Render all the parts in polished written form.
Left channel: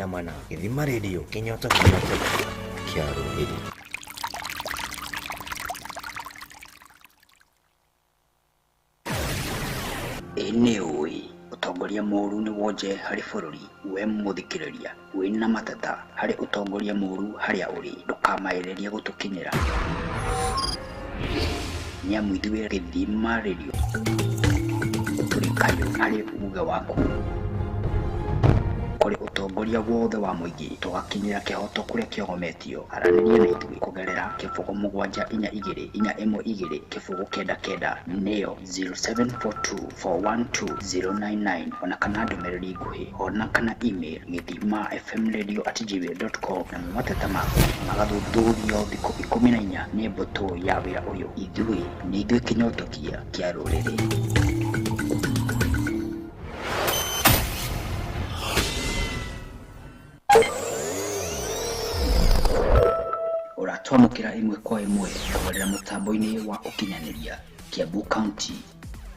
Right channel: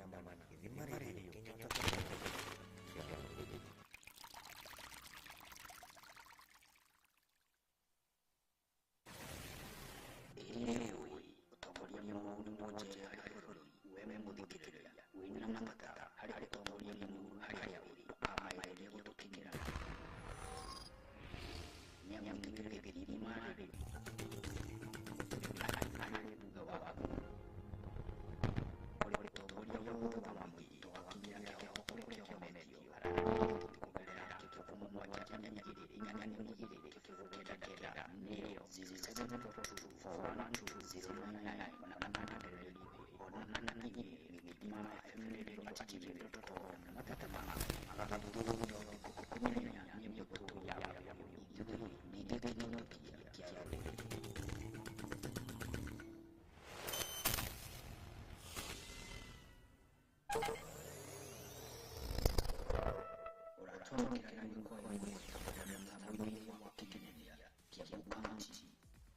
namana Githima Radio Kenyatta Kiaro Hili. Eneoi utongoria moru ni wonje hari bururi we muthikiriria wina matata hari utongoria moru haria uri ndukamaireria gutukinyira nyamu ithuĩ Githima Radio tũrĩ kayũ harĩ uga waku kũrĩ ũtongoria wothe wa mũingĩ tũgakinyĩra kĩhoto kũrĩa kĩogometio aranĩria na ithuĩ kũgerera kĩbũgũ 742-412 kĩbũgũ 99 nĩyo 0742412099 ona kana ndũmĩrĩri nguhĩ ona kana email githimafmradio@gmail.com na mateta maku magathuthurio thikũ 14 nĩ mbũtũ ya wĩra ũyũ ithuĩ nĩ ithuĩ kĩnyotokia kĩa rũrĩrĩ. Twamũkĩra imwe kwa imwe kũgerera mũtambo-inĩ wa ũkinyanĩria Kiambu County,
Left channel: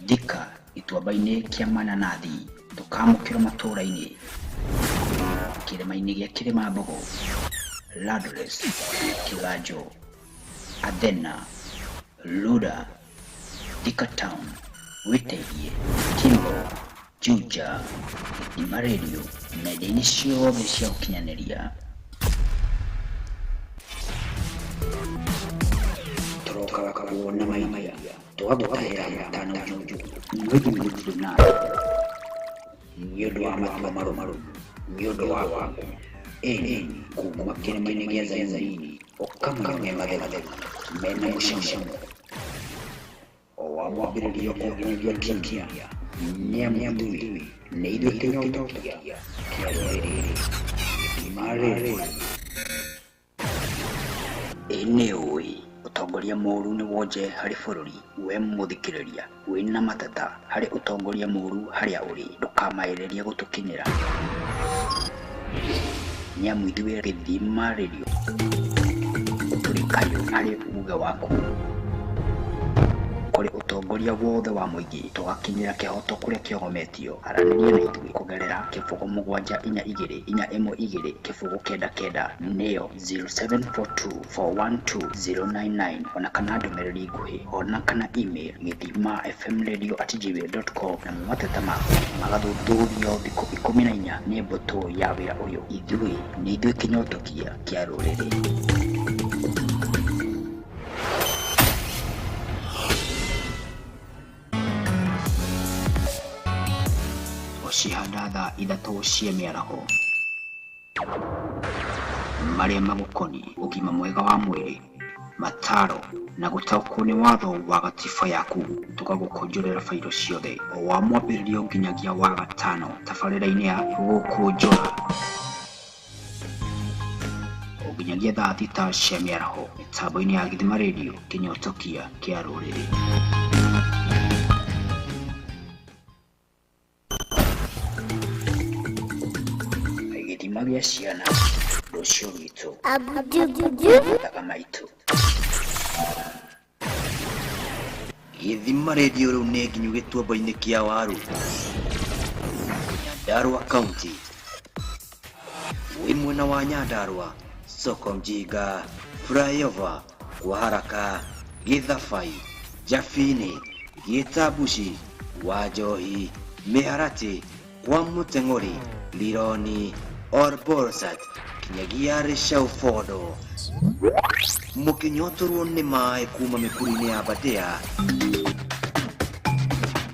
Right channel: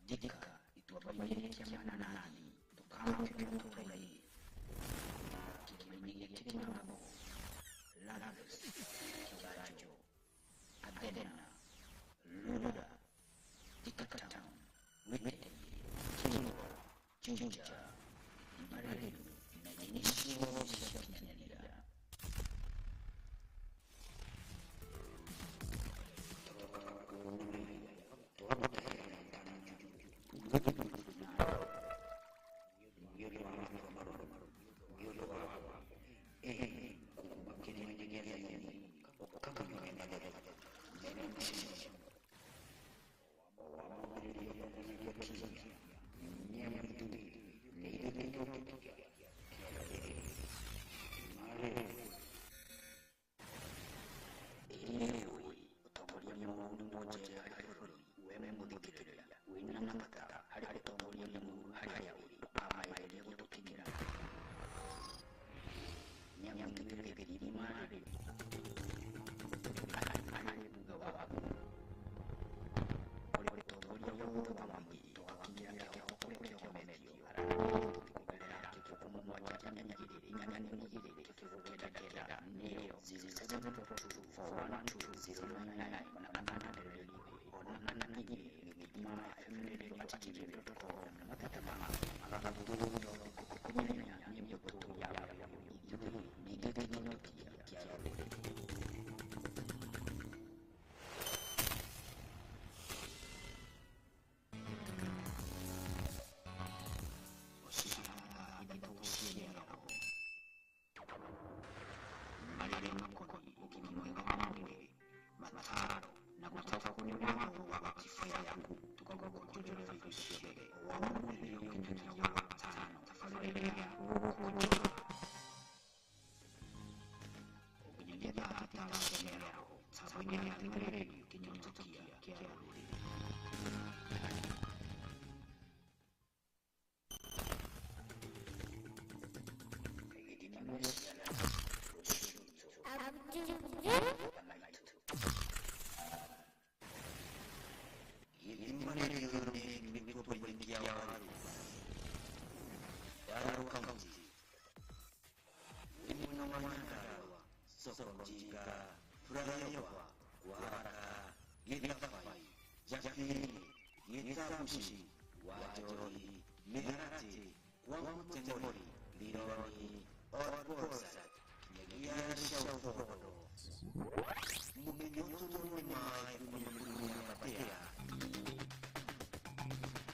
Thika, Gĩtuamba-inĩ kĩa Mananathi, tũkamũkĩra matũũra-inĩ kĩrĩma-inĩ gĩa Kĩrĩmambogo, Ladles, Kĩganjo, Athena, Luda, Thika Town, Wĩteirie, Kimbo, Juja, Githima Radio na nenda-inĩ ciothe cia ũkinyanĩria. Tukaona maimaya twagũtahĩra matano juju mwĩgĩ mũthiru nawe nĩ ũndũ wa matua marũmaru nĩ ũndũ wa waku ĩni kuma kĩrĩma-inĩ gĩa Zayuni ũkamũnye matheru mena mũcamo o wa mwambĩrĩrio kũnginyagia kinya nĩamu ithuĩ nĩ ithuĩ kĩnyotokia kĩa rũrĩrĩ Githima Radio. Eneoi utongoria moru ni wonje hari bururi we muthikiriria wina matata hari utongoria moru haria uri ndukamaireria gutukinyira nyamu ithuĩ Githima Radio tũrĩ kayũ hari uga waku kũrĩ ũtongoria wothe wa mũingĩ tũgakinyĩra kĩhoto kũrĩa kĩogometio aranĩria na ithuĩ kũgerera kĩbũgũ 742-412 kĩbũgũ 99 nĩyo 0742412099 ona kana ndũmĩrĩri nguhĩ ona kana email githimafmradio@gmail.com na mateta maku magathuthurio thikũ 14 nĩ mbũtũ ya wĩra ũyũ ithuĩ nĩ ithuĩ kĩnyotokia kĩa rũrĩrĩ. Cihanda thaa 3 cia mĩaraho marĩa magũkoniĩ ũgima mwega wa mwĩrĩ, mataro na gũtaũkwo nĩ watho wa gatiba yaku. Tũgagũkũnjũrĩra bairo ciothe o wa mwambĩrĩrio nginyagia wa gatano tabarĩra-inĩ ya Gukunjura o nginyagia thaa 6 cia mĩaraho mĩtambo-inĩ ya Githima Radio kĩnyotokia kĩa rũrĩrĩ. Magĩa ciana rũciũ rwitũ thaga maitũ. Githima Radio rĩu nĩ nginyu Gĩtuamba-inĩ kĩa Waru, Nyandarua County. Wĩ mwena wa Nyandarua, Soko Mjinga, Flyover, kwa haraka, Gĩthabai, Jabini, Gĩtambuci, Wanjohi, Mĩharatĩ, kwa Mũteng'ori, Lironi, Orborsat, kinyagia Rĩcaũ Fondo. Mũkĩnyotorwo nĩ maĩ kuma mĩkuru-inĩ ya Badea.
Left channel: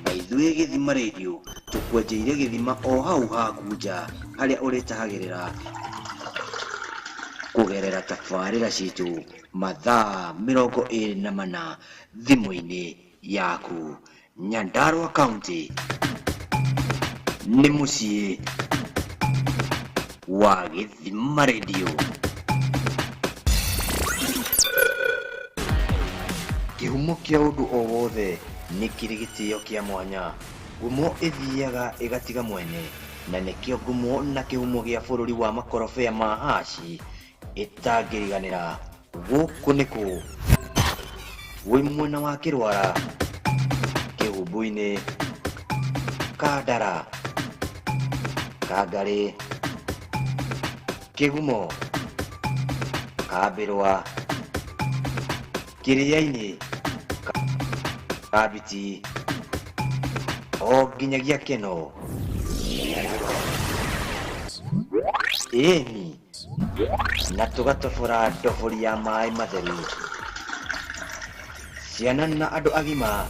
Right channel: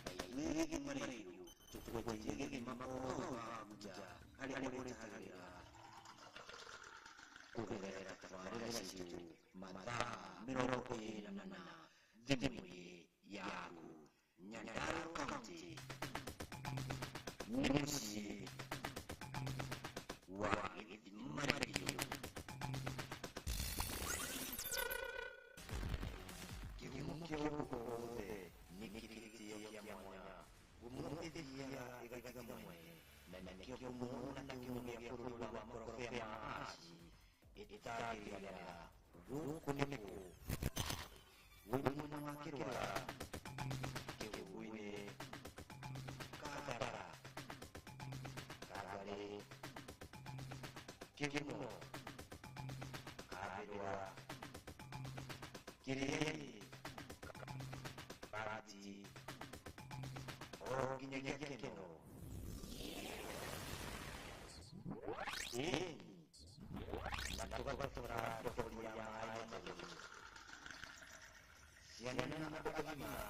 Na ithuĩ Githima Radio tũkwenjeire gĩthima o hau haku nja harĩa ũrĩtahagĩrĩra kũgerera tabarĩra citũ mathaa 24 thimũ-inĩ yaku. Nyandarua County nĩ mũciĩ wa Githima Radio. Kĩhumo kĩa ũndũ o wothe nĩ kĩrĩ gĩtĩo kĩa mwanya. Ngumo ĩthiaga ĩgatiga mwene, na nĩkĩo ngumo na kĩhumo gĩa bũrũri wa makorobia ma haci ĩtangĩriganĩra. Gũkũ nĩkũ wĩ mwena wa Kĩrwara, Kĩhumbu-inĩ, Kandara, Kangarĩ, Kigumo Kabirwa Kiriaini Kabiti O ginyagia keno Eni na tugatobora ndobori ya maĩ matheru. Ciana na andũ agima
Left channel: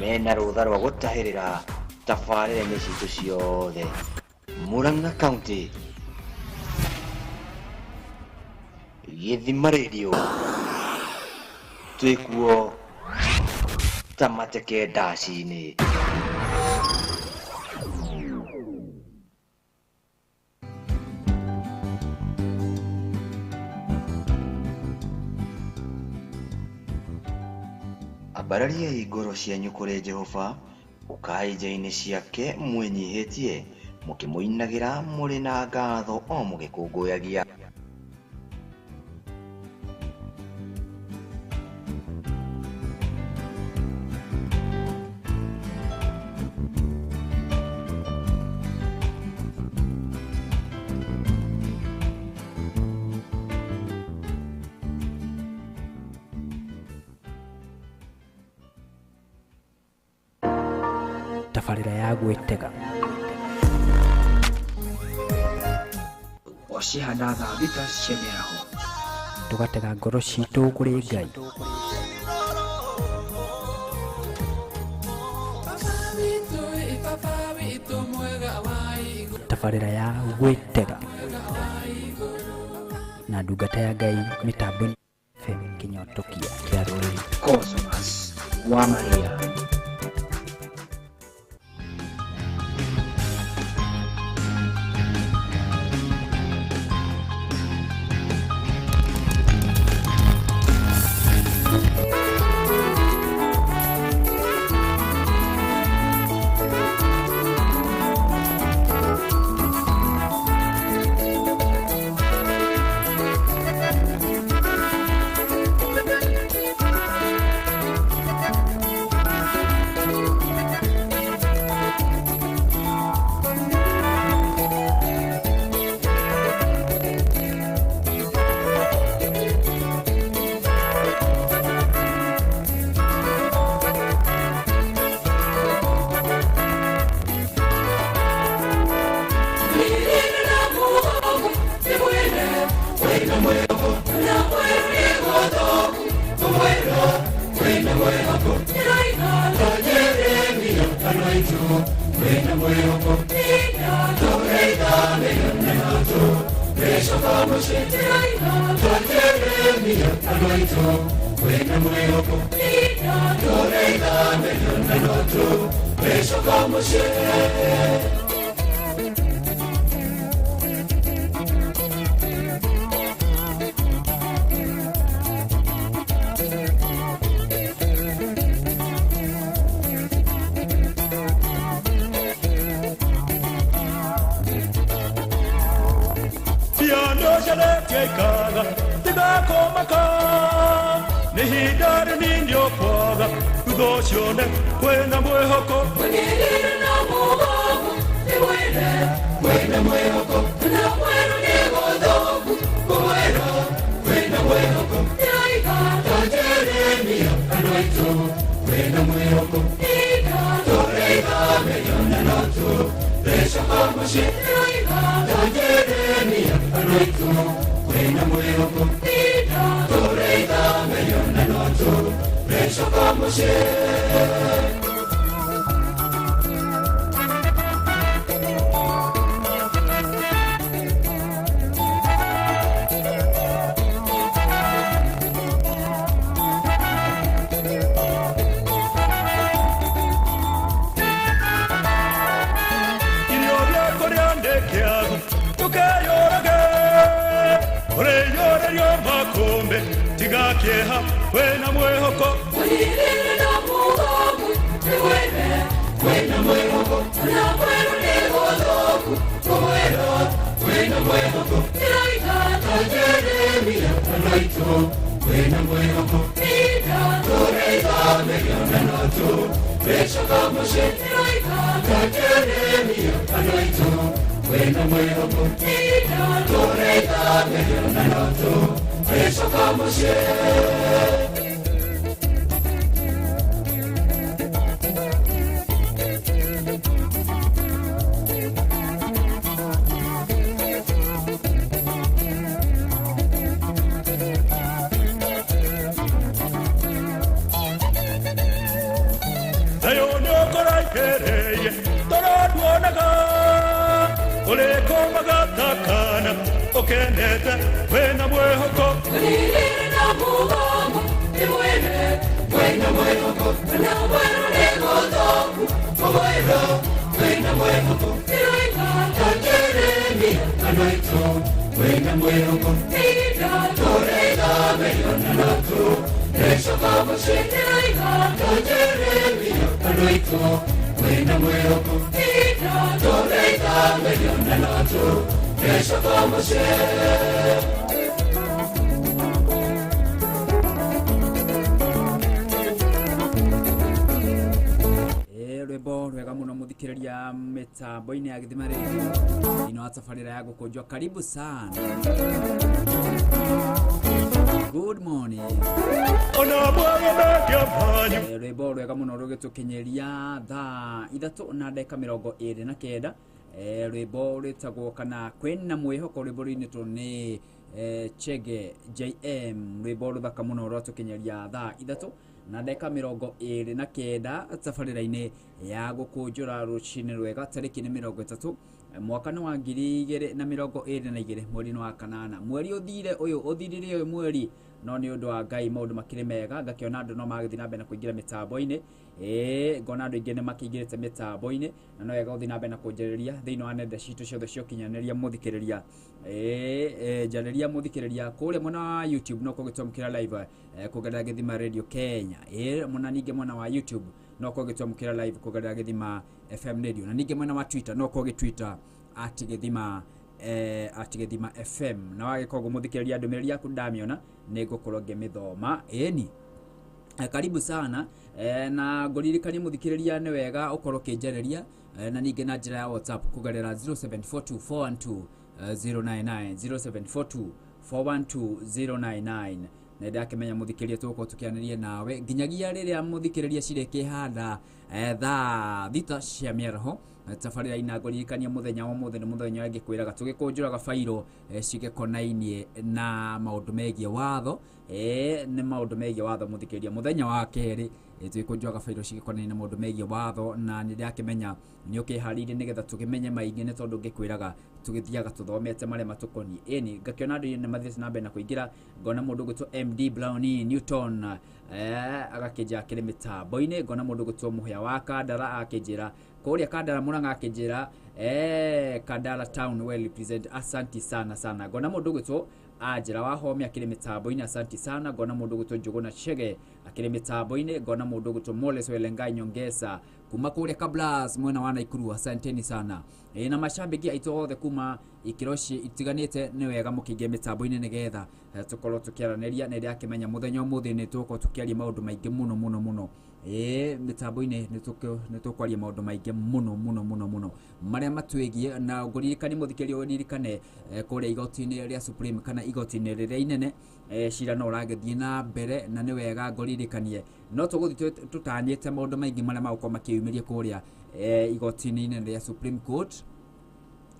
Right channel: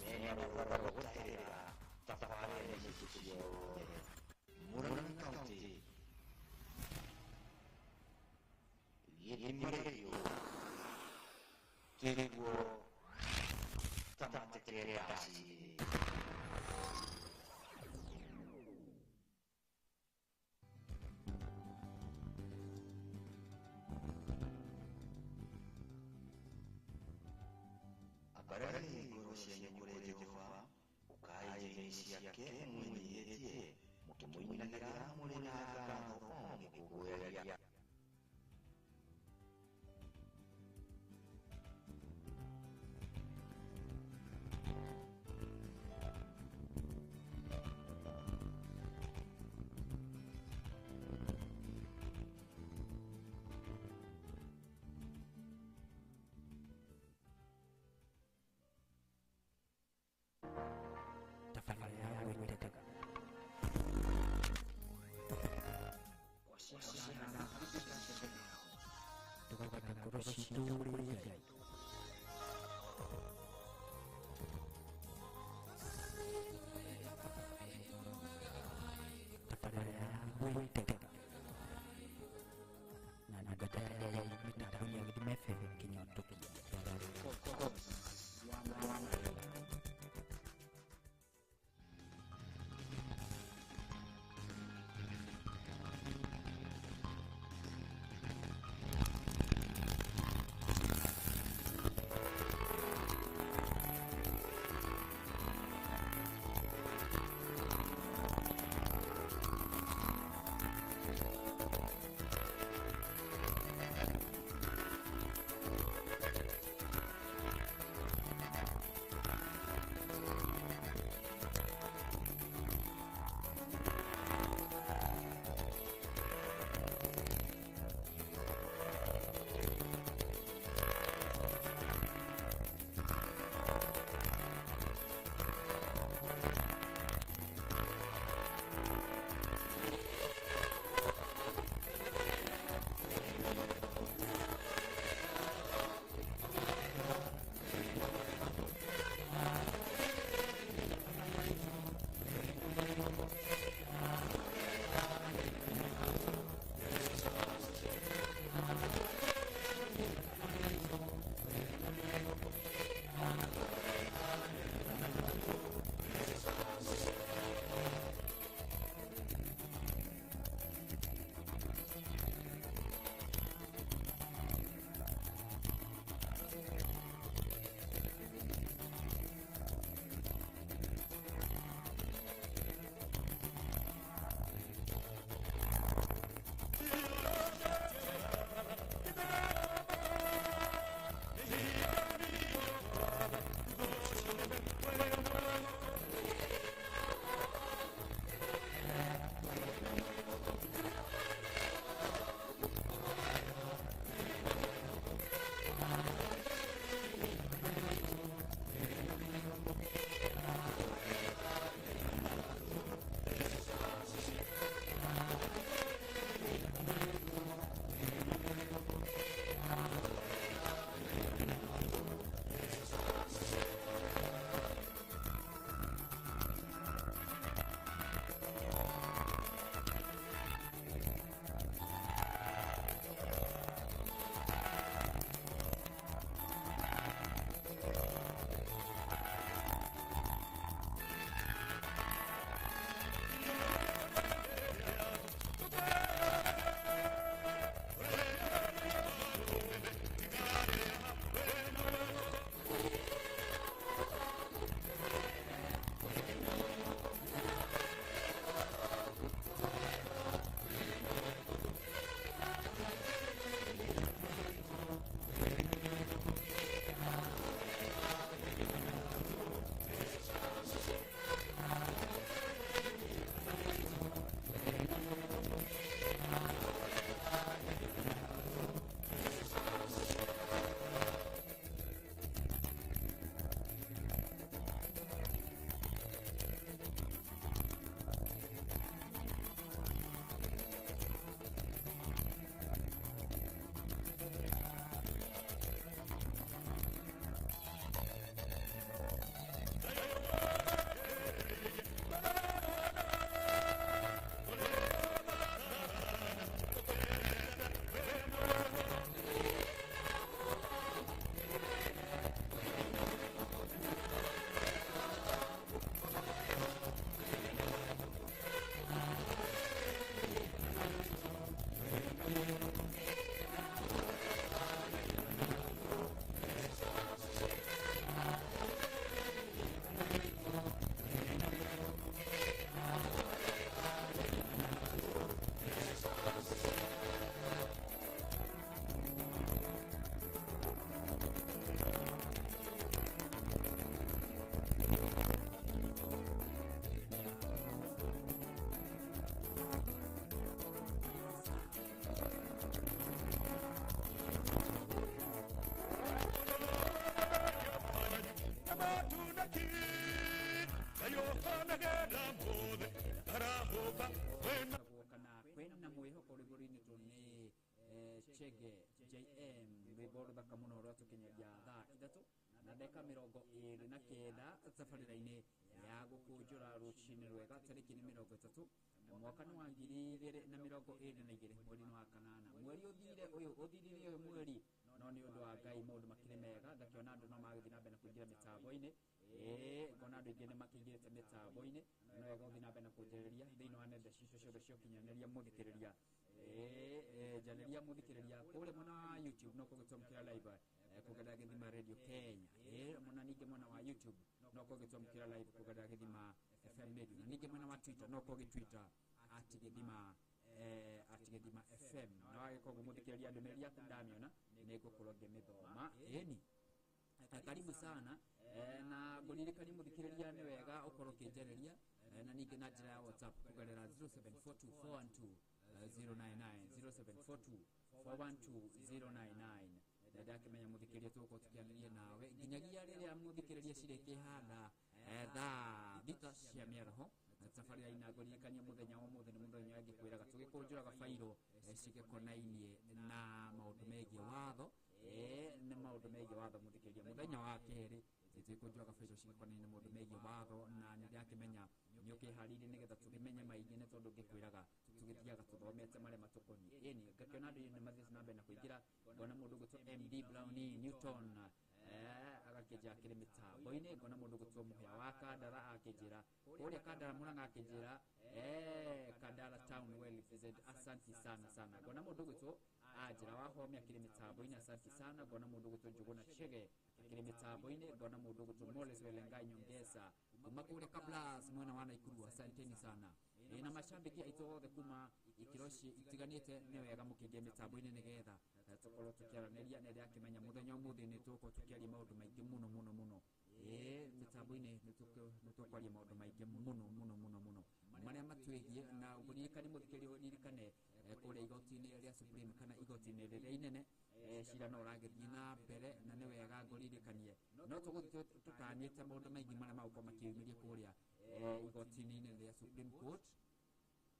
mena rũtha rwa gũtahĩrĩra tabarĩra-inĩ citũ ciothe. Murang'a County, Gĩthima Radio, twĩkuo ta mateke ndaci-inĩ. Ambararia ngoro cianyu kũrĩ Jehova, ũkai nja-inĩ ciake mwĩnyihĩtie, mũkĩmũinagĩra mũrĩ na ngatho o mũgĩkũngũyagia. Tabarira ya gwĩtega Wacihanaga thita ciemeraho. tũgatega ngoro citũ kũrĩ Ngai. Tabarira ya gwĩtega na ndungata ya Ngai mĩtambo-inĩ FM Kĩnyotokia kĩa rũrĩrĩ. Cosmas wa Maria. When Okeneta, wena mwehoko. Nilina mugamu, niwene, wena mwehoko. Na mwero negotoku, mwero, wena mwehoko. Niloika, tajeremi, anoito, wena mwehoko. Nida, toreda, meyona natu, nesho kamo sheniloika, tajeremi, anoito, wena mwehoko. Nida, toreda, meyona natu, Deixa como ser. Rwimbo rwega muno muthikiriria mitambo-ini ya githima radio ino wa Tabarira ya Gukunjura. Karibu sana. Good morning. Rwimbo rwega muno rugitukinyiria thaa 3:29. Rwimbo rwitagwo kana kwina mwihoko. Rwimbo rwinitwo ni Chege JM. Rwimbo ruthaka muno rwatukinyiria thaa 3:29 Tabarira-ini ya Gukunjura rucini rwega. Tariki ni 30 mwaka wa 2022 mweri wa kanana. Mweri uthire uyu uthirire uyu mweri no ni undu wa Ngai maundu makire mega. Ngakiona andu no magathi na mbere na kuingira mitambo-ini. Ngona andu ingi ni makingirite mitambo-ini na no wega uthi na mbere na kunjariria thiini wa nenda citu ciothe cia ukinyaniria muthikiriria. Janiria muthikiriria kuria mwena wa YouTube no kugitwamukira live kugerera Githima Radio Kenya. Mwena ningi mwena wa YouTube no kugitwamukira live kugerera Githima FM Radio, na ningi mwena wa Twitter no kugitwita @Githima FM. Na wagikogo muthikiriria ndumiriri yaku ndamiona nigukorwo ngimithoma. Karibu sana. Na nguririkania muthikiriria ni wega ukorwo kinjariria na ningi na njira ya WhatsApp kugerera 0742412099 0742412099. Nenda akimenya muthikiriria tuko tukianirie nawe nginyagia riria muthikiriria cireke handa thaa 6 cia miaraho. Tabarira ina nguririkania muthenya wa muthenya muthenya wengi kwiraga tugikunjuraga fairo cigekonainie na maundu megie watho. Ni maundu megie watho muthikiriria muthenya wa keri tugikunjuraga fairo cigekonainie na maundu megie watho, na nindi akimenya ni ukiharire nigetha tukimenye maingi ni tondu ngikwiraga tugithiaga tuthomete maria matukoni. Ngakiona andu ni mathisi na mbere na kuingira. Ngona mundu gutwo MD Brownie Newton agakinja akiri mitambo-ini. Ngona mundu gutwo muhya wa Kandara akinjira kuria Kandara Murang'a akinjira Kandara Town well represent. Asanti sana sana. Ngona mundu gutwo Ajira wa Home akiri mitambo-ini. Asanti sana. Ngona mundu gutwo Njuguna Chege akiri mitambo-ini. Ngona mundu gutwo Moles Welengai Nyongesa kuma kuria Kablas mwena wa Naikuru. Asanteni sana. Na mashambiki aitu othe kuma ikiroshi itiganite ni wega mukinge mitambo-ini nigetha tukorwo tukiaraniria. Nende akimenya muthenya umuthi ni tuko tukiaria maundu maingi muno muno muno. Mitambo-ini ni tukwaria maundu maingi muno maria matwigie. Na nguririkani muthikiri uririkane kuria igoti-ini ria Supreme kana igoti-ini riria inene cira no uragithie na mbere, na ni wega nguririkanie no tuguthi tutanyite maundu maingi maria magukoma kiumiria kuria igoti-ini inene ria Supreme Court.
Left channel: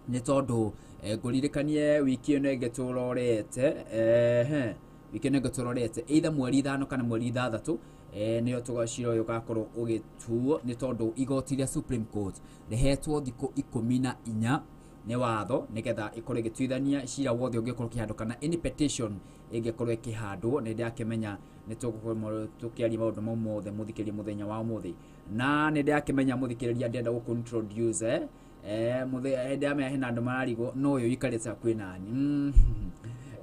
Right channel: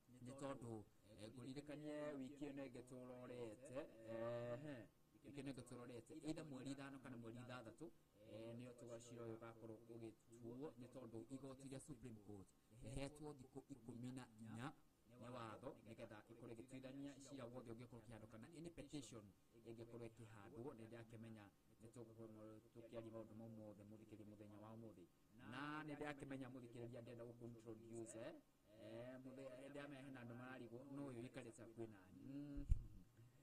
Ni tondu nguririkanie wiki ino ngeturorete wiki ino ngeturorete either mweri 5 kana mweri 6 niyo tugacira uyu gakorwo ugituo ni tondu igoti ria Supreme Court rihetwo thiku 14 ni watho nigetha ikorwo igituithania cira wothe ungikorwo kihandwo kana any petition ingikorwo ikihandwo. Nindi akimenya ni tugukorwo tukiaria maundu mothe muthikiriria muthenya wa umuthi, na nindi akimenya muthikiriria ndenda gukuntroduce muthenya ame hena andu mararigo no uyu ikareta kwinani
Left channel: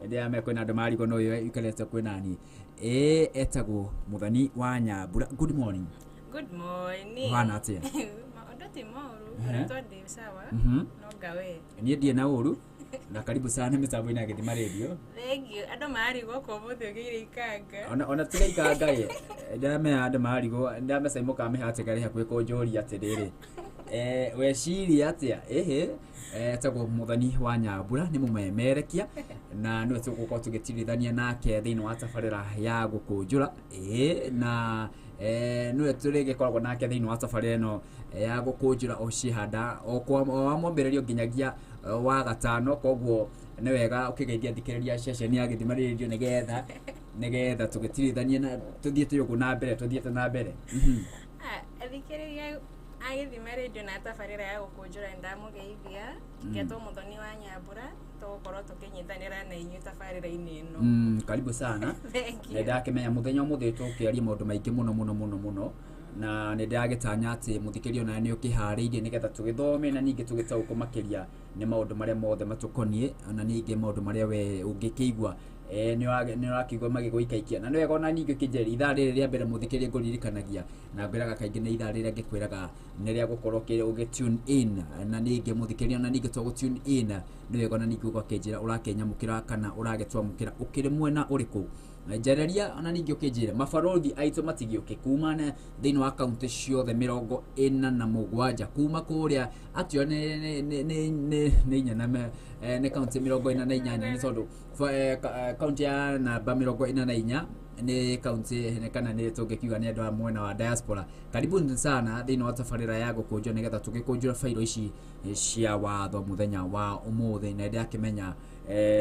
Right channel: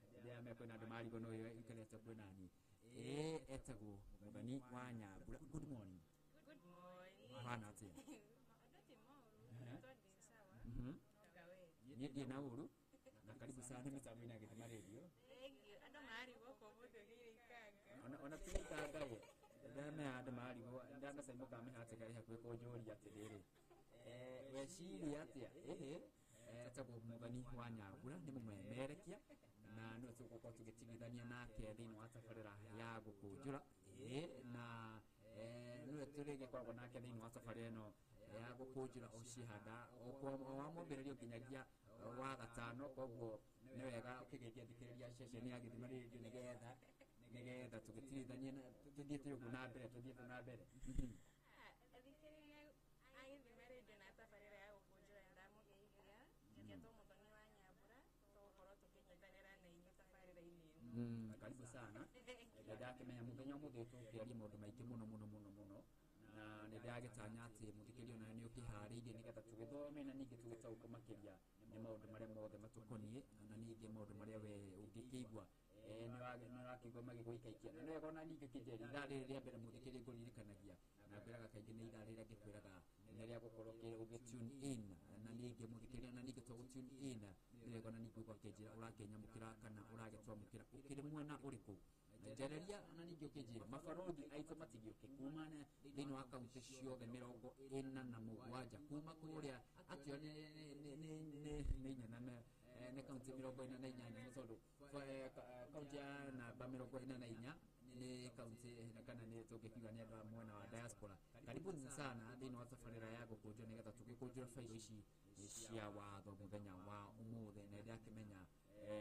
ndio ame kwina andu mararigo no uyu ikareta kwinani etagwo Muthani wa Nyambura. Good morning. Good morning. Hana atia? Ndoti moru, ndoti sawa. No gawe. Ni ndie na uru na karibu sana mitambo-ini ya Githima Radio. Thank you. Andu marigo ko muthe gire ikanga. Ona tiga ikanga ye. Ndame andu marigo ndame sai muka me hate gari hakwe ko njori atiriri. We ciri atia etagwo Muthani wa Nyambura ni mumemerekia na nä tågåkorwo tå gä tirithania nake thä inä wa tabarä ya Gukunjura na nä tå rä gä koragwo nake thä inä wa tabarä ĩno ya Gukunjura o cihanda o wa mwambĩrĩrio nginyagia wa gatano, koguo nĩ wega ũkĩgeithia thikĩrĩria ceceni ya Gĩthima Radio nĩgetha tũgĩtirithanie na tũthiĩte ũguo na mbere, tũthiĩte na mbere. Thikĩrĩria a Gĩthima Radio na tabarĩra ya Gukunjura ndamũgeithia ngetwo Mũthoni wa Nyambura tũgũkorwo tũkĩnyitanĩra na inyuĩ tabarĩra-inĩ ĩno. Karibu sana. Ndakĩmenya mũthenya ũmũthĩ tũkĩaria maũndũ maingĩ mũno na nä ndagätanya atä må thikä rio nawe nä å kä harä irie nä getha tå gä thome na ningä tå gä taå kå makä nä maå ndå marä a mothe matå koniä na ningä maå ndå marä a we å ngä kä igua nä å rakigua magä gå ikaikia na nä wega ona ningä å kä njeri ithaa rä rä rä a mbere må thikä rie ngå ririkanagia na ngwä raga kaingä nä ithaa rä rä a ngä kwä raga nä rä a gå korwo å gä tune in na ningä må thikä ria na ningä to gå tune in nä wega ona ningä å gakä njä ra å rakenyamå kä ra kana å ragä twamå kä ra å kä rä mwena å rä kå njereria ona ningĩ ũkĩnjĩra mabarothi aitũ matigĩũke kuma thĩinĩ wa kaunti ciothe 47 kuma kũrĩa atio nĩ inya na nĩ kaunti 48 nĩ tondũ kaunti ya namba 44 nĩ kaunti kana nĩ tũngĩkiuga nĩ andũ a mwena wa diaspora. Karibuni sana thĩinĩ wa tabarĩra ya Gukunjura nĩgetha tũgĩkũnjũra bairo ici cia watho mũthenya wa ũmũthĩ na ndakĩmenya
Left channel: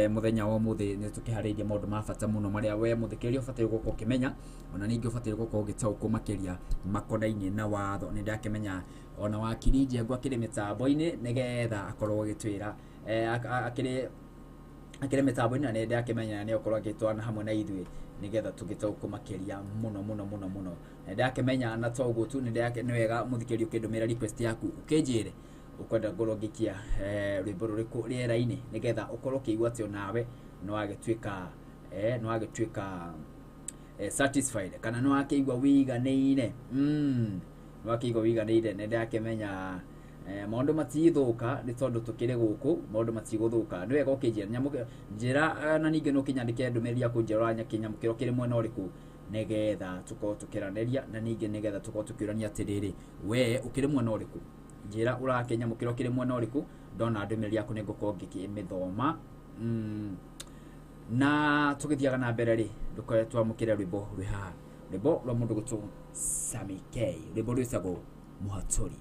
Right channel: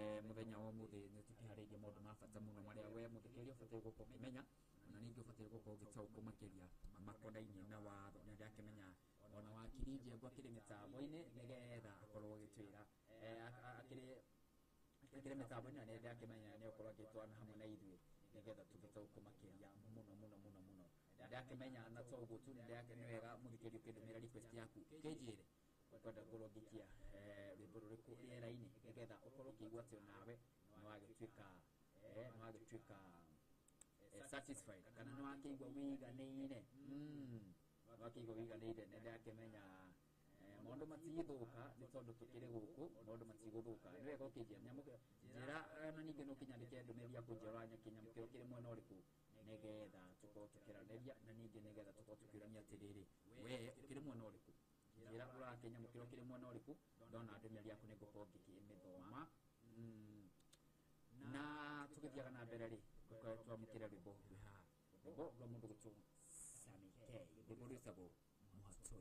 muthenya wa muthi ni tukiharĩirie maũndũ ma bata mũno marĩa we mũthikĩrĩria ũbataire gũkorwo ũkĩmenya ona ningĩ ũbataire gũkorwo ũgĩtaũkwo makĩria makonainie na watho. Nĩ ndakĩmenya ona wakiri Njengũ akĩrĩ mĩtambo-inĩ nĩgetha akorwo agĩtwĩra akĩrĩ mĩtambo-inĩ na nĩ ndakĩmenya nĩ akorwo agĩtwarana hamwe na ithuĩ nĩgetha tũgĩtaũkwo makĩria mũno. Nĩ ndakĩmenya na to ũguo tu nĩ wega mũthikĩrĩria ũkĩndũmĩra request yaku ũkĩnjĩre ukwenda ngorwo ngikia rwimbo rũrĩkũ rĩera-inĩ nĩgetha ũkorwo ũkĩigua atĩ onawe nĩ wagĩtuĩka satisfied kana nĩ wakĩigua wĩiganĩire nĩ ndakĩmenya maũndũ matigũthũka nĩ tondũ tũkĩrĩ gũkũ maũndũ matigũthũka. Nĩ wega ũkĩnjĩra njĩra na ningĩ no ũkĩnyandĩke ndũmĩrĩri yaku njĩra kĩnyamũkĩro kĩrĩ mwena ũrĩkũ nĩgetha tũkorwo tũkĩranĩria na ningĩ nĩgetha tũkorwo tũkĩũrania atĩrĩrĩ we ũkĩrĩ mwena ũrĩkũ njira urakenya mukiro kire mwena ũrĩkũ ndona ndũmĩrĩri yaku nĩ ngũkorwo ngĩmĩthoma na tũgĩthiaga na mbere rĩ ndũkoe twamũkĩre rwĩmbo rwĩ haha rwĩmbo rwa mũndũ gũtũ Sammy K rwĩmbo rwĩtagwo Mũhatũri.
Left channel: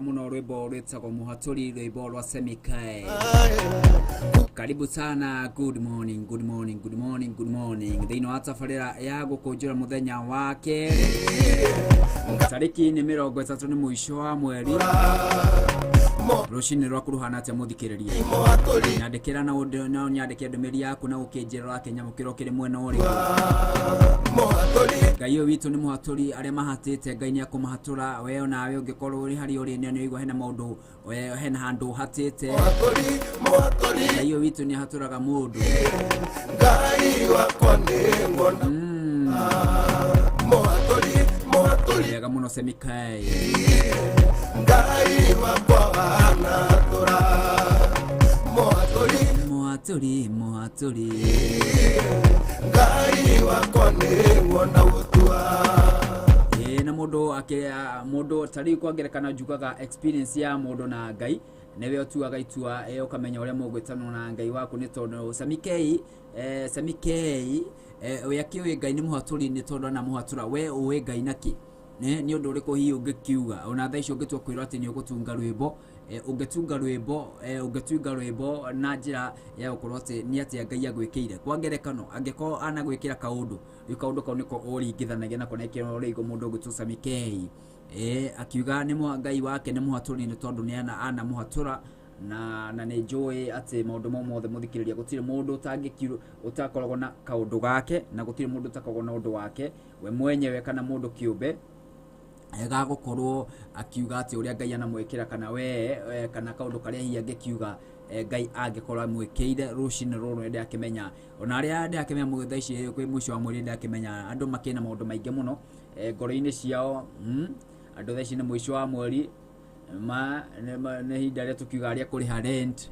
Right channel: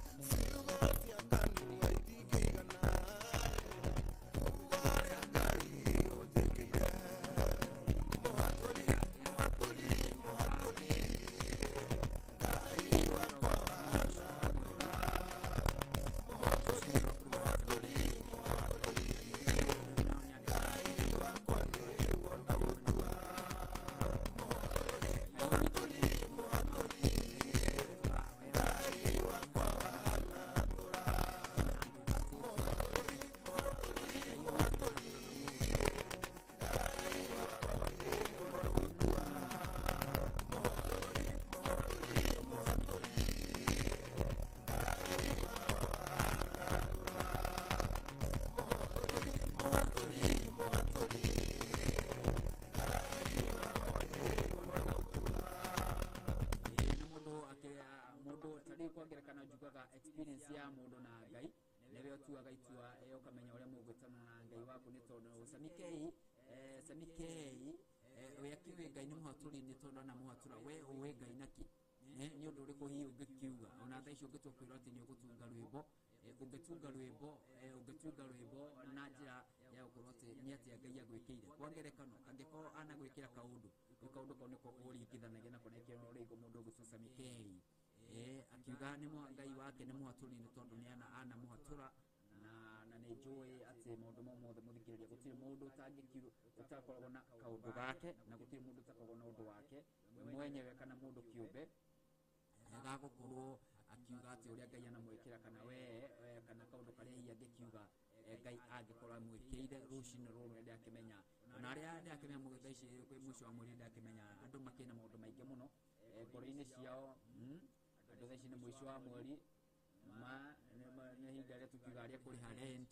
thaka muno rwimbo rwitagwo Muhaturi, rwimbo rwa Semikai. Karibu sana. Good morning, good morning, good morning, good morning. Thĩinĩ wa tabarĩra ya gũkũnjũra mũthenya wake tarĩki nĩ 30 nĩ mũico wa mweri. Rũcinĩ rwa kuruhana atĩa mũthikĩrĩria? Nyandĩkĩra na nyandĩkĩra ndũmĩrĩri yaku na ũkĩnjĩra Kenya gũkĩro kĩrĩ mwena ũrĩkũ. Ngai ũyũ witũ nĩ mũhatũri, arĩa mahatĩte Ngai nĩ akũmahatũra. We nawe ũngĩkorwo ũrĩ harĩa ũrĩ nĩ ũigua hena maũndũ, hena handũ ũhatĩte. Ngai ũyũ witũ nĩ ahatũraga mũndũ. Ngai wakwa nĩ ngona mũhatũri wega mũno Semikai. Ngai wakwa anahatũra mũhatũri Ngai wakwa nĩ ngona gũtua. Na mũndũ tarĩ kwangerekana njugaga experience ya mũndũ na Ngai newe ũtuaga itua ũkamenya ũrĩa mũgwĩtanwo na Ngai waku, nĩ tondũ Semikai we akĩũĩ Ngai nĩ mũhatũri nĩ tondũ ana mũhatũra. We ũĩ Ngai naki nĩ ũndũ ũrĩkũ hihi ũngĩkiuga ona thaa icio ũngĩtua kwĩrwo atĩ nĩ ũgũtunga rwĩmbo, ũngĩtunga rwĩmbo na njĩra ya gũkorwo atĩ nĩ atĩa Ngai agwĩkĩire. Kwa ngerekano angĩkorwo anagwĩkĩra kaũndũ, kaũndũ kau nĩko ũringithanagia nako na kĩrĩa ũrĩgo mũndũ ũgĩtwo Semikai. Akiuga nĩ Ngai wake nĩ mũhatũri nĩ tondũ nĩ ana mũhatũra, na nĩ njũĩ atĩ maũndũ mau mothe mũthikĩrĩria gũtirĩ mũndũ ũtakoragwo na kaũndũ gake, na gũtirĩ mũndũ ũtakoragwo na ũndũ wake we mwenyewe kana mũndũ kĩũmbe gagũkorwo akiuga atĩ ũrĩa Ngai anamwĩkĩra kana we kana kaũndũ karĩa hihi angĩkiuga Ngai angĩkorwo amwĩkĩire. Rũcinĩ rũrũ nĩ ndakĩmenya ona arĩa ndakĩmenya mũgĩtha ici kwĩ mũico wa mweri ndakĩmenya andũ makĩna maũndũ maingĩ mũno ngoro-inĩ ciao. Andũ thaa ici nĩ mũico wa mweri, nĩ hinda rĩa tukiuga rĩa kũrĩha rent.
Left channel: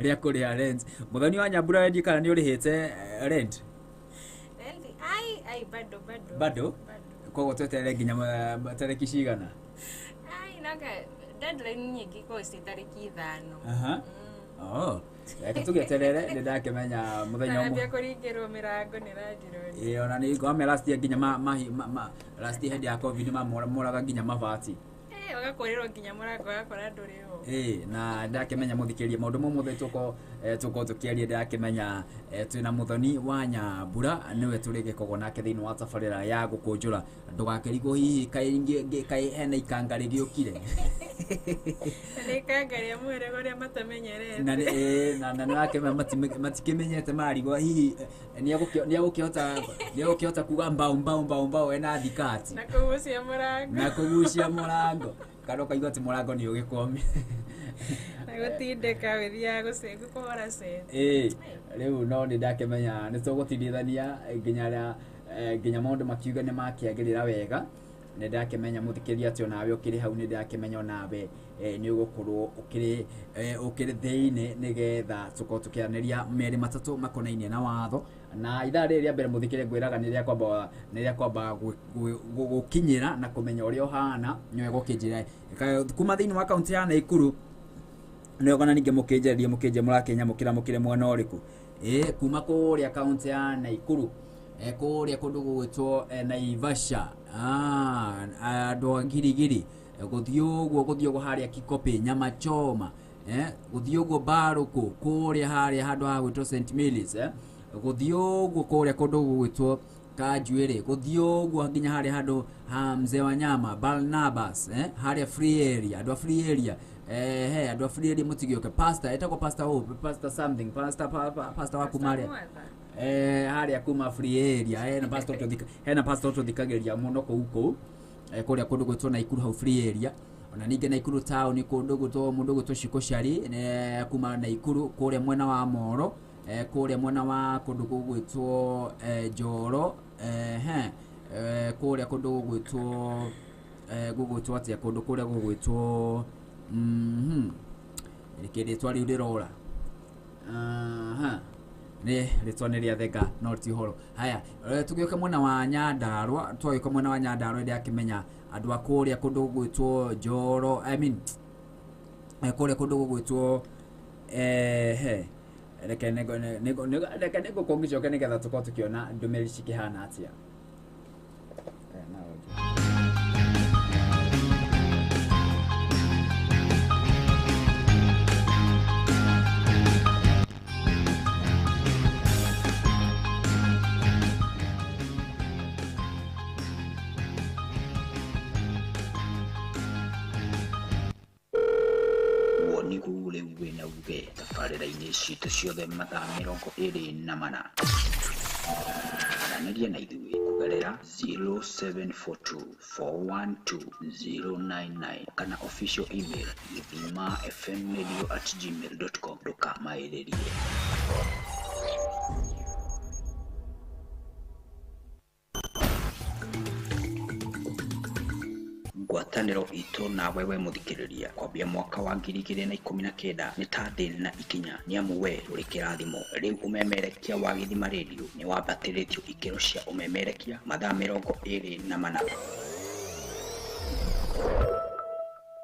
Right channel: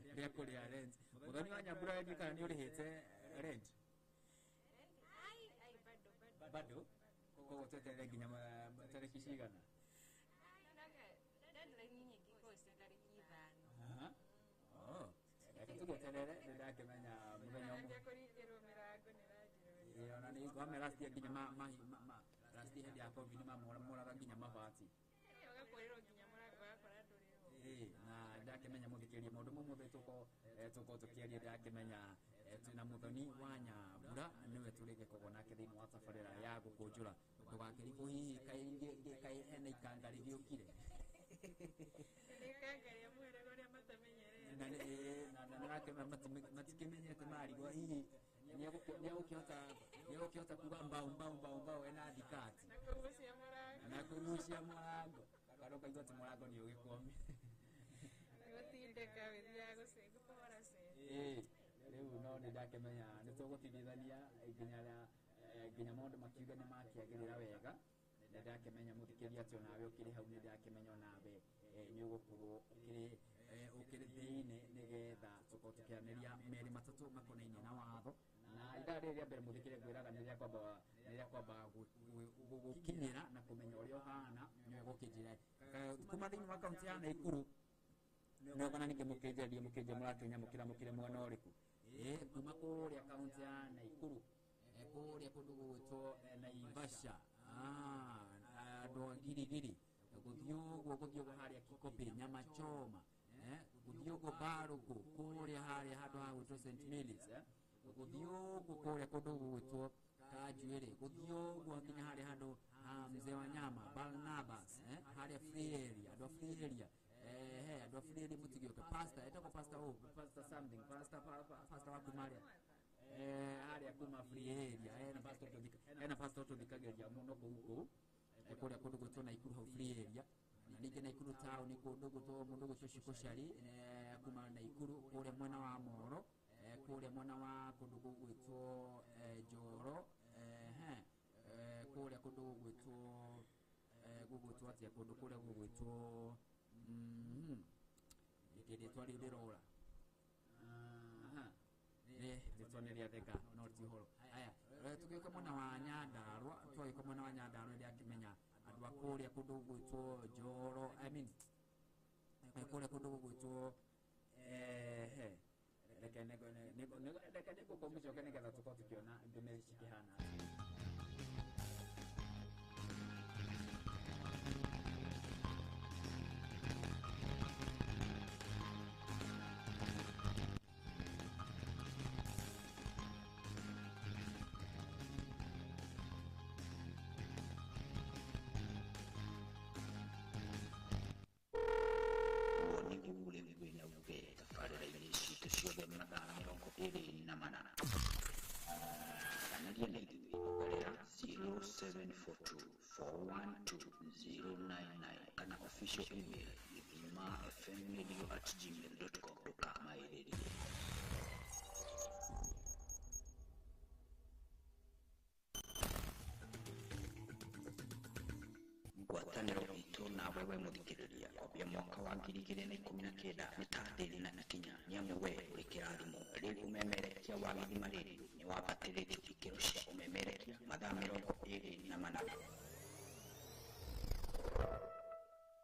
Rĩa kũrĩha rent. Mũthoni wa Nyambura wendi kana nĩ ũrĩhĩte rent? Bado koguo tweterere nginya tarĩki cigana? Deadline nyingĩ kwa tarĩki 5. Reka tũgĩeterere. Nĩ ndakĩmenya mũthenya ũmwe nambia kũringĩrwo mĩrango nĩ ranjirwo. Ona nĩ ngwame last year nginya last year hĩndĩ ya COVID moraga nginya mabati. Wagakorerwo nginya mũrango wakora ndũrĩ ho. Na ndakĩmenya mũthikĩrĩria maũndũ mau mothe tũkorwo tũkĩaria. Ndakĩmenya twĩna mũthoni wa Nyambura, nĩwe tũrĩgĩkorwo nake thĩinĩ wa tabarĩra ya gũkũnjũra. Ndũgakĩrigwo hihi kaĩ hena ikanga rĩgĩũkire. Nĩ ikanga rĩa mwĩrĩ ũrĩa matamenyerete. Na nĩrakĩmenya matikĩmenyete marigwo hihi nĩagũkĩhota kuga mbao ena thikati na kũgucia mũrango kana ũkaigua atĩ mũrango nĩ ũgĩkome na gũtindĩka wĩthiaga gũkũhora set. Rĩu no nĩ ndakĩmenya nĩ tũgũtindithania nginya maũndũ makiuga nĩ makĩagĩrĩra wega. Nĩ ndakĩmenya mũthikĩria atĩ onawe ũkĩrĩ hau, nĩ ndakĩmenya onawe nĩ ũgũkorwo ũkĩrĩ thĩinĩ nĩgetha tũkorwo tũkĩaranĩria merĩ matatũ makonainie na watho. Na ithaa rĩrĩ rĩa mbere mũthikĩria ngwĩraga nĩ rĩa kwamba gũkinyĩra na kũmenya ũrĩa ũhana nĩwe gũkĩnjĩra kuma thĩinĩ wa kaunti ya Naikuru. Nĩ ũgona ningĩ mũkĩnje mũrakĩnyamũkĩra mũkĩrĩ mwena ũrĩkũ? Kuma kũrĩa kaunti ya Naikuru kũrĩa kũndũ gũgwĩtwo Naivasha, andũ a Girigiri, gũthiĩ ũguo harĩa Kikopi, Nyama Choma, gũthiĩ ũguo Barũkũ, kũrĩa harĩa handũ ha gwĩtwo St Mary's, gũthiĩ ũguo kũrĩa kũndũ gũgwĩtwo Kanjuĩrĩ, gũthiĩ ũguo nginya harĩa handũ ha Mzee wa Nyama, Barnabas, harĩa free area, andũ a free area. Andũ a free area mũtigĩoke. Pastor etagwo Pastor Hope, Pastor something, Pastor wa kumarĩa harĩa kuma free area. Hena pastor tũthikagĩrĩria mũno kũu kũrĩa kũndũ gwĩtwo Naikuru hau free area. Ona ningĩ Naikuru town kũndũ gwĩtwo Shikoshari, kuma Naikuru kũrĩa mwena wa Moro, kũrĩa mwena wa kũndũ gwĩtwo Njoro, kũrĩa kũndũ gwĩtwo atĩa kũndũ kũrĩa gwĩtwo rĩkĩrĩtwa rĩu rĩrora nĩ rĩtwa nĩ rĩa thega no ti horo. Haya, tũgĩũka mwena wa Nyandarua, twagĩũka mwena wa Nyandarua ndakĩmenya andũ a kũrĩa kũndũ gwĩtwo Njoro, kũrĩa kũndũ gwĩtwo reke nĩngũkũngĩcoke nĩgetha tũkorwo tũkĩona ndũmĩrĩri cikĩhana atĩa. ithui wina uge tabarĩra-inĩ citũ ciothe mathaa 24 aranĩria na ithui kugerera 0742412099 kana official email githimafmradio@gmail.com. ndũkamaĩrĩrie. Ngwatanĩro itũ na wewe mũthikĩrĩria kwambia mwaka wa 2019 nĩ ta thĩ na ikinya, nĩ amu we ũrĩ kĩrathimo. Rĩu ũmemerekia wa Githima Radio nĩ wambatĩrĩtio ikĩro cia ũmemerekia mathaa 24.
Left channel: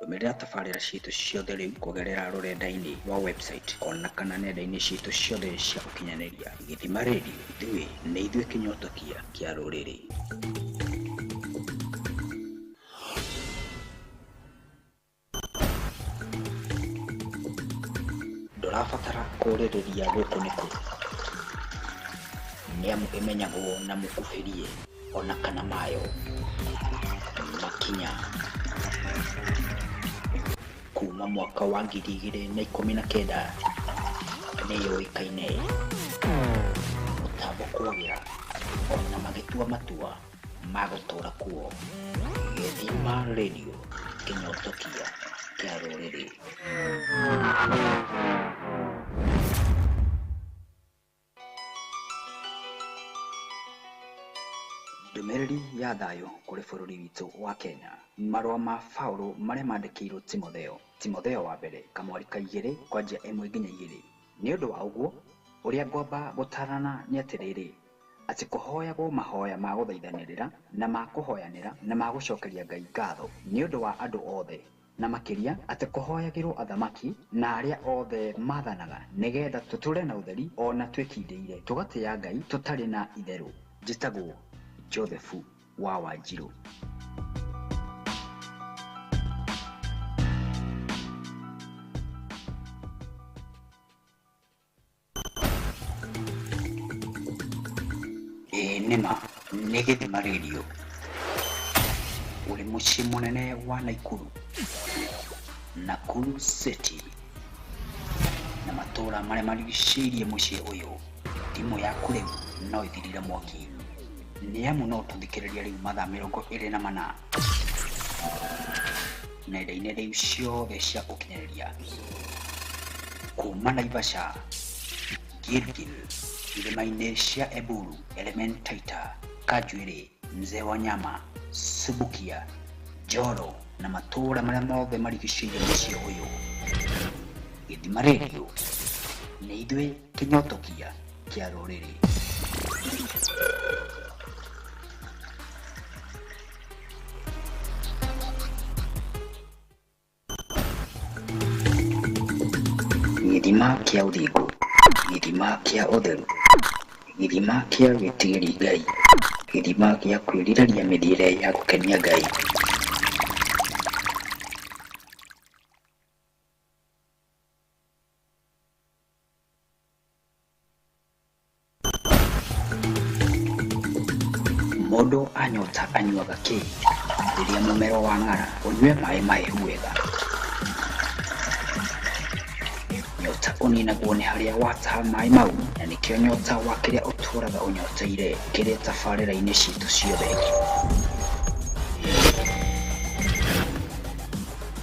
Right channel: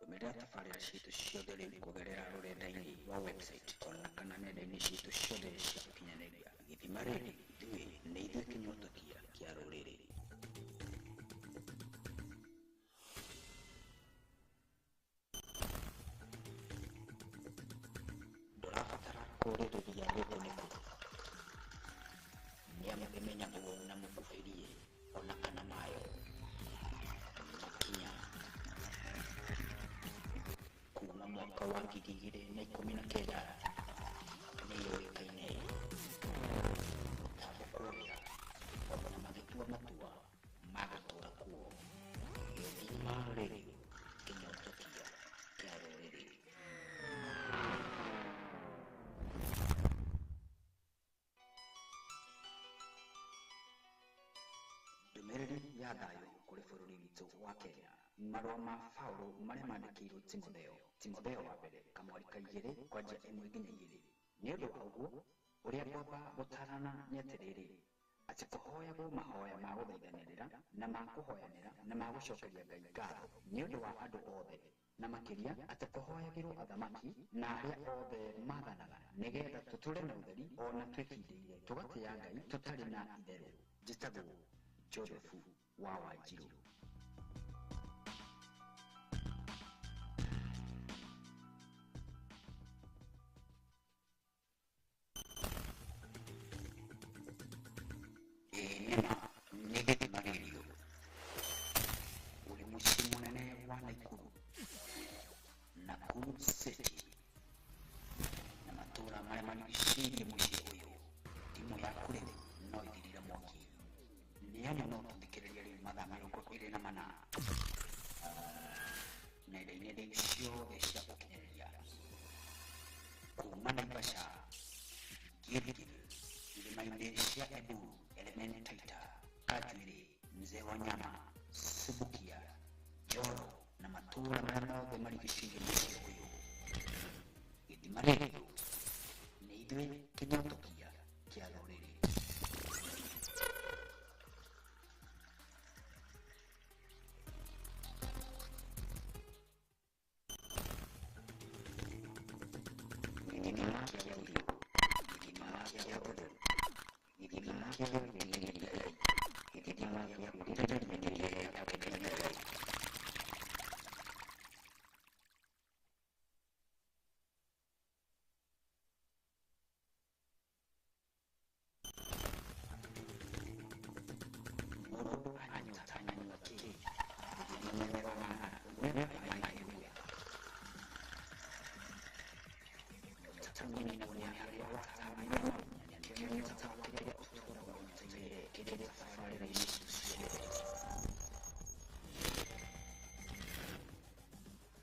Ndũmĩrĩra tabarĩra citũ ciothe rĩu kũgerera rũrenda-inĩ rwa website ona kana nenda-inĩ citũ ciothe cia ũkinyanĩria. Githima Radio, ithuĩ nĩ ithuĩ kĩnyotokia kĩa rũrĩrĩ. Ndũrabatara kũrĩrĩria gũkũ nĩ kũ, nĩ amu ĩmenyagwo na mũkuhĩrie ona kana mayo makinya kuma mwaka wa 2019 nĩ yũĩkaine mũtambo kwagĩra ona magĩtua matua ma gũtũra kuo. Githima Radio, kĩnyotokia kĩa rũrĩrĩ. Ndũmĩrĩri ya thayũ kũrĩ bũrũri witũ wa Kenya. Marũa ma Paulo marĩa mandĩkĩirwo Timotheo wa mbere kamwari ka 2 kwanjia 1 nginya 2. Nĩ ũndũ wa ũguo ũrĩa ngwamba gũtarana nĩ atĩrĩrĩ, atĩ kũhoyagwo mahoya ma gũthaithanĩrĩra na ma kũhoyanĩra na ma gũcokeria Ngai ngatho nĩ ũndũ wa andũ othe, na makĩria atĩ kũhoyagĩrwo athamaki na arĩa othe maathanaga nĩgetha tũtũre na ũtheri ona twĩkindĩire tũgatĩĩa Ngai tũtarĩ na itherũ. Njĩtagwo Josephu wa Wanjirũ. Nĩma nĩ Githima Radio, ũrĩ mũciĩ mũnene wa Nakuru City na matũũra marĩa marigicĩirie mũciĩ ũyũ. Thimũ yaku rĩu no ĩthirire mwaki, nĩ amu no tũthikĩrĩria rĩu mathaa 24 nenda-inĩ rĩu ciothe cia ũkinyanĩria kuma Naivasha, Gilgil, irĩma-inĩ cia Eburu, Elementaita, Kajwiri, Mzee wa Nyama, Subukia, Joro na matũũra marĩa mothe marigicĩirie mũciĩ ũyũ. Githima Radio nĩ ithuĩ kĩnyotokia kĩa rũrĩrĩ. Githima kĩa ũthingu, githima kĩa ũtheru, githima kĩa gwĩtigĩri Ngai, githima gĩa kwĩrirĩria mĩthiĩre ya gũkenia Ngai. Mũndũ anyota anyuaga kĩ? Rĩrĩa mũmero wa ng'ara ũnyue maĩ mahehu wega. Nyota ũninagwo nĩ harĩa wataha maĩ mau, na nĩkĩo nyota wa kĩrĩa ũtũũraga ũnyoteire kĩrĩ tabarĩra-inĩ citũ ciothe.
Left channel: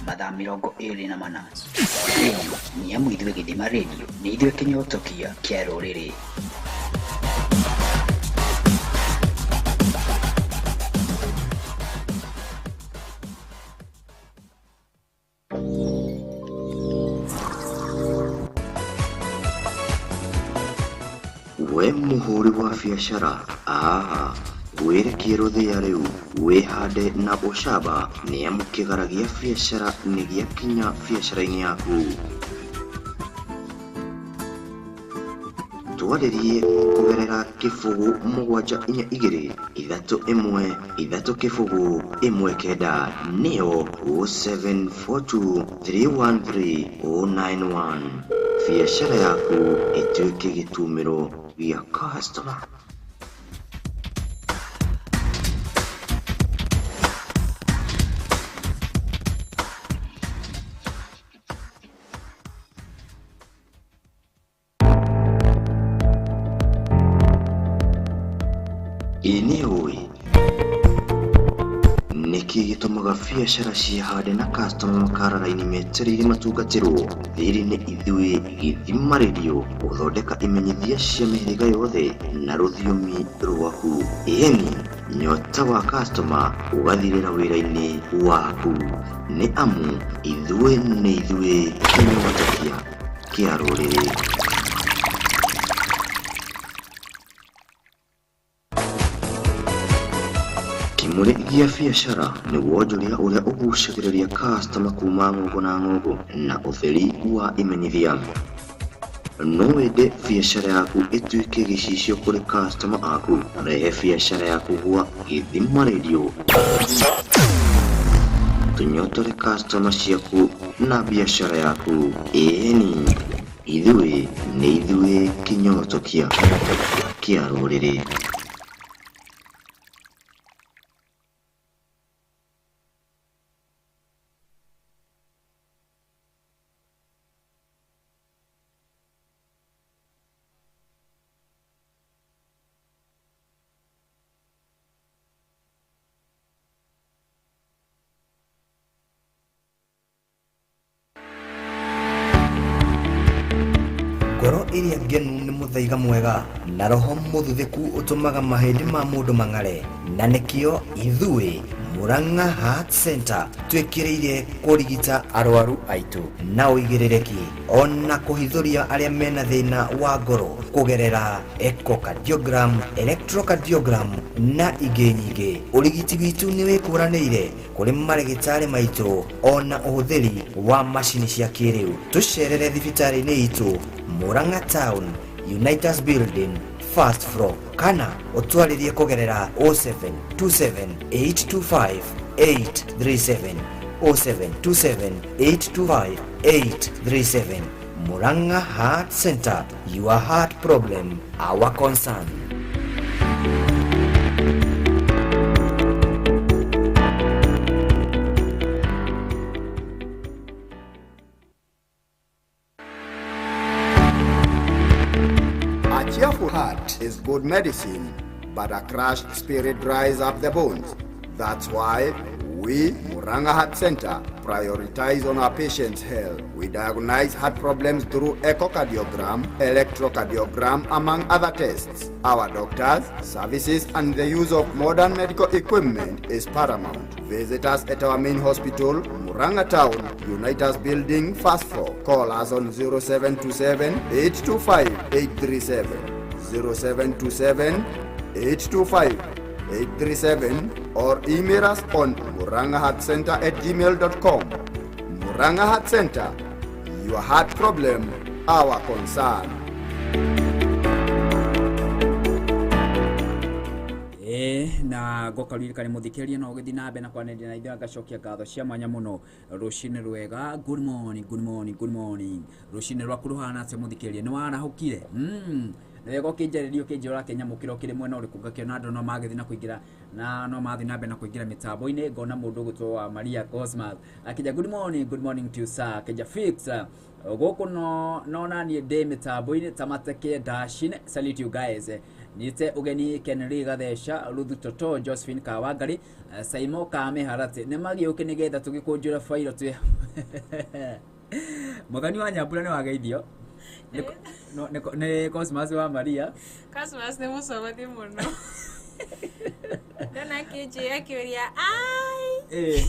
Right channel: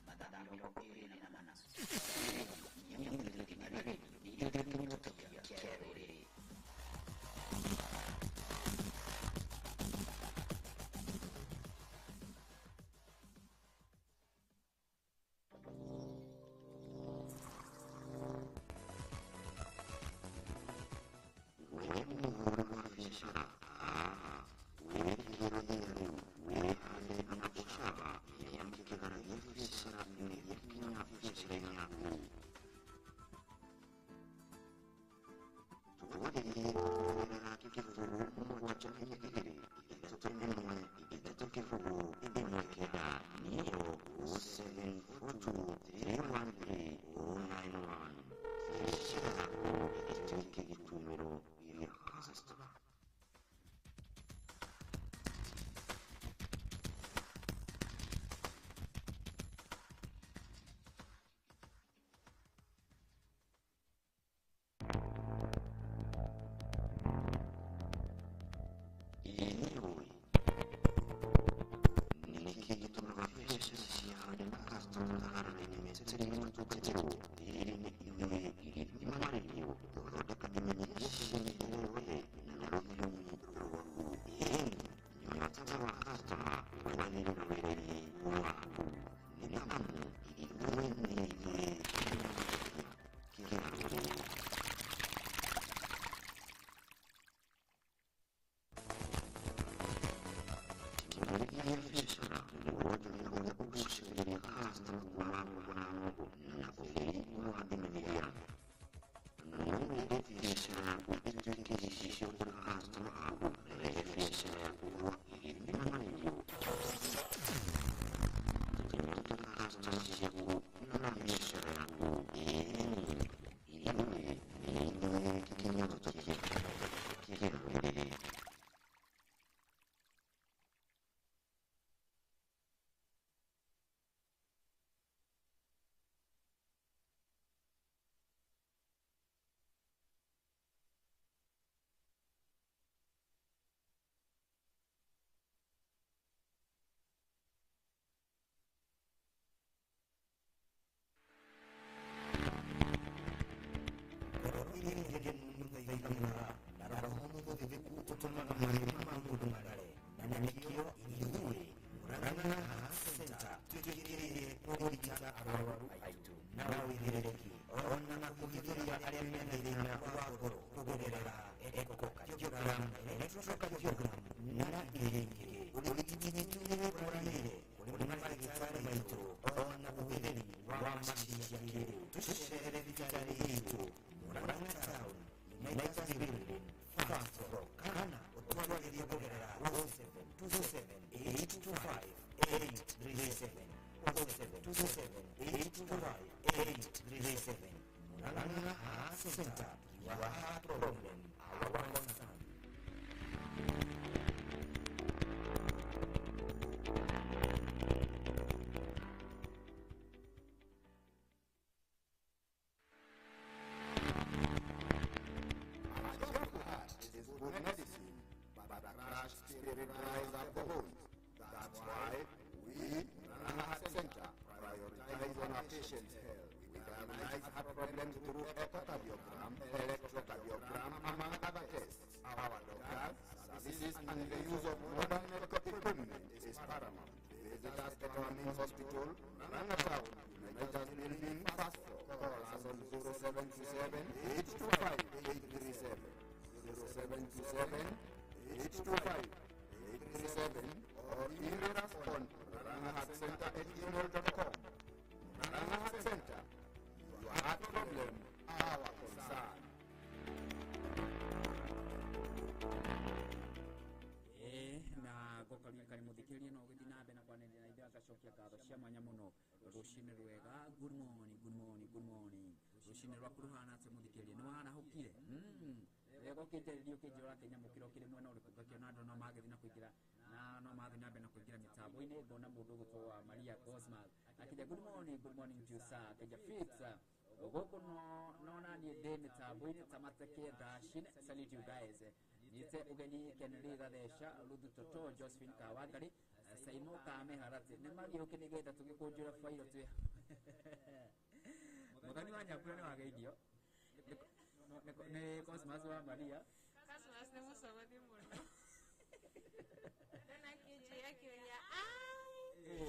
Mathaa 24 nĩ amu ithuĩ Githima Radio nĩ ithuĩ kĩnyotokia kĩa rũrĩrĩ. We mũhũri wa biacara, wĩrekie rũthĩa rĩu wĩhande na ũcamba, nĩ amu kĩgara gĩa biacara nĩ gĩakinya biacara-inĩ yaku. Twarĩrie kũgerera kĩbũgũ 722-313-1 nĩyo 0742-313-091. Biacara yaku ĩtuĩke gĩtumĩro gĩa customer. Iniwe niki gitumaga biacara cihande na customer makarara-ini metereire matungatirwo thiri-ini ithui githima radio guthondeka imenyithia cia mĩhĩrĩga yothe na rũthiomi rwaku. Ĩni nyota wa customer ũgathirĩra wĩra-inĩ waku, nĩ amu ithui nĩ ithui kĩnyota kĩa rũrĩrĩ. Kimuri gia biacara ni wonjoria uria ugucagiriria customer kuma ng'ongo na ng'ongo na utheri wa imenyithia. No wende biacara yaku ituike gicicio kuri customer aku, rehe biacara yaku gwa Githima Radio. Tunyotore customer ciaku na biacara yaku. Eni ithui ni ithui kinyoto kia rũrĩrĩ. Ngoro iria ngenu nĩ mũthaiga mwega na roho mũthuthuku ũtũmaga mahĩndĩ ma mũndũ mang'are, na nĩkĩo ithuĩ Murang'a Heart Center twĩkĩrĩire kũrigita arwaru aitũ na ũigĩrĩrĩki ona kũhithũria arĩa mena thĩna wa ngoro kũgerera echocardiogram, electrocardiogram na ingĩ nyingĩ. Ũrigiti witũ nĩ wĩkũranĩire kũrĩ marĩgĩtarĩ maitũ ona ũhũthĩri wa macini cia kĩrĩu. Tũcerere thibitarĩ-inĩ itũ Murang'a Town, Unitas Building, first floor, kana utwaririe kugerera 0727825837 0727825837. Murang'a Heart Center, your heart problem, our concern. A cheerful heart is good medicine, but a crushed spirit dries up the bones. That's why we, Murang'a Heart Center, prioritize on our patients' health. We diagnose heart problems through echocardiogram, electrocardiogram, among other tests. Our doctors, services, and the use of modern medical equipment is paramount. Visit us at our main hospital, Murang'a Town, Unitas Building, first floor. Call us on 0727-825-837, 0727-825-837, or email us on muranghaheartcenter@gmail.com. Murang'a Heart Center, your heart problem, our concern. Na gokaririkane muthikĩrĩria no gĩthiĩ na mbere na kwanĩrĩra na ithuĩ ngacokia ngatho cia mwanya mũno. Rũcinĩ rwega, good morning, good morning, good morning. Rũcinĩ rwaku rũhana atĩa muthikĩrĩria, nĩ warahũkire? Wega ũkĩnjarĩrio kĩnjĩra kĩnyamũkĩra ũkĩrĩ mwena ũrĩkũ, ngakĩona andũ no magĩthiĩ na kũingĩra na no mathiĩ na mbere na kũingĩra mĩtambo-inĩ. Ngona mũndũ ũgũtwo wa Maria Cosmas akĩnja good morning to you sir, akĩnja fix gũkũ no naniĩ ndĩ mĩtambo-inĩ tamateke dashine. Salute you guys. Nite ugeni Kenry Gathesha, Ruthu Toto, Josephine Kawangari, Saimo Kame Harate. Nemagĩũke nĩgetha tũgĩkũnjũra failo tu. Mũgani wa Nyambura nĩ wageithio. Nĩ Cosmas wa Maria. Cosmas nĩ mũcogothi mũno. Ndona kĩnjĩ akĩũria ai.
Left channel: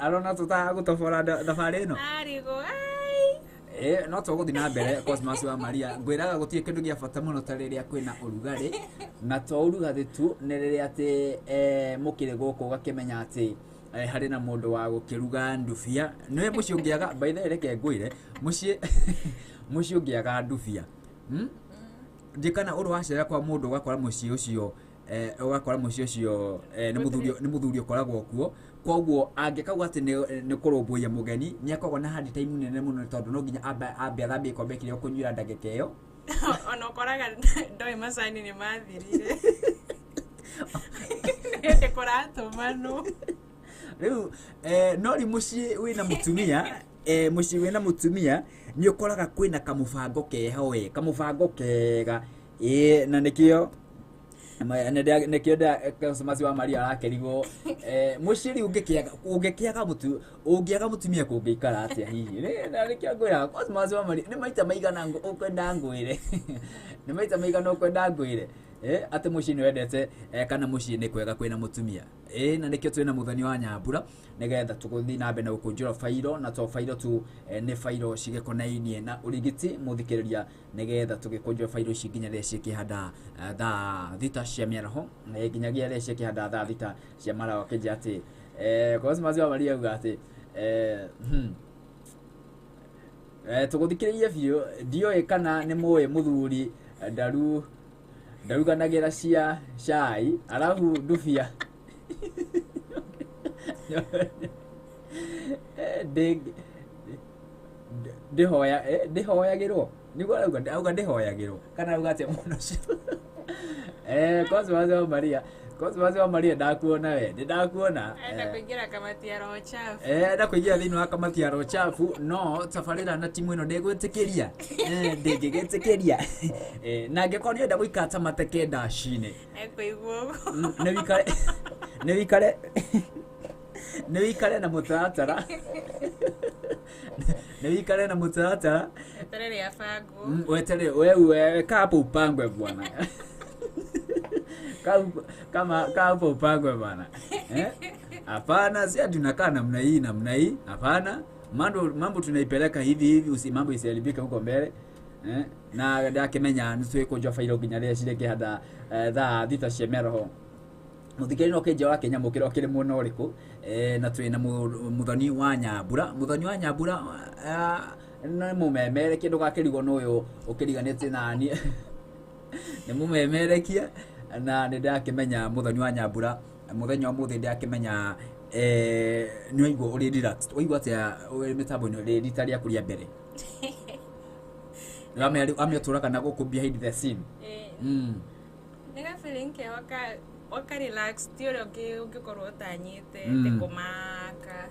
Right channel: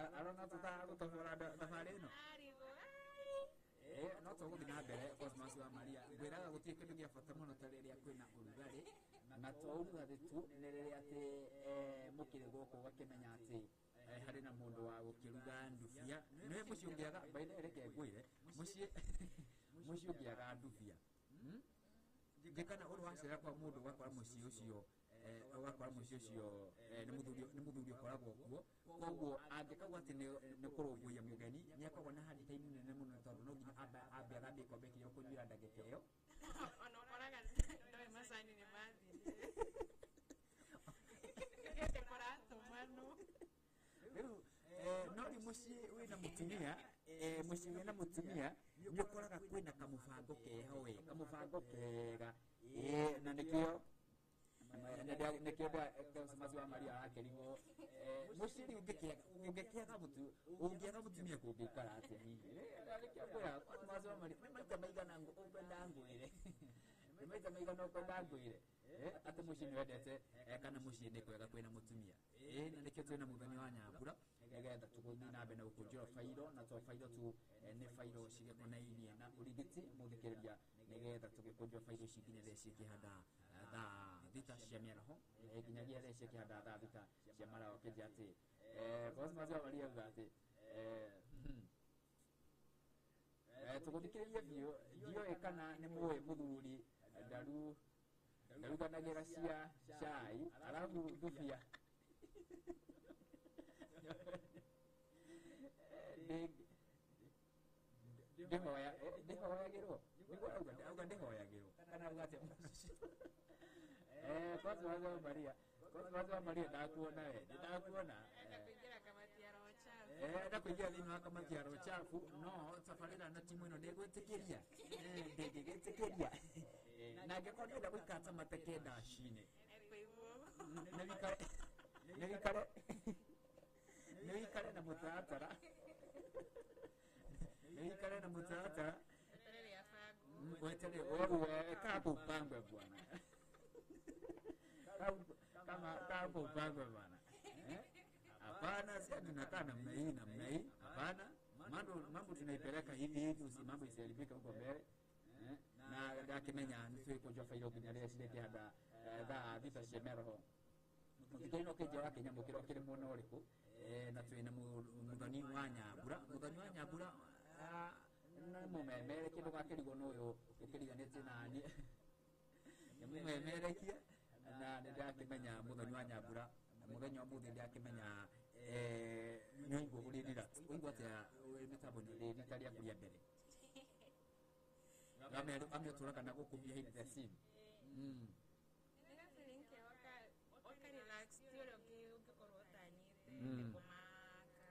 Arona tũtagũtobora thabarĩ ĩno. Arigo ai. No tũgũthiĩ na mbere. Cosmas wa Maria, ngwĩraga gũtirĩ kĩndũ gĩa bata mũno ta rĩrĩa kwĩna ũrugarĩ, na to ũrugarĩ tu nĩ rĩrĩa atĩ mũkĩrĩ gũkũ ũgakĩmenya atĩ harĩ na mũndũ wa gũkĩruga ndubia. Nĩ mũciĩ ũngĩaga, by the way reke ngwĩre, mũciĩ ũngĩaga ndubia ndikana ũrũ wacera kwa mũndũ ũgakora mũciĩ ũcio nĩ mũthuri ũkoragwo kuo. Koguo angĩkauga atĩ nĩ kũrũmbũiya mũgeni nĩ akoragwo na hard time nene mũno, tondũ no nginya ambe athambie ikombe kĩrĩa ũkũnyuĩra ndagĩka ĩyo. Ona ũkoraga ndoĩ macani nĩ mathirire. Nĩ kũratũmanwo. Rĩu no rĩ mũciĩ wĩna mũtumia nĩ ũkoraga kwĩna kamũbango keho kamũbango kega na nĩkĩo ne kioda consumazi wa Maria arakerigo mushiri ungekiaga mutumia kungikara atia hihi na rikiagwira consumazi wa Maria ni maita maigana ukwenda ngwire ni maita maigana ukwenda ngwire ate mushini wendete kana mushini kwega kwina mutumia na nikio twina muthoni wa Nyambura nigetha tuguthi na mbe na gukunjura fairo na to fairo tu ni fairo cigekonainie na urigiti muthikiriria nigetha tugikunjura fairo ciginya ria cikihanda tha thita cia miaraho nginyagia ria cikihanda tha thita cia marawa kija ati Cosmas wa Maria uga ati tuguthikiririe biu dio kana ni muwe muthuri ndaruganagira cia cai alafu ndufia ndihoyagirwo niguo auga ndihoyagirwo kana auga atia muno Cosmas wa Maria ndakuona we ndakuona kuingira kamati ya roho chafu na kuingira thini wa kamati ya roho chafu no Tabarira na timu ino ndegwitikiria ndingigitikiria na ngekorwo nda guikata mateke ndashine ekuiguo ne wikare na mutaratara terere ya fagu wetere wewe kapo upangwe bwana kama upangwe bwana hapana si tunakaa namna hii hapana mambo tunaipeleka hivi mambo isiharibike huko mbele na ndakimenya nitwe kunjwa fairo ginya ria cireke hada tha thita cia meroho muthikiri no kinje wa Kenya mukiro kiri muno uriku na twina muthoni wa Nyambura na mumemere kindu gakirigo nuyu ukiriganite nani ni mumemerekia na ndakimenya muthoni wa Nyambura muthenya umuthi ndakimenya ni waigua uri relaxed waigua atia mitambo ni ri ritaria kuria mbere amia turaka na guku behind the scene nega feeling ke waka relax tio ungikorwo utanyite tikumaka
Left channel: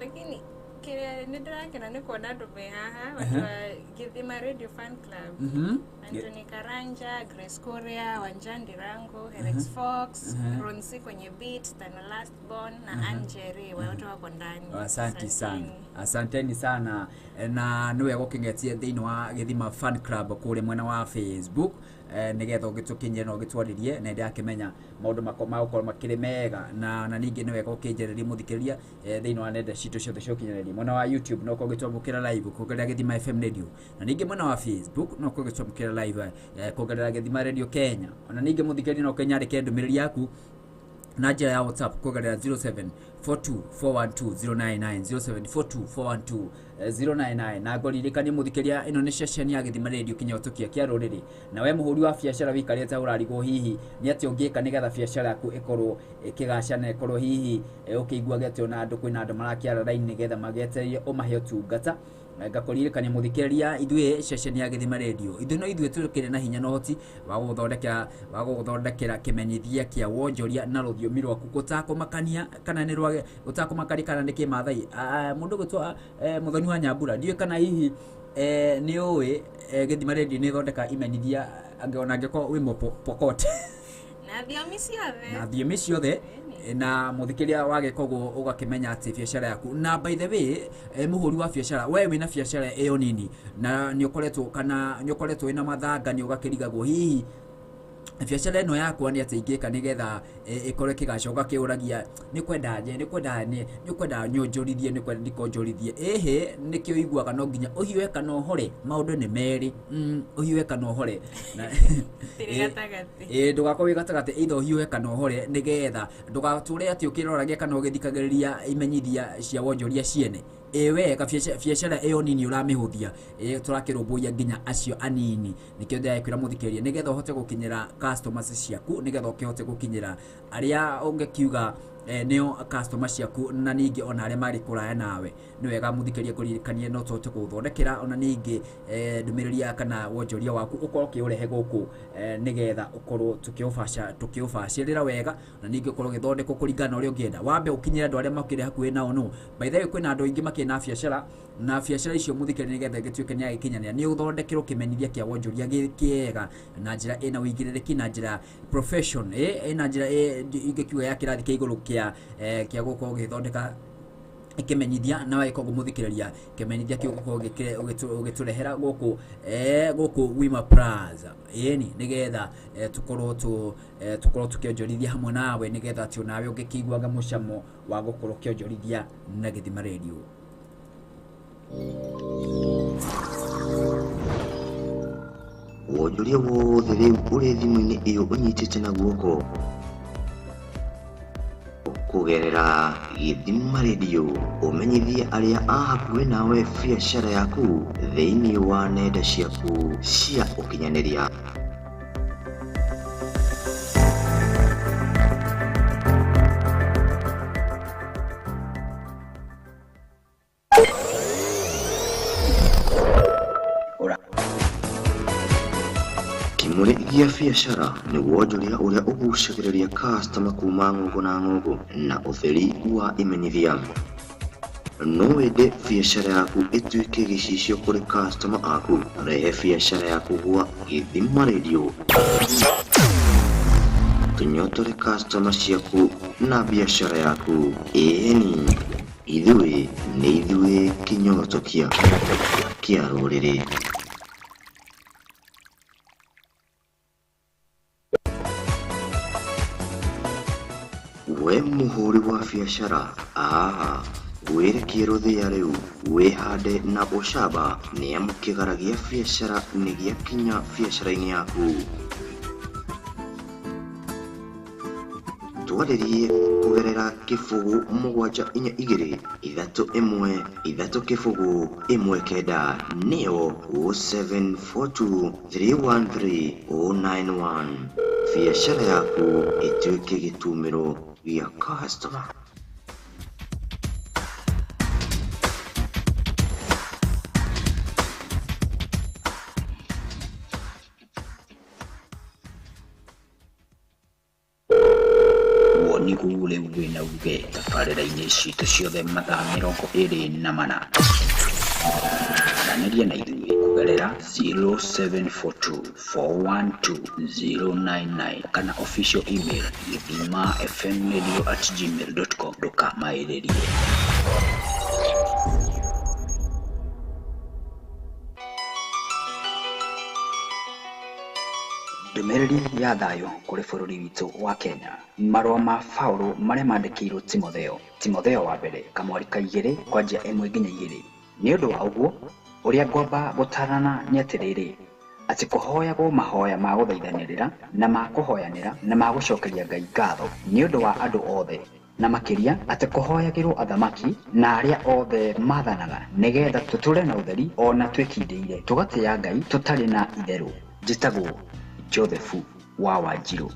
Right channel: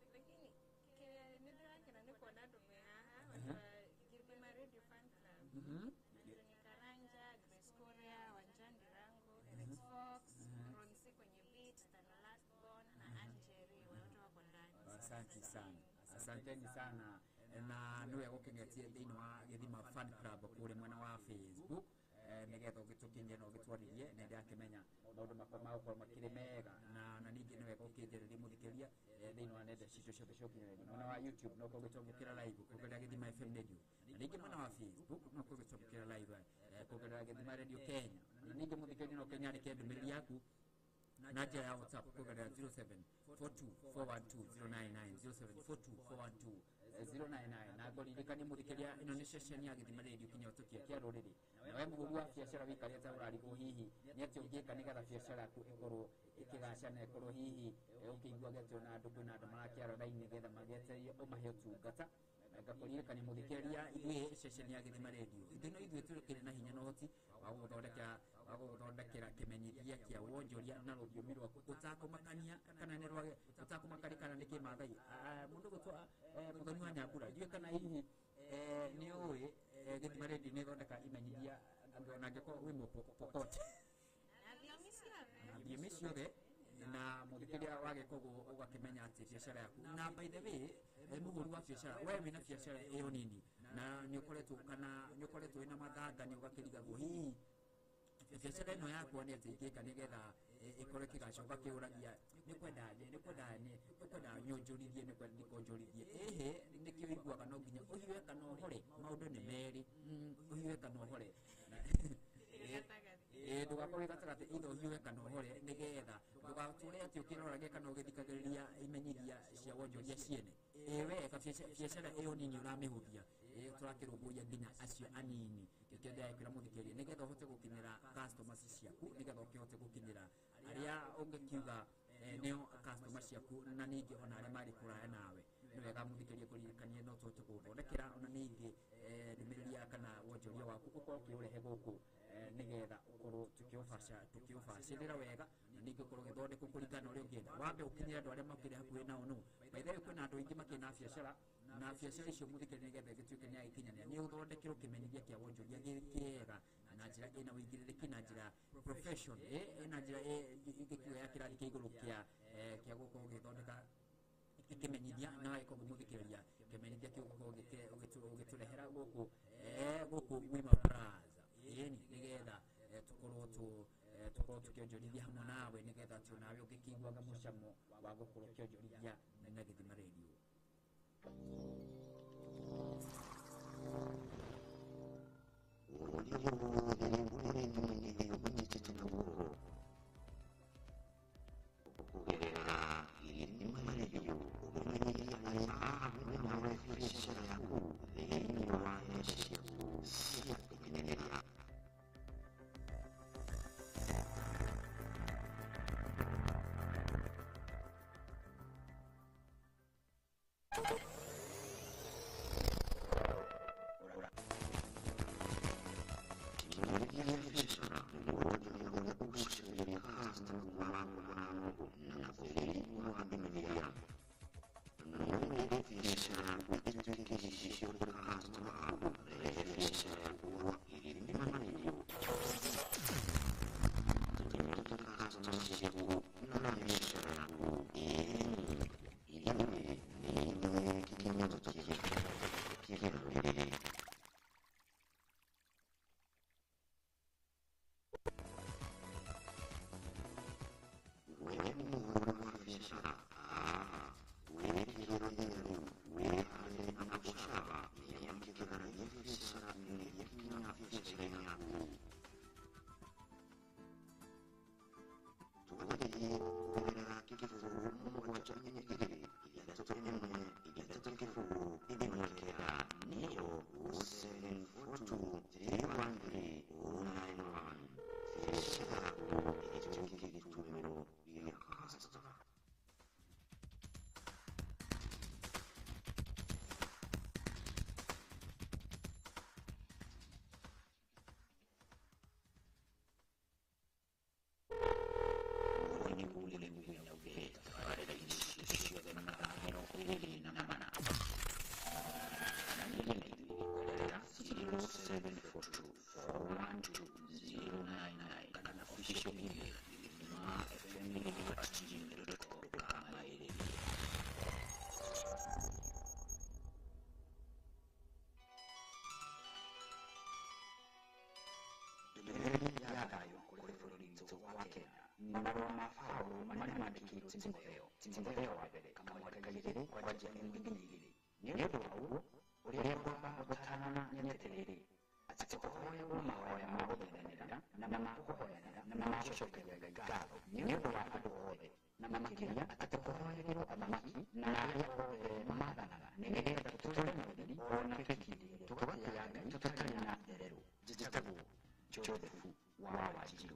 lakini kile ndrakena ni kuona andu be haha watu wa Githima Radio Fan Club Anthony Karanja, Grace Korea, Wanjandi Rango, Rex Fox, Ronsi kwenye beat, Tana Last Born na Angeri wote wako ndani. Asanteni sana na niwe gukingetie thiini wa Githima Fan Club kule mwena wa Facebook nigetha gitukinye no gitwaririe na ndakimenya maundu makoma ukorwo makiri mega na ningi niwe gukinjereria muthikiriria thiini wa nenda citu ciothe ciokinyereria mwena wa YouTube no kugitwamukira live kugerera Githima FM Radio na ningi mwena wa Facebook no kugitwamukira live kugerera Githima Radio Kenya na ningi muthikiriria no kenyarike ndumiriri yaku na njira ya WhatsApp kugerera 0742412079 na ngoririkanie muthikiria ino ni session ya Githima Radio kinyotokia kia ruriri na we muhuri wa biashara wikarite urarigo hihi ni ati ungika nigetha biashara yaku ikorwo ikigacana ikorwo hihi ukigua getio na andu kwina andu marakiara line nigetha mageterie umahe utungata ngakoririkania muthikiriria ithwe session ya Githima Radio no ithwe turukire na hinya no hoti wa guthondekera kimenyithia kia wonjoria na ruthiomi rwaku gutakumakania kana ni rwa utakumakari kana ni kimathai mundu gutwa muthoni wa Nyambura ndiwe kana hihi ni uwe Githima Radio ni thondeka imenyithia angeona ngeko wi pokote na thiomi ciothe na muthikiria wage kogo ugakimenya ati biashara yaku na by the way muhuri wa biashara wewe wina biashara eyo nini na nyokoretwo ina mathanga ni ugakirigagwo hihi biashara eno yaku ani atingika nigetha ikore kigacoka kiuragia ni kwenda nyonjorithie ni kwenda ndikonjorithie nikio iguaga no nginya uhiwe kana uhore maundu ni meri uhiwe kana uhore na ndugakorwo gatagate either uhiwe kana uhore nigetha ndugature ati ukiroragia kana ugithikagiriria imenyithia cia wonjoria ciene ewe ka biashara eyo nini uramihuthia turakirumbuya nginya acio anini nikio ndakwira muthikiria nigetha uhote gukinyira customers ciaku nigetha ukihote gukinyira aria ungekiuga neo customer ciaku na ningi ona aria mari kuraya nawe ni wega muthikiria kuririkania no tote guthondekera ona ningi ndumiriria kana wonjoria waku ukorwo kiurehe guku nigetha ukorwo tukiufacirira wega na ningi ukorwo githondeko kuringana uria ungienda wambe ukinyira andu aria makire hakuhi nao no by the way kwina andu ingi makina biashara na biacara icio muthikire nigetha gituike ni agikinyania ni uthondekero kimenyithia kia wonjoria gikiega na njira ina uigiririki na njira profession ina njira ingikiuga ya kirathi kia iguru kia gukorwo githondeka ikimenyithia na wako gumuthikiriria kimenyithia ki gukorwo ugiturehera guku Wima Plaza ni nigetha tukorwo tukionjorithia hamwe nawe nigetha ati nawe ungikiguaga mucamo wa gukorwo kionjorithia na Githima Radio. Wonjoria wothe riu uri thimu-ini iyo unyitite na guoko kugerera Githima Radio umenyithie aria ahakuhi nawe biacara yaku thiini wa nenda ciaku cia ukinyaniria. Kimuri gia biacara ni wonjoria uria ugucagiriria customer kuma ng'ongo na ng'ongo na utheri wa imenyithia. No wende biacara yaku ituike gicicio kuri customer aku, rehe biacara yaku gwa Githima Radio. Tunyotore customer ciaku na biacara yaku. Eni ithuĩ nĩ ithuĩ kinyoto kia rũrĩrĩ. We muhuri wa biacara werekie thia riu wihande na ucamba ni amu kigaragia biacara ni giakinya biacara-ini yaku. Twaririe kugerera kifugu 742-313-1 neo 0742-313-091. Biacara yaku ituike gitumiro gia customer. Wonigule wina uge tabarira-ini citu ciothe mathaa 24 aranĩria na ithuĩ kugerera 0742-412-099 kana official email githimafmradio@gmail.com. ndũkamaĩrĩrie. Ndũmĩrĩri ya thayũ kũrĩ bũrũri witũ wa Kenya. Marũa ma Paulo marĩa mandĩkĩirwo Timotheo wa mbere kamweri ka 2 kwanjia 1 nginya 2. Nĩ ũndũ wa ũguo ũrĩa ngwamba gũtarana nĩ atĩrĩrĩ atĩ kũhoyagwo mahoya ma gũthaithanĩrĩra na ma kũhoyanĩra na ma gũcokeria Ngai ngatho nĩ ũndũ wa andũ othe, na makĩria atĩ kũhoyagĩrwo athamaki na arĩa othe maathanaga nĩgetha tũtũre na ũtheri ona twĩkindĩire tũgatĩĩa Ngai tũtarĩ na itherũ. Njĩtagwo Josefu wa Wanjirũ.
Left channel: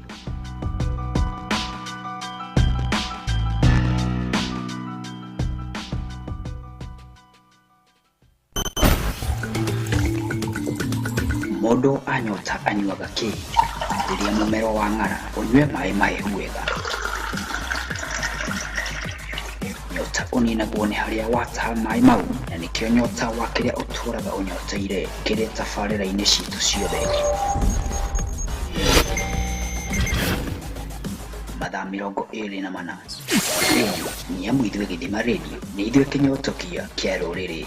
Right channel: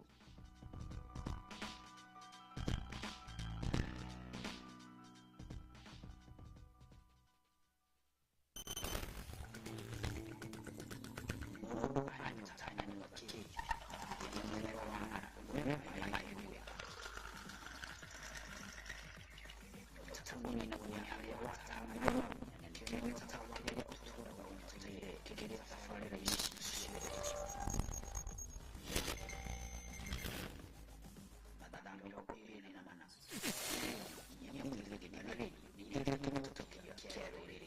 Mũndũ anyota anyuaga kĩ rĩrĩa mũmero wa ng'ara ũnyue maĩ mahehu wega. Nyota ũninagwo nĩ harĩa wataha maĩ mau, na nĩkĩo nyota wa kĩrĩa ũtũraga ũnyoteire kĩrĩ tabarĩra-inĩ citũ ciothe. Mathaa 24 nĩ amu ithuĩ Githima Radio nĩ ithuĩ kinyotokia kia rũrĩrĩ.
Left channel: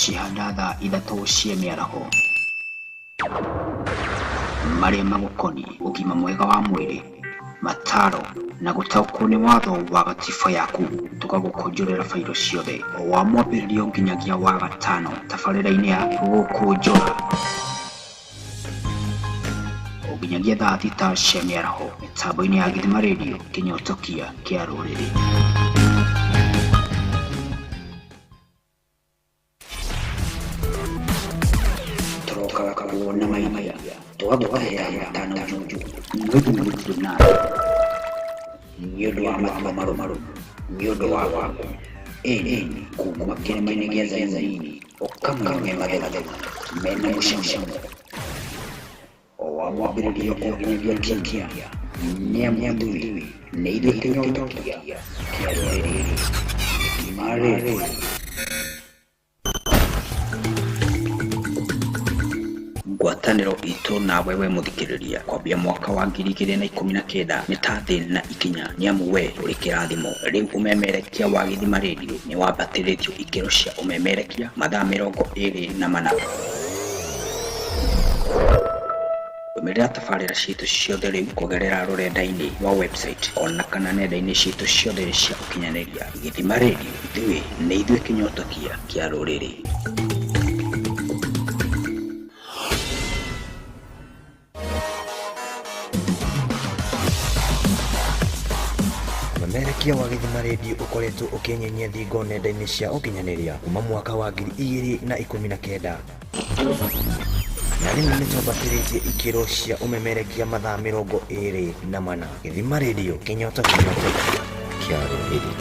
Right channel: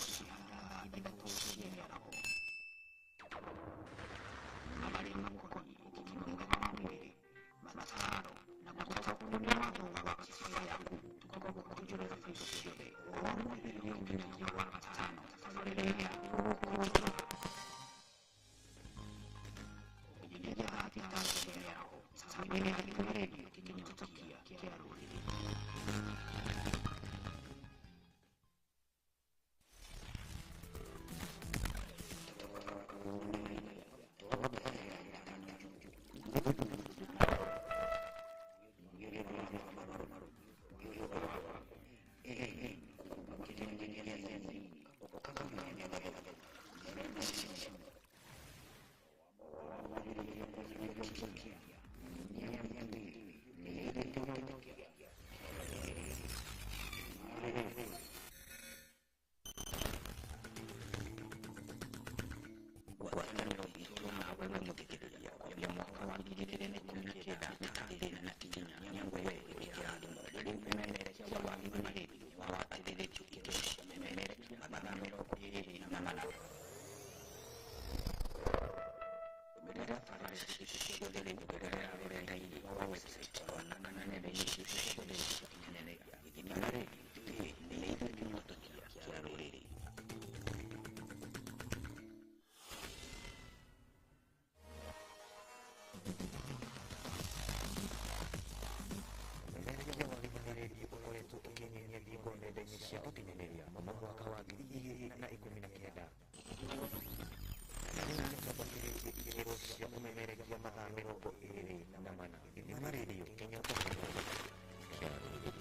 Cihandatha ithatũ cia mĩaraho marĩa magũkoniĩ ũgima mwega wa mwĩrĩ, mataro na gũtaũkwo nĩ watho wa gatiba yaku. Tũgagũkũnjũrĩra bairo ciothe o wa mwambĩrĩrio nginyagia wa gatano tabarĩra-inĩ ya Gukunjura o nginyagia thaa thita cia mĩaraho mĩtambo-inĩ ya Githima Radio, kĩnyotokia kĩa rũrĩrĩ. Tukakuona maimaya twagũkahera matano juju mwĩthĩ mũrutĩrĩ nayo nĩ ũndũ wa matua marũmarũ, nĩ ũndũ wa waku ĩni kuma kĩrĩma-inĩ gĩa Zayuni ũkamenya mathethema mena mũcamũcamo o wa mwambĩrĩrio kũnginyagia kikia nĩ amwathuĩ nĩ ithuĩ kĩnyotokia kĩa rũrĩrĩ. Marĩ ngwatanĩro itũ na wewe mũthikĩrĩria kwambia mwaka wa 2019 nĩ ta thĩ na ikinya, nĩ amu we ũrĩ kĩrathimo. Rĩu ũmemerekia wa Githima Radio nĩ wambatĩrĩtio ikĩro cia ũmemerekia mathaa 24. Ũmĩrĩra tabarĩra ciitũ ciothe rĩu kũgerera rũrenda-inĩ wa website ona kana nenda-inĩ ciitũ ciothe cia ũkinyanĩria. Githima Radio, ithuĩ nĩ ithuĩ kĩnyotokia kĩa rũrĩrĩ. Umemerekia wa Githima Radio ukoretwo ukinyenyia thingo nenda-inĩ cia ũkinyanĩria kuma mwaka wa 2019 na rĩu nĩ twambatĩrĩtie ikĩro cia ũmemerekia mathaa 24. Githima Radio, kĩnyotokia kĩa rũrĩrĩ.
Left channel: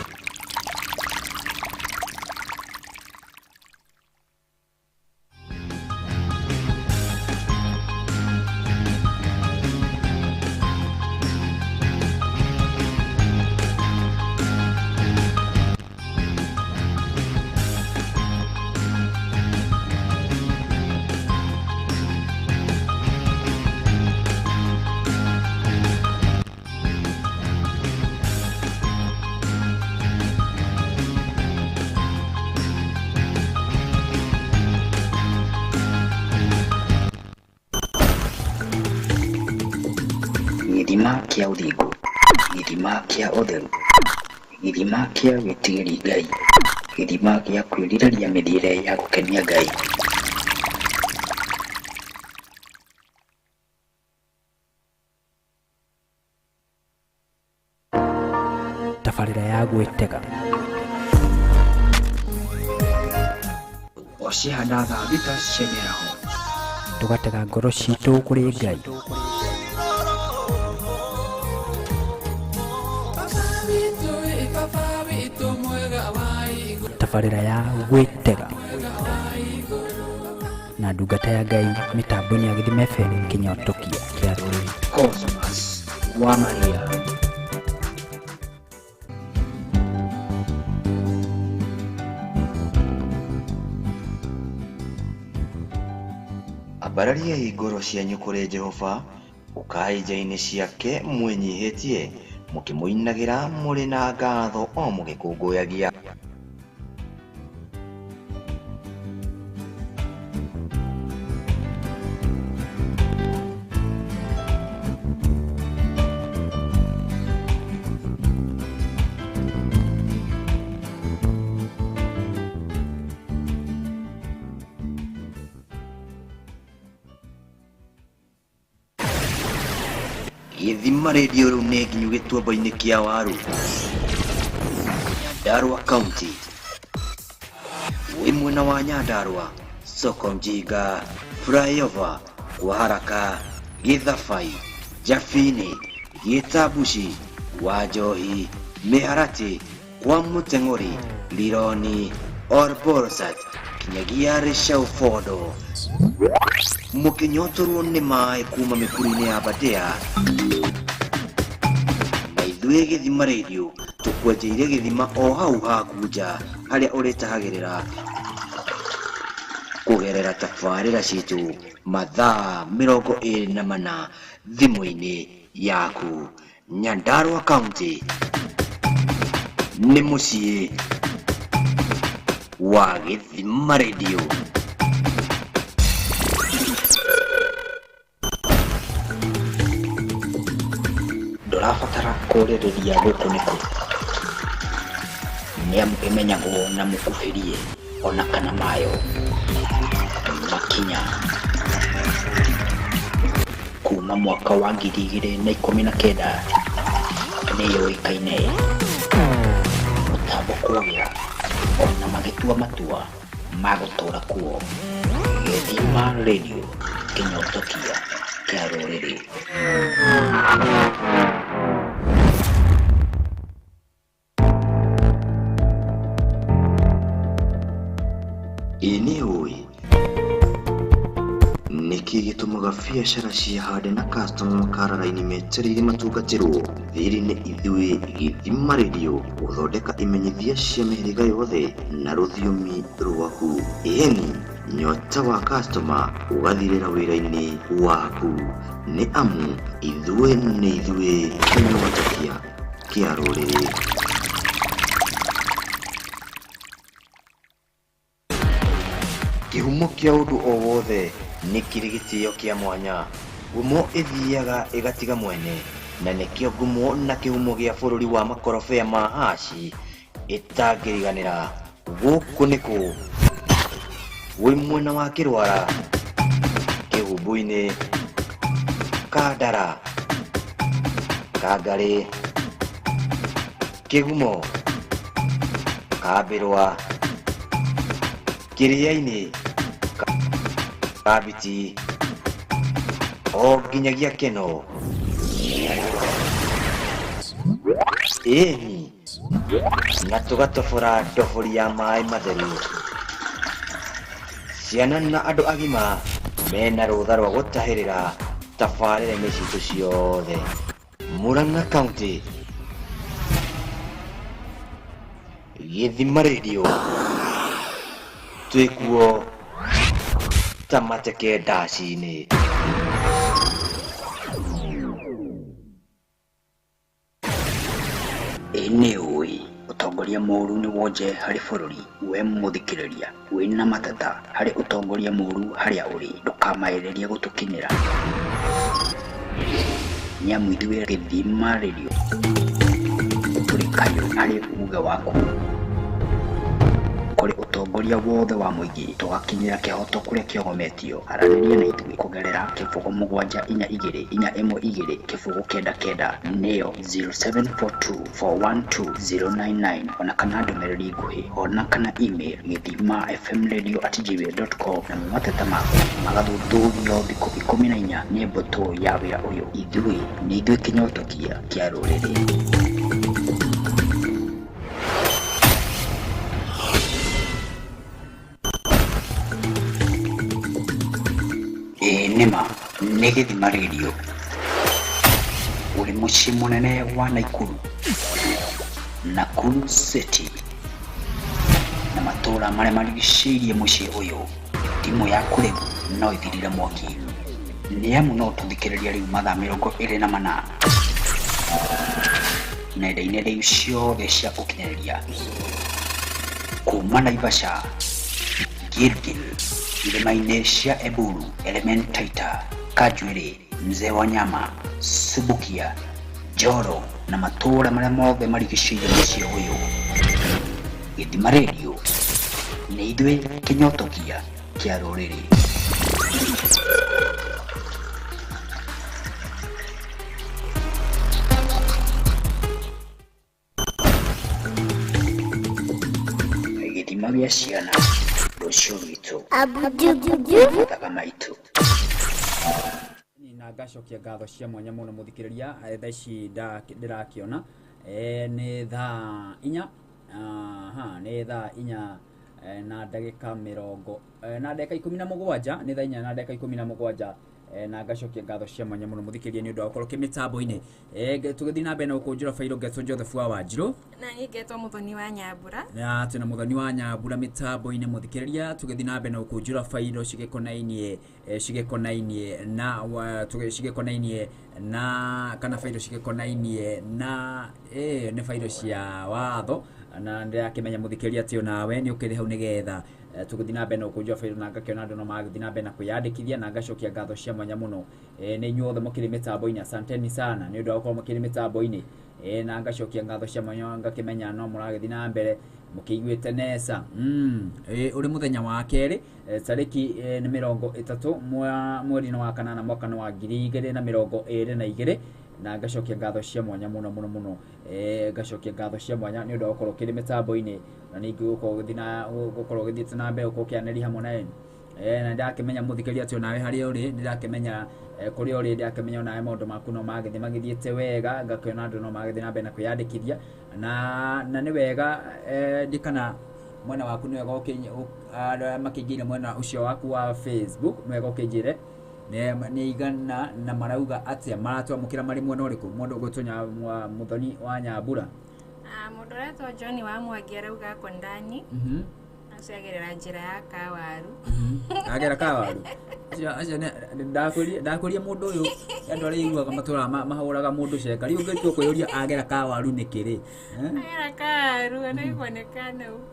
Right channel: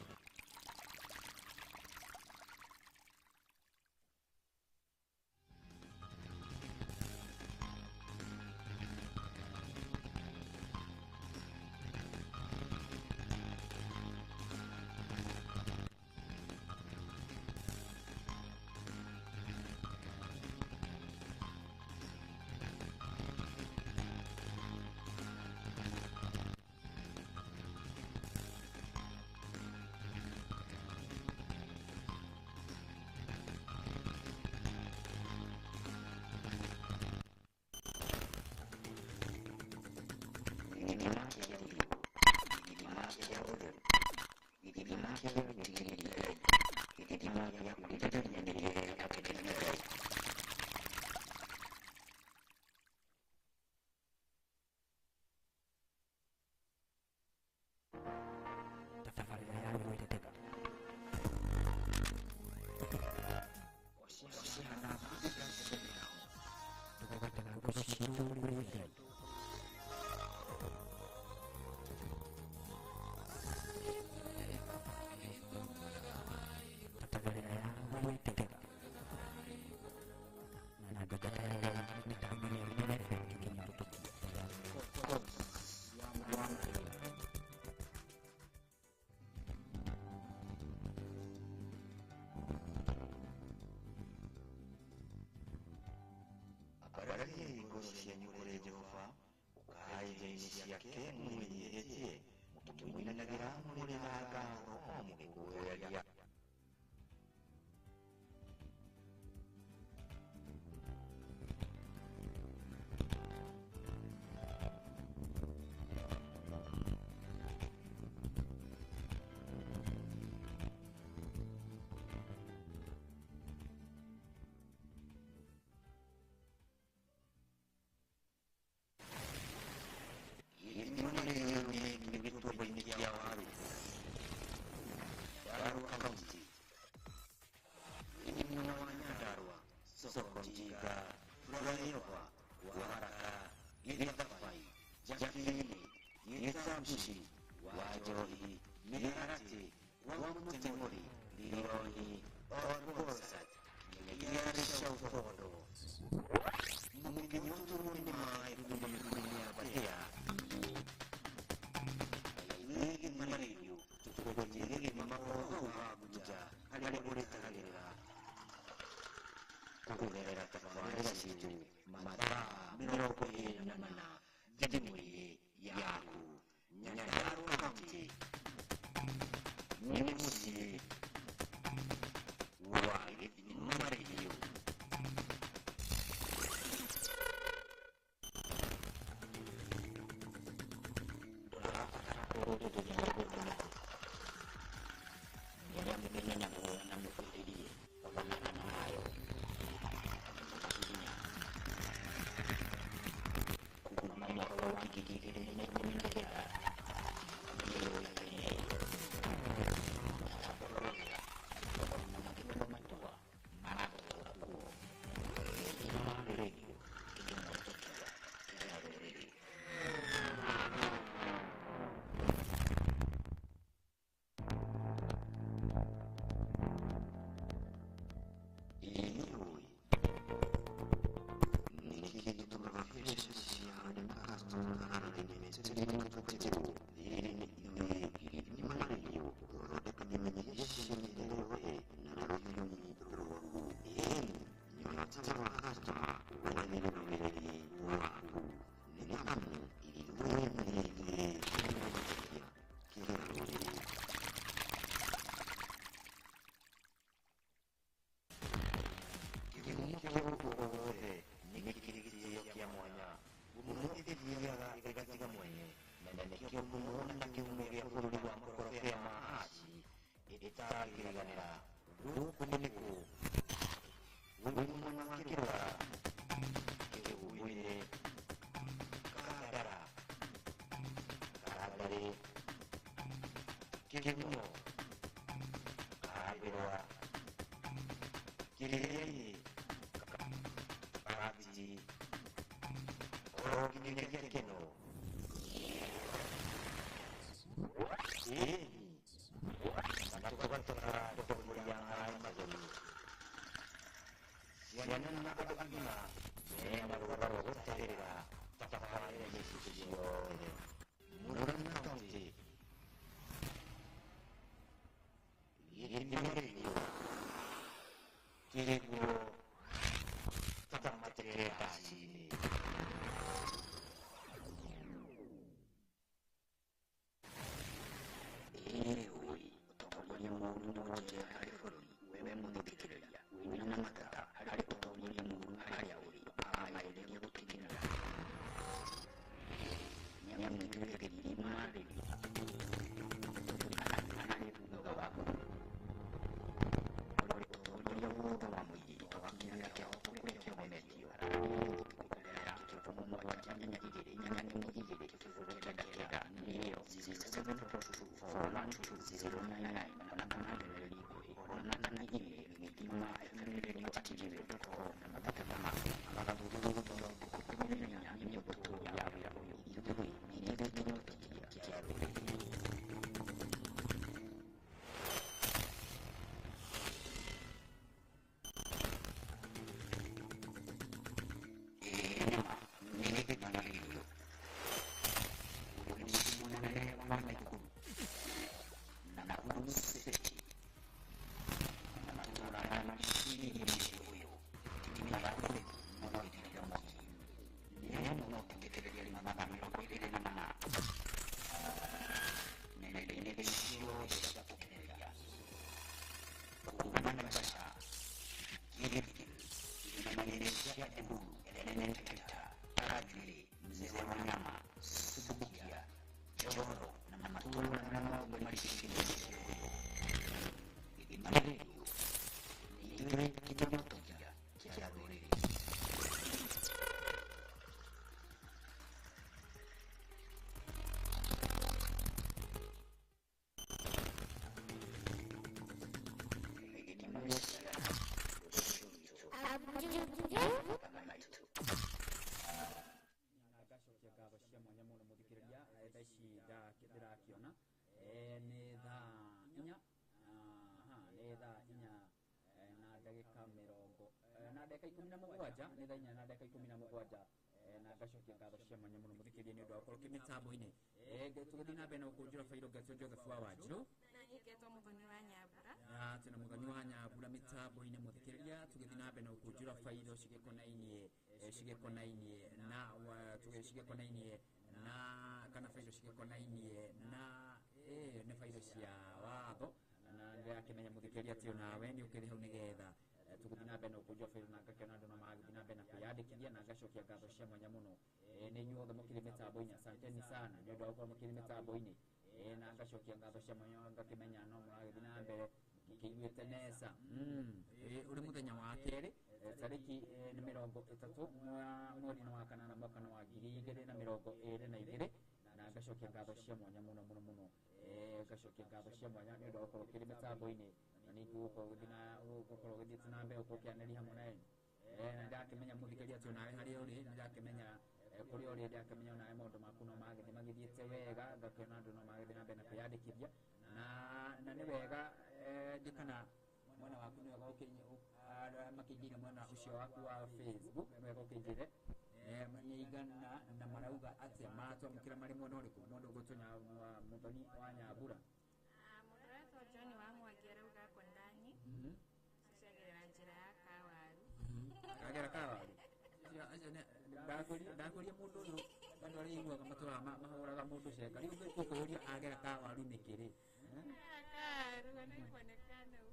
gĩthima kĩa ũthingu, gĩthima kĩa ũtheru, gĩthima kĩa gwĩtigĩri Ngai, gĩthima gĩa kwĩrirĩria mĩthiĩre ya gũkenia Ngai. Tabarira ya gwĩtega ocihanda thita cia mĩaraho, tũgatega ngoro citũ kũrĩ Ngai. Tabarira ya gwĩtega na ndungata ya Ngai mĩtambo-inĩ ya Gĩthima FM Kĩnyotokia kĩa rũrĩrĩ. Cosmas wa Maria. Ambararia igoro cianyu kũrĩ Jehova, ũkai nja-inĩ ciake mwĩnyihĩtie, mũkĩmũinagĩra mũrĩ na ngatho o mũgĩkũngũyagia. Gĩthima Radio rĩu nĩ nginyu gĩtuamba-inĩ kĩa waru, Nyandarua County, wĩ mwena wa Nyandarua, Soko Mjinga, Flyover, kwa haraka, Gĩthabai, Jabini, Gĩtambuci, Wanjohi, Mĩharati, kwa Mũteng'ũri, Lironi, Orborsat, kinyagia Rĩcaũ-Fondo. Mũkĩnyotorwo nĩ maĩ kuma mĩkuru-inĩ ya Aberdare, na ithuĩ Gĩthima Radio tũkwenjeire gĩthima o hau haku nja harĩa ũrĩtahagĩrĩra kũgerera tabarĩra citũ mathaa 24 thimũ-inĩ yaku. Nyandarua County nĩ mũciĩ wa Gĩthima Radio. Ndũrabatara kũrĩrĩria gũkũ nĩkũ, nĩamu ĩmenyagwo na mũkuhĩrie ona kana mayo makinya kuma mwaka wa 2019 nĩyũĩkaine mũtambo kũgĩa ona magĩtua matua ma gũtũũra kuo. Gĩthima Radio Kĩnyotokia kĩa rũrĩrĩ. Ini oi niki gĩtũmaga biacara cihande na customer makarara-inĩ metereire matungatĩrwo. Thirĩ nĩ ithuĩ Gĩthima Radio gũthondeka imenyithia cia mĩhĩrĩga yothe na rũthiomi rwaku. Ĩni nyota wa customer ũgathirĩra wĩra-inĩ waku, nĩ amu ithuĩ nĩ ithuĩ Kĩnyotokia kĩa rũrĩrĩ. Kĩhumo kĩa ũndũ o wothe nĩ kĩrĩ gĩtĩo kĩa mwanya. Ngumo ĩthiaga ĩgatiga mwene, na nĩkĩo ngumo na kĩhumo gĩa bũrũri wa makorobia ma haci ĩtangĩriganĩra. Gũkũ nĩkũ wĩ mwena wa Kĩrwara, Kĩhumbu-inĩ, Kandara, Kangarĩ, Kĩgumo, Kambĩrwa, Kĩrĩa-inĩ, Kabiti, o nginyagia Keno. Ĩni na tũgatobora ndobori ya maĩ matheru. Ciana na andũ agima mena rũtha rwa gũtahĩrĩra tabarĩra-inĩ citũ ciothe. Murang'a County, Gĩthima Radio twĩkuo ta mateke ndaci-inĩ. Nĩ ũĩ ũtongoria mũũru nĩ wonje harĩ bũrũri. We mũthikĩrĩria wĩna mateta harĩ ũtongoria mũũru harĩa ũrĩ, ndũkamaĩrĩrie gũtũkinyĩra. ni amu ithuĩ Gĩthima Radio tũrĩ kayũ harĩ uga waku kũrĩ ũtongoria wothe wa mũingĩ tũgakinyĩra kĩhoto kũrĩa kĩogometio. Aranĩria na ithuĩ kũgerera kĩbũgũ 722 kĩbũgũ 99 nĩyo 0742412099 ona kana ndũmĩrĩri nguhĩ ona kana email githimafmradio@gmail.com na mateta maku magathuthurio thikũ 14 nĩ mbũtũ ya wĩra ũyũ. Ithuĩ nĩ ithuĩ kĩnyotokia kĩa rũrĩrĩ. Nĩma nĩ Gĩthima Radio ũrĩ mũciĩ mũnene wa Nakuru City na matũũra marĩa marigicĩirie mũciĩ ũyũ. Thimũ yaku rĩu no ĩthirire mwaki nĩ amu no tũthikĩrĩria rĩu mathaa 24 nenda-inĩ rĩu ciothe cia ũkinyanĩria kuma Naivasha, Gilgil, irĩma-inĩ cia Eburu, Elementaita, Kajwiri, Mzee wa Nyama, Subukia, Joro na matũũra marĩa mothe marigicĩirie mũciĩ ũyũ. Gĩthima Radio nĩ ithuĩ kĩnyotokia kĩa rũrĩrĩ. Gĩthima gĩa ciana rũciũ rwitũ mathaga maitũ. Na ngacokia ngatho cia mwanya mũno mũthikĩrĩria thaa ici ndĩrakĩona nĩ thaa 4 nĩ thaa 4 na ndagĩka 17 nĩ thaa 4 na ndagĩka 17 na ngacokia ngatho cia mwanya mũno mũthikĩrĩria nĩ ũndũ wa gũkorwo kĩmĩtambo-inĩ. Tũgĩthiĩ na mbere na gũkũnjũra fairo ngetwo Joseph wa Wanjirũ na ngetwo Mũthoni wa Nyambura na tena Mũthoni wa Nyambura mĩtambo-inĩ mũthikĩrĩria. Tũgĩthiĩ na mbere na gũkũnjũra fairo cigĩkonainie na kana fairo cigĩkonainie na nĩ fairo cia watho na ndĩrakĩmenya mũthikĩrĩria atĩ nawe nĩ ũkĩrĩ hau nĩgetha tũgĩthiĩ na mbere na gũkũnjũra fairo na ngakĩona andũ no magĩthiĩ na mbere na kwĩyandĩkithia na ngacokia ngatho cia mwanya mũno nĩ inyuothe mũkĩrĩ mĩtambo-inĩ. Asanteni sana nĩ ũndũ wa gũkorwo mũkĩrĩ mĩtambo-inĩ na ngacokia ngatho cia mwanya ngakĩmenya no mũragĩthiĩ na mbere mũkĩiguĩte nesa. Ũrĩ mũthenya wa kerĩ tarĩki nĩ 30 mweri wa kanana mwaka wa 2022 na ngacokia ngatho cia mwanya mũno ngacokia ngatho cia mwanya nĩ ũndũ wa gũkorwo kĩrĩ mĩtambo-inĩ na ningĩ gũkorwo gĩthiĩte na mbere gũkorwo kĩanĩria hamwe nawe na ndakĩmenya mũthikĩrĩria atĩ nawe harĩa ũrĩ ndĩrakĩmenya kũrĩa ũrĩ ndakĩmenya nawe maũndũ maku no magĩthiĩte wega ngakĩona andũ no magĩthiĩ na mbere na kwĩyandĩkithia na nĩ wega ndikana mwena waku nĩ wega makĩingĩire mwena ũcio waku wa Facebook nĩ wega ũkĩnjĩre nĩ igana na marauga atĩa maratwamũkĩra marĩ mwena ũrĩkũ mũndũ ũgwĩtwo Mũthoni wa Nyambura. Mũndũ ũretwo John wa Mwangi arauga ako ndani aciagĩrĩra njĩra ya Kawaru agera Kawaru ndakũria mũndũ ũyũ andũ arĩa iguaga matũra mahũraga mũndũ ceka rĩu ngĩtua kũyũria agera Kawaru nĩkĩrĩ agera Kawaru anaibonekana huku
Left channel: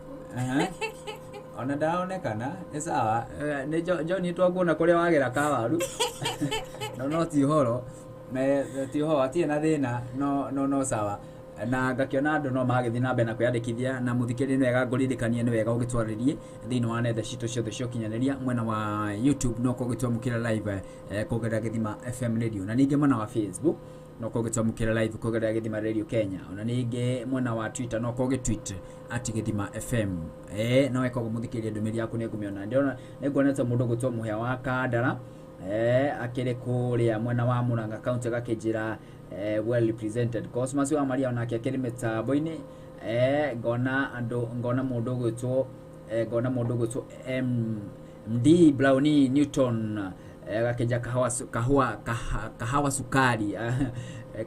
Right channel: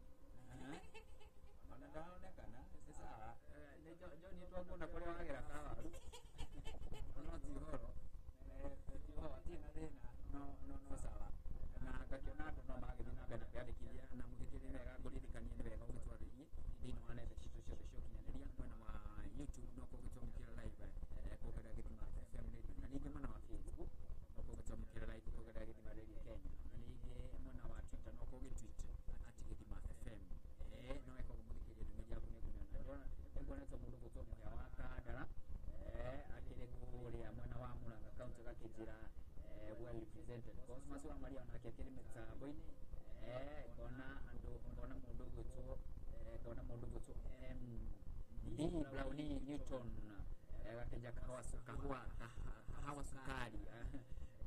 ona ndaonekana nĩ sawa nĩ John twakuona kũrĩa wagera Kawaru no ti ũhoro ti ũhoro atirĩ na thĩna no sawa na ngakĩona andũ no magĩthiĩ na mbere na kwĩyandĩkithia na mũthikĩrĩria nĩ wega ngũririkanie nĩ wega ũgĩtwarĩrie thĩinĩ wa nenda citũ ciothe cia ũkinyanĩria mwena wa YouTube no kũgĩtwamũkĩra live kũgerera Gĩthima FM Radio na ningĩ mwena wa Facebook no kũgĩtwamũkĩra live kũgerera Gĩthima Radio Kenya ona ningĩ mwena wa Twitter no kũgĩtweet @Gĩthima FM no weka mũthikĩrĩria ndũmĩrĩri yaku nĩ ngũmĩona ndĩrona nĩ nguonete mũndũ gwĩtwo Mũhĩa wa Kandara akĩrĩ kũrĩa mwena wa Murang'a county gakĩnjĩra well represented Cosmas wa Maria onake akĩrĩ mĩtambo-inĩ ngona mũndũ gwĩtwo MD Brownie Newton gakĩnja kahawa sukari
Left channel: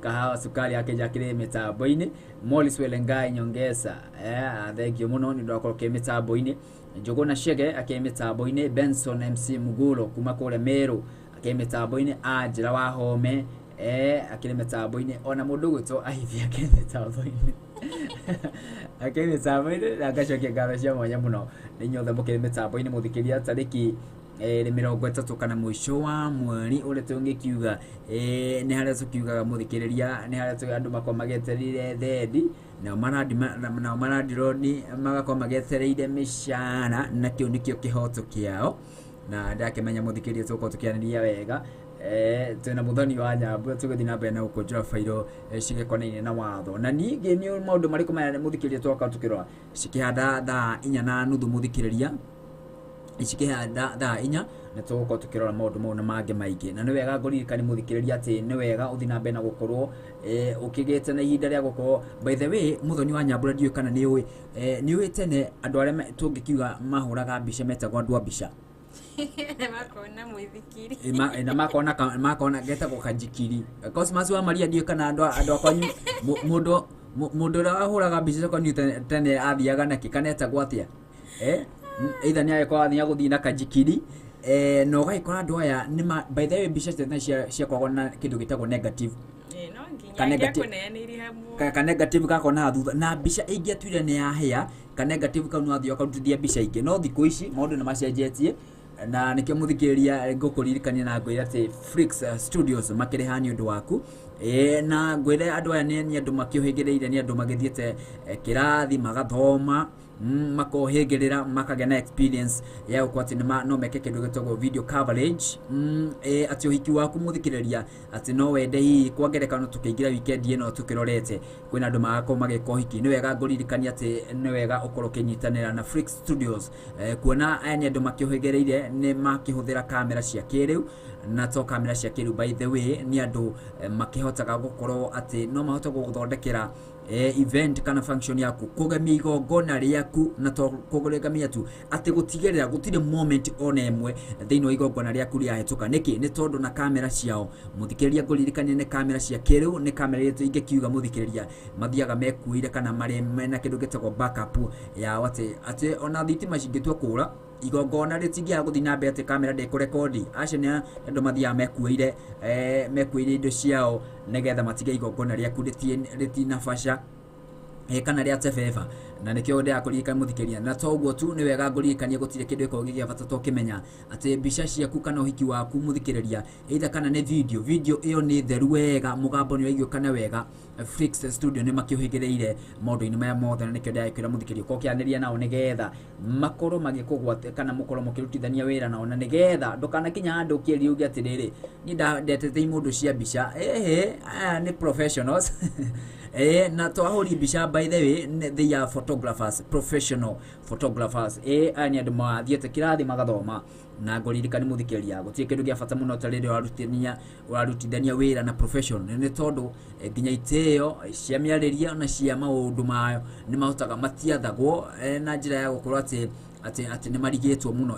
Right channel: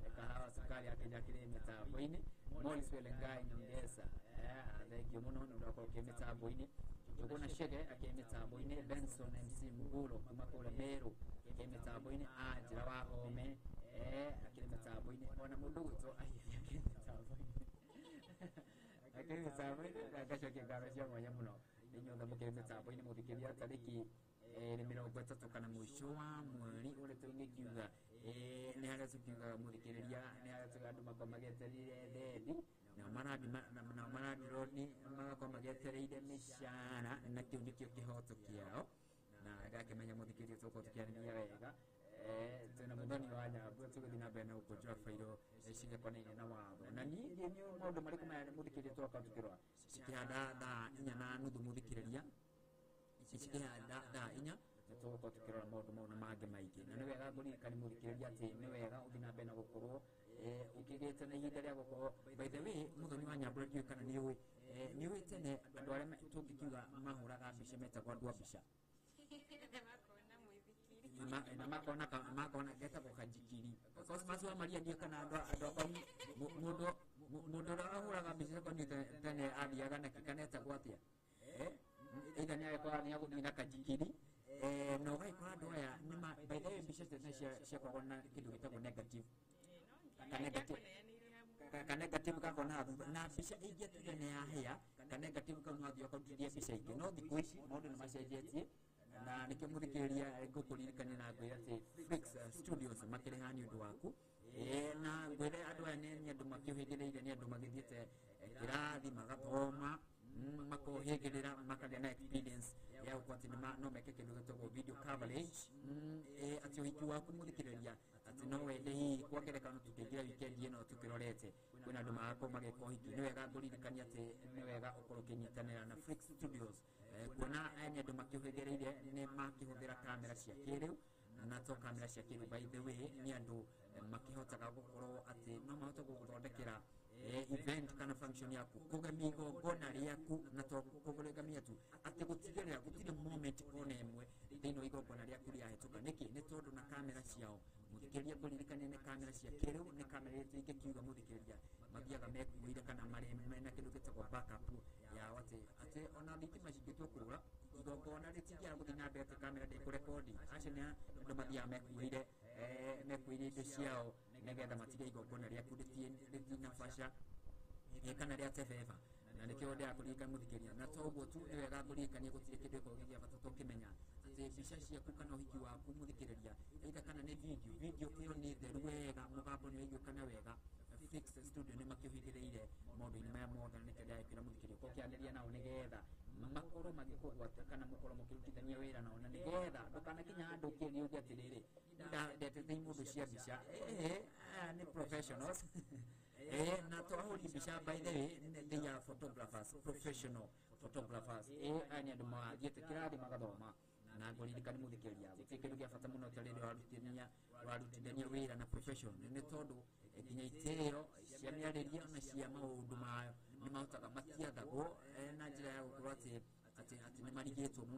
kahawa sukari akĩnja akĩrĩ mĩtambo-inĩ Morris Welengai Nyongesa thank you mũno nĩ ũndũ wa gũkorwo kĩ mĩtambo-inĩ Njũgũna Chege akĩ mĩtambo-inĩ Benson MC Mugulo kuma kũrĩa Meru akĩ mĩtambo-inĩ Anjĩra wa Home akĩ mĩtambo-inĩ ona mũndũ gwĩtwo Aithi akĩ mĩtambo-inĩ akĩ mĩtambo-inĩ na ngacokia ngatho cia mwanya mũno nĩ inyuothe mũkĩrĩ mĩtambo-inĩ mũthikĩria tarĩki mirongo ĩtatũ kana mũico wa mweri ũrĩa tũngĩkiuga nĩ harĩa tũkiugaga mũthikĩrĩria nĩ harĩa andũ makorwo magĩetereire thendi nao marandironi magakorwo magĩetereire mĩcara na kĩu nĩkĩo kĩhoto kĩao na ndakĩmenya mũthikĩrĩria tũkorwo tũkĩanĩria wega twĩna mũthoni wa nyambo tũgĩthiĩ na mbere na gũkũnjũra bairũ cigĩkonainie na watho na ningĩ nĩ maũndũ marĩkũ maya mũthikĩrĩria twakorwo tũkĩrora cikĩhanda thaa 4:30 mũthikĩrĩria cikĩhanda thaa 4 na tũgũkorwo tũkĩrora maũndũ mau na mangĩ maingĩ na nĩ wega ngũririkani mũthikĩrĩria atĩ nĩ wega ũthiĩ na mbere na gũkorwo ũkĩgĩte na ihinda rĩa gũkorwo by the way mũthoni wa nyambura ndiũĩ kana nĩ ũĩ tene andũ arĩa tũngĩkiuga mahũraga mbica metagwo andũ a mbica makona mwithikiri na makona getagwo kanjikiri Cosmas wa Maria ndiũĩ kana andũ akwanyu mũndũ ũrĩa wahũraga mbica kwanyu tene athiaga nake kana etagwo atĩa either nĩ agĩkorwo athiĩ gũthiĩ na kanjikiri no gagĩkora andũ aya by the way mbica tene ciakoragwo na kĩndũ gĩtagwo negative ka negative gakona thutha na mbica ingĩatuire nĩ yahĩa ka negative kau no athio akarutithia mbica ingĩ no thikũ ici maũndũ nĩ macenjetie na nikio muthikiriria ngũkũririkania na ngwĩra atĩ Flix Studios makĩrĩ ha nĩ ũndũ waku na ngwĩra andũ aya nĩ andũ makĩũhĩgĩrĩire nĩ andũ magĩthiĩte kĩrathi magathoma makohĩgĩrĩra makagĩa na experience ya gũkorwo atĩ no meke kĩndũ gĩtagwo video coverage atĩ ũhiki waku mũthikĩrĩria atĩ no wende hihi kwa ngerekano tũkĩingĩra weekend ĩno tũkĩrorete kwĩna andũ magakorwo magĩka ũhiki nĩ wega ngũririkania atĩ nĩ wega ũkorwo ũkĩnyitanĩra na Flix Studios kuona aya nĩ andũ makĩũhĩgĩrĩire nĩ makĩhũthĩra kamera cia kĩrĩu na to kamera cia kĩrĩu by the way nĩ andũ makĩhotaga gũkorwo atĩ no mahote gũgũthondekera event kana function yaku kugemia igongona rĩaku na to kugemia tu atĩ gũtigĩrĩra gũtirĩ moment ona ĩmwe thĩinĩ wa igongona rĩaku rĩahĩtũka nĩkĩ nĩ tondũ na kamera ciao mũthikĩrĩria ngũririkania nĩ kamera cia kĩrĩu nĩ kamera iria ingĩkiuga mũthikĩrĩria mathiaga mekuĩire kana marĩ mena kĩndũ gĩtagwo backup ya atĩ ona thitima cingĩtua kũra igongona rĩtingĩaga gũthiĩ na mbere atĩ kamera ndĩkũrekondi acio nĩ andũ mathiaga mekuĩire indo ciao nĩgetha matige igongona rĩaku rĩtinabaca kana rĩa tebeba na nĩkĩo ndĩrakũririkania mũthikĩrĩria na to ũguo tu nĩ wega ngũririkania gũtirĩ kĩndũ gĩkoragwo gĩa bata tũkĩmenya atĩ mbica ciaku kana ũhiki waku mũthikĩrĩria either kana nĩ video ĩyo nĩ theru wega mũgambo nĩ waiguĩkana wega Flix Studio nĩ makĩũhĩgĩrĩire maũndũ-inĩ maya mothe na nĩkĩo ndĩrakwĩra mũthikĩrĩria ũkĩanĩria nao nĩgetha makorwo magĩkũgwata kana mũkorwo mũkĩrutithania wĩra nao na nĩgetha ndũkanakinya handũ ũkĩũria uge atĩrĩrĩ niĩ ndetete mũndũ cia mbica aya nĩ professionals na twahũri mbica by the way they are photographers professional photographers aya nĩ andũ mathiĩte kĩrathi magathoma na ngũririkania mũthikĩrĩria gũtirĩ kĩndũ gĩa bata mũno ta rĩrĩa ũrarutithania wĩra na professional nĩ tondũ nginya itĩo cia mĩarĩria na cia maũndũ mayo nĩ mahotaga matiathagwo na njĩra ya gũkorwo atĩ nĩ marigĩtwo mũno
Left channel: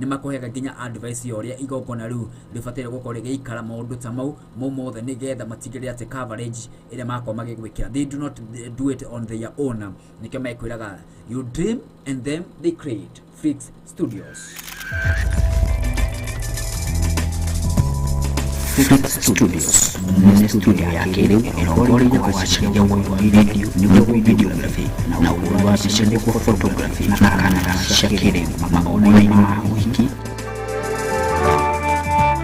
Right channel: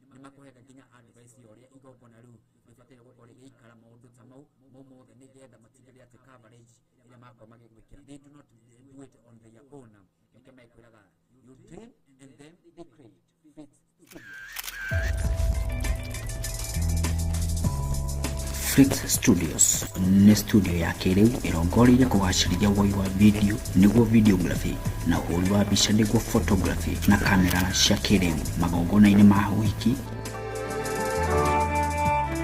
nĩ makũheaga nginya advice ya ũrĩa igongona rĩu rĩbataire gũkorwo rĩgĩikara maũndũ ta mau mothe nĩgetha matigĩrĩre atĩ coverage ĩrĩa makorwo magĩgwĩkĩra they do not do it on their own nĩkĩo mekwĩraga you dream and then they create Flix Studios. Flix Studios nĩ studio ya kĩrĩu ĩrongoreirie kũhacĩria ũhoro wa video nĩguo videography na ũhoro wa mbica nĩguo photography na kamera cia kĩrĩu magongona-inĩ ma ũhiki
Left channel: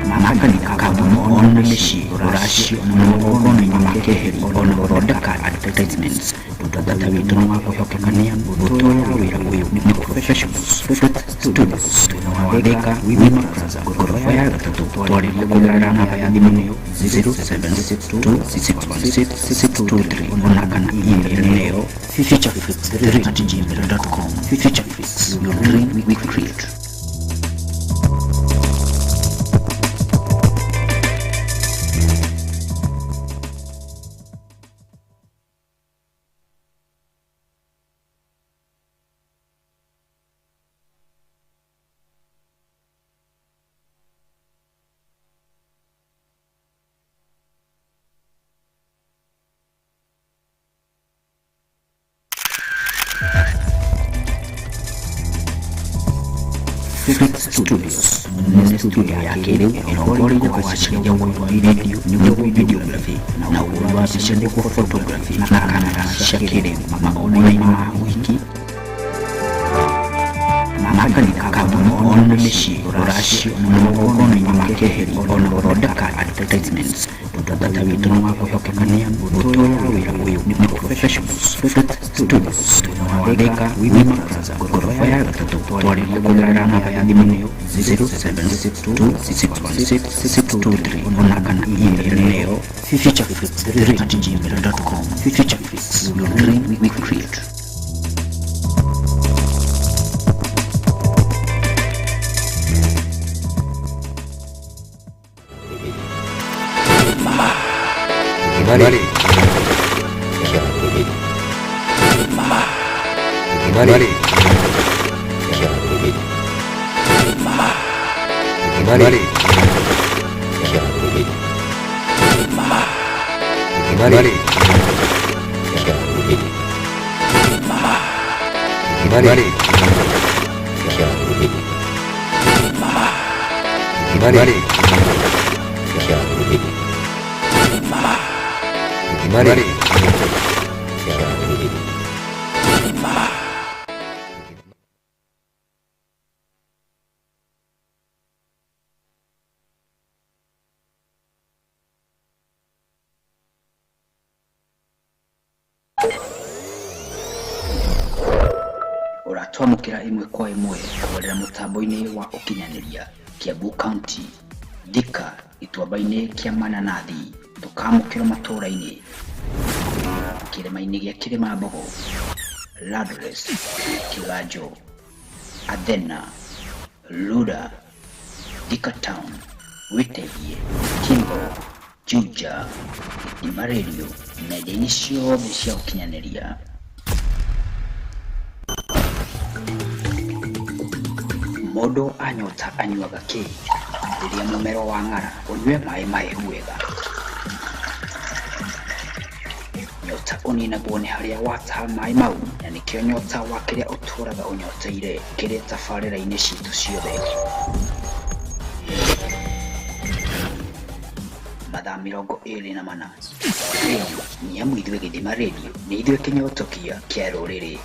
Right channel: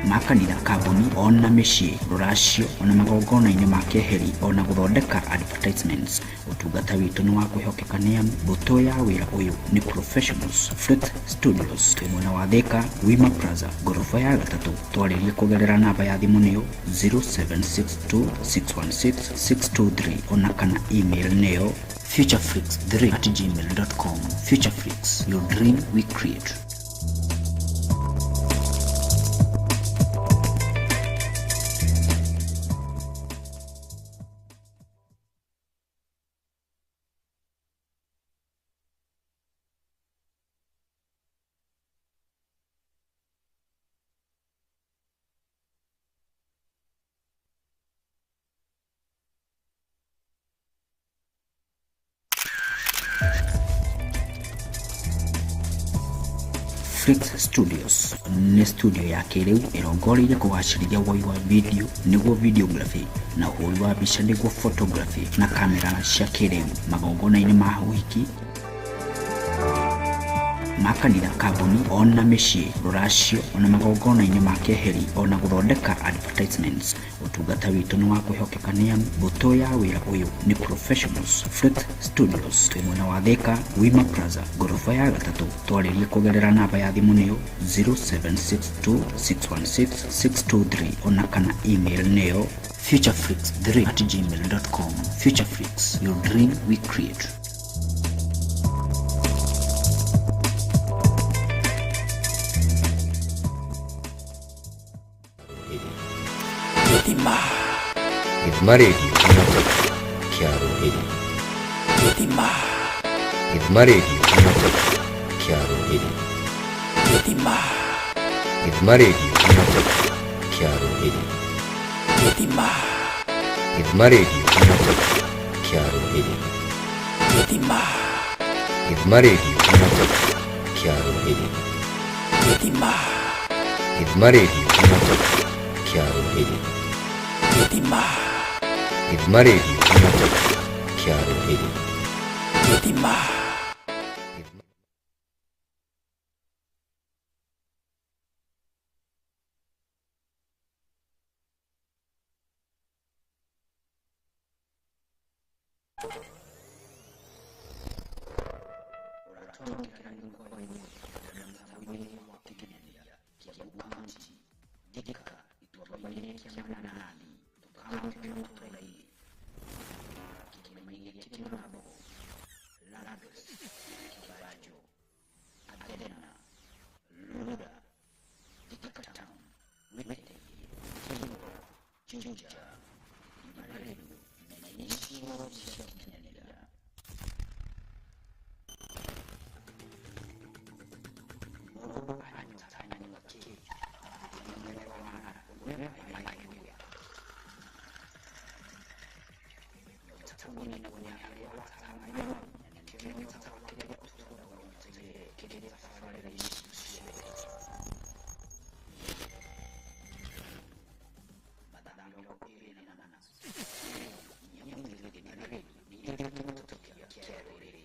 makanikaga ona mĩciĩ rũracio ona magongona-inĩ ma kĩheri ona gũthondeka advertisements ũtungata wĩngĩ nĩ makwĩhotekania gũtũũra wĩra ũyũ nĩ professionals Flix Studios mwena wa Thika Women Plaza ngoroba ya gatatu twarĩria kũgerera namba ya thimũ 0762616623 ona kana email-inĩ ĩyo futurechiefs@gmail.com futurechiefs your dream we create. Flix Studios nĩ studio ya kĩrĩu ĩrongoreirie kũhacĩria ũhoro wa video nĩguo videography na ũhoro wa mbica nĩguo photography na kamera cia kĩrĩu magongona-inĩ ma ũhiki makanya kamu ona meshi rashi ona mogono ni makeke ona rodeka ka entertainment utudata witu mama yapakania butoya wiyo ni professionals Flat Studios tunawaweka Women Plaza Gorobaya ya tutorial ni kubelerana ya ndimi 0762616623 onangana email eneo futurechiefs@gmail.com futurechiefs we create. Mari, mari, mari, mari, mari, mari, mari, uratwamukira imwe kwa imwe kuborera mutambo-ini wa ukinyaniria Kiambu County Thika ituamba-ini kia Mananathi tukamukira matura-ini kirima-ini gia Kirimambogo Ladres Kiganjo Athena Luda Thika Town Witehie Kimbo Juja Itima Radio na nenda-ini ciothe cia ukinyaniria Modo anyota anyuaga kĩ rĩrĩa mũmero wa ng'ara ũnyue maĩ mahehu wega. Nyota ũninagwo nĩ harĩa wataha maĩ mau na nĩkĩo nyota wa kĩrĩa ũtũũraga ũnyoteire kĩrĩ tabarĩra-inĩ citũ ciothe. Mathaa 24 nĩ amu ithuĩ Gĩthima Radio nĩ ithuĩ kĩnyotokia kĩa rũrĩrĩ.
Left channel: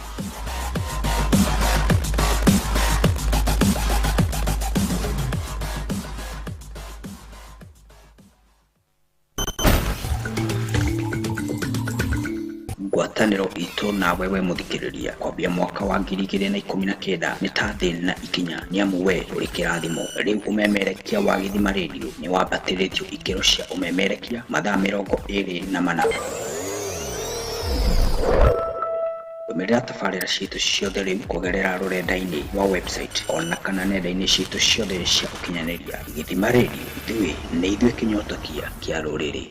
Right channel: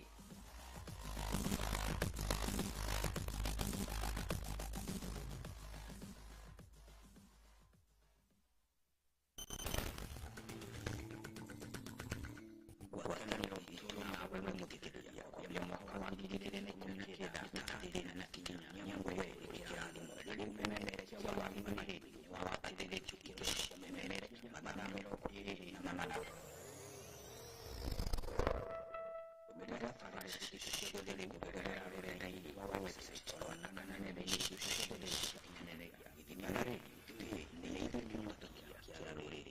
Ngwatanĩro itũ na wewe mũthikĩrĩria kwambia mwaka wa 2019 nĩ ta thĩna na ikinya nĩ amu we ũrĩ kĩrathimo. Rĩu ũmemerekia wa Gĩthima Radio nĩ wambatĩrĩtio ikĩro cia ũmemerekia mathaa 24. Ũmĩrĩra tabarĩra citũ ciothe rĩu kũgerera rũrenda-inĩ wa website ona kana nenda-inĩ citũ ciothe cia ũkinyanĩria. Gĩthima Radio ithuĩ nĩ ithuĩ kĩnyotokia kĩa rũrĩrĩ.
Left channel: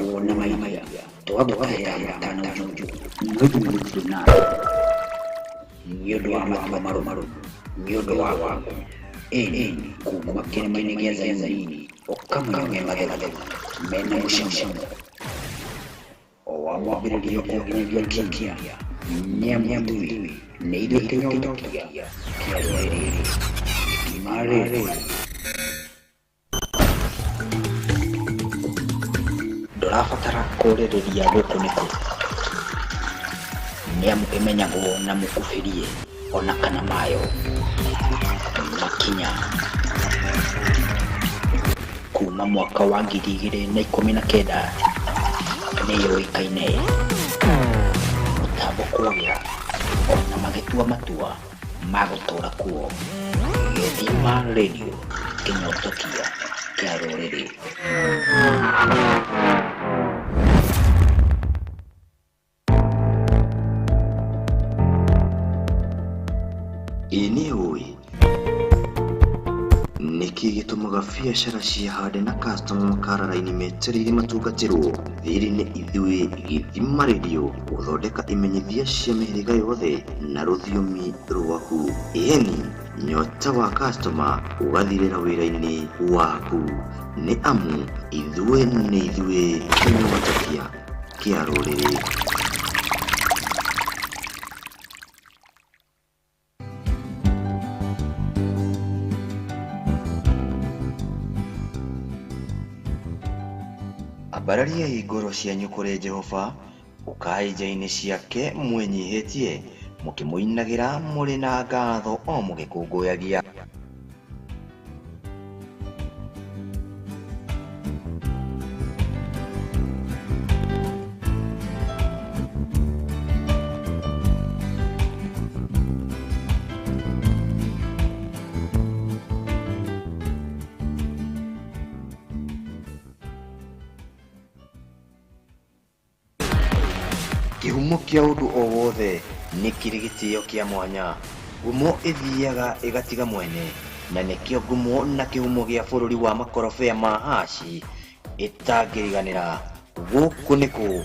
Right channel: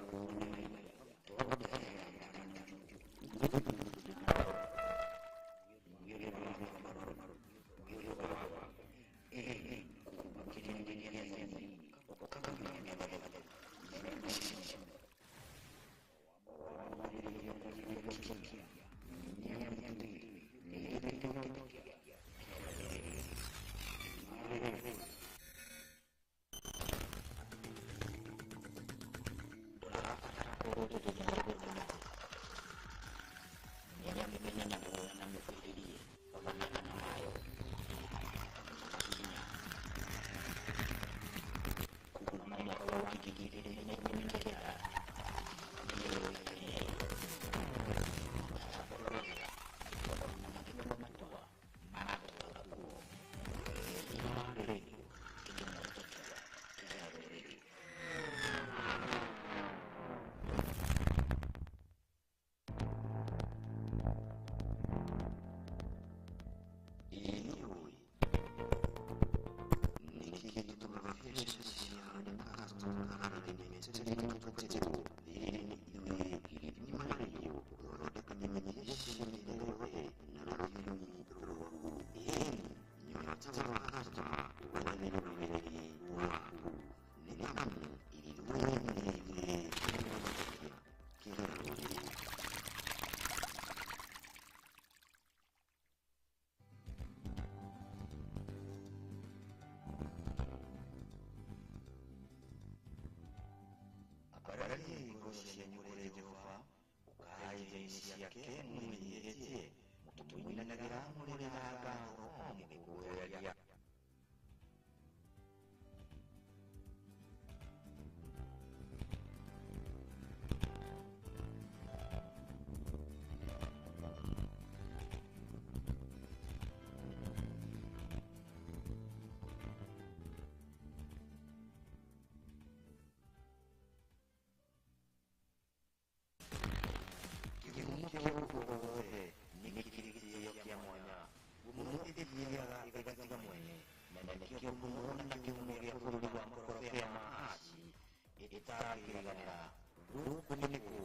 Kuona maimaya twagũtahĩra matano juju mwĩthĩ mũthuru nawe nĩ ũndũ wa matua marũmaru nĩ ũndũ wa waku ĩni kuma kĩrĩma-inĩ gĩa Zayuni ũkamũnyue mathemathema mena mũcamo o wa mwambĩrĩrio kũnginyagia kikia nĩ amu ithuĩ nĩ ithuĩ kĩnyotokia kĩa rũrĩrĩ. Gĩthima Radio ndũrabatara kũrĩrĩria gũkũ nĩkũ nĩ amu ĩmenyagwo na mũkubĩrie ona kana mayo makinya kuma mwaka wa 2019 nĩ yũĩkaine mũtambo kũgĩa ona magĩtua matua ma gũtũũra kuo. Gĩthima Radio kĩnyotokia kĩa rũrĩrĩ. Ini oi niki gitumaga biacara cihande na customer makarara-ini metereire matungatĩrwo. Thiri nĩ ithuĩ Gĩthima Radio gũthondeka imenyithia cia mĩhĩrĩga yothe na rũthiomi rwaku. Ĩni nyota wa customer ũgathirĩra wĩra-inĩ waku nĩ amu ithuĩ nĩ ithuĩ kĩnyotokia kĩa rũrĩrĩ. Bararia igoro cianyu kuri Jehova, ukai njaini ciake mwenyihitie, mukimuinagira muri na ngatho o mugikunguyagia. Kihumo kia undu o wothe ni kiri gitio kia mwanya. Ngumo ithiaga igatiga mwene, na nikio ngumo na kihumo gia bururi wa makorobea ma haci itangiriganira. Guku niku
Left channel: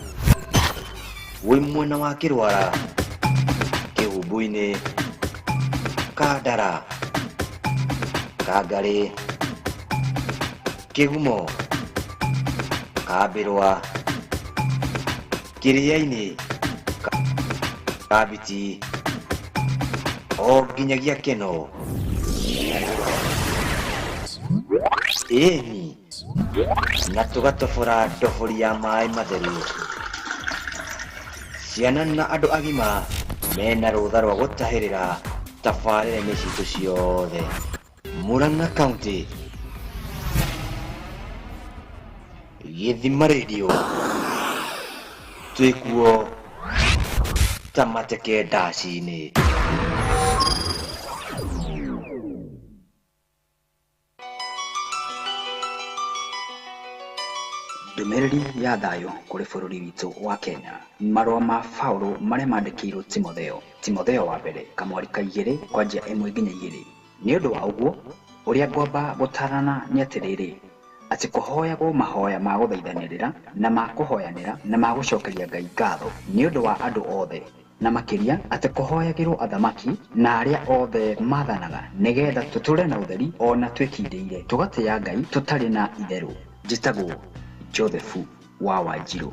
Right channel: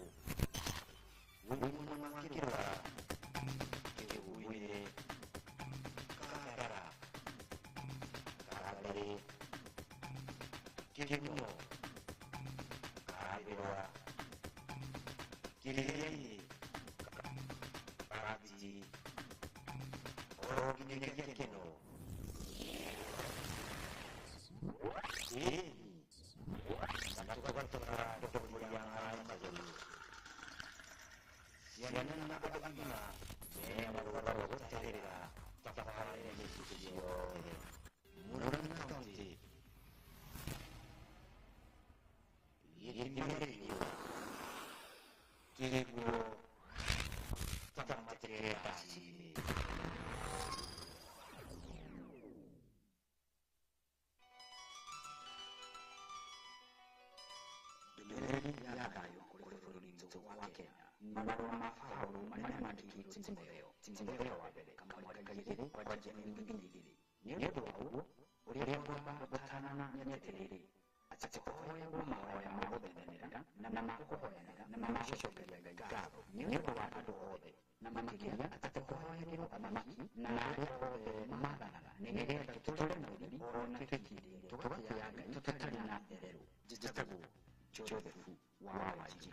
wi mwena wa Kirwara, Kihumbu-ini, Kandara, Kangari, Kihumo, Kambirwa, Kiria-ini, Kabiti, o nginyagia Keno. Ĩni na tugatobora ndobori ya maĩ matheru. Ciana na andũ agima mena rũtha rwa gũtahĩrĩra tabarĩra-inĩ citũ ciothe. Murang'a County, Gĩthima Radio, twĩkuo ta mateke ndaci-inĩ. Ndũmĩrĩri ya thayũ kũrĩ bũrũri witũ wa Kenya. Marũa ma Paulo marĩa mandĩkĩirwo Timotheo wa mbere kamweri ka 2 kwanjia 1 nginya 2. Nĩ ũndũ wa ũguo, ũrĩa ngwamba gũtarana nĩ atĩrĩrĩ, atĩ kũhoyagwo mahoya ma gũthaithanĩrĩra na ma kũhoyanĩra na ma gũcokeria Ngai ngatho nĩ ũndũ wa andũ othe, na makĩria atĩ kũhoyagĩrwo athamaki na arĩa othe maathanaga nĩgetha tũtũre na ũtheri ona twĩkindĩire tũgatĩĩa Ngai tũtarĩ na itherũ. Njĩtagwo Joseph wa Wanjirũ.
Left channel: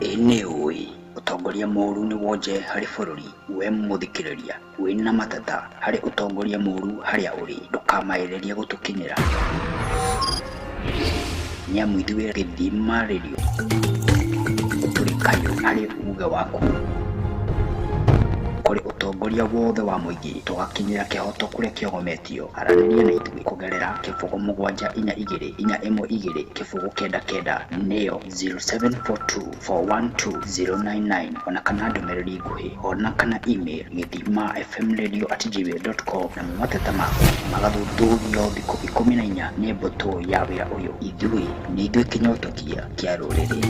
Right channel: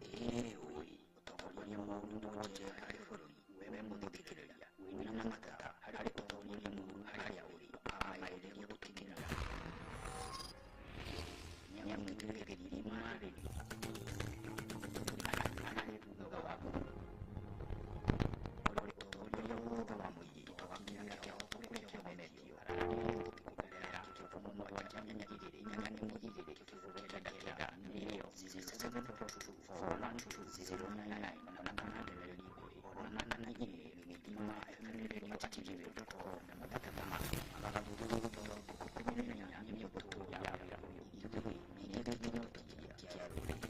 Nĩ ũĩ ũtongoria mũũru nĩ wonje harĩ bũrũri. We mũthikĩrĩria wĩna matata harĩ ũtongoria mũũru harĩa ũrĩ, ndũkamaĩrĩrie gũtũkinyĩra. Nĩamu ithuĩ Gĩthima Radio tũrĩ kayũ harĩ uge waku kũrĩ ũtongoria wothe wa mũingĩ, tũgakinyĩra kĩhoto kũrĩa kĩogometio. Aranĩria na ithuĩ kũgerera 07424112 099 nĩyo 0742412099, ona kana ndũmĩrĩri nguhĩ ona kana email githimafmradio@gmail.com, na mateta maku magathuthuragio thikũ 14 nĩ mbũtũ ya wĩra ũyũ. Ithuĩ nĩ ithuĩ kĩnyotokia kĩa rũrĩrĩ.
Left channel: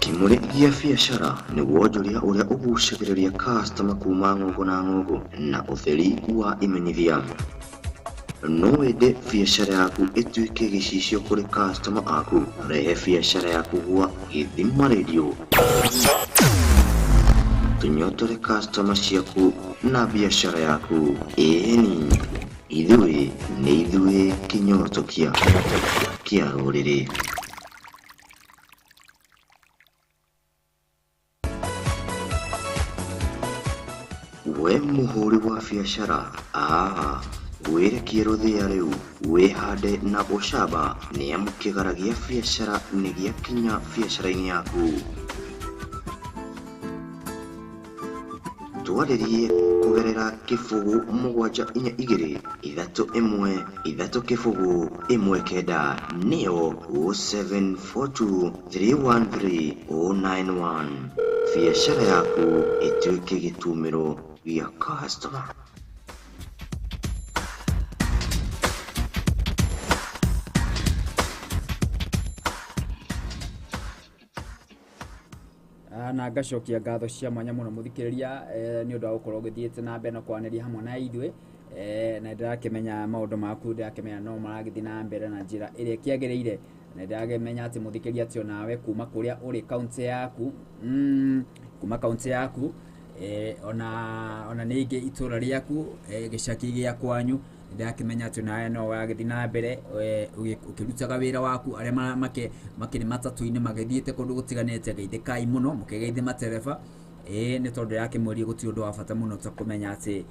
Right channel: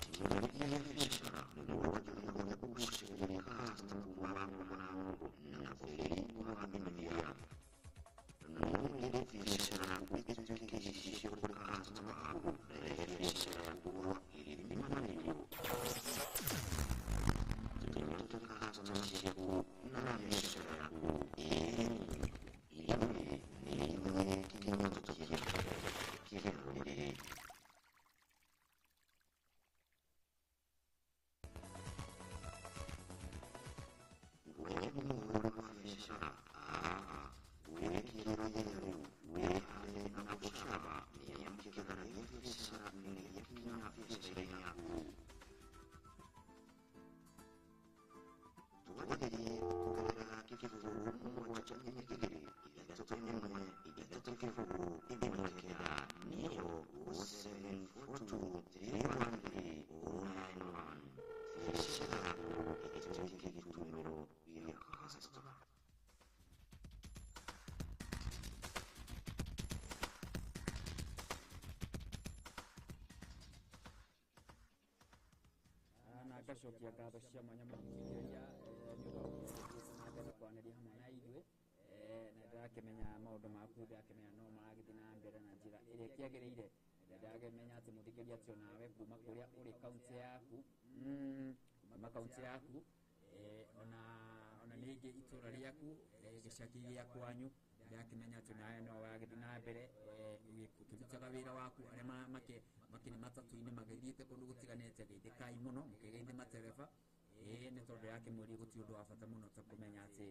Kimũrĩkia biacara nĩ wonjoria ũrĩa ũgucagĩrĩria customer kuma ng'ongo na ng'ongo na ũtheri wa imenyithia. No wende biacara yaku ĩtuĩke gĩcicio kũrĩ customer aku, rehe biacara yaku gwa Gĩthima Radio. Tũnyotore customer ciaku na biacara yaku. Ĩni ithuĩ nĩ ithuĩ kĩnyotokia kĩa rũrĩrĩ. We mũhũri wa biacara, wĩrekie rũthĩa rĩu wĩhande na ũcamba, nĩamu kĩgara gĩa biacara nĩ gĩakinya biacara-inĩ yaku. Twarĩrie kũgerera 0742-313-119 nĩyo 0742-313-091. Biacara yaku ĩtuĩke gĩtumĩro gĩa customer. Na ngacokia ngatho cia mwanya mũno mũthikĩrĩria nĩ ũndũ wa gũkorwo ũgĩthiĩte na mbere na kwaranĩria hamwe na ithuĩ, na ndĩrakĩmenya maũndũ maku, ndĩrakĩmenya no maragĩthiĩ na mbere na njĩra ĩrĩa ĩkĩagĩrĩire, na ndĩrakĩmenya atĩ mũthikĩrĩria atĩ onawe kuma kũrĩa ũrĩ kaunti yaku, kuma kaunti yaku, ona ningĩ itũra rĩaku, gĩcagi gĩa kwanyu, ndakimenya ati nawe no wagithii na mbere ukirutaga wira waku aria makiri matatu-ini magithiite kundu gutiganite geithikai muno mukigeithia matereba ni tondu yakimwiri guti undu wa bata muno ta kumenya ati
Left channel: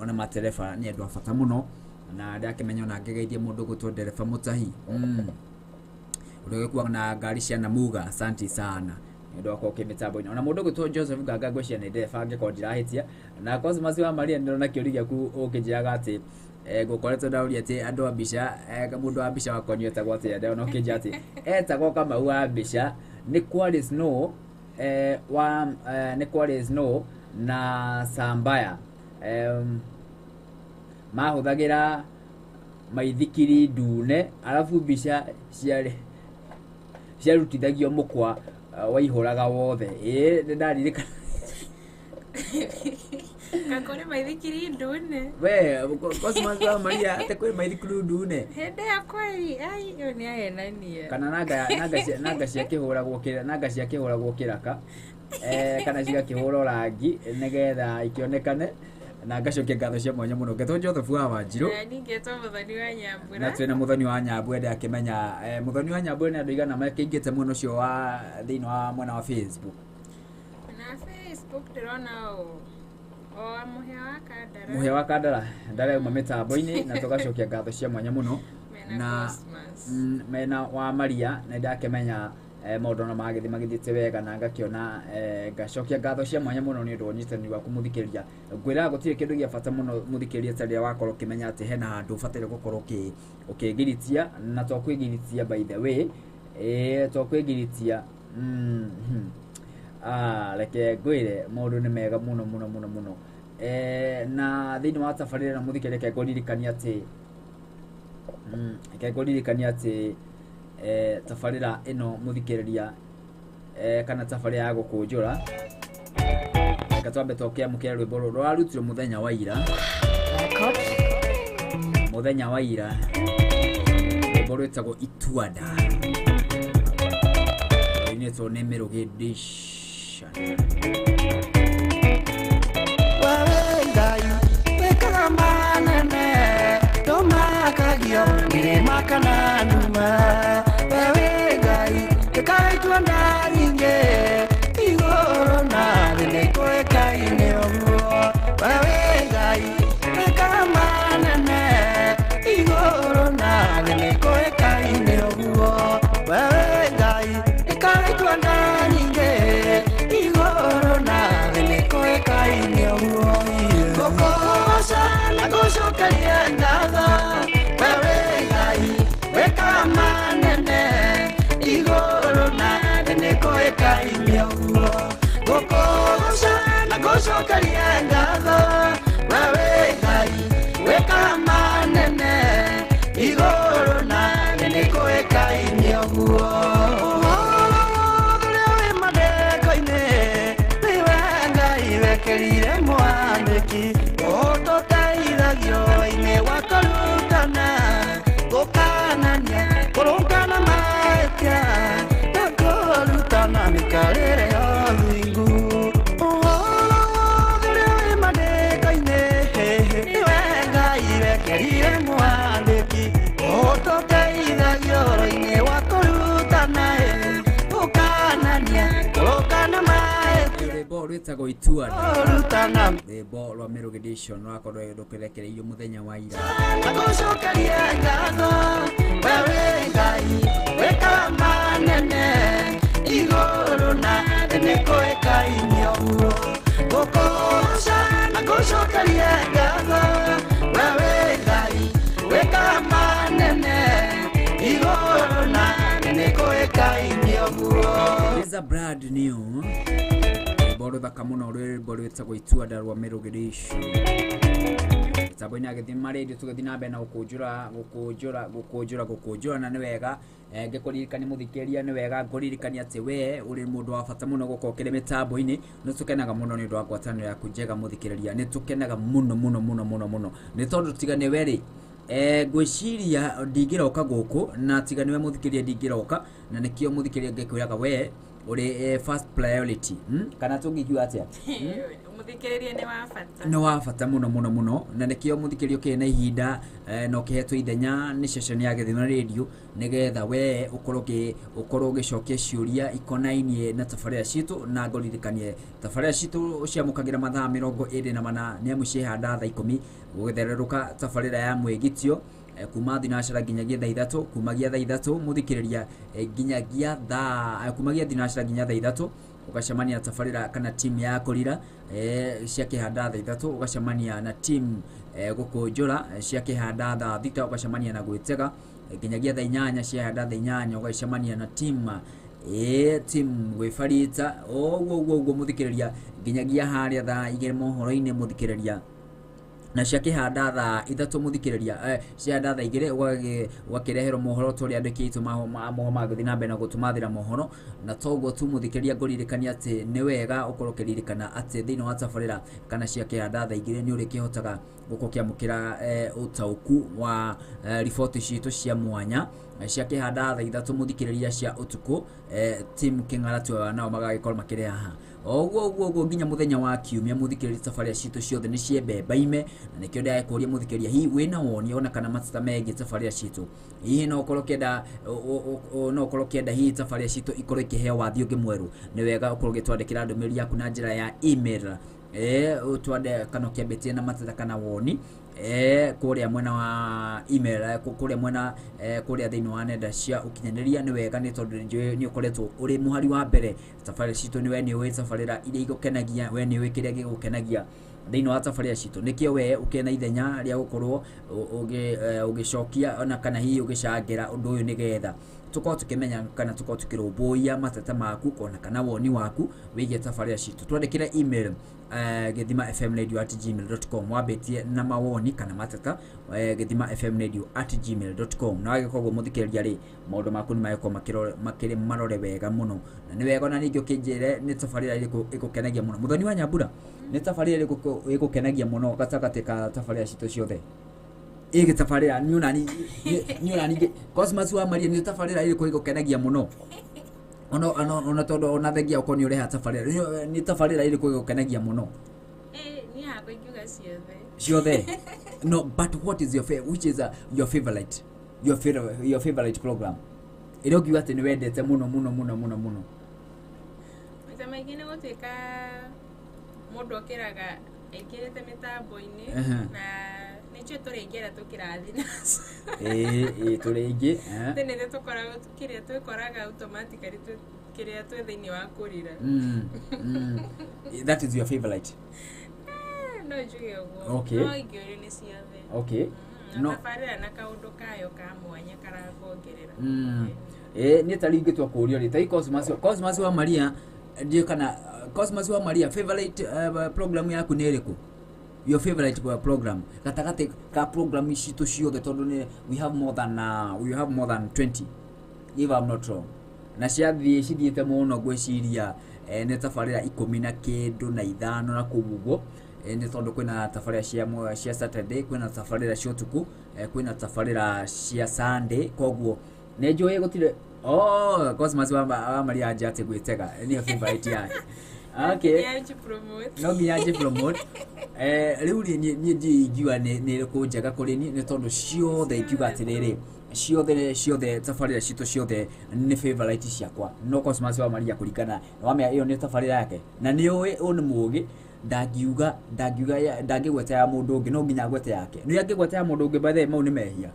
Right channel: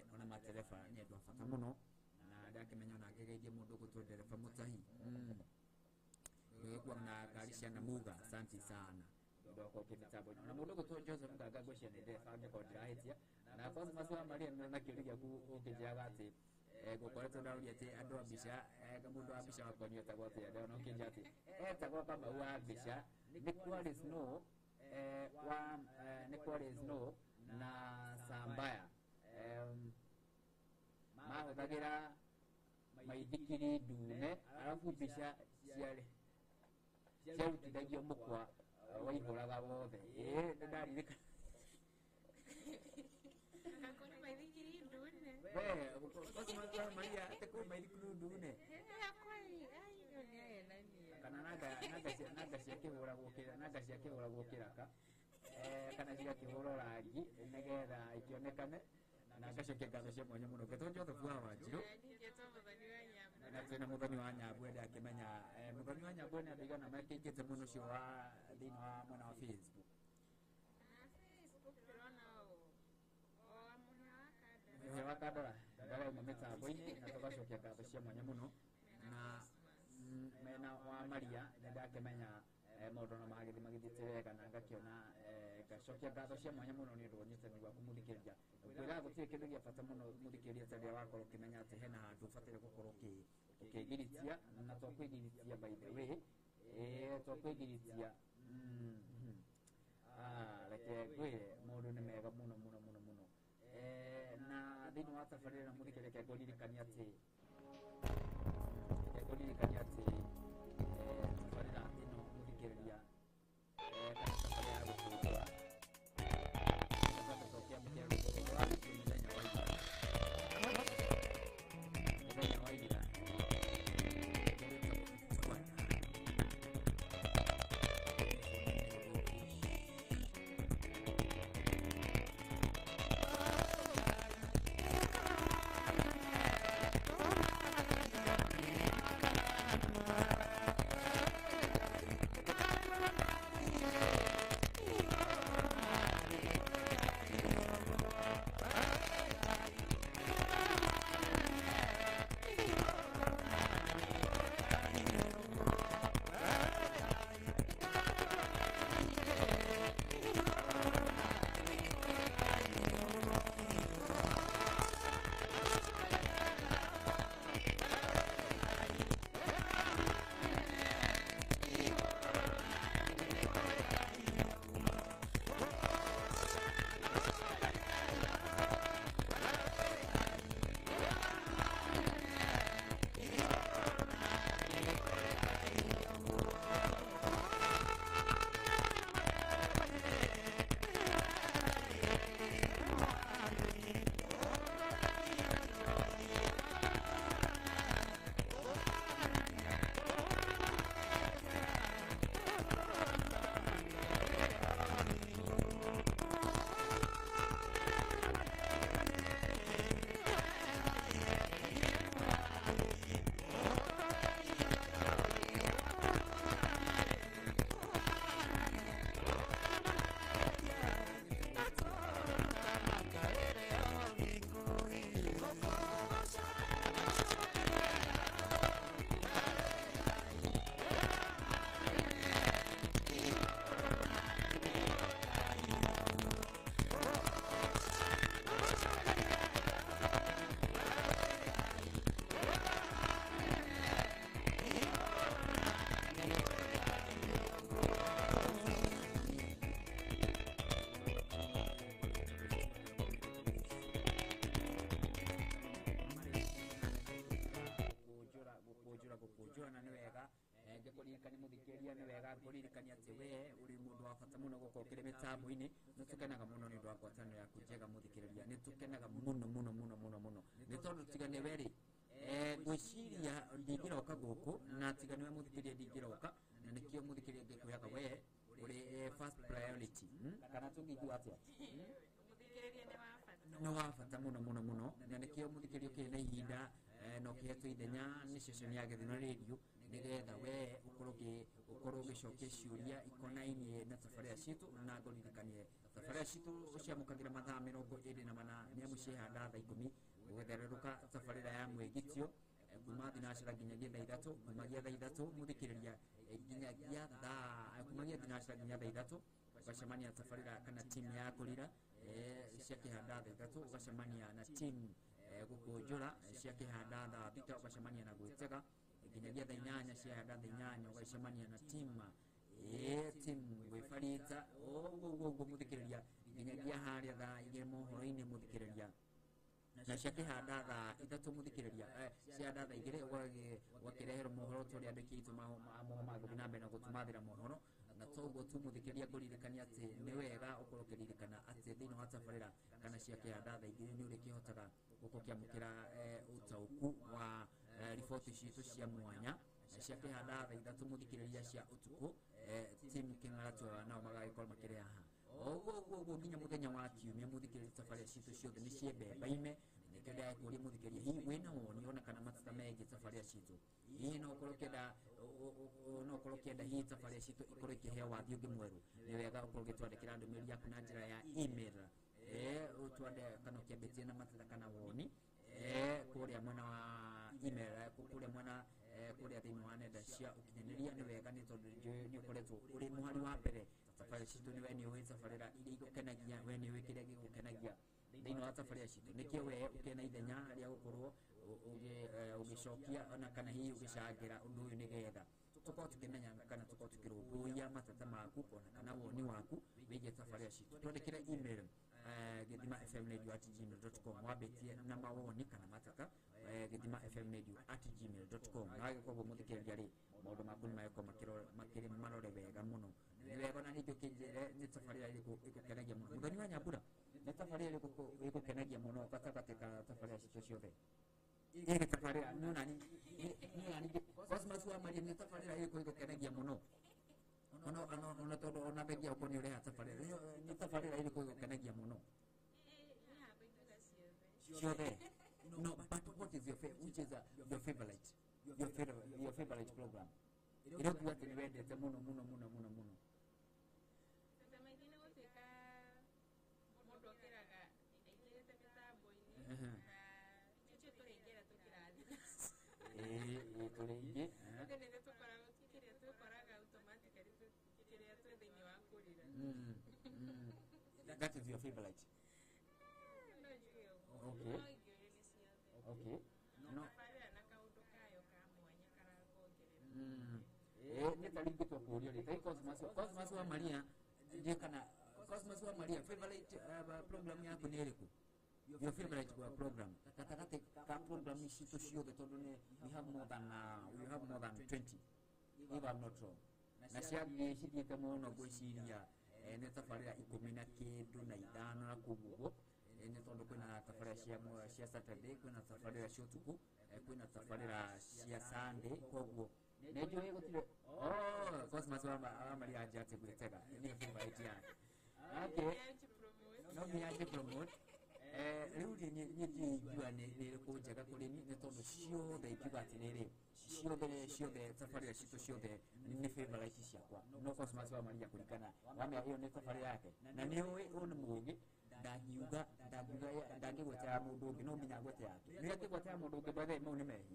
ona matereba ni andu a bata muno na ndakimenya ona ngegeithia mundu gutwo ndereba mutahi undu gikuwa na ngari cia Namuga asante sana ndo kwa kimitambo ona mundu gutwo Joseph Gaga gwecia ni ndereba ngiko ndirahitia na Cosmas wa Maria ndona kiurigia ku ukijaga ati gukoretwo ndauri ati andu a mbica mundu wa mbica wakonio etagwo atia ndona ukinja ati etagwo Kamau wa mbica ni Quality Snow ni Quality Snow na Sambaya mahuthagira maithikiri ndune alafu mbica ciarutithagio mukwa waihuraga wothe ndaririkana Kakore maithikiri ndune. We, Cosmas wa Maria ate kwe maithikiri ndune. Hende ya kweli, ai yo ni ayenania. Kana naga cia kihuragwo kira, naga cia kihuragwo kiraka. Kana cia kihuro rangi negetha ikionekane na ngacokia ngatho cia mwanya muno ngetwo Joseph wa Wanjiru. Ningetwo muthoni wa Nyambura. Na twina muthoni wa Nyambura ndi akimenya muthoni wa Nyambura ni andu igana makingite muno cio wa thiini wa mwena wa Facebook. Na Facebook ndirona muhe wa Kandara ndare uma mitambo-ini na tugacokia ngatho cia mwanya muno na mena wa Maria na ndakimenya maundu na magithiite wega na ngakiona ngacokia ngatho cia mwanya muno ni undu unyitani wa kumuthikiriria ngwira gutire kindu gia bata muno muthikiriria taria wakorwo kimenya ati hena handu ubatire gukorwo ukigiritia na twakwigiritia by the way twakwigiritia reke ngwire maundu ni mega muno na thiini wa tabarira na muthikiriria reke nguririkania ati tabarira ino muthikiriria kana tabarira ya gukunjura gatwambe tokia mukira rwimbo rwarutirwo muthenya wa ira rwimbo rwitagwo Ituada rwinitwo nĩ Mĩrũgĩ Edition. Go Ituada rwimbo rwa Mĩrũgĩ Edition rwakorwo rũkirekereirio muthenya wa ira It's a brand new boro thaka muno rwimbo rwitagwo Ituada rwa Mĩrũgĩ Edition. Taboina agithi maredi tugathi na mbere na gukunjura na ni wega ngikuririkania muthikiriria ni wega nguririkania ati we uri mundu wa bata muno gukokire mitambo-ini ni tukenaga muno ni undu wa ngwataniro yaku njega muthikiriria ni tukenaga muno ni tondu tigane weri ngwiciria ndingiroka guku na tigane we muthikiriria ndingiroka na nikio muthikiriria ngikwiraga we uri first priority kana tungikiwa atia muthikiririe ni wa bata. No wa bata muno na nikio muthikiririo kena ihinda no kihetwo ithenya ni session ya Githima Radio nigetha we ukorwo gicokia ciuria ikonainie na tabarira citu na ngoririkanie tabarira citu ciamukagira mathaa 24 ni amu cihanda thaa 10 gugithererũka tabarira ya mwegitio kuma thinacara nginyagia thaa 3 kumagia thaa 3 muthikiriria nginyagia thaa kumagia thinacara nginya thaa 3 ugacemania tabarira kana team ya Kurira cia kihanda thaa 3 ugacemania na team Gukunjura cia kihanda thaa 6 ugacemania na Gwitega nginyagia thaa 8 cia handa thaa 8 ugacemania na team Gwifarita oguo muthikiriria nginyagia haria thaa 2 mohoro-ini muthikiriria na cia kihanda thaa 3 muthikiriria cia handa thaa 2 ugakireherwo mohoro turi andikitwo mohoro magathi na mbere na gutumathira mohoro na toguo tu muthikiriria ngoririkania ati ni wega ukorwo kiririkana ati thini wa tabarira kana cia kihanda thaa 2 ni uri kihotaga gukokiamukira utauku wa riboti citu cia mwanya cia kihanda thaa 3 muthikiriria cia utuku team Kingaratu nao magagikorwo makire haha oguo nginya muthenya wa kiumia muthikiriria tabarira citu ciothe ni ciembembaime na nikio ndia kuria muthikiriria hi wina woni ona kana matata megi tabarira citu hihi no ukorwo kienda hi tabarira citu ikorwo ikiheo wathi ungi mweru ni wega ukorwo gitwandikira ndumiriri yaku na njira ya email utwande kana kiambitie na matata kana woni kuria mwena wa email kuria mwena kuria thini wa nenda cia ukinyaniria ni wega ni tondu ni ukoretwo uri muhari wa mbere tabarira citu ni we ni we tabarira iria igukenagia we ni we kiria gigukenagia thini wa tabarira citu nikio we ukena ithenya ria gukorwo ugicokia ona kana hi ugicangira undu uyu nigetha tukorwo tukimenya kana tukorwo tukirumbuia matata maku kona kana woni waku wigie tabarira citu twandikire email githimafmradio@gmail.com wabetie na mawoni kana matata githimafmradio@gmail.com na wagikogo muthikiriria ri maundu maku ni mayeko makire marore wega muno na ni wega na ningi ukinjire ni tabarira iriku igukenagia muno muthoni wa Nyambura ni tabarira iriku igukenagia muno gatagati ka tabarira citu ciothe igi tabarira ni unani Cosmas wa Maria ni tabarira iriku igukenagia muno ona todo ona thengia ukoni uri ha tabarira ni tabarira iriku igukenagia muno ni hapa ikiuga ciothe no but what is your favorite which is your favorite program iro kiuga ati ni wendete muno Mata magine gutwika mundu okiraga ekirete mitambo-ini na nicho turegera tukirathi nacio turenge tene tukoraga twikoraga automatically kiria twi thini wa Kurira that is your favorite no juge uguo okay no igiori ni ciothe okay no tabarira na kaundu kayo ka mwanya karakongerera ni taringi twa kurio ri tai Cosmas wa Maria ndio kana Cosmas wa Maria favorite program yaku ni iriku your favorite program gatagati ka program citu ciothe tondu ni we have more than 20 if I'm not wrong na ciathie cithiete muno gwiciria ni tabarira 19 na 5 na kugugo ni tondu kwina tabarira cia Saturday kwina tabarira cia utuku kwina tabarira cia Sunday koguo ne joye gutire Cosmas wa Maria ajate Gwitega ni favorite yake okay no nginya promote riu ni njiigua ni kunjega kuri ni tondu ciothe ikiuga atiriri ciothe tabarira citu ciothe ni favorite ciakwa no Cosmas wa Maria kuringana wamea iyo ni tabarira yake na ni uwe ni mugi ndangigweta ya mundu ungi no nginya gweta yake ni angigweta ya mundu ungi bathe mau ni mehia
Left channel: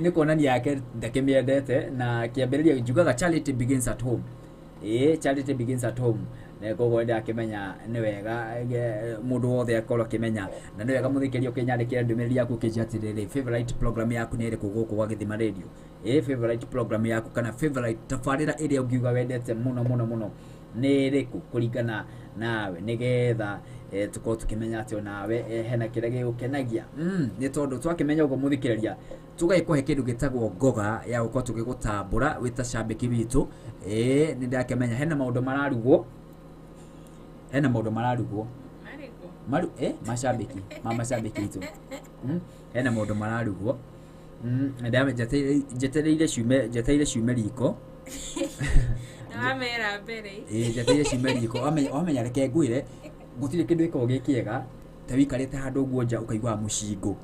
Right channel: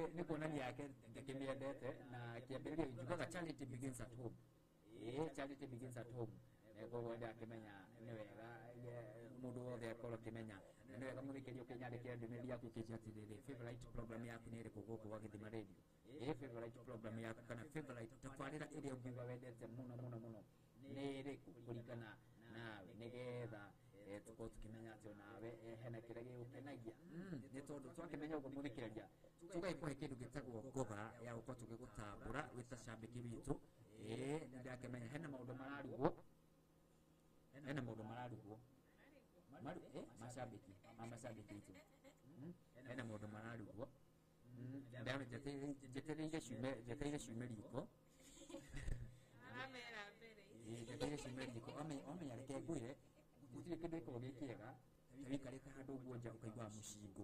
ni kuonania yake ndakimiendete na kiambiriria njugaga charity begins at home charity begins at home na gogo ndia kimenya ni wega mundu wothe akorwo kimenya na ni wega muthikiria ukinyandikira ndumiriri yaku kijatiriri favorite program yaku ni iriku guku gwa Githima Radio favorite program yaku kana favorite tabarira iria ungiuga wendete muno ni iriku kuringana nawe nigetha tukorwo tukimenya ati nawe hena kiria gigukenagia ni tondu twakimenya ugo muthikiriria tugaikohe kindu gitagwo ngoga ya gukorwo tugigutambura wita cambiki witu ni ndakimenya hena maundu mararugwo mashabiki itu hena maundu mararugwo nda jetereire ciume riko Amera mbere. Njeteire cimeriko wamenya reke ngwire gutire kindu iko gikiega ta wikarite handu guo nja ukaigwa mucingo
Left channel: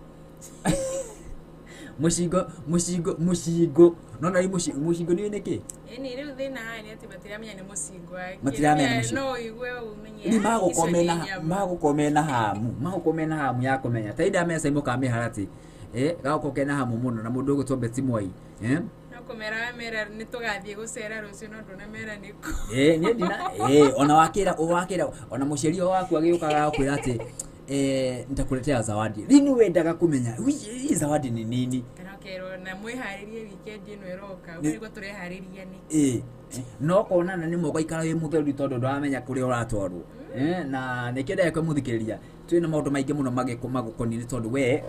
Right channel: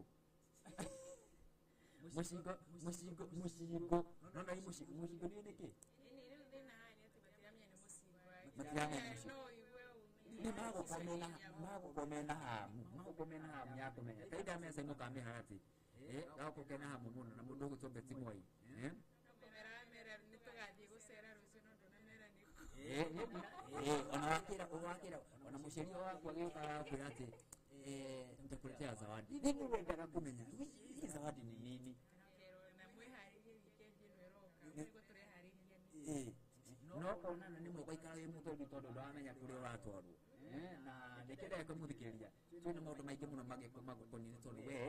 mucingo nona ri mucingo ni niki Ni riu thina hani ati matiramenya ni mucingo Matiramenya ni no igwe umenye ni magukomena hamu ya kumenya ta ida mesa imuka miharati gakokena hamu muno na mundu gutombe timwai mera ni tugathie gucera rucio no ndona mera niko ni ndina ona wakira ona mucirio waku agiukaga kwira ati nitakuletea zawadi lini wendaga kumenya hii zawadi ni nini kero na mwiharirie weekend ino eroka ubwo turehariria ni no konana ni moko ikara wi mutheru tondu ndamenya kuri uratwarwo na nikenda yakwe muthikiriria twina maundu maingi muno magukoni ni tondu we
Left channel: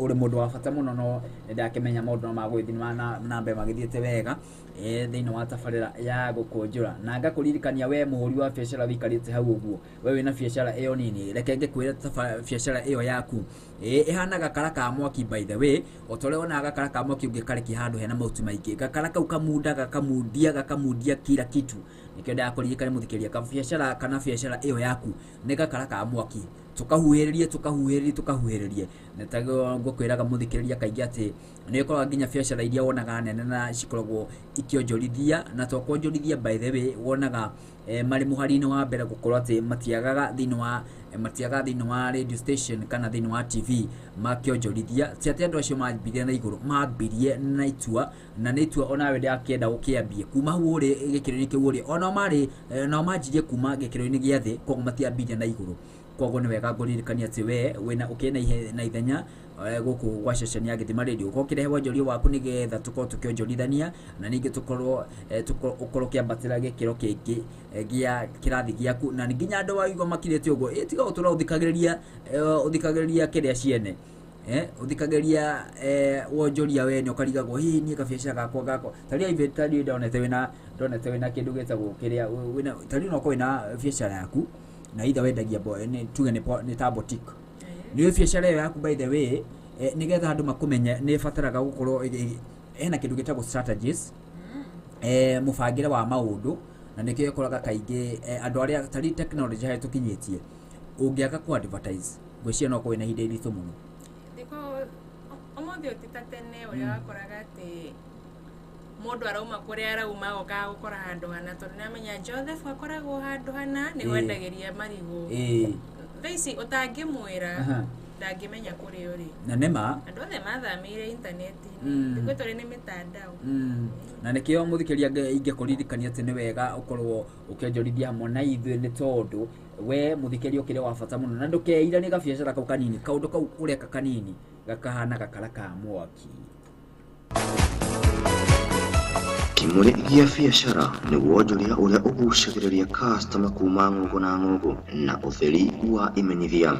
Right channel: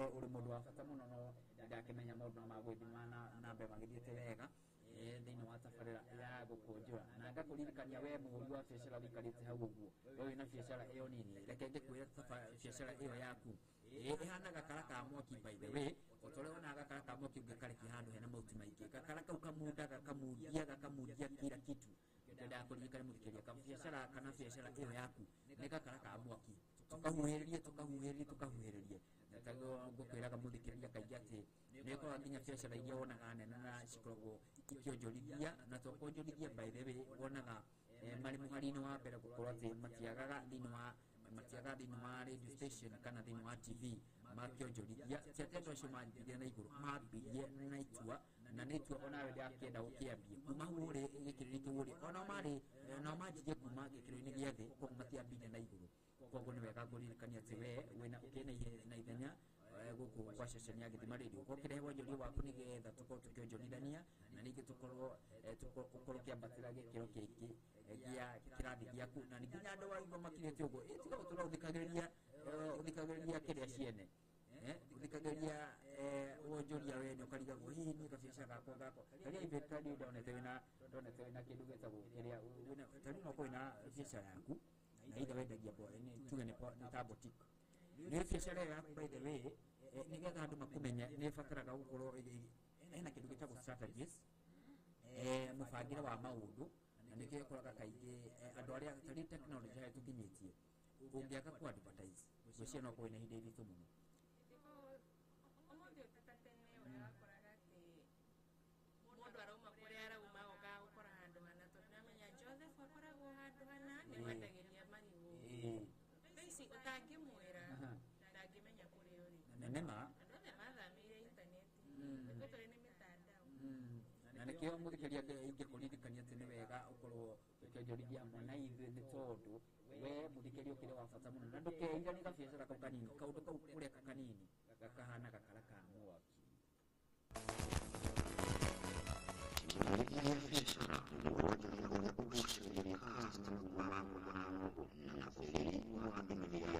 uri mundu wa bata muno no ndakimenya maundu no magwithi na mbe magithiete wega thiini wa tabarira ya Gukunjura na ngakuririkania we muhuri wa biashara wikarite hau uguo we wina biashara iyo nini reke ngikwira biashara iyo yaku ihana gakara ka mwaki by the way otore ona gakara ka mwaki ungikareki handu hena mauti maingi gakara kau gakamundia kila kitu nikenda yakuririkania muthikiria ka biashara kana biashara iyo yaku ni gakara ka mwaki tukahuhiririe netago ngukwiraga muthikiriria kaingi ati ni korwa nginya biashara iria wonaga nene na cikoragwo ikionjorithia na tokonjorithia by the way wonaga mari muharine wa mbere gukorwo ati matiagaga thiini wa radio station kana thiini wa TV makionjorithia ti ati andu acio mambirie na iguru mambirie na itua na ni itua ona we ndiakenda gukiambie kuma uri gikironi kiu uri ona mari no manjirie kuma gikironi gia thi koguo matiambirie na iguru koguo ni wega nguririkania ati we wina ukina na ithenya guku gwa ceceni ya Githima Radio ukokire wonjoria waku nigetha tukorwo tukionjorithania na ningi tukorwo kiambatira gikiro kingi gia kirathi giaku na nginya andu waigwa makirete uguo tiga utura uthikagiriria kiria ciene uthikagiriria wonjoria we ni ukarigagwo hi ni kabiacara gako taria inventari ndonete wina kindu getagwo kiria wina taria no kwina biacara yaku na either wendagia ni tuge ni ta boutique ni biacara yaku by the way nigetha andu makumenya ni fataraga gukorwo ena kindu gitagwo strategies mufangire wa maundu na nikio ikoraga kaingi andu aria tari technology hai tukinyitie ungiaga ku advertise gwicia no kwina hinde iritu muno diko omothi otitatene uria wakoraga ati mundu arauma kuria arauma goka gukora handu hana tondu namenya Joseph akoragwo handu hana ni wendagiria marigo thaici utangimwira ndangimenya kuri uri na nema andu othe mathamire internet-ini ndiko turi ni mitandao na nikio muthikiria ingekuririkania ati ni wega ukorwo ukionjorithia hamwe na ithuĩ ni tondu we muthikiria ukire wa bata muno na ndukeira ni gabiacara kau kanini kaundu kau ureka kanini gakahana gakara ka mwaki Kimuri gia biacara ni wonjoria uria ugucagiriria customer kuma ng'ongo na ng'ongo na utheri wa imenyithia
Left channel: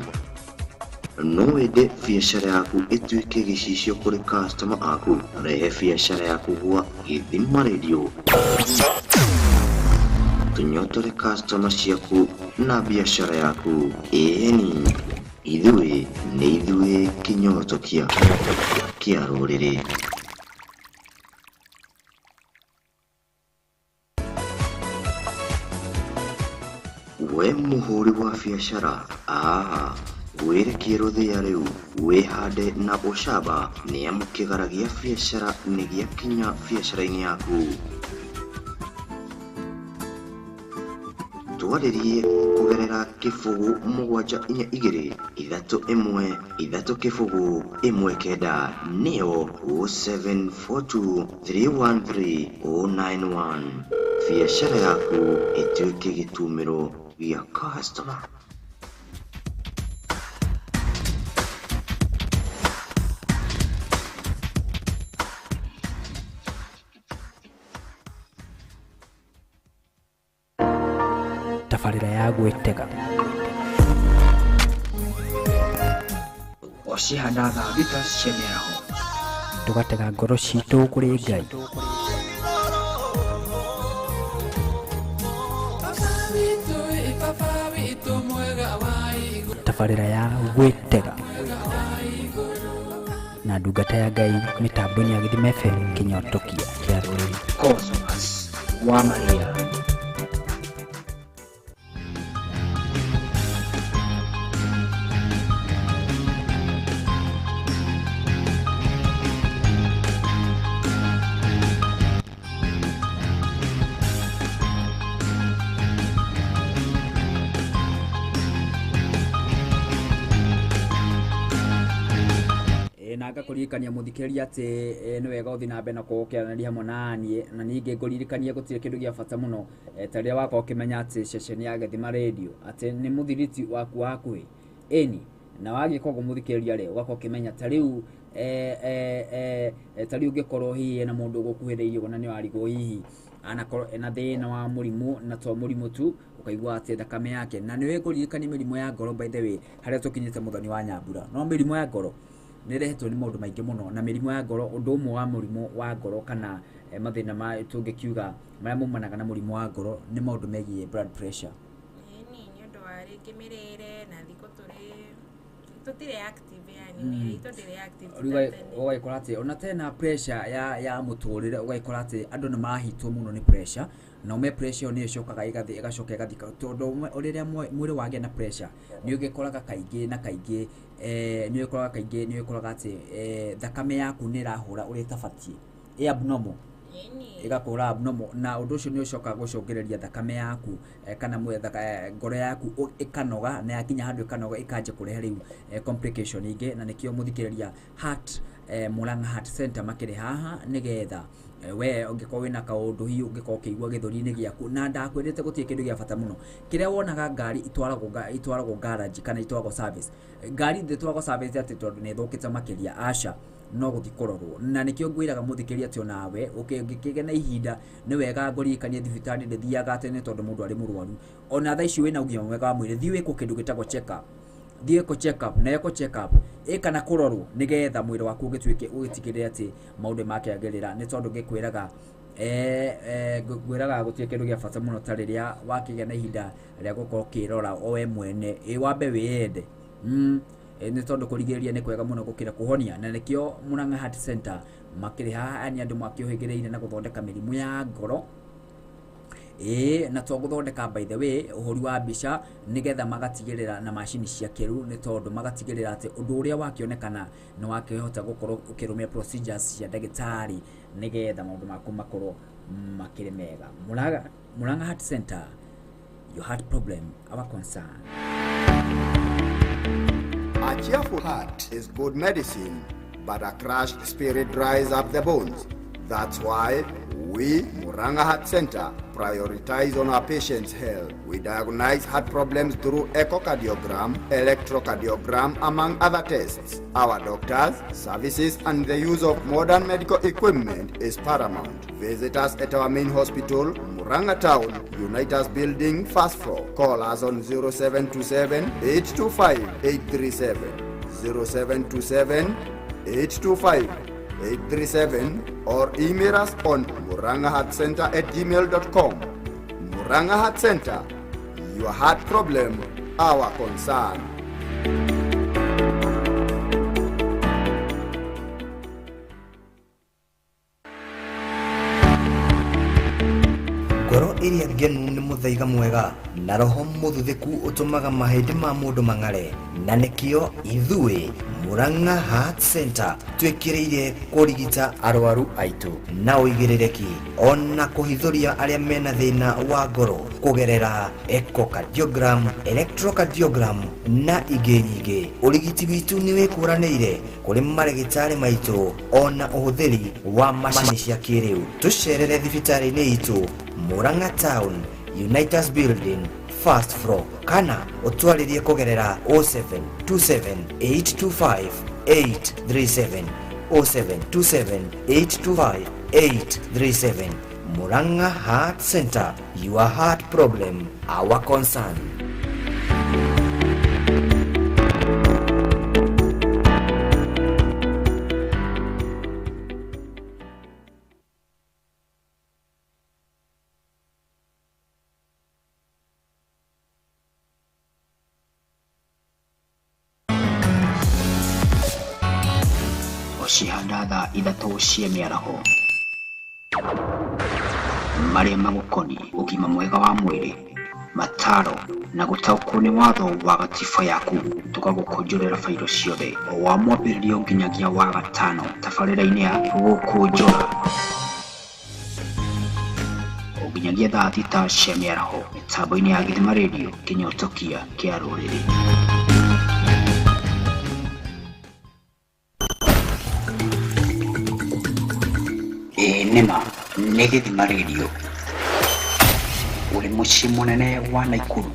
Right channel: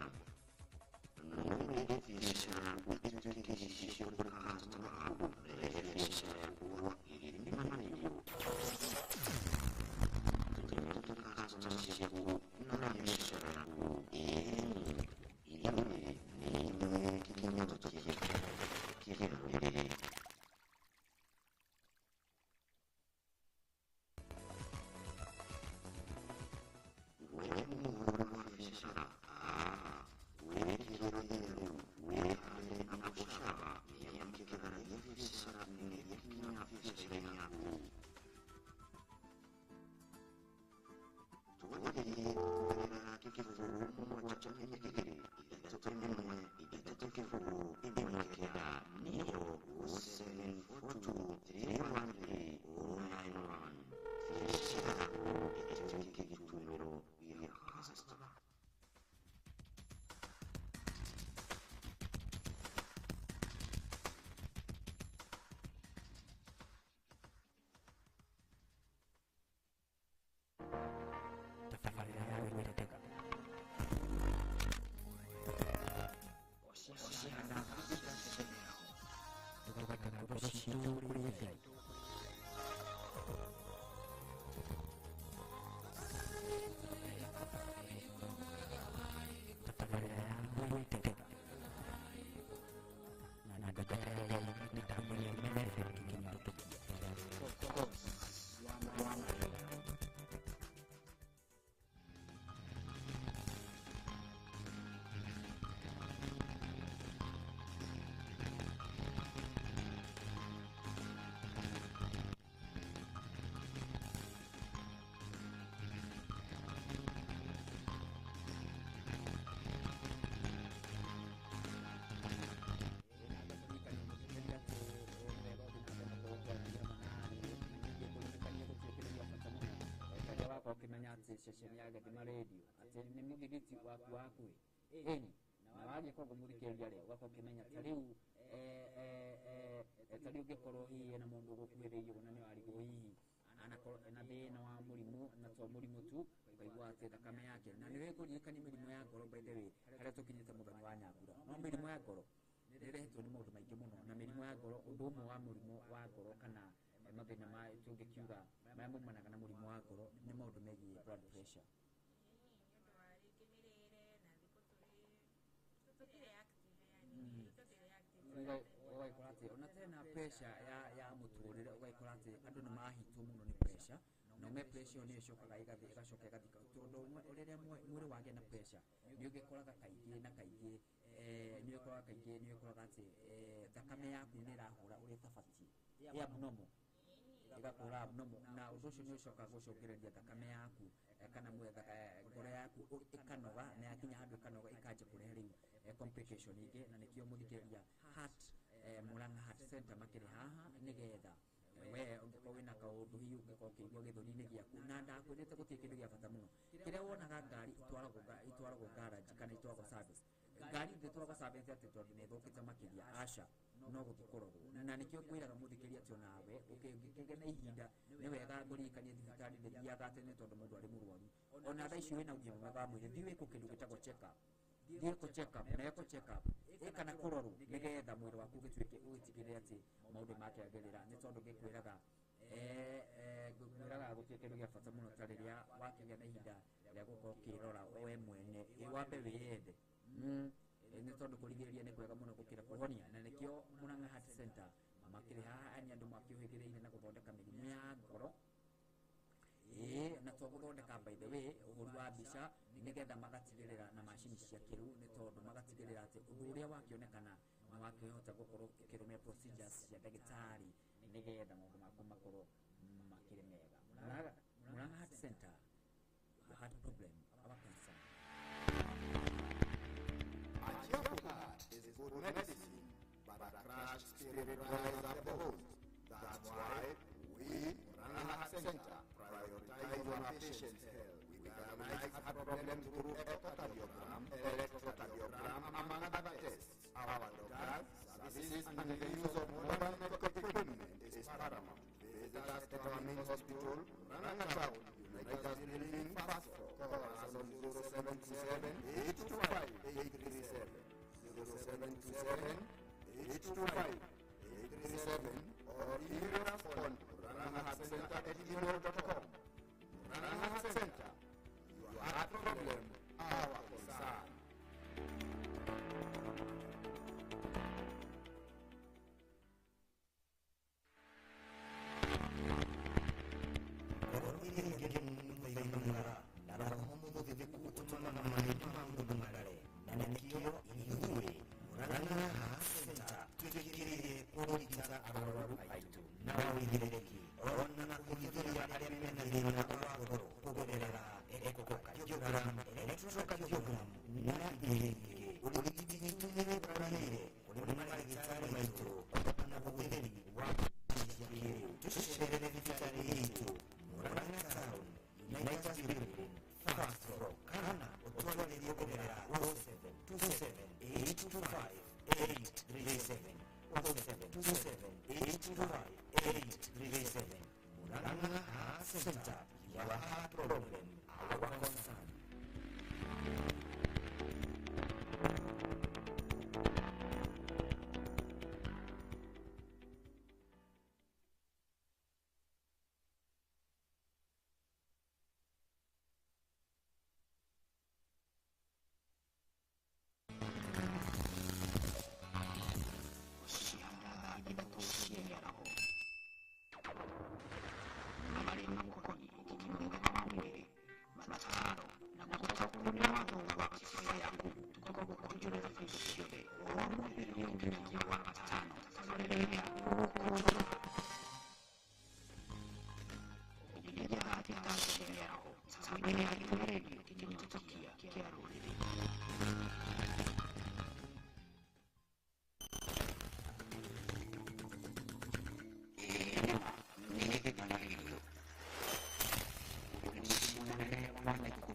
no wende biacara yaku ituike gicicio kuri customer aku rehe biacara yaku gwa Githima Radio tunyotore customer ciaku na biacara yaku eni ithuĩ kinyoto kia rũrĩrĩ we muhuri wa biacara werekie rũthĩa rĩu wĩhande na ũcamba nĩamu kĩgara gĩa biacara nĩ gĩakinya biacara-inĩ yaku twarĩrie kũgerera kĩbũgũ 722-313-1 nĩyo 0742-313-091 biacara yaku ĩtuĩke gĩtumĩro gĩa customer. Tabarira ya gwĩtega ocihanda thita cia mĩaraho tugatega ngoro citũ kũrĩ Ngai tabarira ya gwĩtega na ndungata ya Ngai mĩtambo-inĩ ya Githima FM kinyotokia kia rũrĩrĩ Cosmas wa Maria ngakuririkania muthikiriria ati ni wega uthi na mbere na kuokeranĩria hamwe naniĩ na ningĩ ngũririkanie gũtirĩ kĩndũ gĩa bata mũno ta rĩrĩa wakorwo ũkĩmenya atĩ ceceni ya Gĩthima Radio atĩ nĩ mũthiriti waku wa hakuhĩ ĩni na wagĩkorwo mũthikĩrĩria rĩ ũgakorwo ũkĩmenya ta rĩu ta rĩu ũngĩkorwo hihi na mũndũ ũgũkuhĩrĩirie na nĩ warigwo hihi anakorwo ena thĩna wa mũrimũ na to mũrimũ tu ukaigua atĩ thakame yake na nĩ wĩkũririkania mĩrimũ ya ngoro by the way harĩa tũkinyĩte mũthoni wa Nyambura no mĩrimũ ya ngoro nĩ rehetwo nĩ maũndũ maingĩ mũno na mĩrimũ ya ngoro ũndũ ũmwe wa mũrimũ wa ngoro kana mathĩna ma tũngĩkiuga marĩa maumanaga na mũrimũ wa ngoro nĩ maũndũ megiĩ blood pressure nĩ ũndũ wa rĩngĩ mĩrĩre na thikũ tũtirĩ active yani tũtirĩ active ũgaikora atĩ ona tena pressure ya mũtũrĩre ũgaikora atĩ andũ nĩ marahitwo mũno nĩ pressure na ume pressure nĩ ĩcokaga ĩgacoka ĩgathika tondũ rĩrĩa mwĩrĩ wagĩa na pressure nĩ ũgĩkoraga kaingĩ na kaingĩ nĩ ũgĩkoraga atĩ thakame yaku nĩ ĩrahũra ũrĩa ĩtabatiĩ abnormal igakora abnormal na ũndũ ũcio nĩ ũcokaga gũcũngĩrĩria thakame yaku kana ngoro yaku ĩkanoga na yakinya handũ ĩkanoga ĩkanjia kũrehe rĩu complication ingĩ na nĩkĩo mũthikĩrĩria heart Murang'a Heart Center makĩrĩ haha nĩgetha we ũngĩkorwo wĩna kaũndũ hihi ũngĩkorwo ũkĩigua gĩthũri-inĩ gĩaku na ndakwĩrĩte gũtirĩ kĩndũ gĩa bata mũno kĩrĩa wonaga ngari itwaragwo garage kana itwaragwo service ngari ndĩtwaragwo service atĩ tondũ nĩ ĩthũkĩte makĩria aca no gũthi kũrorwo na nĩkĩo ngwĩraga mũthikĩrĩria atĩ onawe ũngĩkĩgĩa na ihinda nĩ wega ngũririkanie thibitarĩ ndĩthiaga tene tondũ mũndũ arĩ mũrwaru ona thaa ici wĩna ũgima mwega wa mwĩrĩ thiĩ wĩkwo kĩndũ gĩtagwo check up thiĩ ko check up na eko check up kana kũrorwo nĩgetha mwĩrĩ waku ũgĩtigĩrĩre atĩ maũndũ makĩagĩrĩra nĩ tondũ ngĩkwĩraga ngwĩraga gũtirĩ kĩndũ gĩa bata mũno ta rĩrĩa wakĩgĩa na ihinda rĩa gũkorwo ũkĩrora o we mwene wambe wĩyende nĩ tondũ kũrigĩrĩria nĩ kwega mũno gũkĩra kũhonia na nĩkĩo Murang'a Heart Center makĩrĩ haha ni andũ makĩũhĩgĩrĩire na gũthondeka mĩrimũ ya ngoro na to gũthondeka by the way ũhũri wa mbica nĩgetha magatigĩrĩra na macini cia kĩrũ nĩ tondũ magatigĩrĩra atĩ ũndũ ũrĩa wakĩonekana nĩ wakĩhota gũkorwo ũkĩrũmia procedures cia ndagĩtarĩ nĩgetha maũndũ maku makorwo makĩrĩ mega. Murang'a Heart Center, your heart problem, our concern. A cheerful heart is good medicine, but a crushed spirit dries up the bones. That's why we, Murang'a Heart Center, prioritize on our patients' health. We diagnose heart problems through echocardiogram, electrocardiogram, among other tests. Our doctors, services, and the use of modern medical equipment is paramount. Visit us at our main hospital, Murang'a Town, Unitas Building, first floor. Call us on 0727 825 837, 0727 825 837, or email us on muranghaheartcenter@gmail.com. Murang'a Heart Center, your heart problem, our concern. Ngoro iria ngenu nĩ mũthaiga mwega na roho mũthuthuku ũtũmaga mahĩndĩ ma mũndũ mang'are na nĩkĩo ithuĩ Murang'a Heart Center twĩkĩrĩire kũrigita arwaru aitũ na ũigĩrĩrĩki ona kũhithũria arĩa mena thĩna wa ngoro kũgerera echocardiogram, electrocardiogram na ingĩ nyingĩ. Ũrigiti witũ nĩ wĩkũranĩire kũrĩ marĩgĩtarĩ maitũ ona ũhũthĩri wa macini cia kĩrĩu. Tũcerere thibitarĩ-inĩ itũ Murang'a Town, Unitas Building, first floor, kana utwaririe kugerera 0727 825 837, 0727 825 837. Murang'a Heart Center, your heart problem, our concern. Cihandatha ithatũ cia mĩaraho marĩa magũkoniĩ ũgima mwega wa mwĩrĩ, mataro na gũtaũkwo nĩ watho wa gatiba yaku. Tũgagũkũnjũrĩra bairo ciothe o wa mwambĩrĩrio nginyagia wa gatano tabarĩra-inĩ ya Gukunjura nginyagia thaa thita cia mĩaraho mĩtambo-inĩ ya Gĩthima Radio, kĩnyotokia kĩa rũrĩrĩ. Nima nĩ Gĩthima Radio. Ũrĩ mũciĩ mũnene wa Naikuru,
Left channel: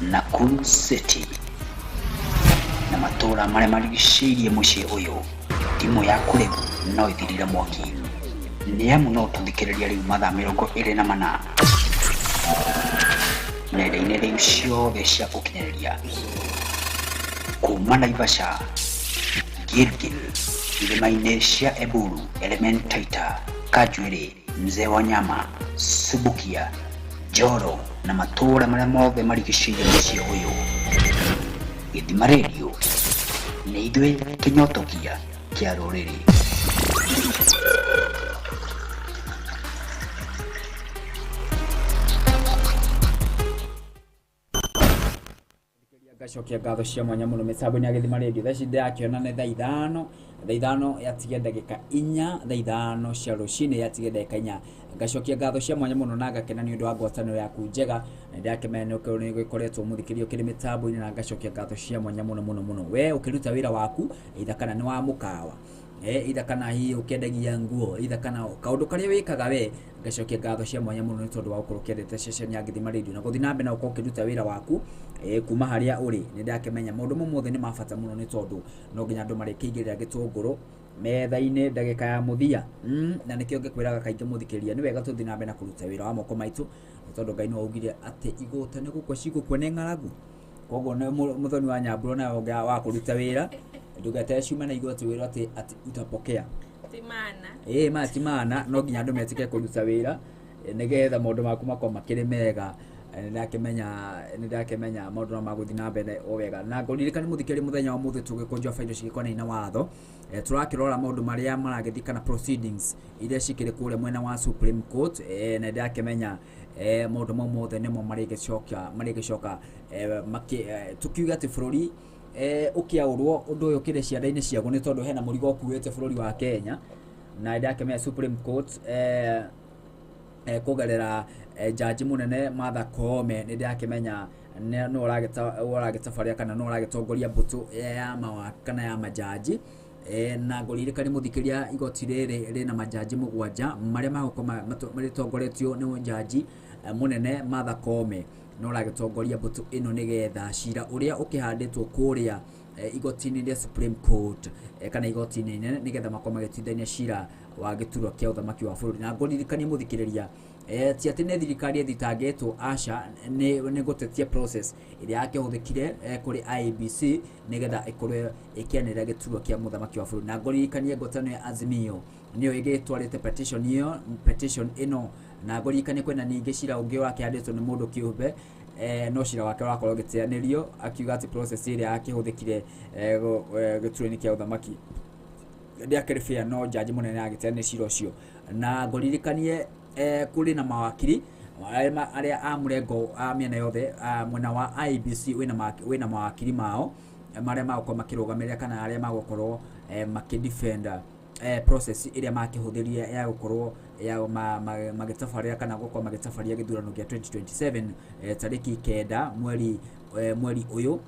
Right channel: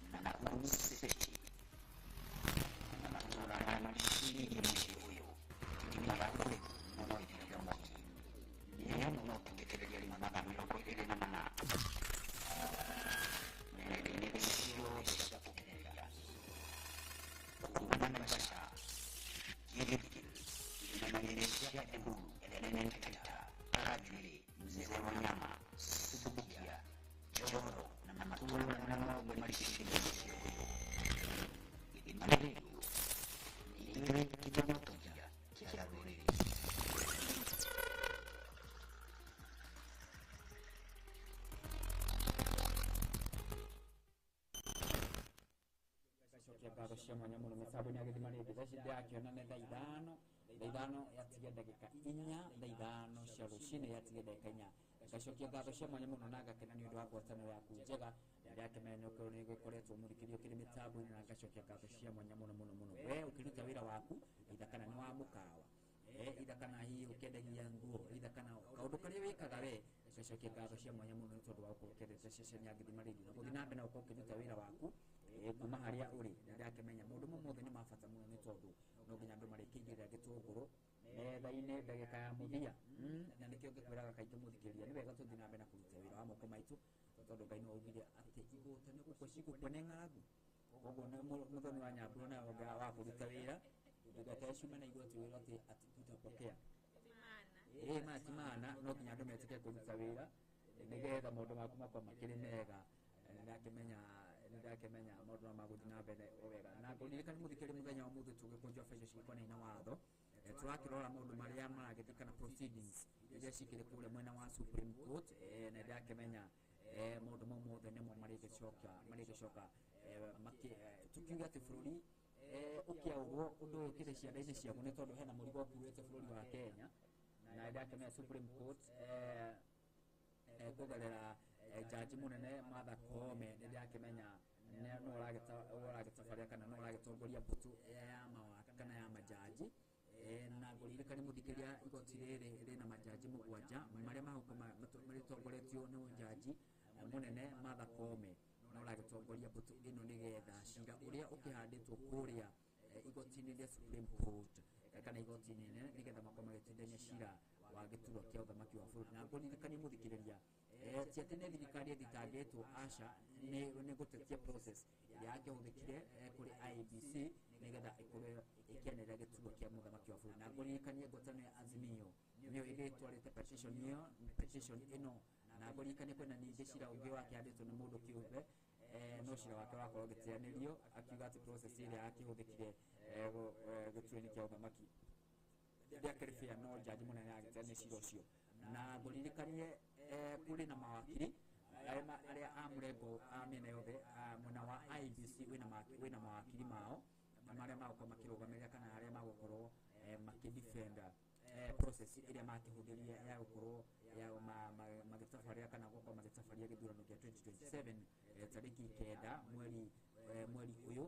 Nakuru City, na matũũra marĩa marigicĩirie mũciĩ ũyũ. Timu yaku rĩu no ĩthirire mwaki, nĩ amu no tũthikĩrĩria rĩu mathaa 24 nenda-inĩ rĩu ciothe cia ũkinyanĩria, kuma Naivasha, Gilgil, irĩma-inĩ cia Eburu, Elementaita, Kajwiri, Mzee wa Nyama, Subukia, Joro na matũũra marĩa mothe marigicĩirie mũciĩ ũyũ. Gĩthima Radio nĩ ithuĩ kĩnyotokia kĩa rũrĩrĩ. Gacokia ngatho cia mwanya mũno mĩtambo-inĩ ya Gĩthima Radio. Thaa ici ndĩrakĩona nĩ thaa ithano yatige ndagĩka 4, thaa ithano cia rũcinĩ yatige ndagĩka 4. Gacokia ngatho cia mwanya mũno na ngakena nĩ ũndũ wa ngwatanĩro yaku njega, na ndĩrakĩmenya nĩ gũkoretwo mũthikĩrio kĩrĩ mĩtambo-inĩ, na gacokia ngatho cia mwanya mũno we ũkĩruta wĩra waku, either kana nĩ wa mũkawa, either kana hihi ũkĩendagia nguo, either kana kaũndũ karĩa wĩkaga we, gacokia ngatho cia mwanya mũno nĩ tondũ wa gũkorwo ũkĩendete ceceni ya Gĩthima Radio na gũthiĩ na mbere na gũkorwo ũkĩruta wĩra waku kuma harĩa ũrĩ. Nĩ ndakĩmenya maũndũ mothe nĩ mabata mũno nĩ tondũ no nginya andũ marĩkĩigĩrĩra gĩtũngũrũ metha-inĩ ndagĩka ya mũthia, na nĩkĩo ngĩkwĩraga kaingĩ mũthikĩrĩria nĩ wega tũthiĩ na mbere na kũruta wĩra wa moko maitũ, nĩ tondũ Ngai no augire atĩ igũta nĩ gũkua cigũkua nĩ ng'aragu. Koguo nĩ mũthoni wa Nyambura na wa kũruta wĩra, ndũgete ciuma na igũta wĩra atĩ utapokea timana timana, no nginya andũ metĩke kũruta wĩra nĩgetha maũndũ maku makorwo makĩrĩ mega. Nĩ ndakĩmenya maũndũ no magũthiĩ na mbere o wega, na ngũririkana mũthikĩrĩria mũthenya wa mũthĩ tũgĩkũnjũa bainda cigĩkonainie na watho, tũrakĩrora maũndũ marĩa maragĩthiĩ kana proceedings iria cikĩrĩ kũrĩa mwena wa Supreme Court. Na ndakĩmenya maũndũ mau mothe nĩmo marĩgĩcoka tukiuga atĩ bũrũri ũkĩaũrwo ũndũ ũyũ ũkĩrĩ cianda-inĩ ciaguo, nĩ tondũ hena mũrigo ũkuĩte bũrũri wa Kenya, na ndakĩmenya Supreme Court kũgerera jaji mũnene Martha Koome nĩ ndakĩmenya no ũragĩtabaria kana no ũragĩtongoria mbũtũ ya mawakiri kana ya majaji. Na ngũririkania mũthikĩria igoti rĩrĩ rĩna majaji 7 marĩa marĩtongoretio nĩ jaji mũnene Martha Koome, no ũragĩtongoria mbũtũ ĩno nĩgetha cira ũrĩa ũkĩhandĩtwo kũrĩa igoti-inĩ rĩa Supreme Court kana igoti-inĩ inene nĩgetha makorwo magĩtuithania cira wa gĩturwa kĩa ũthamaki wa bũrũri. Na ngũririkania mũthikĩrĩria ti atĩ nĩ thirikari ĩthitangĩtwo, aca nĩ gũtetia process ĩrĩa yakĩhũthĩkire kũrĩ IEBC nĩgetha ĩkorwo ĩkĩanĩrĩra gĩturwa kĩa mũthamaki wa bũrũri. Na ngũririkanie ngwatanĩro ya Azimio nĩyo ĩgĩtwarĩte petition ĩno, na ngũririkanie kwĩna ningĩ cira ũngĩ wakĩhandĩtwo nĩ mũndũ kĩũmbe, no cira wake wakorwo gĩteanĩrio akiuga atĩ process ĩrĩa yakĩhũthĩkire gĩturwa-inĩ kĩa ũthamaki ndĩakĩrĩ fair, no jaji mũnene agĩteanĩria cira ũcio. Na ngũririkanie kũrĩ na mawakiri arĩa a mũrengo a mĩena yothe, mwena wa IEBC wĩna mawakiri mao marĩa magũkorwo makĩrũgamĩrĩra kana arĩa magũkorwo makĩdefend process ĩrĩa makĩhũthĩria ya gũkorwo magĩtabarĩra kana gũkorwo magĩtabaria gĩthurano gĩa 2027 tarĩki 9 mweri ũyũ.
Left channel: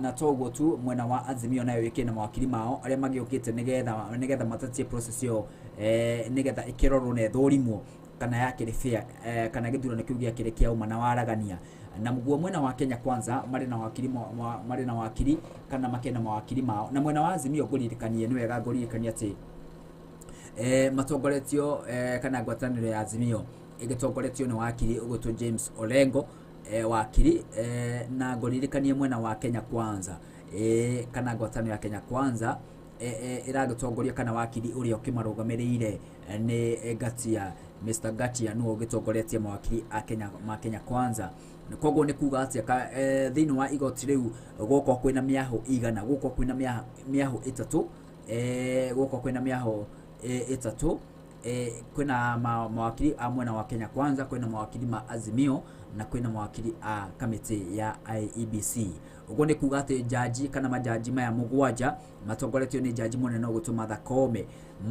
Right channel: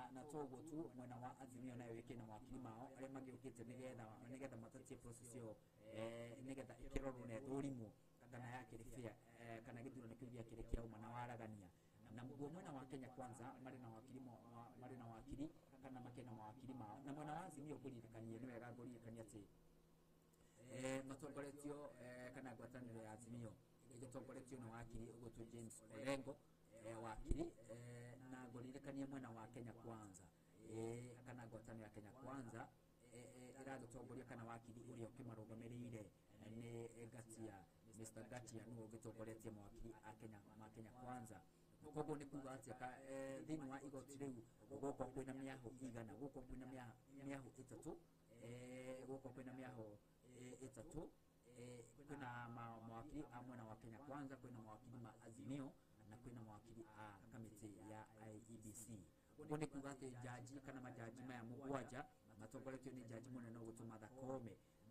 Na toguo tu mwena wa Azimio nayo ĩkĩna mawakiri mao arĩa magĩũkĩte nĩgetha matatie process ĩyo, nĩgetha ĩkĩrorwo na ĩthũrimwo kana yakĩrĩ fair, kana gĩthurano kĩu gĩakĩrĩ kĩa ũma na waragania. Na mguo mwena wa Kenya Kwanza marĩ na wakiri kana makĩna mawakiri mao, na mwena wa Azimio ngũririkanie nĩ wega ngũririkanie atĩ matongoretio kana ngwatanĩro ya Azimio ĩgĩtongoretio nĩ wakiri ũgũtwo James Orengo wakiri, na ngũririkanie mwena wa Kenya Kwanza kana ngwatanĩro ya Kenya Kwanza ĩragĩtongoria kana wakiri ũrĩa ũkĩmarũgamĩrĩire nĩ Gatia, Mr. Gatia nĩwe ũgĩtongoretie mawakiri ma Kenya Kwanza. Koguo nĩ kuga atĩ thĩinĩ wa igoti rĩu gũkũ kwĩna mĩahũ igana, gũkũ kwĩna mĩahũ ĩtatũ, kwĩna mawakiri a mwena wa Kenya Kwanza, kwĩna mawakiri ma Azimio na kwĩna mawakiri a kamĩtĩ ya IEBC. Ũguo nĩ kuga atĩ jaji kana majaji maya 7 matongoretio nĩ jaji mũnene ũgũtwo Martha Koome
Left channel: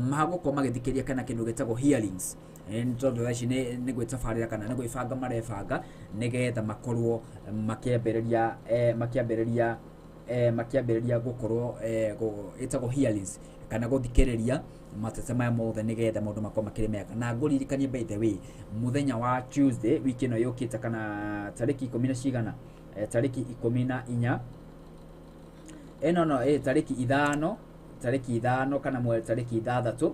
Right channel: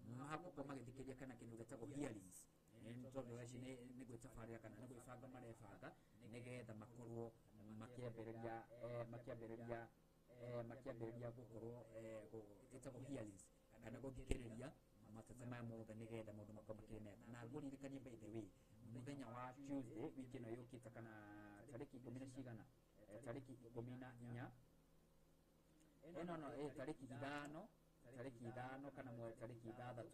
magũkorwo magĩthikĩria kana kĩndũ gĩtagwo hearings, nĩ tondũ thaa ici nĩ gwĩtabarĩra kana nĩ gwĩbanga marebanga nĩgetha makorwo makĩambĩrĩria gũkorwo ĩtagwo hearings kana gũthikĩrĩria matete maya mothe nigetha maundu makwa makiri mega na nguririkanie by the way muthenya wa Tuesday wiki no yukite kana tariki 10 cigana tariki 14 no tariki 5 kana tariki 6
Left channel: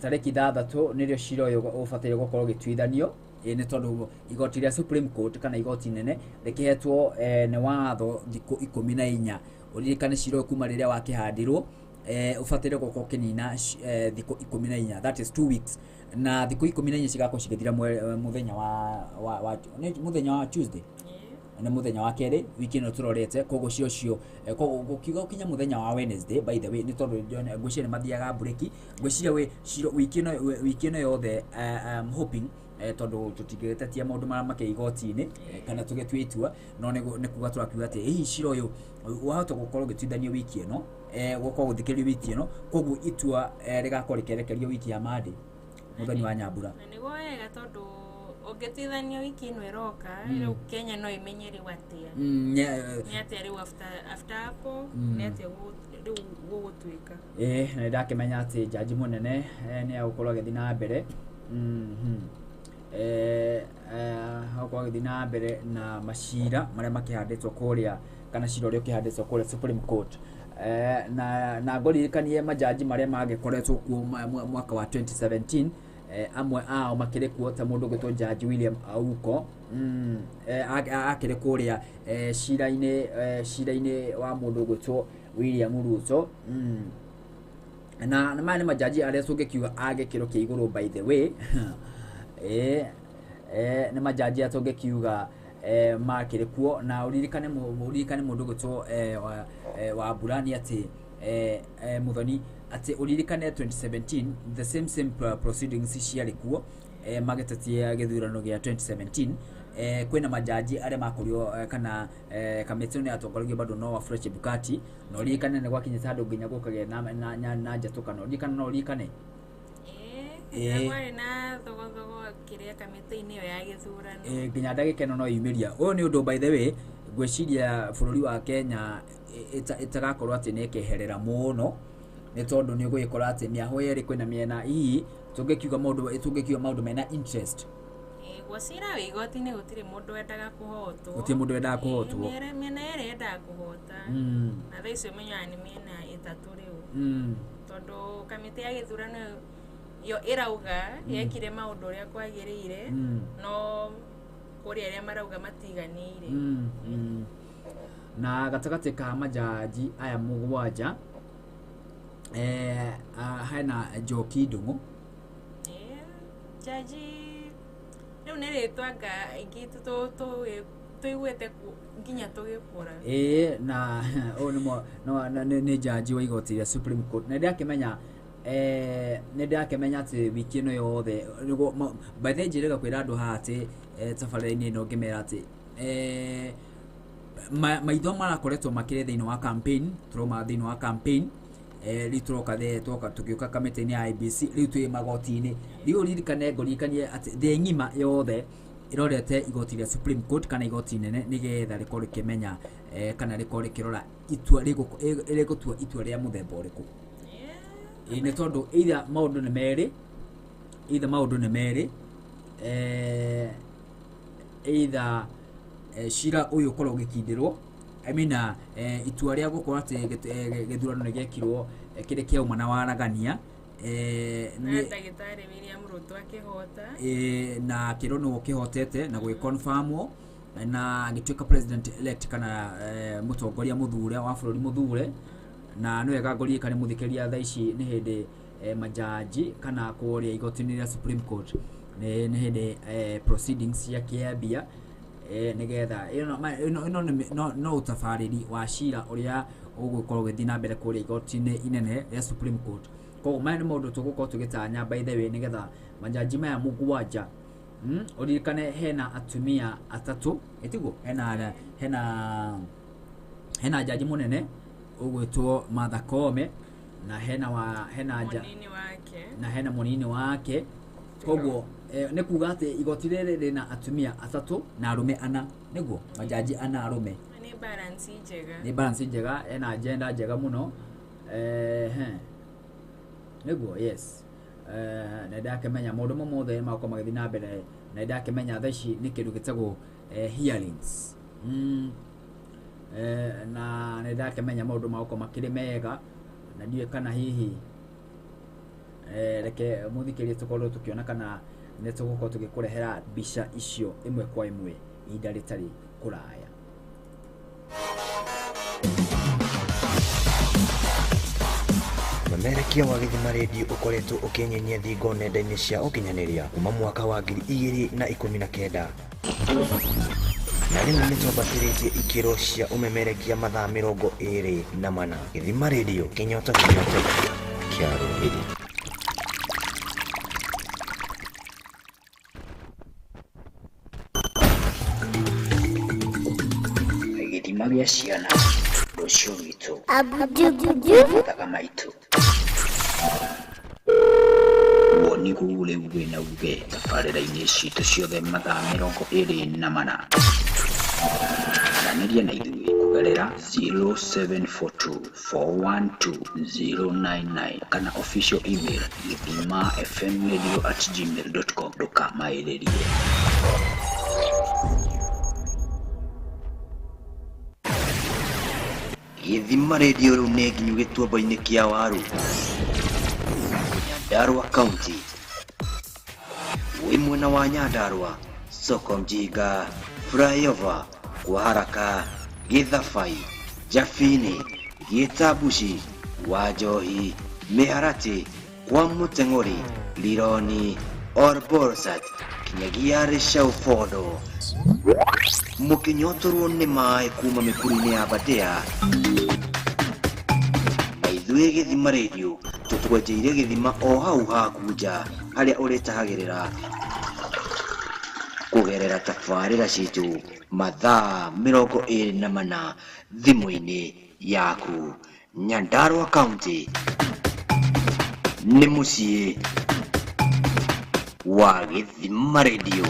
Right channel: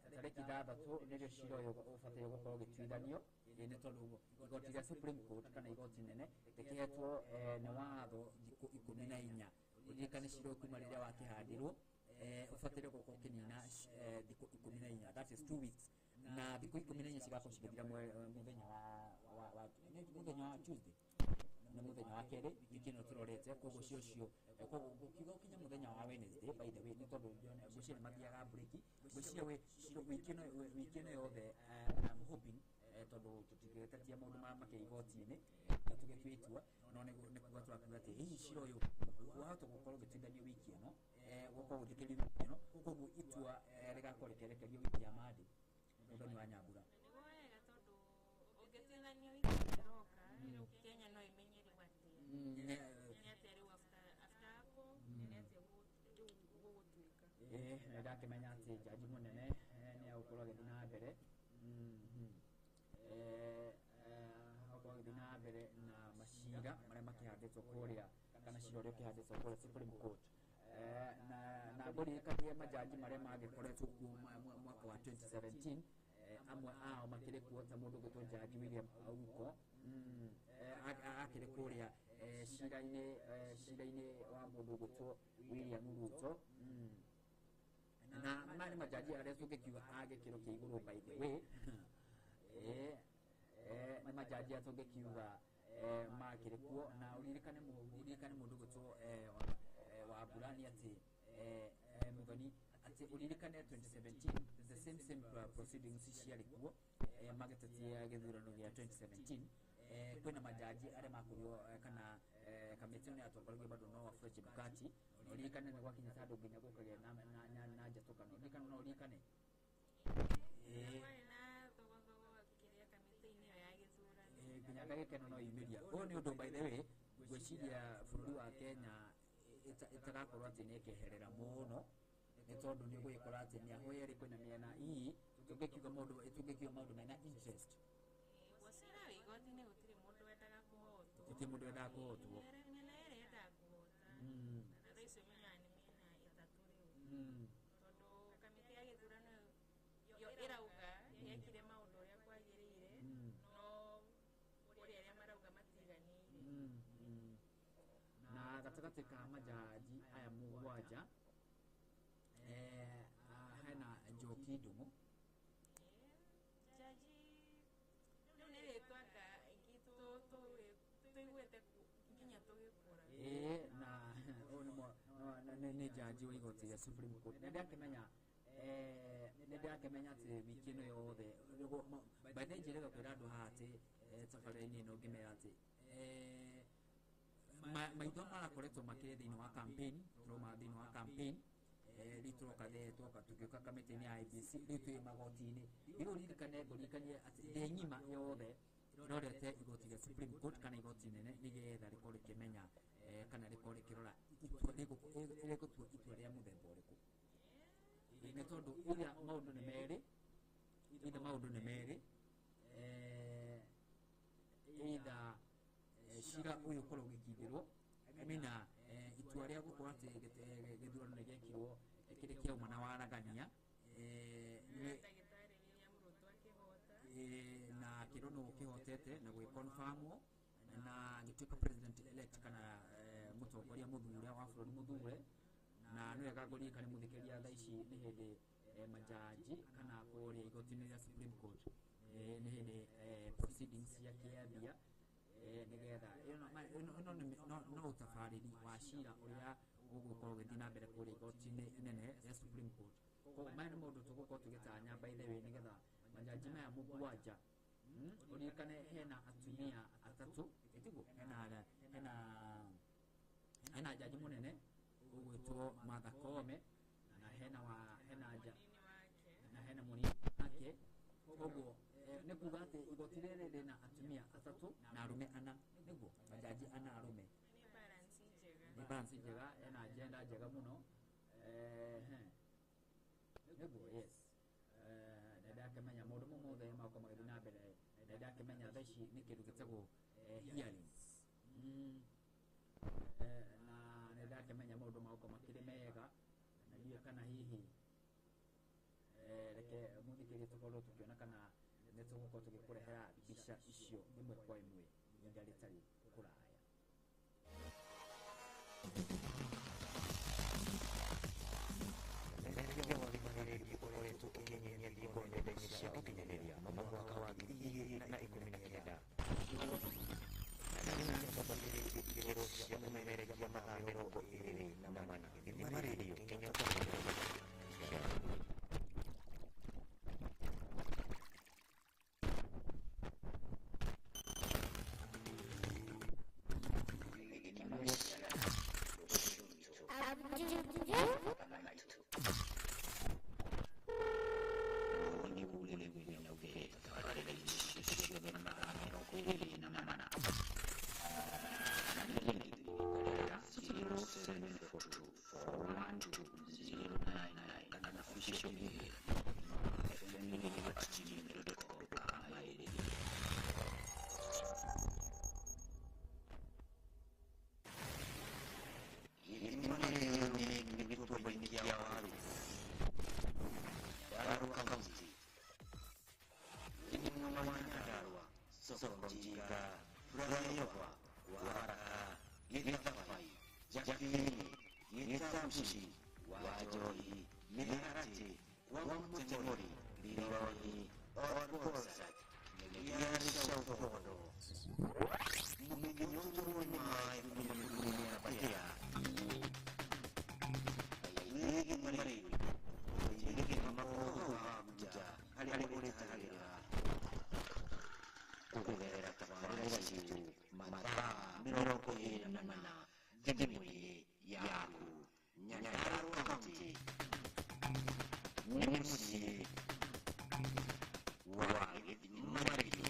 tariki 6 nirio cira uyu ubatire gukorwo gituithanio ni tondu igoti ria Supreme Court kana igoti nene rikihetwo ni watho thiku 14 uririkane cira kuma riria wakihandirwo ubatire gukorwo kinina thiku 14 that is 2 weeks na thiku 14 cigakorwo cigithira muthenya muthenya wa Tuesday na muthenya wa keri wiki no turorete kogo cio gukiuga ukinya muthenya wa Wednesday by the way ni tondu ngwiciria ni mathiaga break ngwiciria we wiki no yothe hoping tondu tutigitetia maundu mara make igoti-ini kana tugitwitua no ni kuga twakiuga ati hihi cira uyu wahota gukorwo gituithanio wiki ino gukorwo guthikiririo wiki ino koguo itua rigakorwo rikerekerio wiki ya Monday muthenya wa Nyambura niguo wega tondu ungitithanio wiki ino iroka riu Kenya no imenyeri watia ni atia riu after hapo ni atia riu gugutwika na ndakimenya ati jaji munene ni agukorwo agithii na mbere hakorwo agithii na mbere na macira maria makihanditwo kuria kana cira uria ukihanditwo kuria Supreme Court na ngoririkanie majaji maria magikoretwo kuo mwaka wa 2017 amwe ao makire kuo ta mundu gwitwo Judge William Auko akire kuria cira-ini wa mundu gwitwo William Ruto na mane majaji aria tungikiuga agikiro kia iguru by the way ni majaji atungikiuga makire kuo na uririkane mundu gwitwo wa burani ati muthoni ati uririkane 2017 the same proceedings ciari kuo magetatia githurano gia 2017 kwina majaji aria makurio kana kamiti ni atongoragio bado no wa Fresh Bukati no uririkane ni gwakinyita andu nginya gukage na njatuka no uririkane ngwari na thogo kiria kamiti-ini yo ya githurano nginya ndagika ino no yumiria uyu ni undu by the way gwiciria bururi wa Kenya itagakorwo ati ni keherera muno ni tondu ni gwikora ati ni aho yeri kwina miena hii tungikiuga maundu mena interest gwacira wigoti-ini gutiri mundu endaga kuhotwo miena yeri endaga kuhota na thaa icio menyaga ni miena itatu riu tondu kamiti ya githurano yo irauga yekire maundu uria kwagirire no kuri aria marauga matiganire na gatagati ka majaji aya mugwanja hena Njoki Ndung'u jaji riu niritwanga ingi tuiguite nginya tugikura na no ni jaji wa igoti ria Supreme Court na ndakimenya ati wiki ino yothe by the njirega kwira andu haha ati tabarira-ini ino ngimera ati maitho marakoretwo makire thiini wa campaign turoma thiini wa campaign riu turoka tukiuka kamiti-ini ya IBC riu twi magoti-ini riu ririkane ngorikanie ati the ngima yothe irorete igoti ria Supreme Court kana igoti nene nigetha rikorwo rikimenya kana rikorwo rikirora itua rigutua itua ria muthemba uriku ni tondu either maundu ni meri either cira uyu ukorwo ugikindirwo itua ria gukorwo ati githurano ni giekirwo kiri kia uma na waragania ndagitari William Ruto akihota na kirono ukihotete na gwikonfirmwo na agituika president elect kana mutongoria muthure wa bururi muthure na no wega ngorikane muthikiria thaa ici ni hindi majaji kana kuria igoti-ini ria Supreme Court ni hindi proceedings ya kiambia nigetha no utabariri wa cira uria ugukorwo githii na mbere kuria igoti-ini inene ria Supreme Court koguo maya ni maundu tugukorwo tugitanya by the way nigetha majaji maya mugwanja uririkane hena atumia atatu etiguo hena jaji munene ugwitwo Martha Koome na hena munini wake koguo ni kuga ati igoti riri rina atumia atatu na arume ana niguo majaji ana arume ni balance njega ena agenda njega muno niguo yes na ndakemenya maundu mothe makwa magathi na mbere na ndakemenya tha ici ni kindu gitagwo hearings na ndakemenya maundu makwa makiri mega na ndiye kana hihi reke muthikirie tukorwo tukiona kana ne tugukorwo tugikurehera mbica icio imwe kwa imwe ihinda ritari kuraya. Memerekia wa Githima Radio ukoretwo ukinyenyia thingo nenda-inĩ cia ũkinyanĩria kuma mwaka wa 2019 na rĩu nĩtwambatĩrĩtie ikĩro cia ũmemerekia mathaa 24 Githima Radio kinyota kĩa rũrĩrĩ. Githima gĩa ciana rũciũ witũ thaga maitũ woni gũgũrĩ wĩna uge tabarĩra-inĩ citũ ciothe mathaa 24 aranĩria na ithuĩ kũgerera 0742412099 kana official email githimafmradio@gmail.com ndũkamaĩrĩrie. Githima Radio rĩu nĩ nginyu gĩtuamba-inĩ kĩa waru Nyandarua County wĩ mwena wa Nyandarua Soko Mjinga Flyover kwa haraka Githabai Jafini Gĩtambuci Wanjohi Mĩharatĩ kwa Mũteng'ũri Lironi Orborsat kinyagia Rĩcaũ Fondo mũkinyotorwo nĩ maĩ kuma mĩkuru-inĩ ya Badea na ithuĩ Githima Radio tũtwenjeire gĩthima o hau haku nja harĩa ũrĩtahagĩrĩra kũgerera tabarĩra citũ mathaa 24 thimũ-inĩ yaku. Nyandarua County nĩ mũciĩ wa Githima Radio.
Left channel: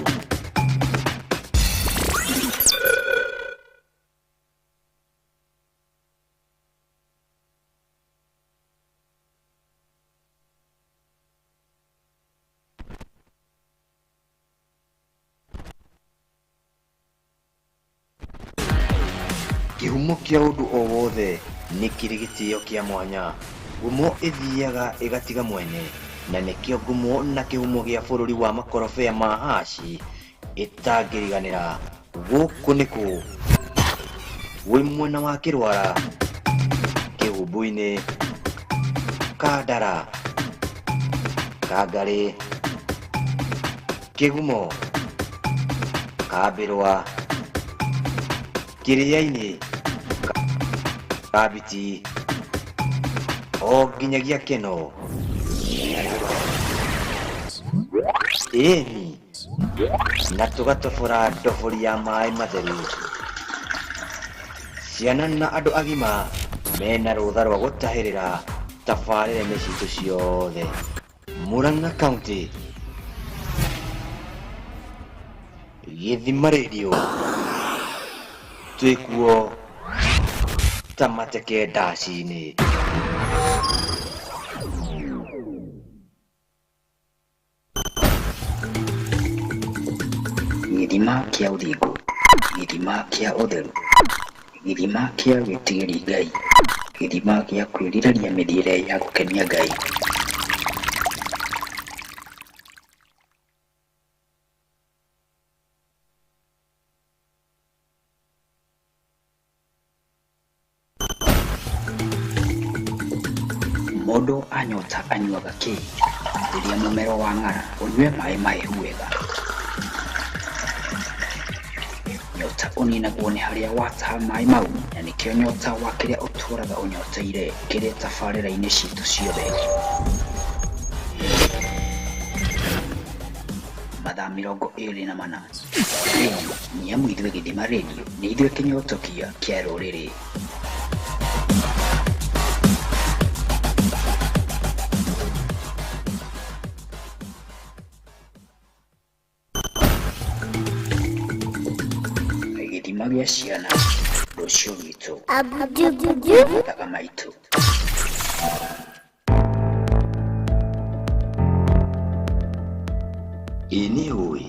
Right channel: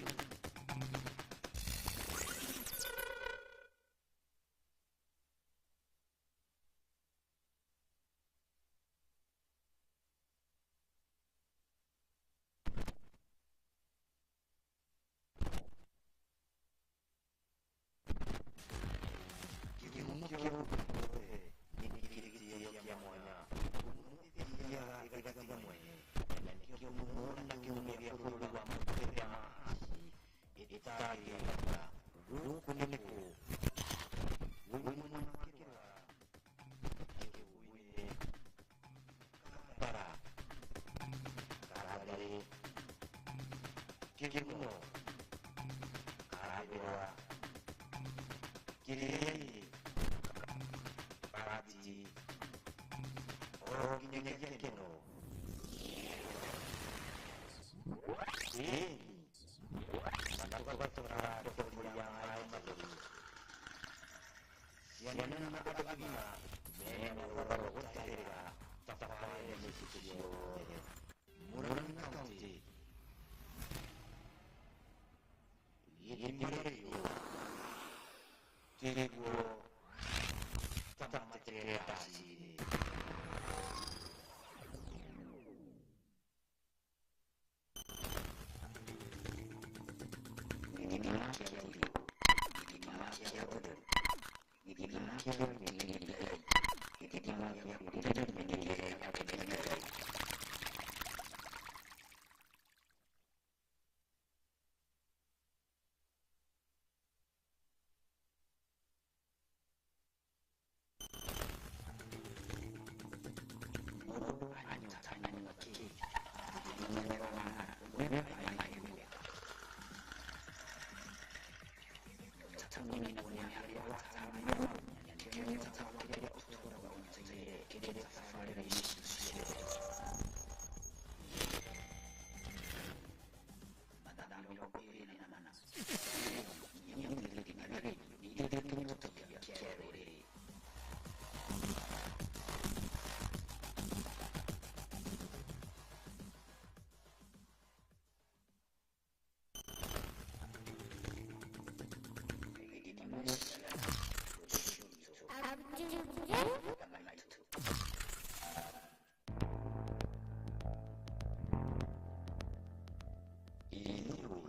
Kĩhumo kĩa ũndũ o wothe nĩ kĩrĩ gĩtĩo kĩa mwanya. Ngumo ĩthiaga ĩgatiga mwene na nĩkĩo ngumo na kĩhumo gĩa bũrũri wa makorobea ma haci ĩtangĩriganĩra. Gũkũ nĩkũ wĩ mwena wa Kĩrwara kĩhumbu-inĩ Kandara Kangarĩ Kĩgumo Kambĩrwa Kĩrĩa-inĩ Kabiti o nginyagia Keno ĩni na tũgatobora ndobori ya maĩ matheru. Ciana na andũ agima mena rũtha rwa gũtahĩrĩra tabarĩra-inĩ citũ ciothe. Murang'a County Githima Radio twĩkuo ta mateke ndaci-inĩ. Githima kĩa ũthingu, githima kĩa ũtheru, githima kĩa gwĩtigĩri Ngai, githima gĩa kwĩrirĩria mĩthiĩre ya gũkenia Ngai. Mũndũ anyota anyuaga kĩi, rĩrĩa mũmero wa ng'ara ũnyue maĩ mahehu wega. Nyota ũninagwo nĩ harĩa wataha maĩ mau, na nĩkĩo nyota wa kĩrĩa ũtũraga ũnyoteire kĩrĩ tabarĩra-inĩ citũ ciothe. Mathaa 24 nĩ amu ithuĩ Githima Radio nĩ ithuĩ kĩnyotokia kĩa rũrĩrĩ. Githima gĩa ciana rũciũ witũ thaga maitũ. Ini oi.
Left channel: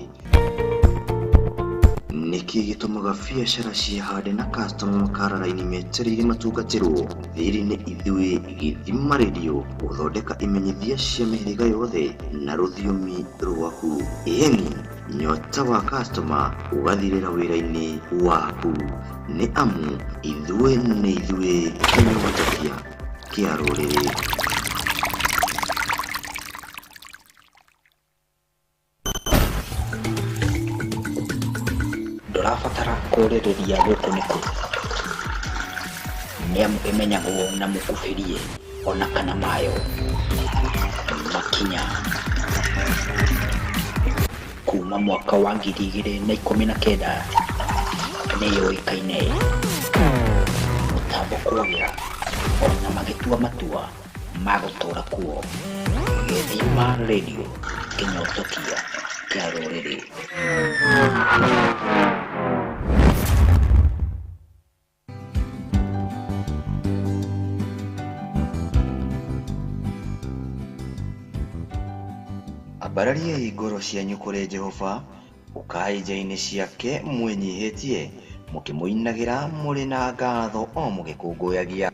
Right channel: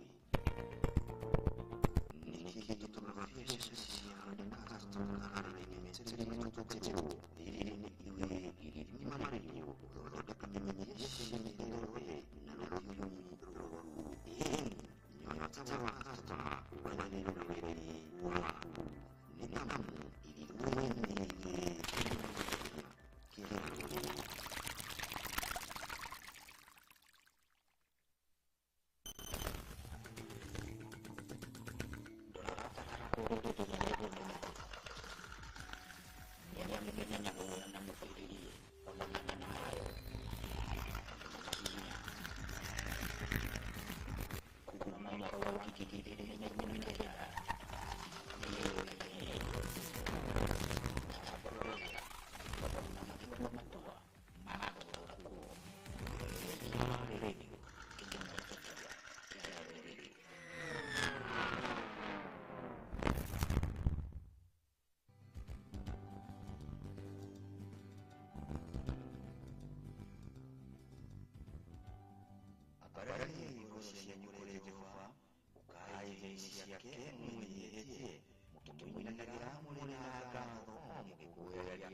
Niki gitumaga biacara cihande na customer makarara-ini metereire matungatirwo. Thiri ni ithui Githima Radio, guthondeka imenyithia cia mĩhĩrĩga yothe na rũthiomi rwaku. Ĩni nyota wa customer ugathirĩra wĩra-inĩ waku. Nĩ amu ithui nĩ ithui kĩnyotokia kĩa rũrĩrĩ. Ndũrabatara kũrĩrĩria gũkũ nĩ kũ. Nĩamu ĩmenyagwo na mũkubĩrie ona kana mayo makinya kuma mwaka wa 2019 nĩyũĩkaine mũtambo kũrĩa ona magĩtua matua ma gũtũra kuo. Githima Radio, kĩnyotokia kĩa rũrĩrĩ. Ambararia igoro cianyu kũrĩ Jehova, ukai nja-inĩ ciake mwĩnyihĩtie, mũkĩmũinagĩra mũrĩ na ngatho o mũgĩkũngũyagia.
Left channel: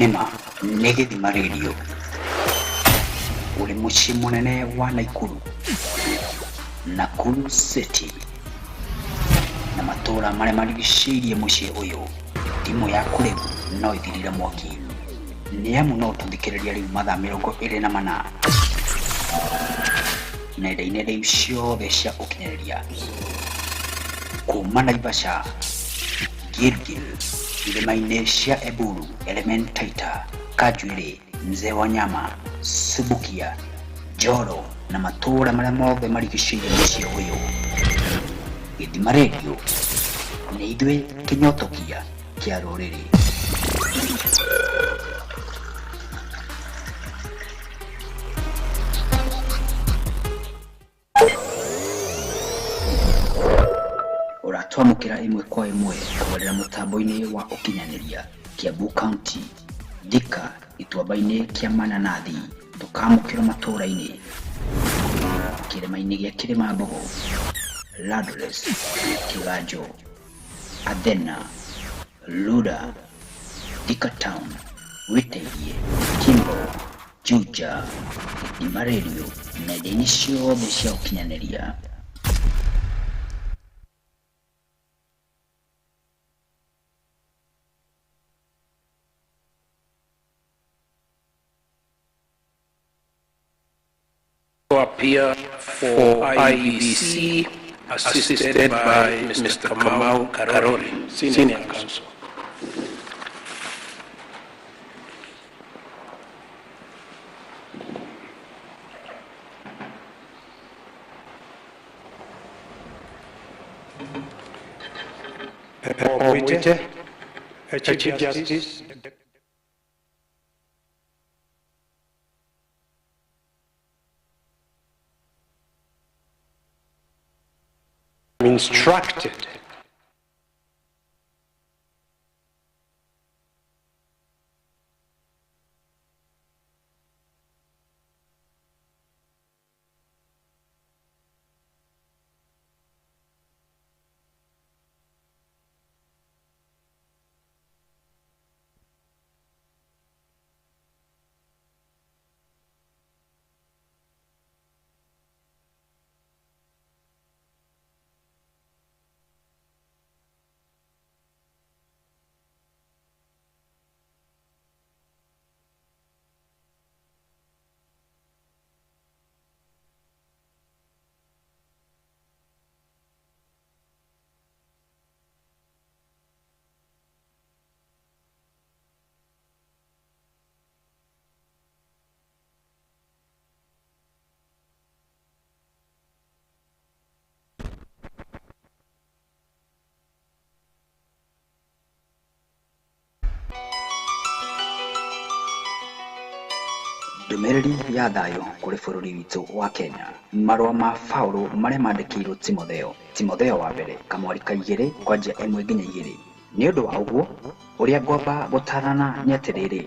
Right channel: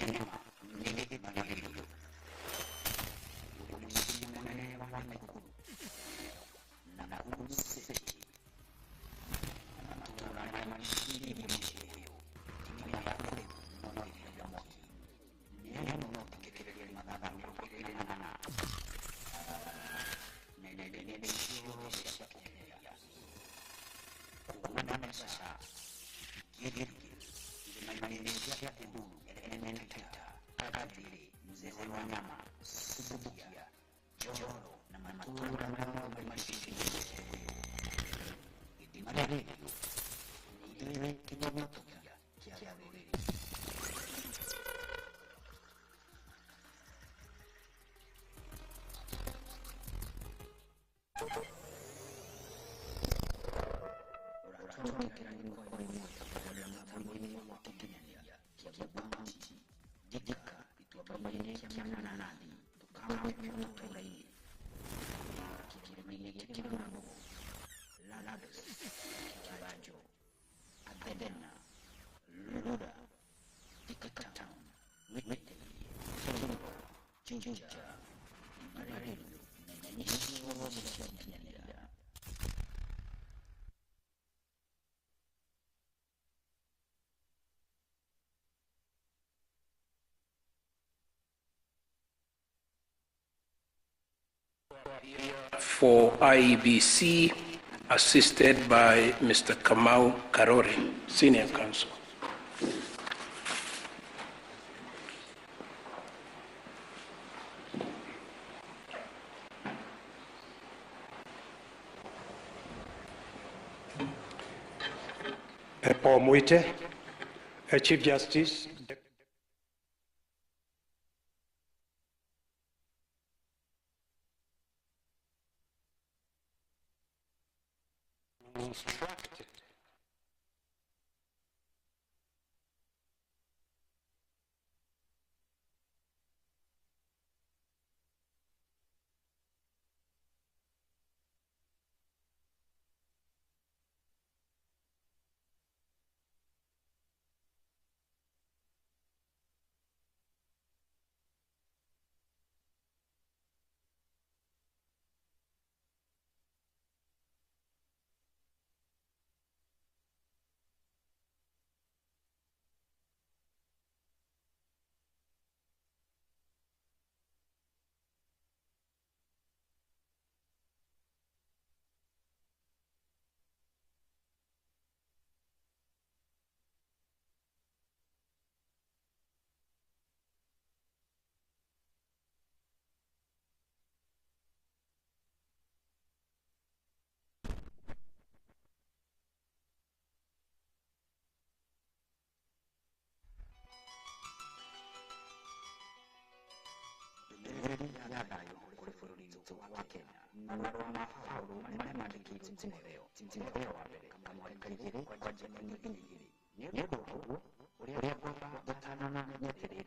Nĩma nĩ Githima Radio, ũrĩ mũciĩ mũnene wa Nakuru City na matũũra marĩa marigicĩirie mũciĩ ũyũ. Thimũ yaku rĩu no ĩthirire mwaki, nĩamu no ũtũthikĩrĩria rĩu mathaa 24 nenda-inĩ rĩu ciothe cia ũkinyanĩria kuma Naivasha, Gilgil, irĩma-inĩ cia Eburu, Elementaita, Kajwiri, Mzee wa Nyama, Subukia, Joro na matũũra marĩa mothe marigicĩirie mũciĩ ũyũ. Githima Radio nĩ ithuĩ kĩnyotokia kĩa rũrĩrĩ. Ũratwamũkĩra ĩmwe kwa ĩmwe kũgerera mũtambo-inĩ wa ũkinyanĩria Kiambu County, Thika, gĩtuamba-inĩ kĩa Mananathi, tũkamũkĩra matũũra-inĩ kĩrĩma-inĩ gĩa Kĩrĩmambogo, Ladles, Kĩganjo, Athena, Luda, Thika Town, Witairie, Kimbo, Juja. Githima Radio nenda-inĩ ciothe cia ũkinyanĩria. Appear for IBC, assisted by Mr. Kamau Karori, Senior Counsel. Paul Mwite, Chief Justice. Instructed Ndũmĩrĩri ya thayũ kũrĩ bũrũri witũ wa Kenya. Marũa ma Paulo marĩa mandĩkĩirwo Timotheo wa mbere kamwari ka 2 kwanja 1 nginya 2. Nĩ ũndũ wa ũguo ũrĩa ngwamba gũtarana nĩ atĩrĩrĩ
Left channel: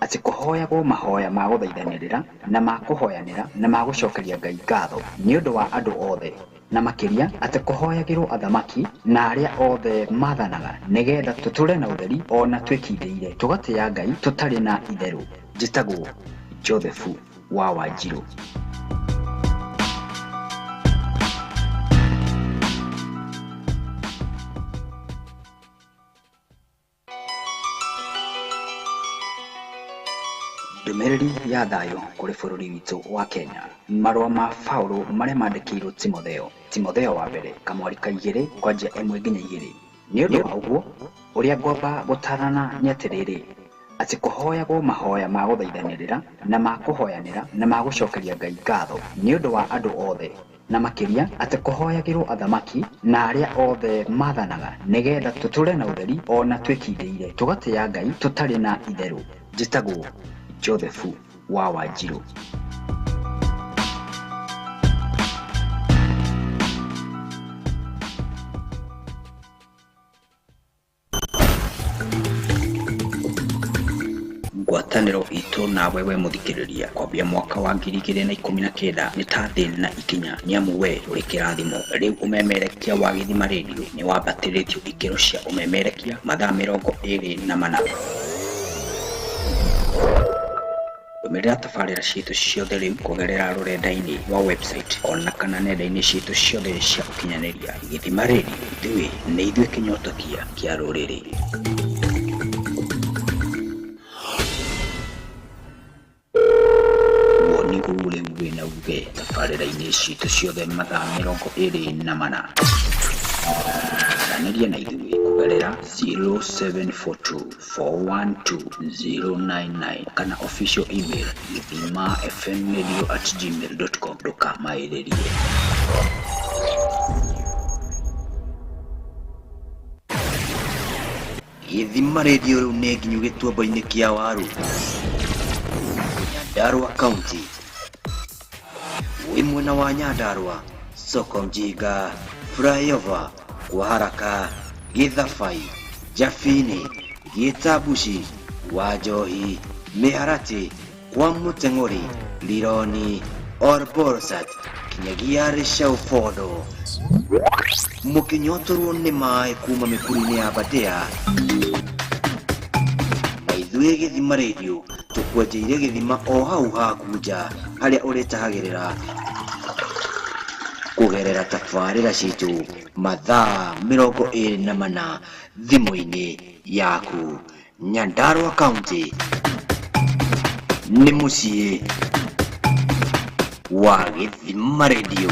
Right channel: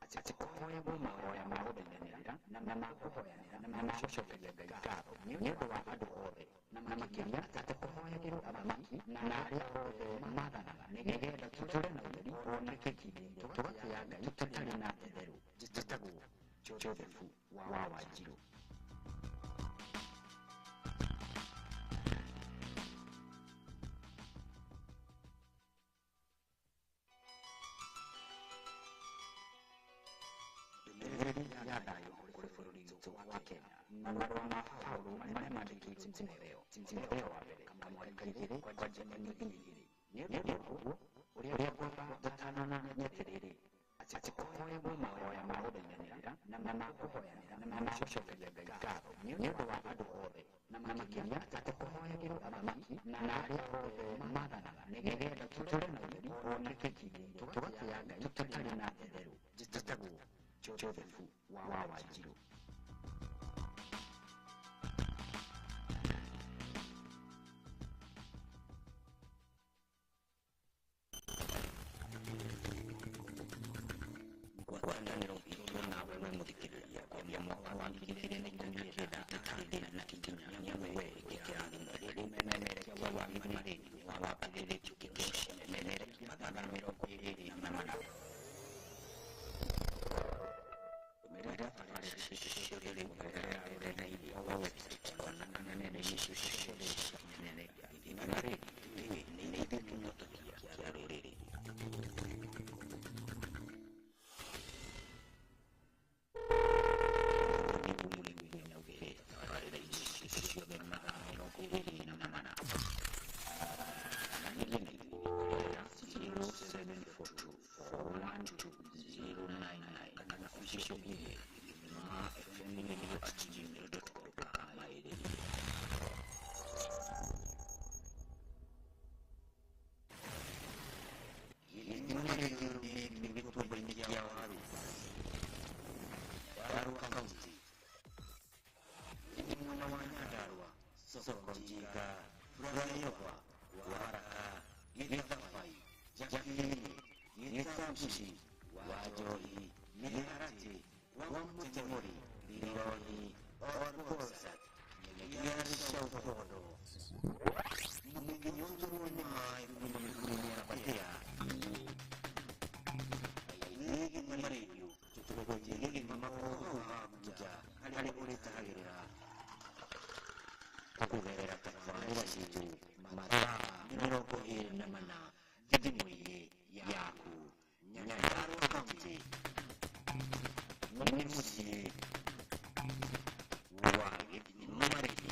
atĩ kũhoyagwo mahoya ma gũthaithanĩrĩra na ma kũhoyanĩra na ma gũcokeria Ngai ngatho nĩ ũndũ wa andũ othe, na makĩria atĩ kũhoyagĩrwo athamaki na arĩa othe maathanaga nĩgetha tũtũre na ũtheri ona twĩkindĩire tũgatĩĩa Ngai tũtarĩ na itherũ. Njĩtagwo Joseph wa Wanjirũ. Ndũmĩrĩri ya thayũ kũrĩ bũrũri witũ wa Kenya. Marũa ma Paulo marĩa mandĩkĩirwo Timotheo wa mbere kamwari ka 2 kwanja 1 nginya 2. Nĩ ũndũ wa ũguo ũrĩa ngwamba gũtarana nĩ atĩrĩrĩ atĩ kũhoyagwo mahoya ma gũthaithanĩrĩra na ma kũhoyanĩra na ma gũcokeria Ngai ngatho nĩ ũndũ wa andũ othe, na makĩria atĩ kũhoyagĩrwo athamaki na arĩa othe maathanaga nĩgetha tũtũre na ũtheri ona twĩkindĩire tũgatĩĩa Ngai tũtarĩ na itherũ. Njĩtagwo Joseph wa Wanjirũ. Ngwatanĩro itũ nawe we mũthikĩrĩria kwambia mwaka wa 2019 nĩ ta thĩ na ikinya, nĩ amu we ũrĩ kĩrathimo. Rĩu ũmemerekia wa Gĩthima Radio nĩ wambatĩrĩtio ikĩro cia ũmemerekia mathaa 24. Ndũmĩrĩra tabarĩra ciitũ ciothe rĩu kũgerera rũrenda-inĩ wa website ona kana nenda-inĩ ciitũ ciothe cia ũkinyanĩria. Gĩthima Radio, ithuĩ nĩ ithuĩ kĩnyotokia kĩa rũrĩrĩ. Woni ule wĩna uge tabarĩra-inĩ ciitũ ciothe mathaa 24. Aranĩria na ithuĩ kũgerera 0742412099 kana official email githimafmradio@gmail.com. ndũkamaĩrĩrie. Gĩthima Radio rĩu nĩ nginyu gĩtuamba-inĩ kĩa waru, Nyandarua County. Wĩ mwena wa Nyandarua, soko Mjinga, flyover kwa haraka, Githabai, Jafini, Gitabushi, Wajohi, Miharati, kwa Muteng'ori, Lironi, Orborsat, kinyagia Rishaufodo. Mũkĩnyotorwo nĩ maĩ kuma mĩkuru-inĩ ya Badea, na ithuĩ Gĩthima Radio tũkwenjeire gĩthima o hau haku nja harĩa ũrĩtahagĩrĩra kũgerera tabarĩra ciitũ mathaa 24 thimũ-inĩ yaku. Nyandarua County nĩ mũciĩ wa Gĩthima Radio.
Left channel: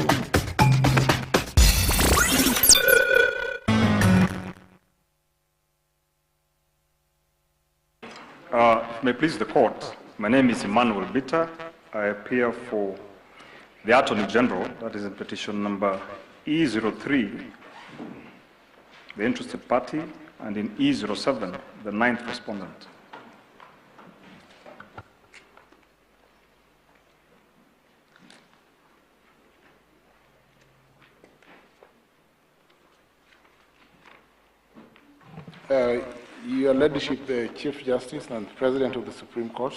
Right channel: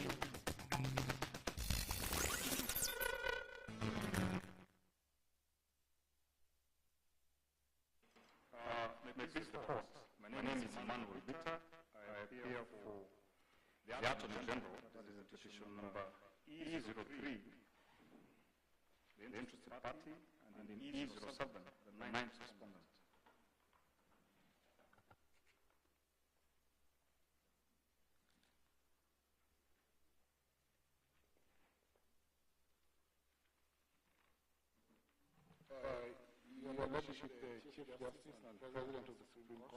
May it please the court, my name is Emmanuel Bitter. I appear for the Attorney General, that is in petition number E03, the interested party, and in E07, the 9th respondent. Your Ladyship, the Chief Justice and President of the Supreme Court,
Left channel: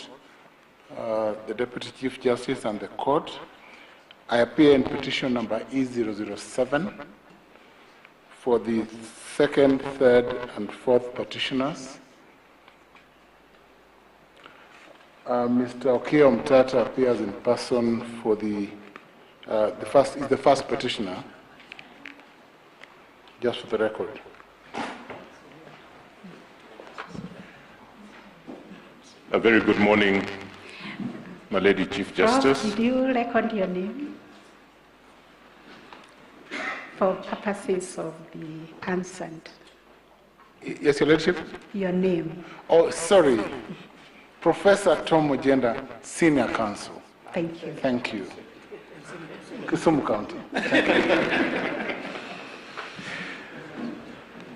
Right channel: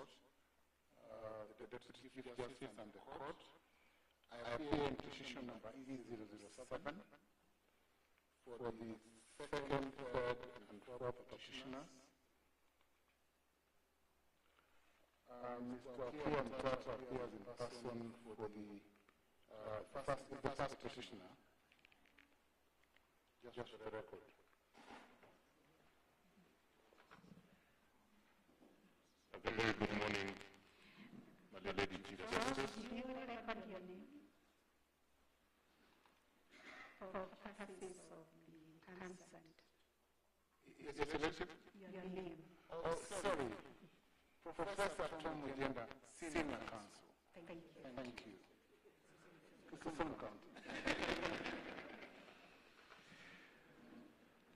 the Deputy Chief Justice and the Court, I appear in petition number E007 for the second, third, and fourth petitioners. Mr. Okiya Mtata appears in person for the first petitioner, just for the record. A very good morning, my Lady Chief Justice. Did you record your name for purposes of the consent? Yes, Your Ladyship? Your name. Oh, sorry. Professor Tom Ojenda, Senior Counsel. Thank you. Thank you. Kisumu County. Thank you.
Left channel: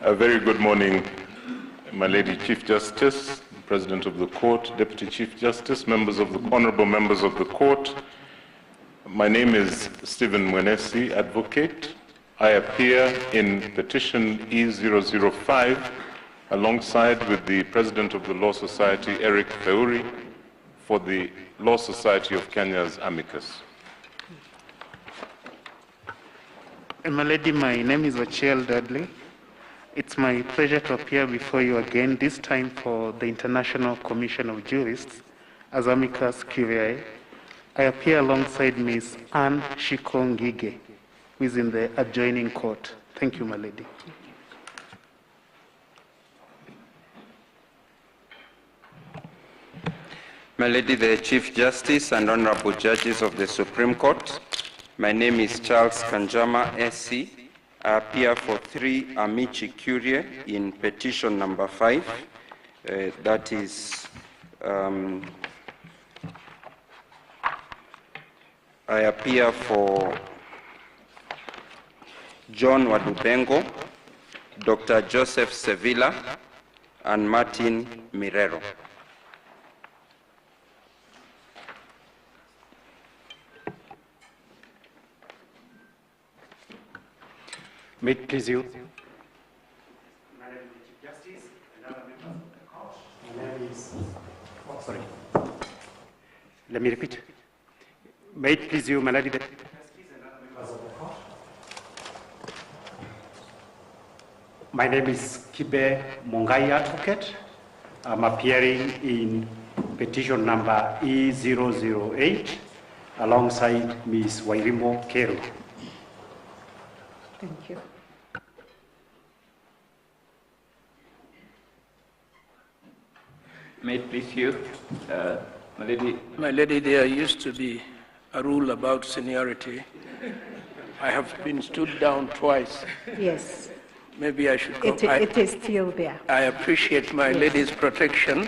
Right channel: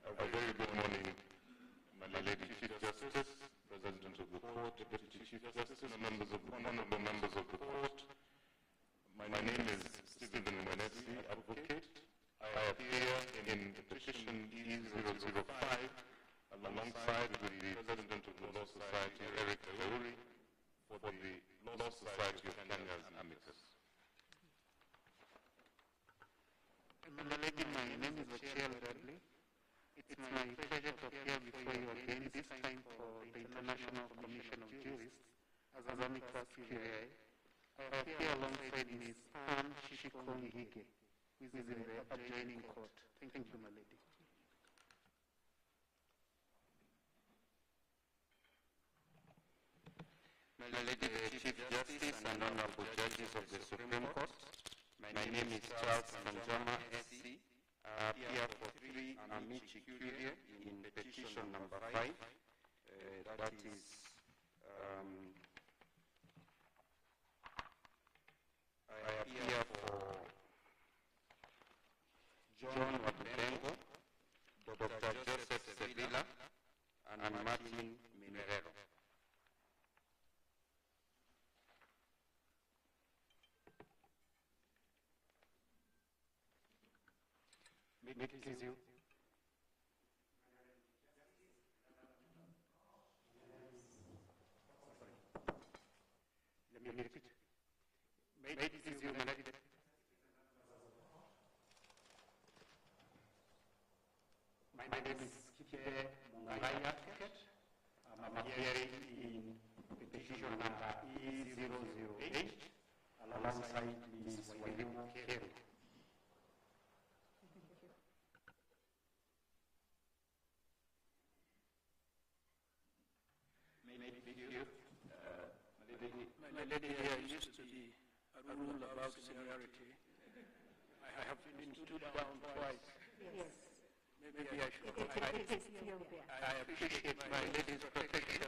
A very good morning, my Lady Chief Justice, President of the Court, Deputy Chief Justice, honorable members of the Court. My name is Stephen Mwenesi, Advocate. I appear in petition E005 alongside with the President of the Law Society, Eric Feuri, for the Law Society of Kenya's amicus. My lady, my name is Ochiel Dudley. It's my pleasure to appear before you again, this time for the International Commission of Jurists as amicus curiae. I appear alongside Ms. Anne Shikongige, who is in the adjoining court. Thank you, my lady. My lady, the Chief Justice and honorable judges of the Supreme Court, my name is Charles Kanjama, SC. I appear for 3 amici curiae in petition number 5. That is, I appear for John Wadubengo, Dr. Joseph Sevilla, and Martin Mirero. May it please you. Sorry. Let me repeat. May it please you, my lady. My name is Kibe Mongai Advocate. I'm appearing in petition number E008 alongside Ms. Wairimo Kero. Thank you. May it please you, my lady. My lady, there used to be a rule about seniority. I have been stood down twice. Yes. Maybe I should go. It is still there. I appreciate my lady's protection.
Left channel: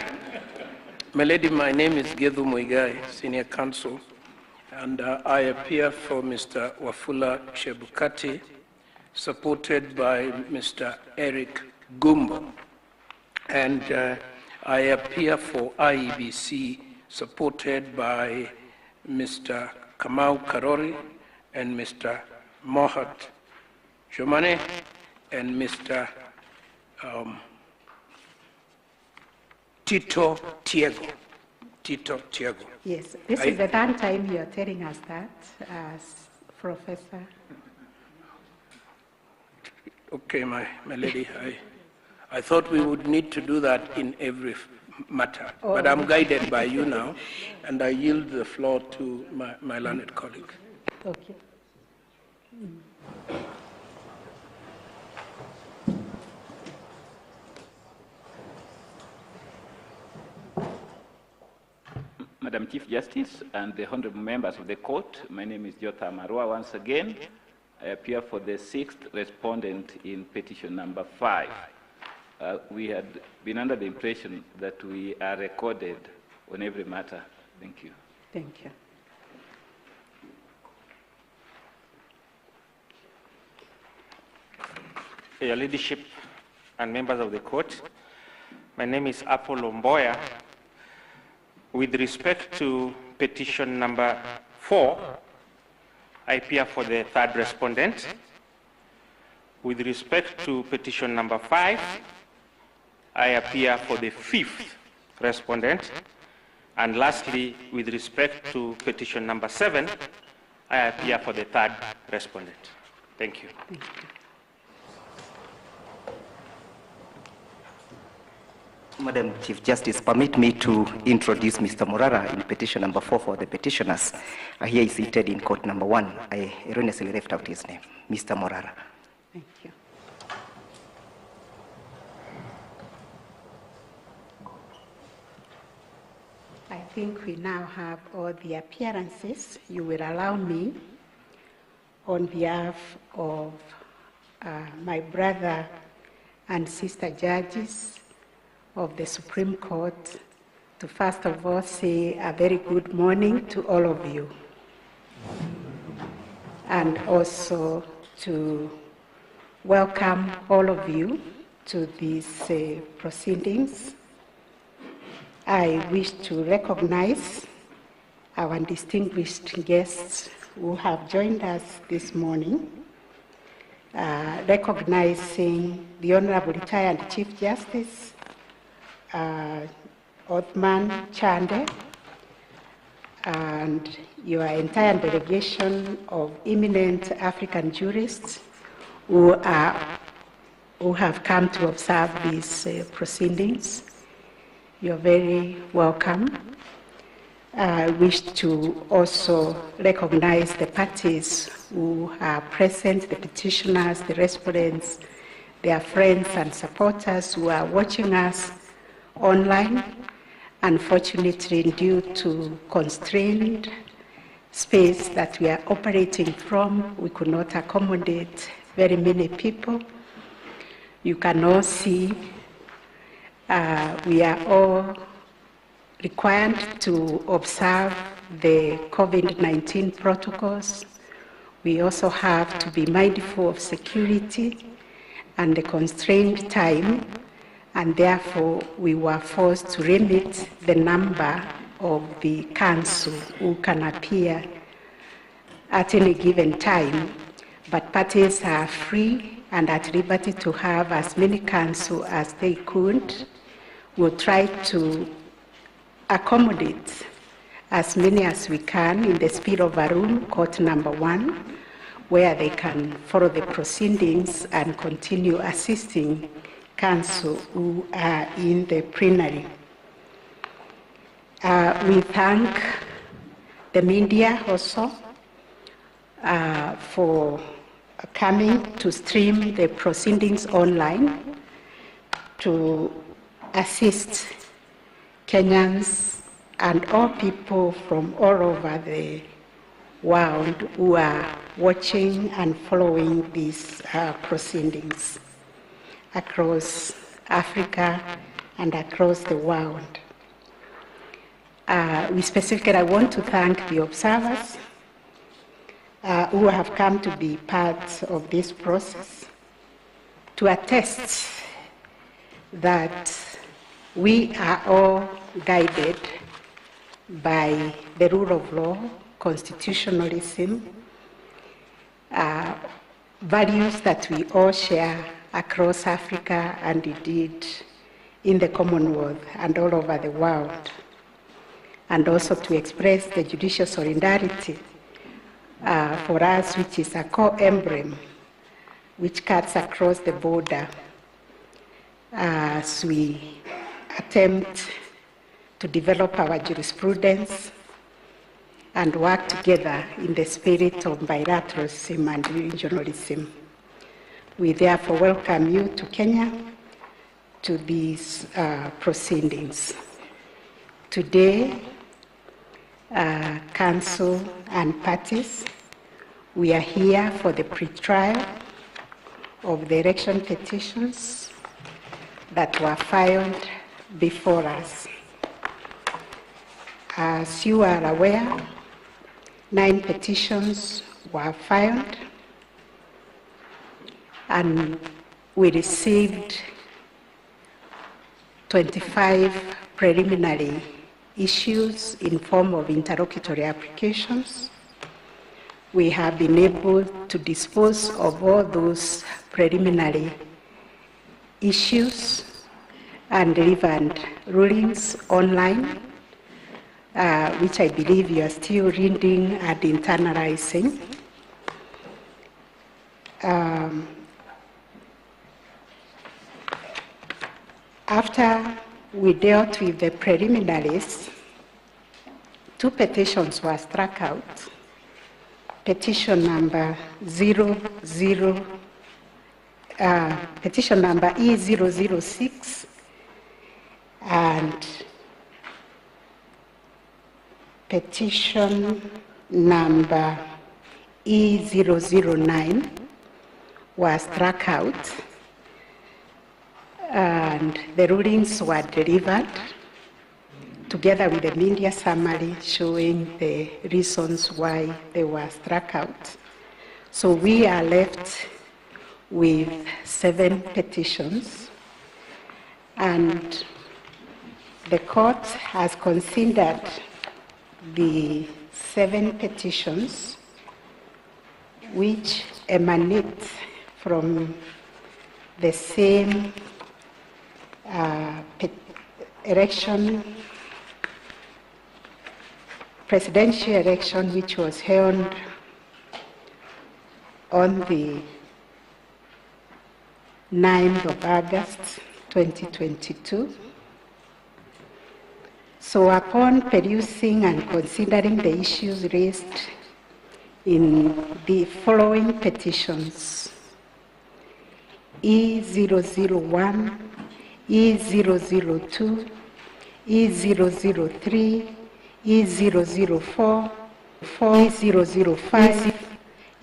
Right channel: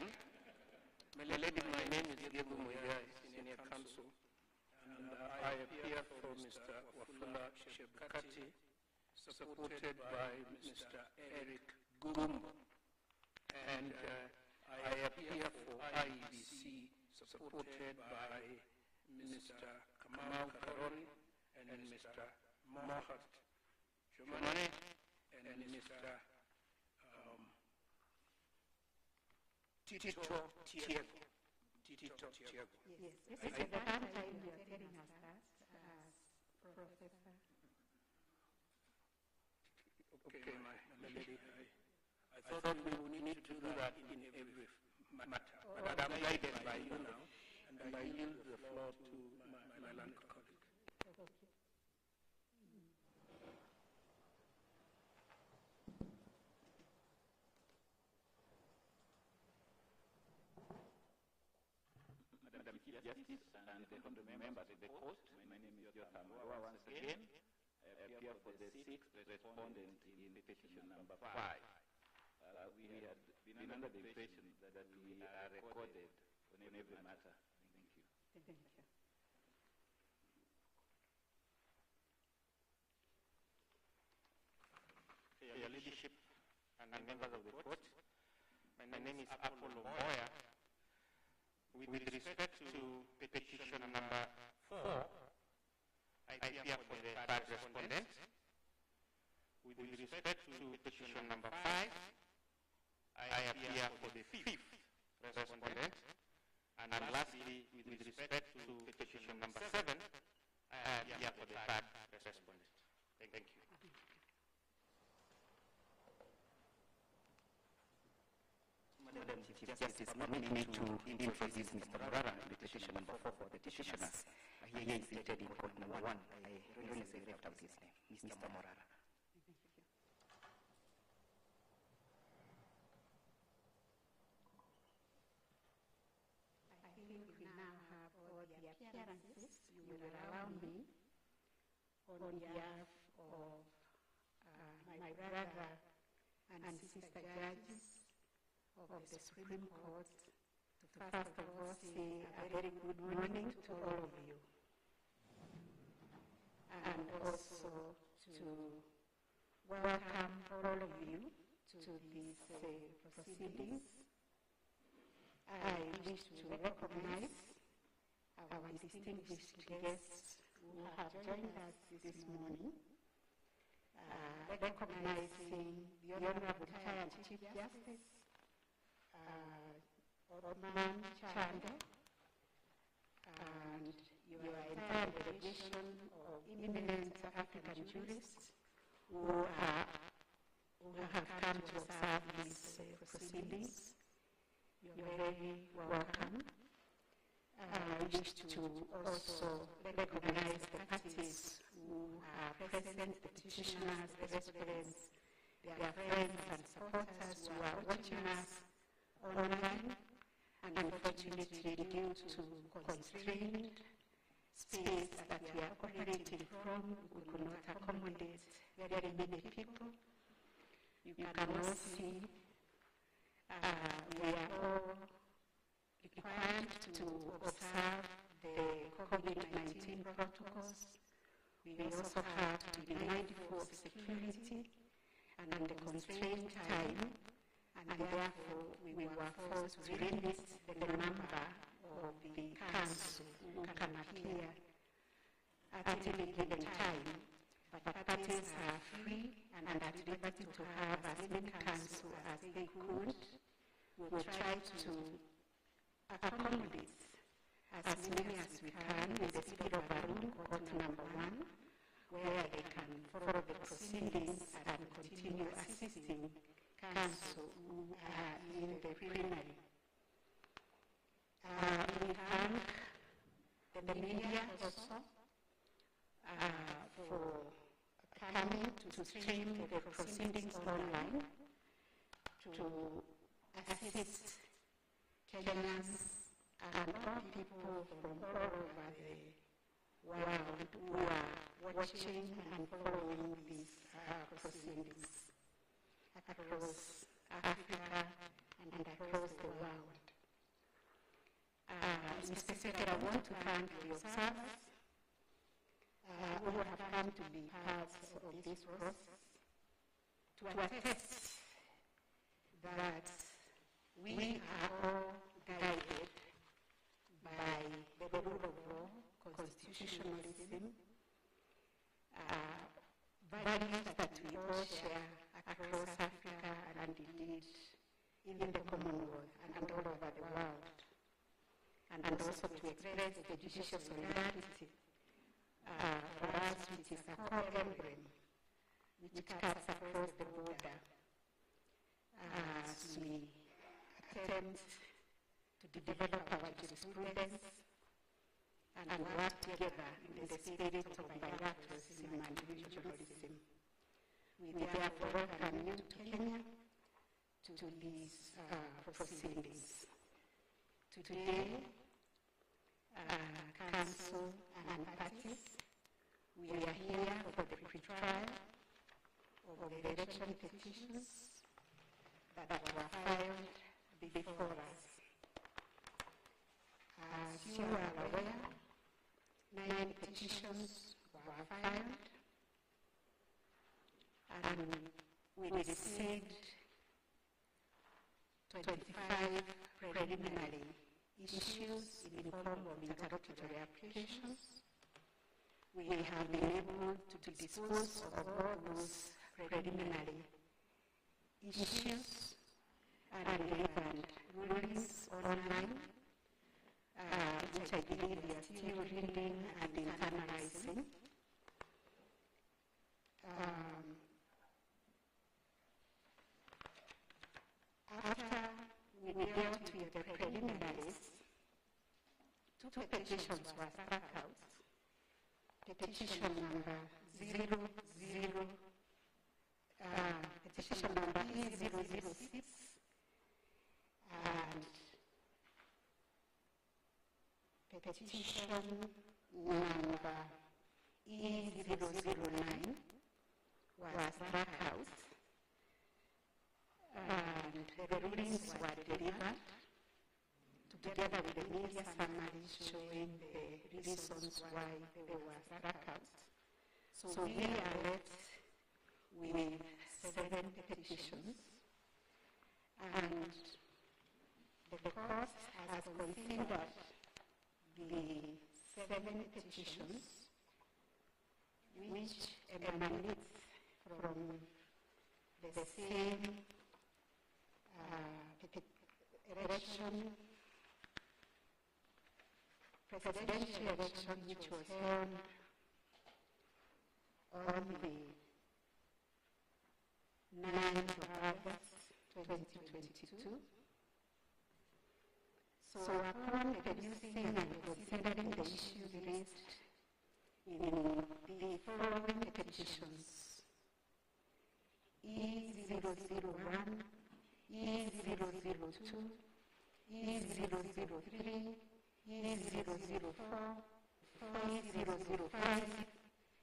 My lady, my name is Gedhu Muigai, Senior Counsel, and I appear for Mr. Wafula Chebukati, supported by Mr. Eric Gumbo. And I appear for IEBC, supported by Mr. Kamau Karori and Mr. Mohat Jomane and Mr. Tito Tiago. Tito Tiago. Yes, this is the third time you are telling us that as Professor. Okay, my lady, I thought we would need to do that in every matter, but I'm guided by you now, and I yield the floor to my learned colleague. Okay. Madam Chief Justice and the honorable members of the court, my name is Jota Marua once again. I appear for the 6th respondent in petition number 5. We had been under the impression that we are recorded on every matter. Thank you. Thank you. Your Ladyship and members of the court, my name is Apollo Mboya. With respect to petition number 4, I appear for the 3rd respondent. With respect to petition number 5, I appear for the 5th respondent. And lastly, with respect to petition number 7, I appear for the 3rd respondent. Thank you. Thank you. Madam Chief Justice, permit me to introduce Mr. Morara in petition number 4 for the petitioners. Here is seated in court number 1. I erroneously left out his name. Mr. Morara. Thank you. I think we now have all the appearances. You will allow me, on behalf of my brother and sister judges of the Supreme Court, to first of all say a very good morning to all of you, and also to welcome all of you to these proceedings I wish to recognize our distinguished guests who have joined us this morning, recognizing the Honorable Retired Chief Justice, Othman Chande, and your entire delegation of eminent African jurists who have come to observe these proceedings. You're very welcome. I wish to also recognize the parties who are present, the petitioners, the respondents, their friends and supporters who are watching us online. Unfortunately, due to constrained space that we are operating from, we could not accommodate very many people. You can all see we are all required to observe the COVID-19 protocols. We also have to be mindful of security and the constrained time, and therefore we were forced to limit the number of the council who can appear at any given time, but parties are free and at liberty to have as many council as they could. We'll try to accommodate as many as we can in the speed of a room, court number 1, where they can follow the proceedings and continue assisting counsel who are in the plenary. We thank the media also for coming to stream the proceedings online to assist Kenyans and all people from all over the world who are watching and following these proceedings across Africa and across the world. We specifically, I want to thank the observers who have come to be part of this process to attest that we are all guided by the rule of law, constitutionalism, values that we all share across Africa and indeed in the Commonwealth and all over the world, and also to express the judicial solidarity for us, which is a core emblem which cuts across the border as we attempt to develop our jurisprudence and work together in the spirit of bilateralism and regionalism. We therefore welcome you to Kenya to these proceedings. Today, council and parties, we are here for the pre-trial of the election petitions that were filed before us. As you are aware, 9 petitions were filed, and we received 25 preliminary issues in form of interlocutory applications. We have been able to dispose of all those preliminary issues and delivered rulings online, which I believe you are still reading and internalizing. After we dealt with the preliminaries, 2 petitions were struck out. Petition number petition number E006 and petition number E009 were struck out, and the rulings were delivered together with the media summary showing the reasons why they were struck out. So we are left with 7 petitions, and The court has considered the 7 petitions which emanate from the same presidential election, which was held on the 9th of August 2022. So upon perusing and considering the issues raised in the following petitions, E001, E002, E003, E004, E005,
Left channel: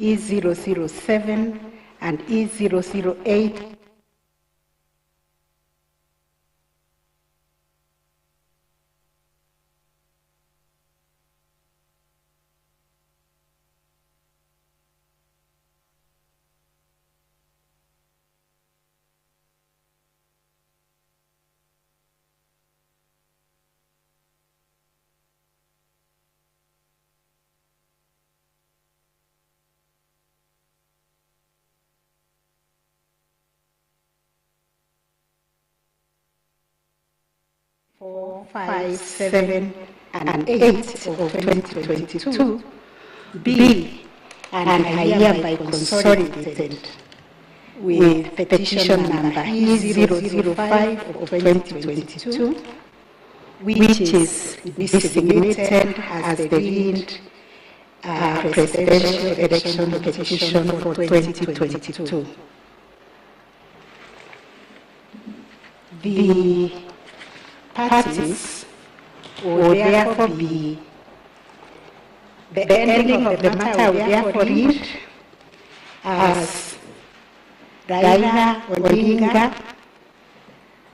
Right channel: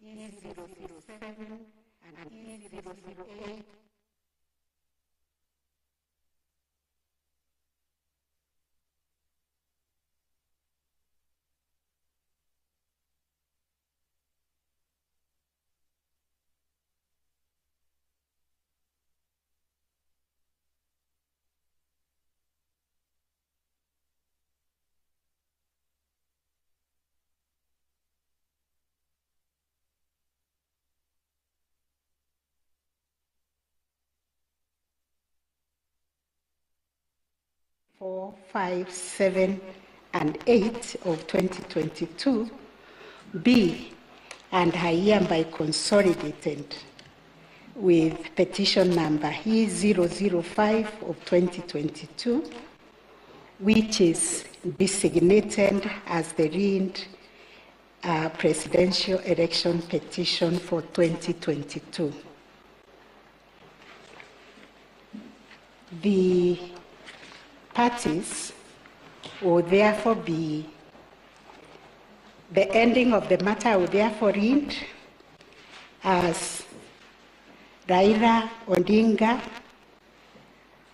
E007, and E008. Four, 5, 7, and 8 of 2022 be and are hereby consolidated with petition number E005 of 2022, which is designated as the lead presidential election petition for 2022. The parties will therefore be, the ending of the matter will therefore read as Raila Odinga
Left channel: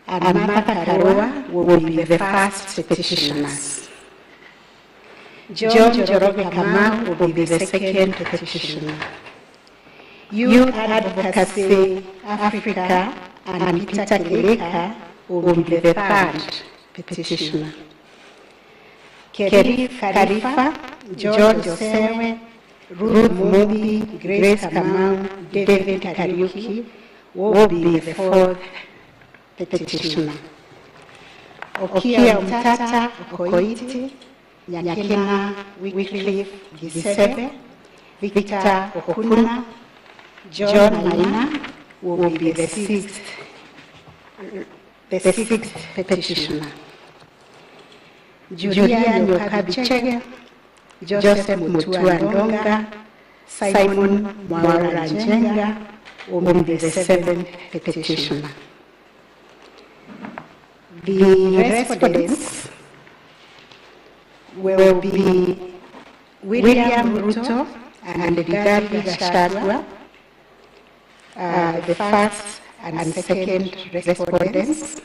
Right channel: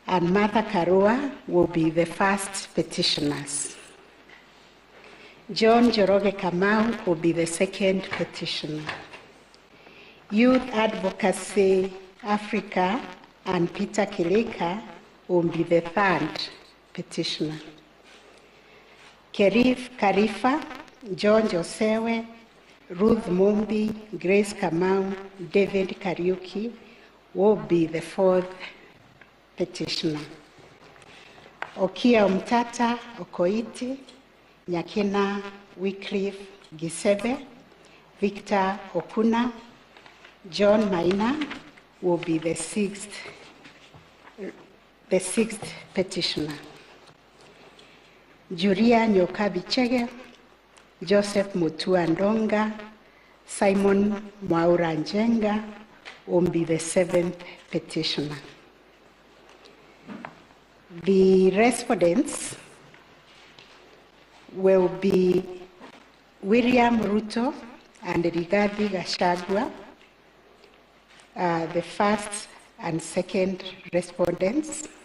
and Martha Karua will be the first petitioners. John Njoroge Kamau will be the second petitioner. Youth Advocacy Africa and Peter Kileka will be the third petitioner. Kerif Khalifa, George Osewe, Ruth Mumbi, Grace Kamau, David Kariuki will be the fourth petitioner. Okia Mtata Okoiti, Nyakena Wycliffe Gisebe, Victor Okuna, John Maina will be the sixth petitioner. Julia Nyokabichege, Joseph Mutua Ndonga, Simon Mwaura Njenga will be the seventh petitioner. The respondents will be William Ruto and Rigathi Gachagua, the first and second respondents.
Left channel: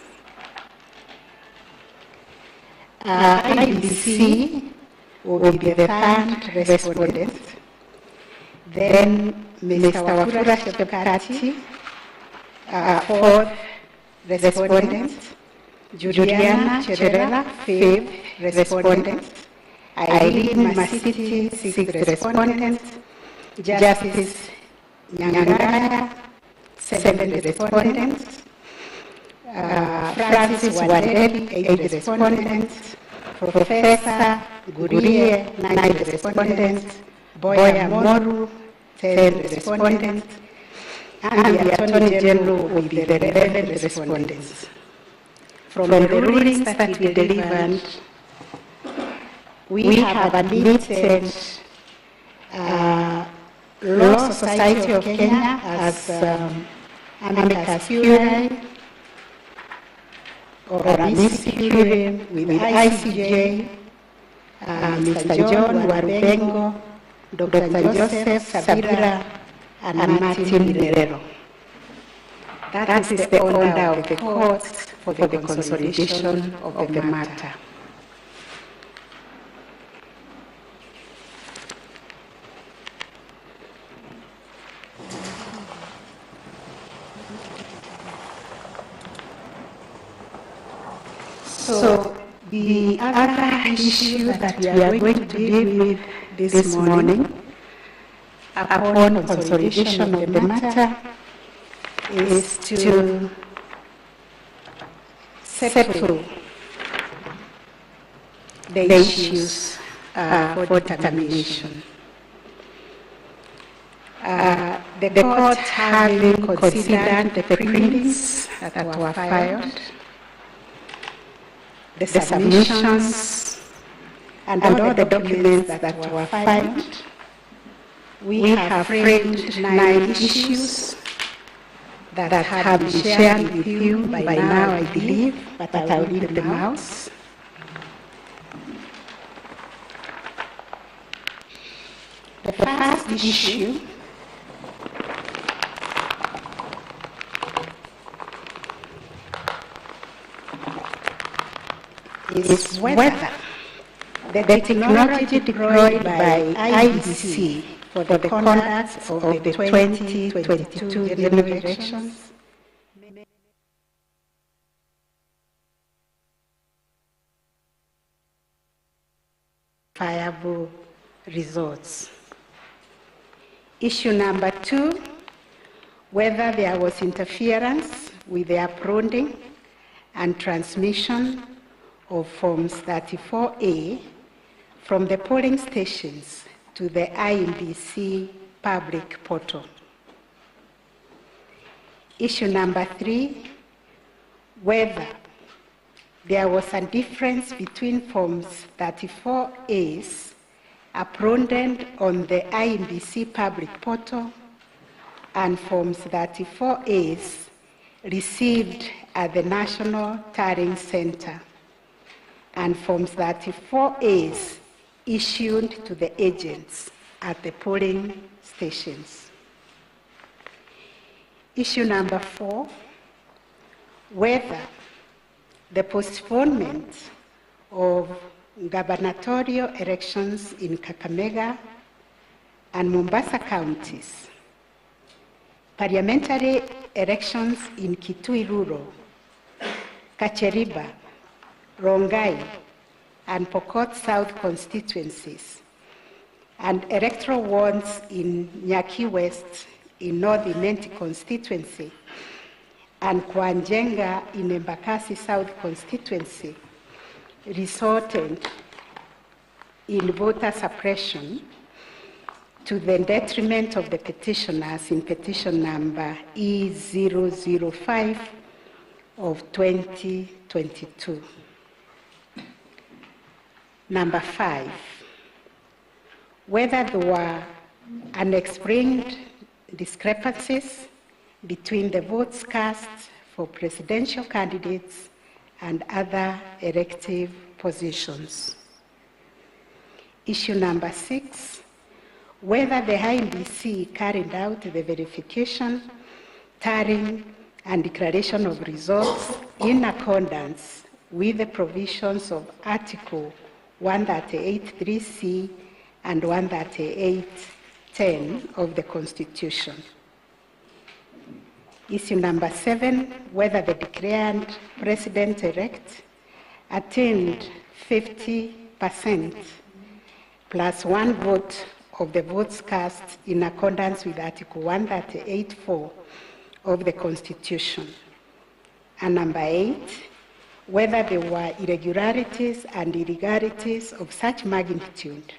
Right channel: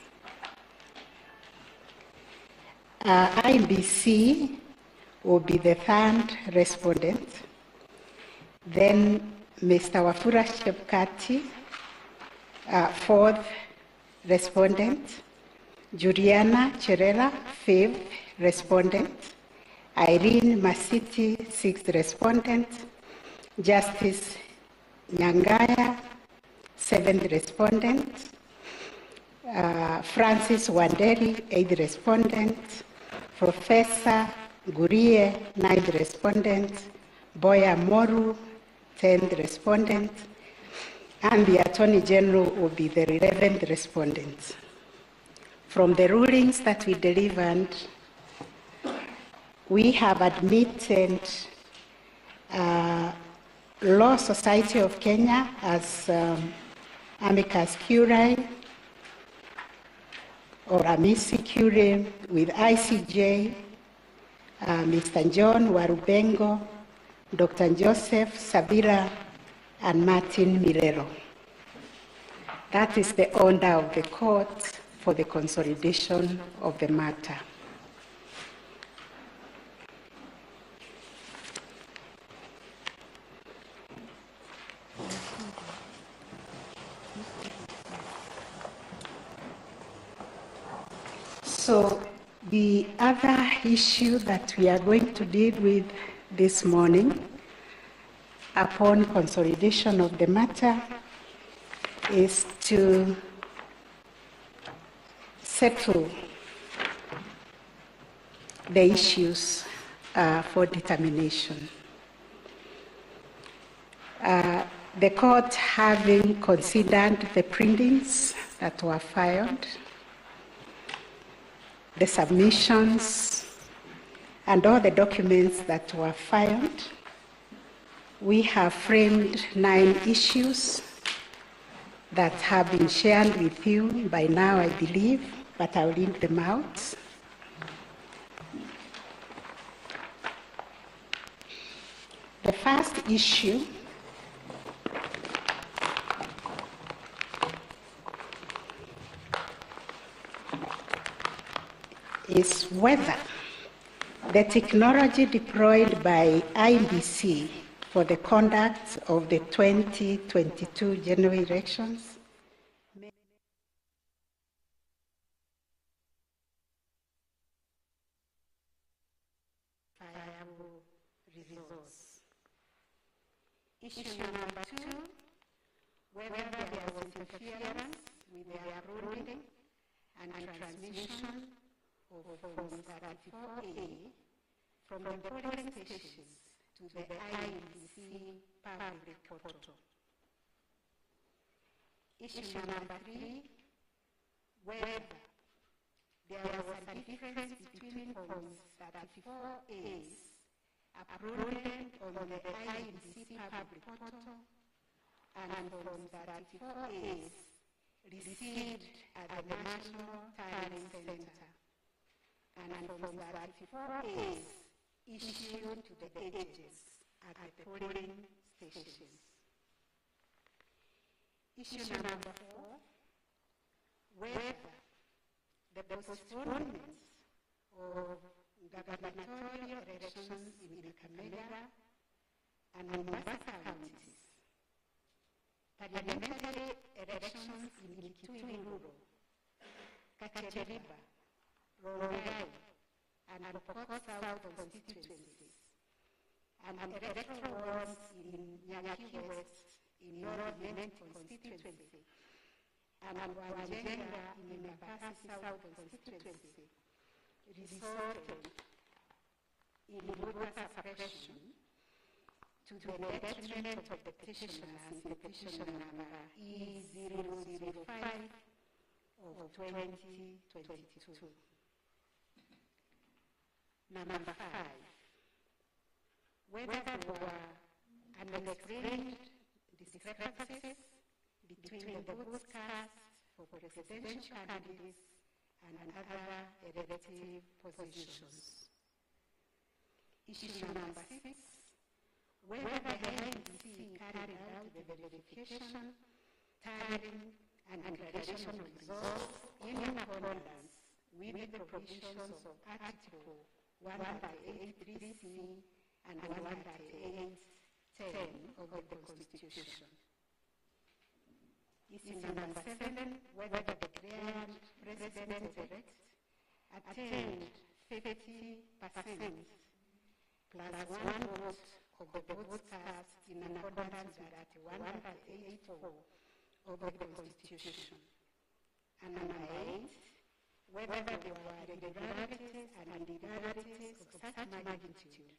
IBC will be the third respondent. Then Mr. Wafula Chebukati, fourth respondent. Juliana Cherera, fifth respondent. Irene Masiti, sixth respondent. Justice Nyangara, seventh respondent. Francis Waderi, eighth respondent. Professor Gurie, ninth respondent. Boya Moru, 10th respondent. And the Attorney General will be the 11th respondent. From the rulings that we delivered, we have admitted Law Society of Kenya as amicus curiae or amici curiae with ICJ, Mr. John Warbengo, Dr. Joseph Sabira, and Martin Milero. That is the order of the court for the consolidation of the matter. So, The other issue that we are going to deal with this morning, upon consolidation of the matter, is to settle the issues for determination. The court, having considered the pleadings that were filed, the submissions, and all the documents that were filed, we have framed 9 issues that have been shared with you by now, I believe, but I will read them out. The first issue is whether the technology deployed by IBC for the conduct of the 2022 general elections viable results. Issue number 2, whether there was interference with the uploading and transmission of Forms 34A from the polling stations to the INBC public portal. Issue number 3, whether there was a difference between Forms 34As uploaded on the INBC public portal and Forms 34As received at the National Tallying Center, and Forms 34As issued to the agents at the polling stations. Issue number 4, whether the postponement of gubernatorial elections in Kakamega and Mombasa counties, parliamentary elections in Kitui Rural, Kacheriba, Rongai, and Pokot South constituencies, and electoral wards in Nyaki West in North Imenti constituency, and Kwanjenga in Embakasi South constituency, resulted in voter suppression to the detriment of the petitioners in petition number E005 of 2022. Number 5, whether there were unexplained discrepancies between the votes cast for presidential candidates and other elective positions. Issue number 6, whether the INBC carried out the verification, tallying, and declaration of results in accordance with the provisions of Article 138(3)(c) and 138(10) of the Constitution. Issue number 7, whether the declared president-elect attained 50% plus 1 vote of the votes cast in accordance with Article 138(4) of the Constitution. And number 8, whether there were irregularities and illegalities of such magnitude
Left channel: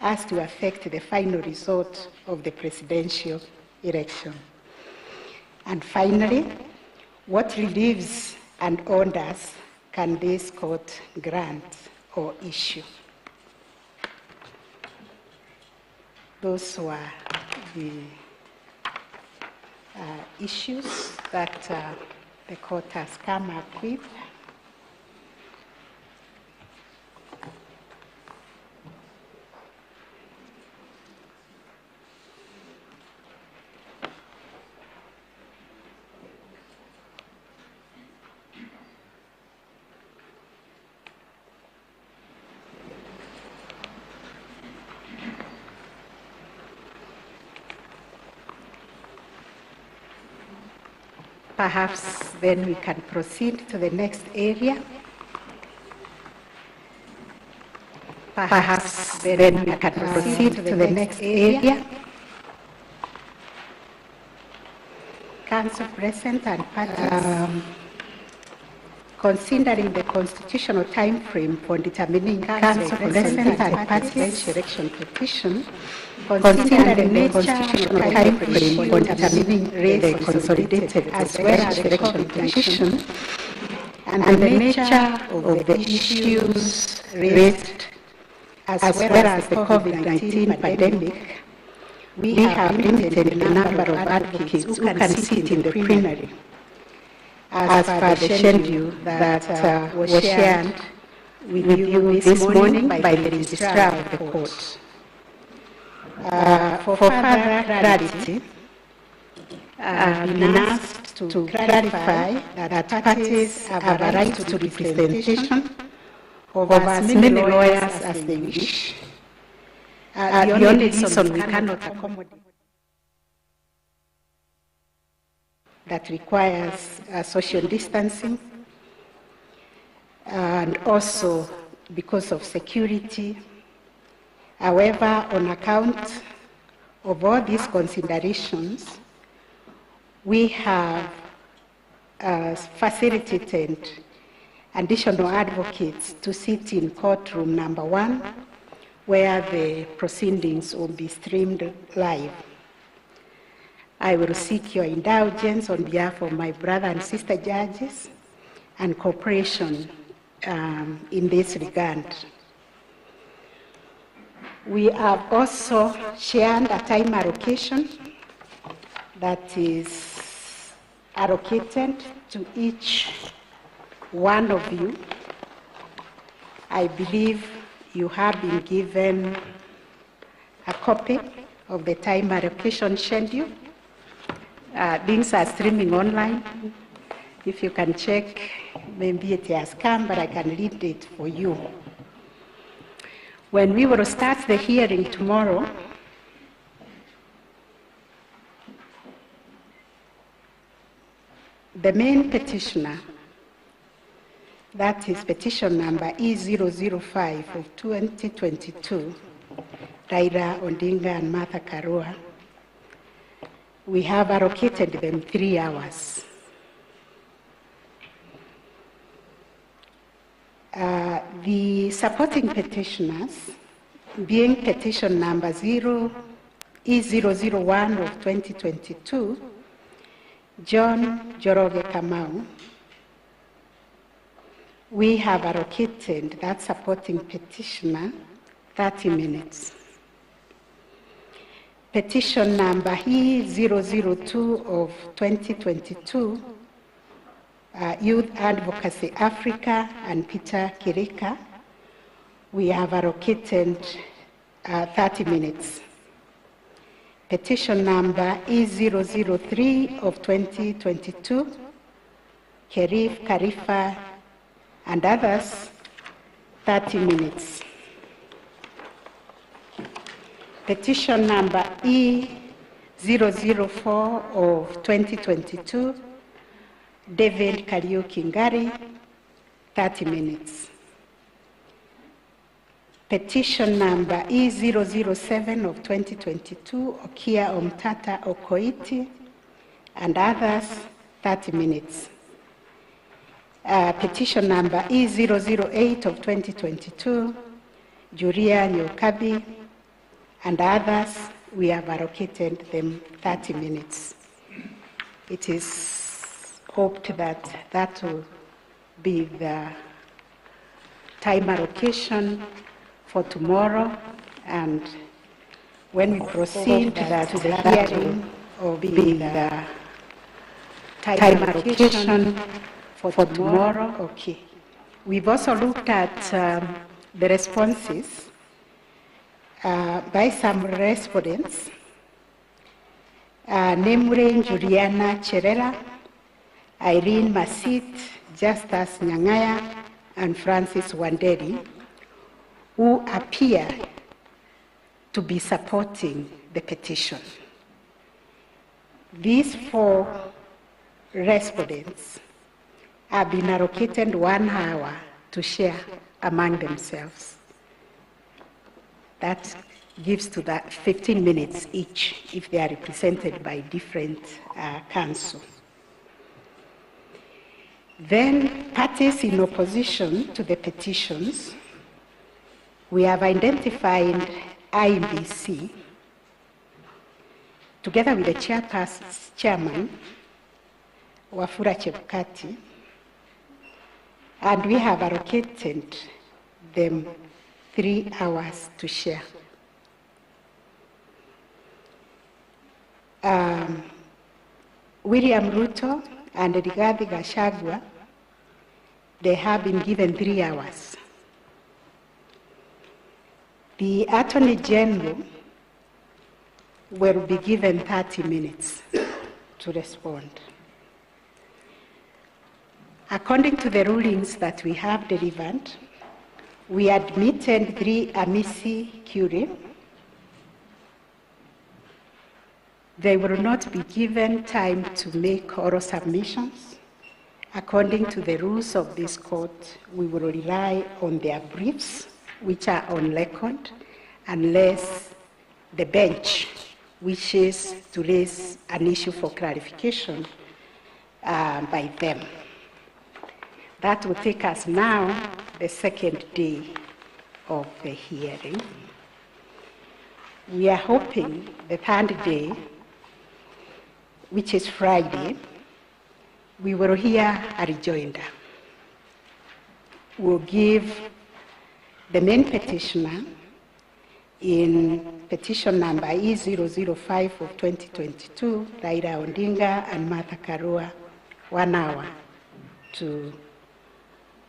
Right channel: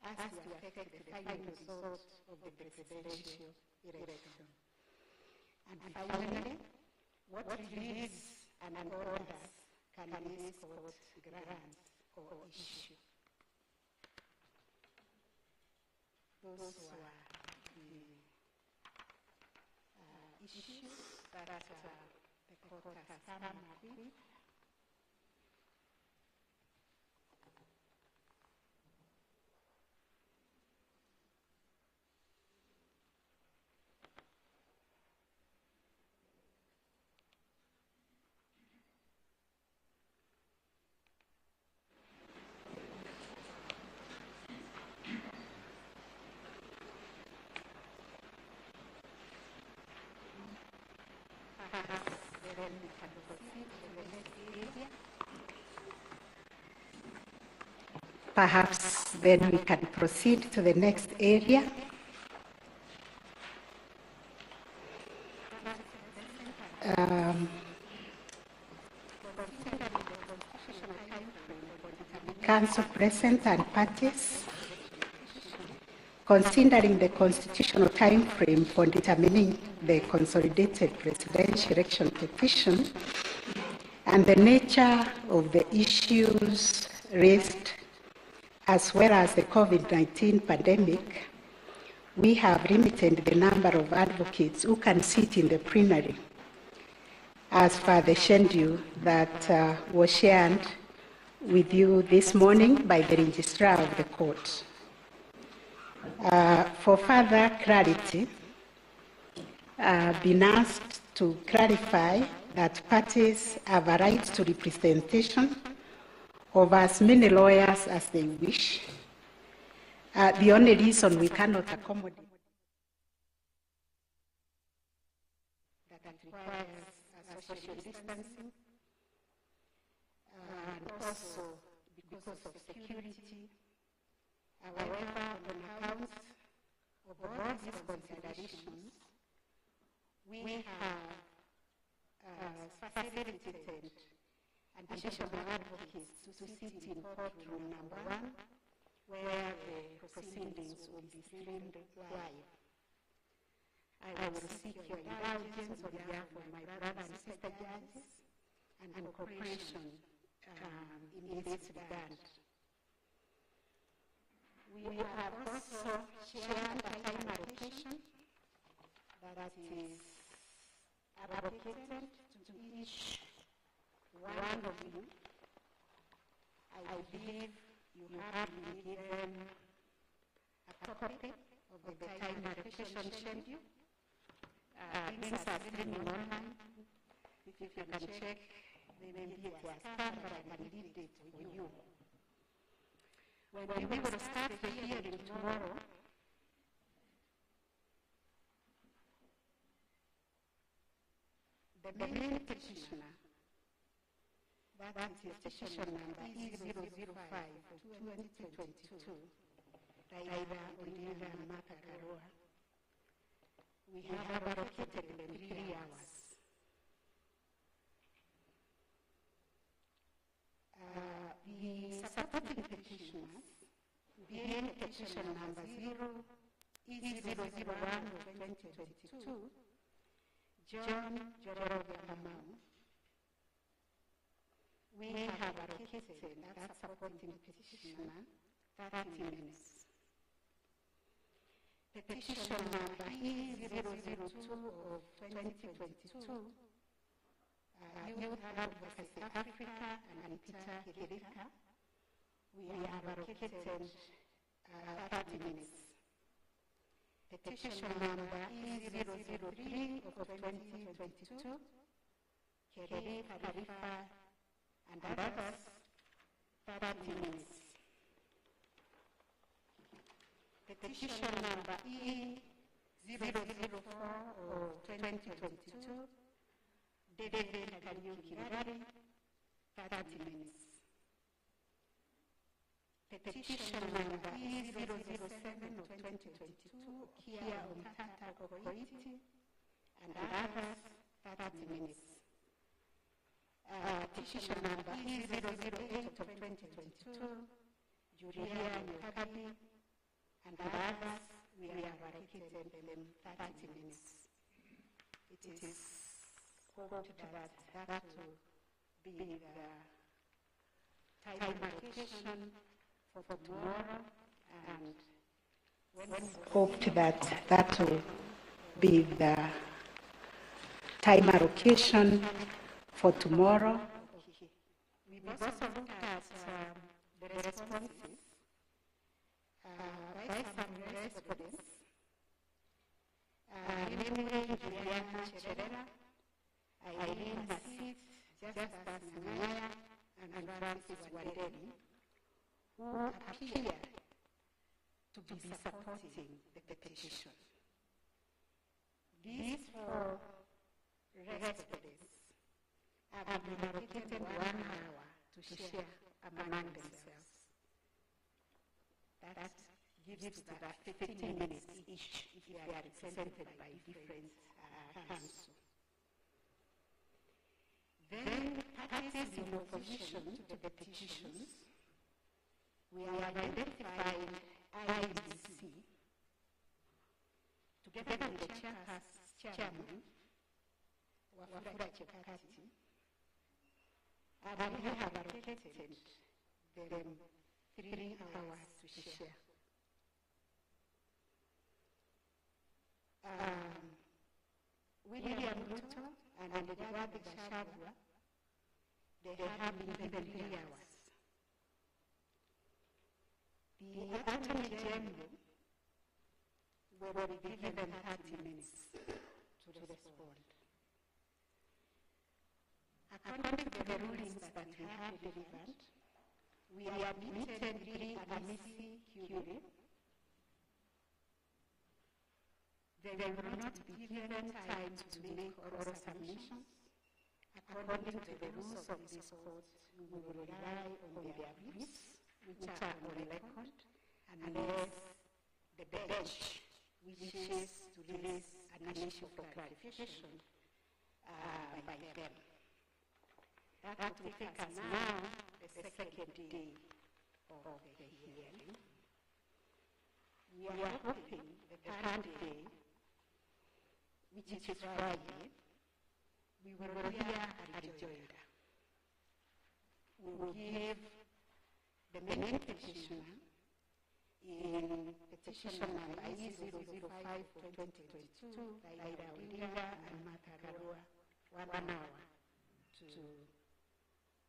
as to affect the final result of the presidential election. And finally, what reliefs and orders can this court grant or issue? Those were the issues that the court has come up with. Perhaps then we can proceed to the next area. Perhaps then we can proceed to the next area. Council President and parties, considering the constitutional time frame for determining Council President and parties election petition, considering the constitutional time frame for determining the consolidated as well as election petition, and the nature of the issues raised as well as the COVID-19 pandemic, we have limited the number of advocates who can sit in the plenary as per the schedule that was shared with you this morning by the registrar of the court. For further clarity, I've been asked to clarify that parties have a right to representation of as many lawyers as they wish. The only reason we cannot accommodate that requires social distancing, and also because of security. However, on account of all these considerations, we have facilitated additional advocates to sit in courtroom number 1, where the proceedings will be streamed live. I will seek your indulgence on behalf of my brother and sister judges and cooperation in this regard. We have also shared a time allocation that is allocated to each one of you. I believe you have been given a copy of the time allocation schedule. Things are streaming online. If you can check, maybe it has come, but I can read it for you. When we will start the hearing tomorrow, the main petitioner, that is petition number E005 of 2022, Raila Odinga and Martha Karua, we have allocated them 3 hours. The supporting petitioners, being petition number E001 of 2022, John Joroge Kamau, we have allocated that supporting petitioner 30 minutes. Petition number E002 of 2022, Youth Advocacy Africa and Peter Kirika, we have allocated 30 minutes. Petition number E003 of 2022, Kerif Karifa and others, 30 minutes. Petition number E004 of 2022, David Kariuki Ngari, 30 minutes. Petition number E007 of 2022, Okia Omtata Okoiti and others, 30 minutes. Petition number E008 of 2022, Julia Nyokabi and others, we have allocated them 30 minutes. It is hoped that that will be the time allocation for tomorrow, and when we proceed to the hearing will be the time allocation for tomorrow. Okay. We've also looked at the responses by some respondents, namely Juliana Cherela, Irene Masit, Justus Nyangaya, and Francis Wanderi, who appear to be supporting the petition. These 4 respondents have been allocated 1 hour to share among themselves. That gives to that 15 minutes each if they are represented by different council. Then parties in opposition to the petitions, we have identified IBC together with the chairman, Wafula Chebukati, and we have allocated them 3 hours to share. William Ruto and Rigathi Gachagua, they have been given 3 hours. The Attorney General will be given 30 minutes to respond. According to the rulings that we have delivered, we admitted 3 amici curiae. They will not be given time to make oral submissions. According to the rules of this court, we will rely on their briefs, which are on record, unless the bench wishes to raise an issue for clarification by them. That will take us now, the second day of the hearing. We are hoping the third day, which is Friday, we will hear a rejoinder. We'll give the main petitioner in petition number E005 of 2022, Raila Odinga and Martha Karua, 1 hour to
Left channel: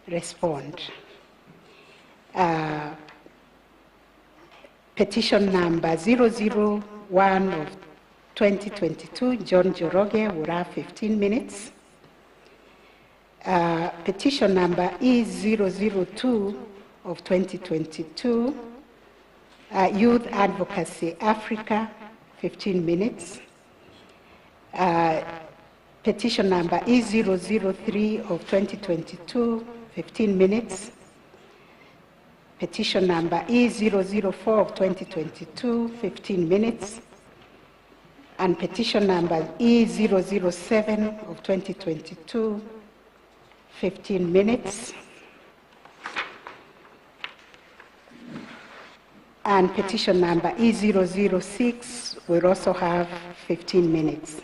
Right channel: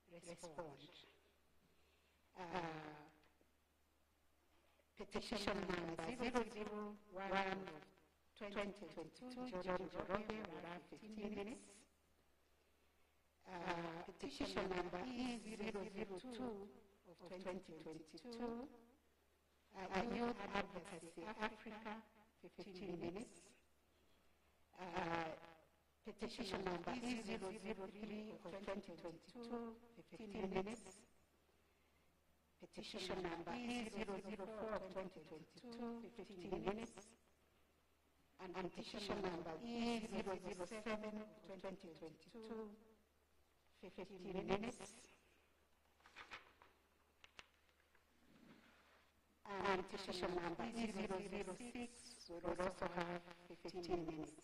respond. Petition number 001 of 2022, John Joroge will have 15 minutes. Petition number E002 of 2022, Youth Advocacy Africa, 15 minutes. Petition number E003 of 2022, 15 minutes. Petition number E004 of 2022, 15 minutes. And petition number E007 of 2022, 15 minutes. And petition number E006 will also have 15 minutes.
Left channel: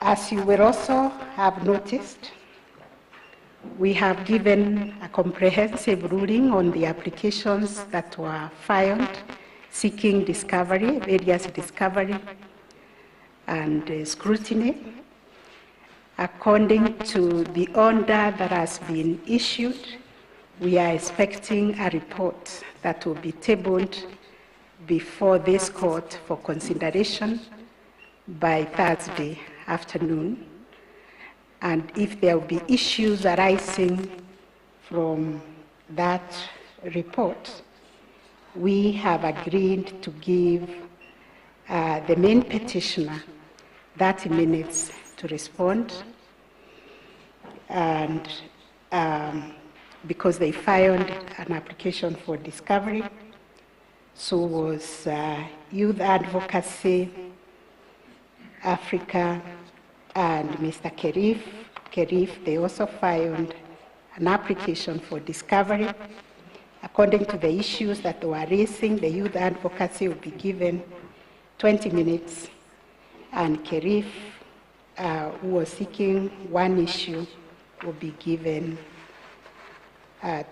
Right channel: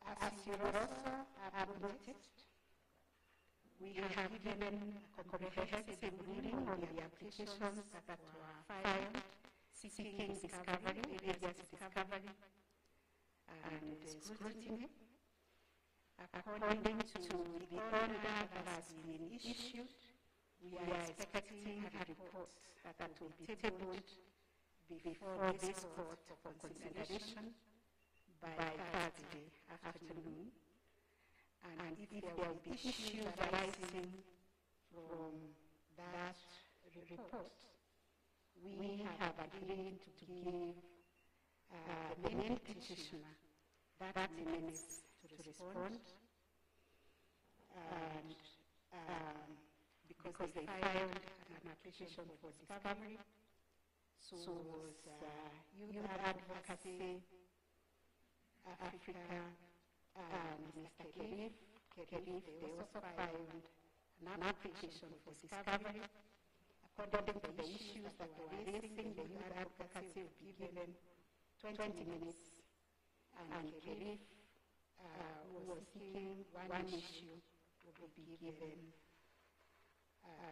As you will also have noticed, we have given a comprehensive ruling on the applications that were filed seeking discovery, various discovery and scrutiny. According to the order that has been issued, we are expecting a report that will be tabled before this court for consideration by Thursday afternoon. And if there will be issues arising from that report, we have agreed to give the main petitioner 30 minutes to respond. And because they filed an application for discovery, so was Youth Advocacy Africa and Mr. Kerif, they also filed an application for discovery. According to the issues that they were raising, the Youth Advocacy will be given 20 minutes, and Kerif, who was seeking one issue, will be given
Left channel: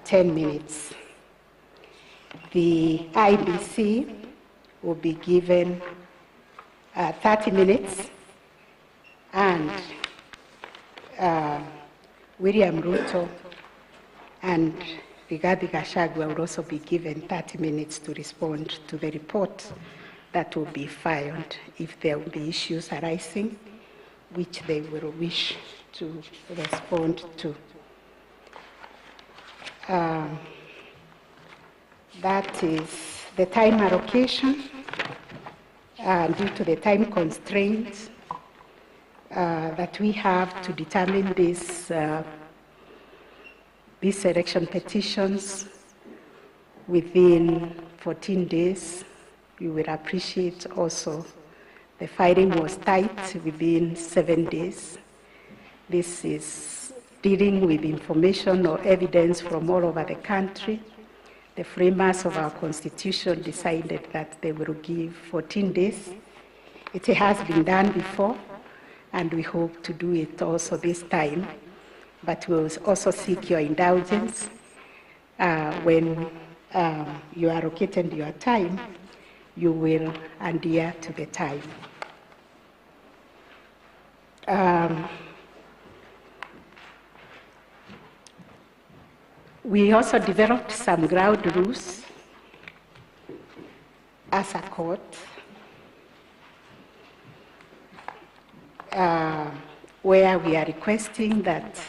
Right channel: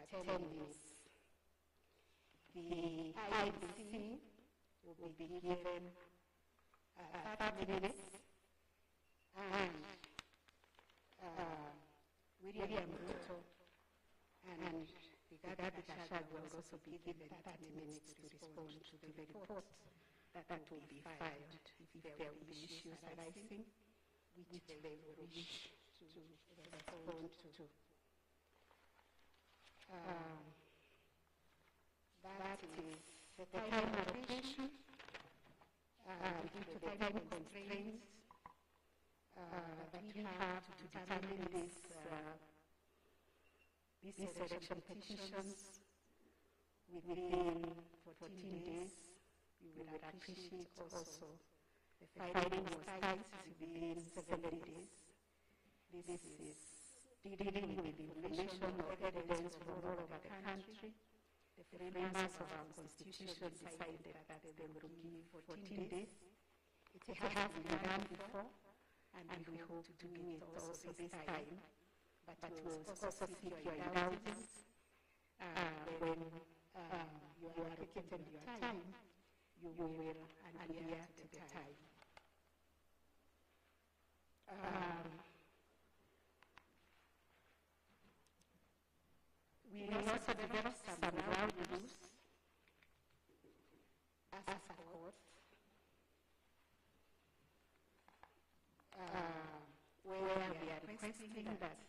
10 minutes. The IBC will be given 30 minutes, and William Ruto and Rigathi Gachagua will also be given 30 minutes to respond to the report that will be filed if there will be issues arising, which they will wish to respond to. That is the time allocation. Due to the time constraints that we have to determine these election petitions, within 14 days. You will appreciate also the filing was tight within 7 days. This is dealing with information or evidence from all over the country. The framers of our Constitution decided that they will give 14 days. It has been done before, and we hope to do it also this time. But we'll also seek your indulgence when you are allocated your time, you will adhere to the time. We also developed some ground rules as a court where we are requesting that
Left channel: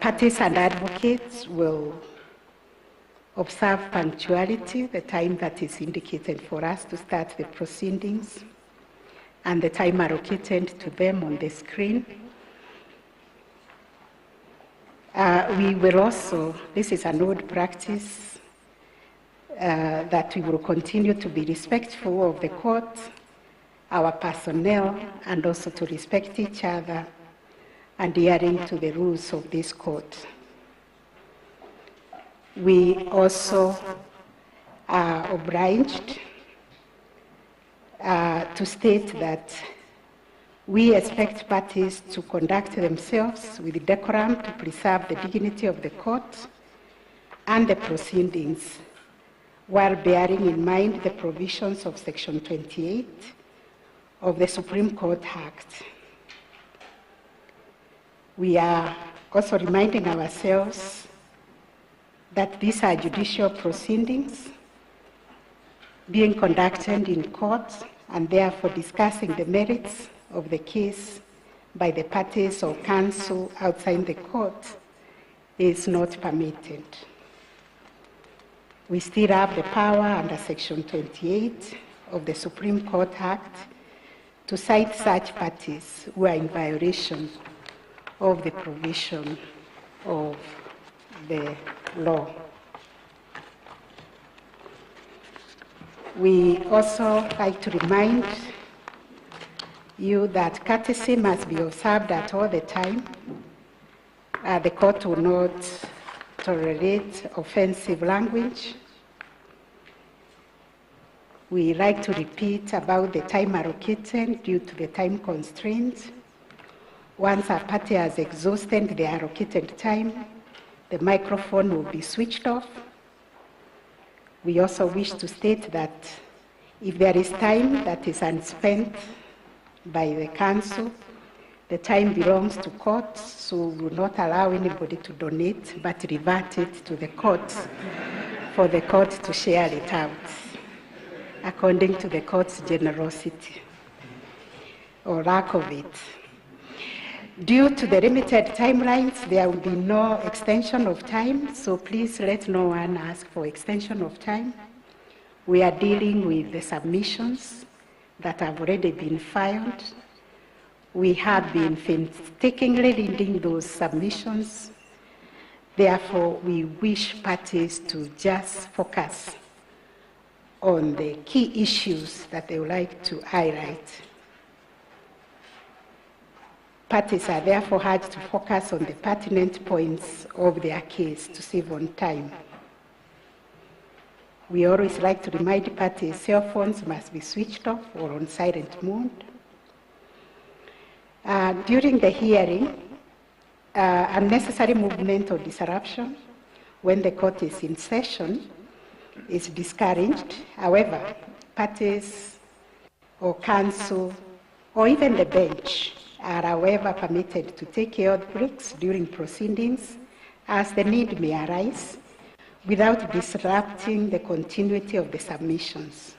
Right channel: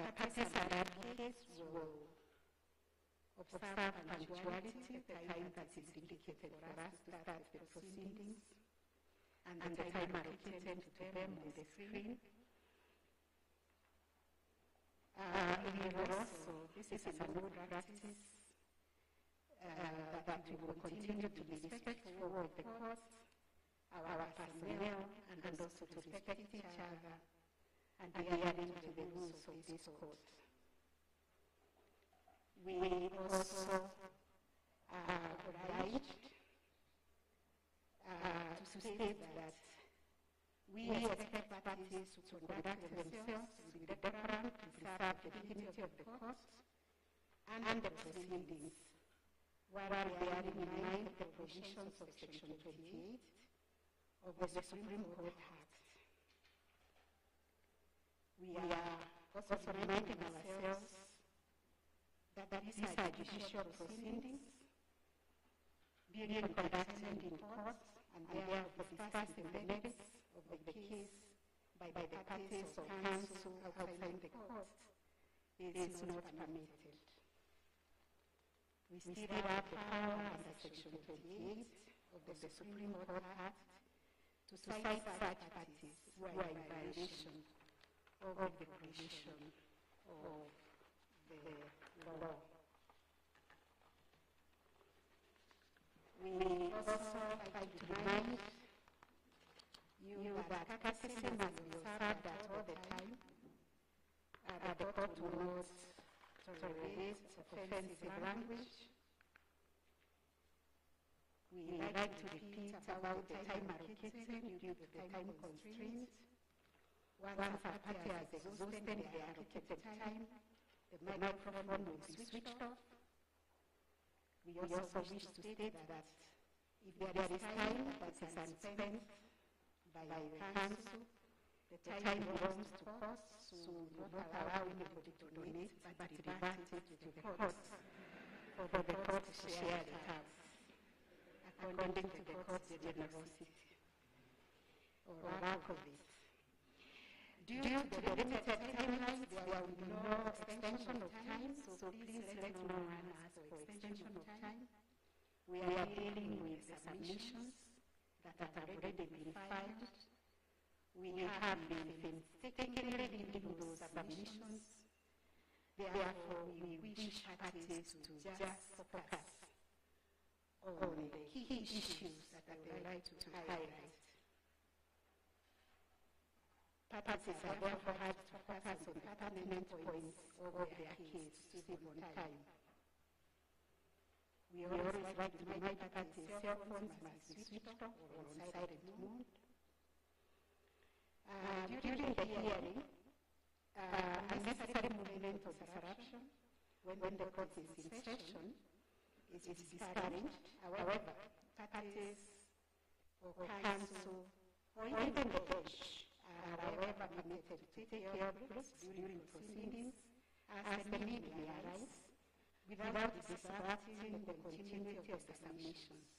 parties and advocates will observe punctuality, the time that is indicated for us to start the proceedings, and the time allocated to them on the screen. We will also, this is an old practice, that we will continue to be respectful of the court, our personnel, and also to respect each other, adhering to the rules of this court. We also are obliged to state that we expect parties to conduct themselves with decorum to preserve the dignity of the court and the proceedings, while bearing in mind the provisions of Section 28 of the Supreme Court Act. We are also reminding ourselves that these are judicial proceedings being conducted in court, and therefore discussing the merits of the case by the parties or counsel outside the court is not permitted. We still have the power under Section 28 of the Supreme Court Act to cite such parties who are in violation of the provision of the law. We also like to remind you that courtesy must be observed at all the time. The court will not tolerate offensive language. We like to repeat about the time allocated due to the time constraints. Once a party has exhausted the allocated time, the microphone will be switched off. We also wish to state that if there is time that is unspent by the council, the time belongs to court, so we will not allow anybody to donate, but revert it to the court for the court to share it out according to the court's generosity or lack of it. Due to the limited timelines, there will be no extension of time, so please let no one ask for extension of time. We are dealing with the submissions that have already been filed. We have been painstakingly reading those submissions. Therefore, we wish parties to just focus on the key issues that they would like to highlight. Parties are therefore urged to focus on the pertinent points of their case to save on time. We always like to remind parties cell phones must be switched off or on silent mode. During the hearing, unnecessary movement or disruption when the court is in session is discouraged. However, parties or counsel or even the bench are however permitted to take care of breaks during proceedings as the need may arise without disrupting the continuity of the submissions.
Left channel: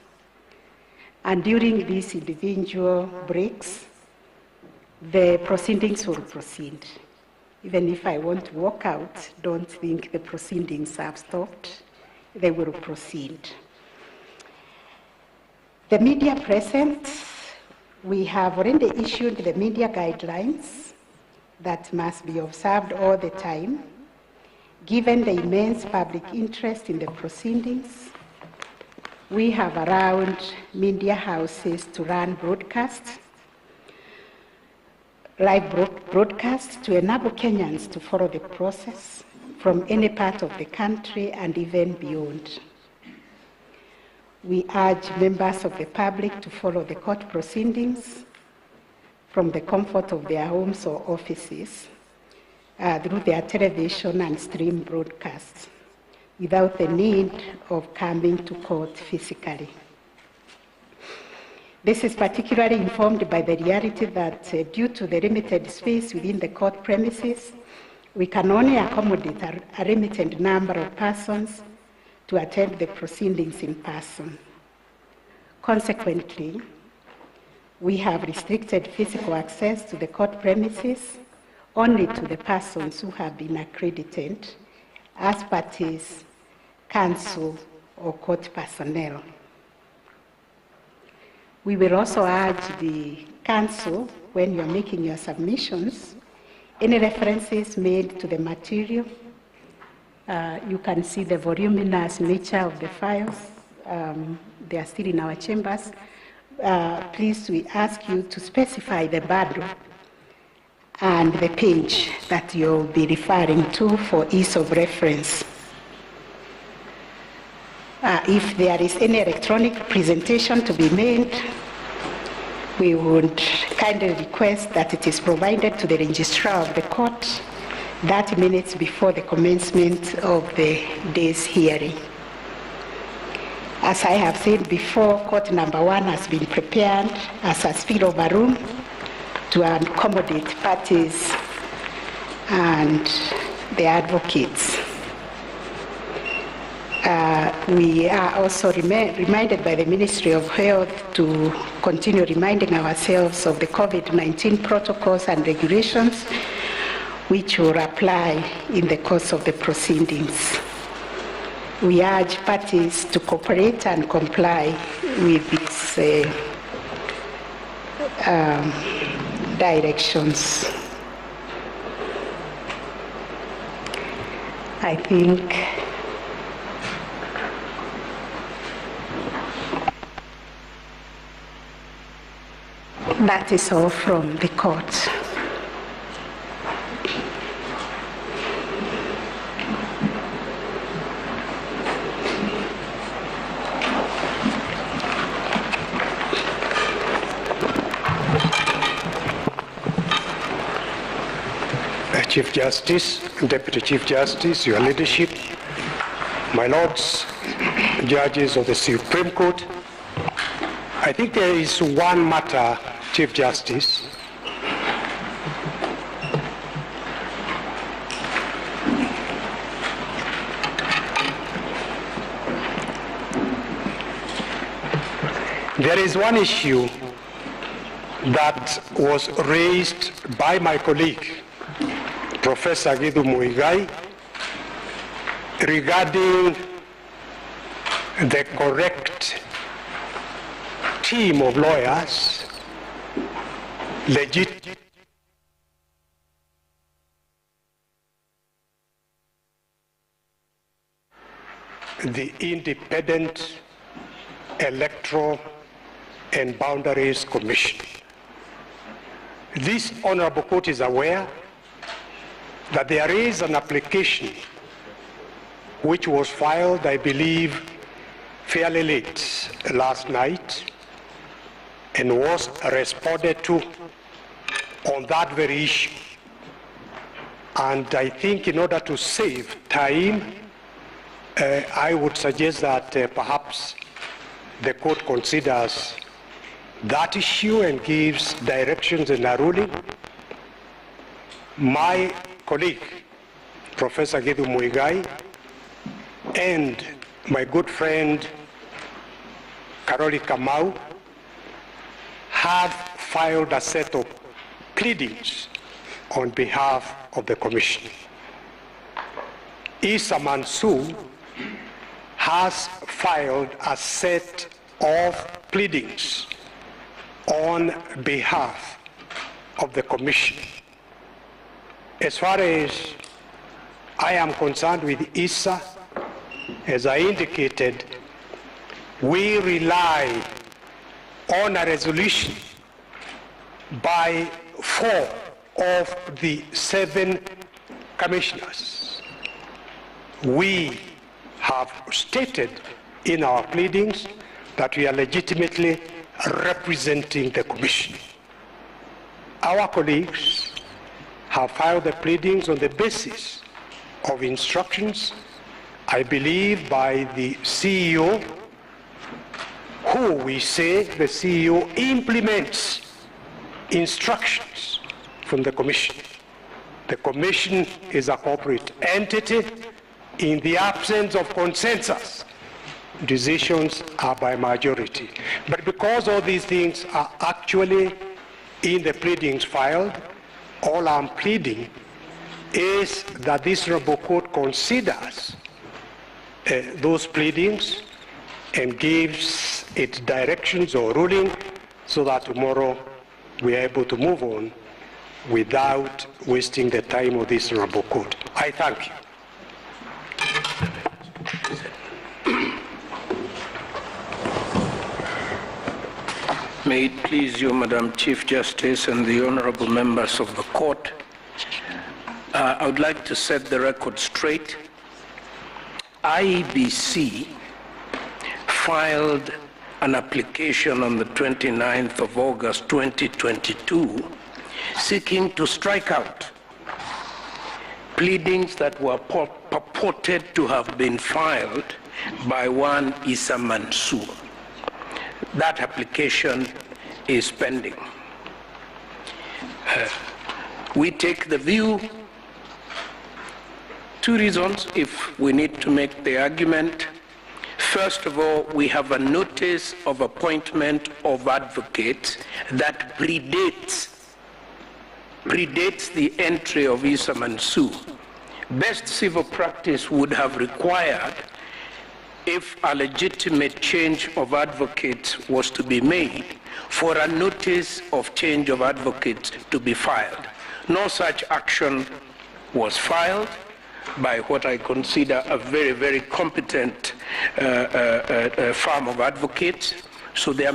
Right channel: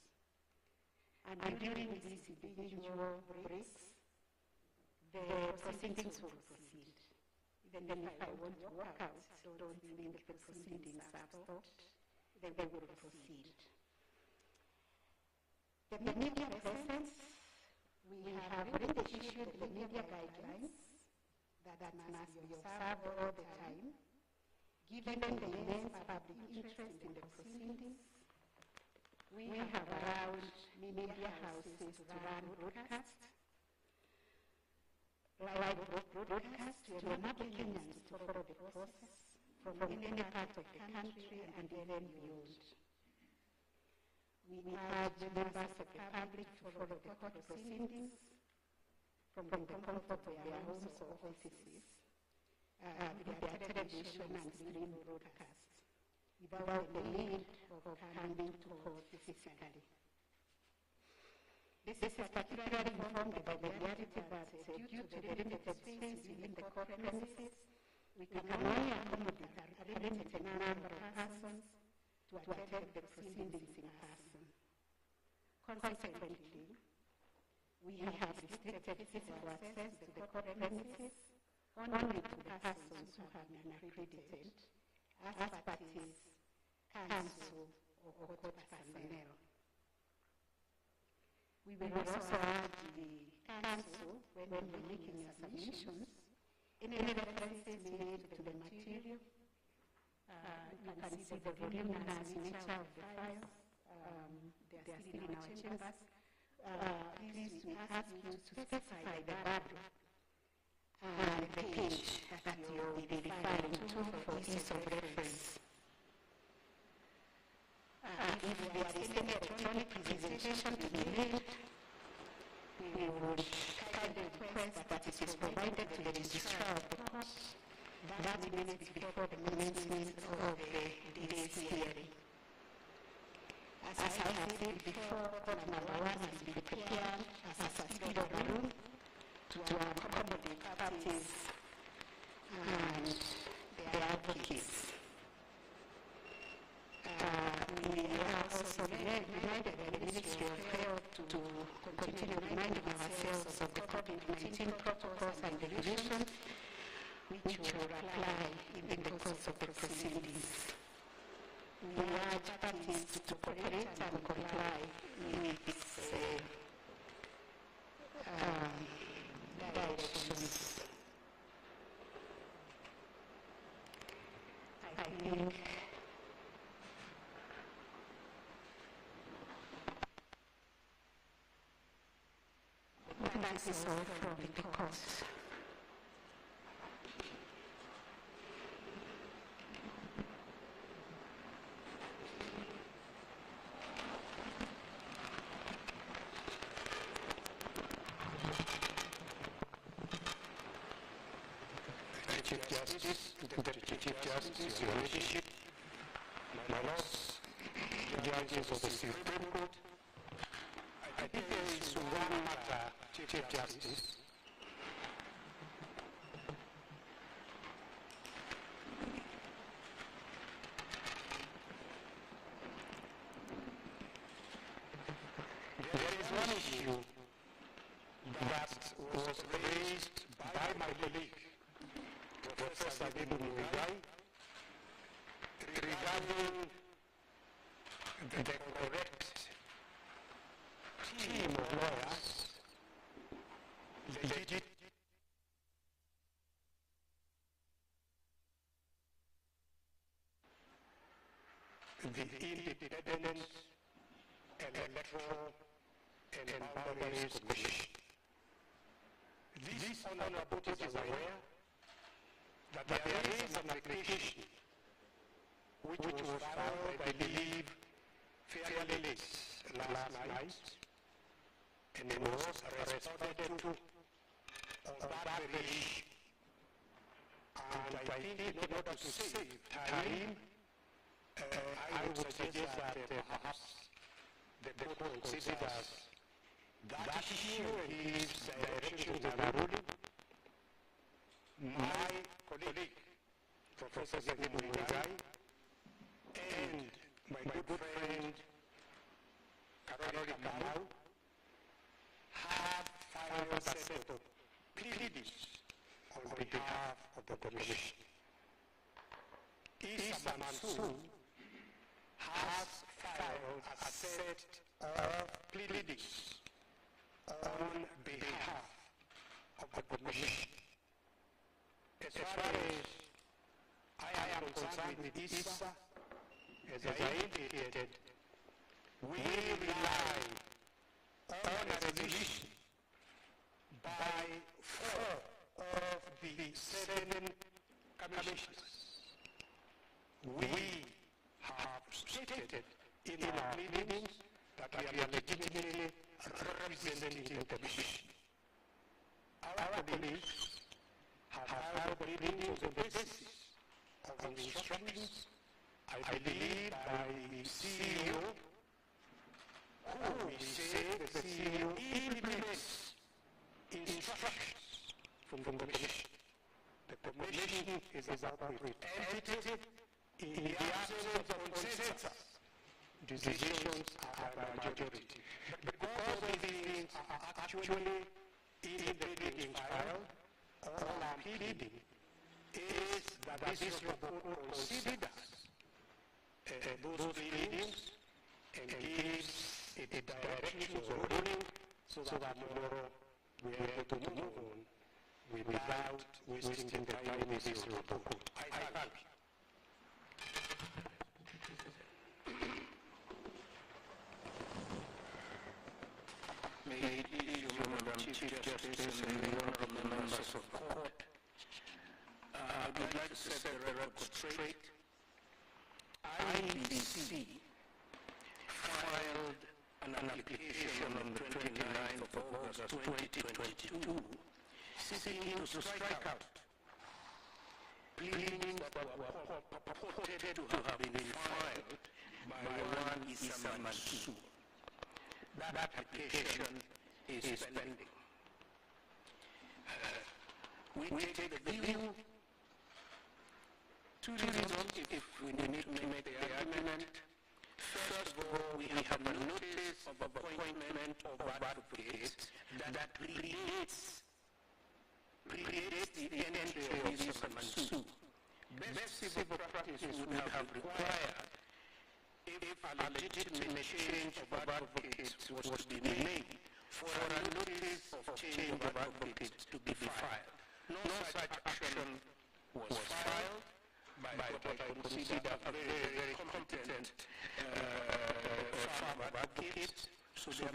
And during these individual breaks, the proceedings will proceed. Even if I want to walk out, don't think the proceedings have stopped. They will proceed. The media present, we have already issued the media guidelines that must be observed all the time. Given the immense public interest in the proceedings, we have allowed media houses to run live broadcasts to enable Kenyans to follow the process from any part of the country and even beyond. We urge members of the public to follow the court proceedings from the comfort of their homes or offices through their television and stream broadcasts without the need of coming to court physically. This is particularly informed by the reality that due to the limited space within the court premises, we can only accommodate a limited number of persons to attend the proceedings in person. Consequently, we have restricted physical access to the court premises only to the persons who have been accredited as parties, counsel, or court personnel. We will also urge the counsel, when you're making your submissions, any references made to the material. You can see the voluminous nature of the files. They are still in our chambers. Please, we ask you to specify the bundle and the page that you'll be referring to for ease of reference. If there is any electronic presentation to be made, we would kindly request that it is provided to the registrar of the court 30 minutes before the commencement of the day's hearing. As I have said before, court number 1 has been prepared as a spillover room to accommodate parties and the advocates. We are also reminded by the Ministry of Health to continue reminding ourselves of the COVID-19 protocols and regulations which will apply in the course of the proceedings. We urge parties to cooperate and comply with these directions. I think that is all from the court. Chief Justice, Deputy Chief Justice, Your Leadership, my lords, judges of the Supreme Court, I think there is one matter, Chief Justice, there is one issue that was raised by my colleague, Professor Githu Muigai, regarding the correct team of lawyers, the Independent Electoral and Boundaries Commission. This honorable court is aware that there is an application which was filed, I believe, fairly late last night and was responded to on that very issue. And I think in order to save time, I would suggest that perhaps the court considers that issue and gives directions in a ruling. My colleague, Professor Githu Muigai, and my good friend, Karoli Kamau, have filed a set of pleadings on behalf of the Commission. Isa Mansour has filed a set of pleadings on behalf of the Commission. As far as I am concerned with ISA. As I indicated, we rely on a resolution by 4 of the 7 commissioners. We have stated in our pleadings that we are legitimately representing the Commission. Our colleagues have filed the pleadings on the basis of instructions, I believe, by the CEO, who we say the CEO implements instructions from the Commission. The Commission is a corporate entity. In the absence of consensus, decisions are by majority. But because all these things are actually in the pleadings filed, all I'm pleading is that this honorable court considers those pleadings and gives its directions or ruling so that tomorrow we are able to move on without wasting the time of this honorable court. I thank you. May it please you, Madam Chief Justice and the honorable members of the court, I would like to set the record straight. IEBC filed an application on the 29th of August 2022 seeking to strike out pleadings that were purported to have been filed by one Issa Mansour. That application is pending. We take the view, 2 reasons if we need to make the argument. First of all, we have a notice of appointment of advocates that predates the entry of Issa Mansour. Best civil practice would have required, if a legitimate change of advocates was to be made, for a notice of change of advocates to be filed. No such action was filed by what I consider a very, very competent firm of advocates. So there,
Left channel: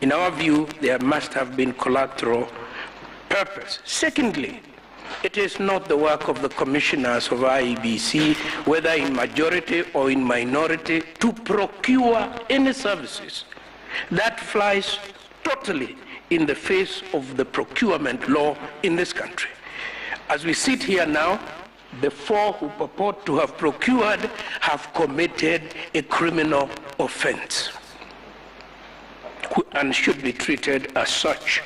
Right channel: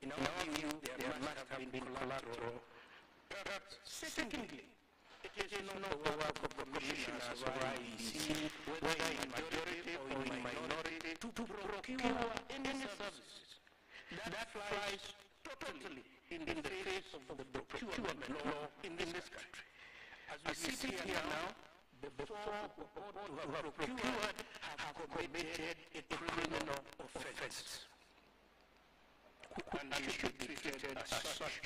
in our view, there must have been collateral purpose. Secondly, it is not the work of the commissioners of IEBC, whether in majority or in minority, to procure any services. That flies totally in the face of the procurement law in this country. As we sit here now, the 4 who purport to have procured have committed a criminal offense and should be treated as such.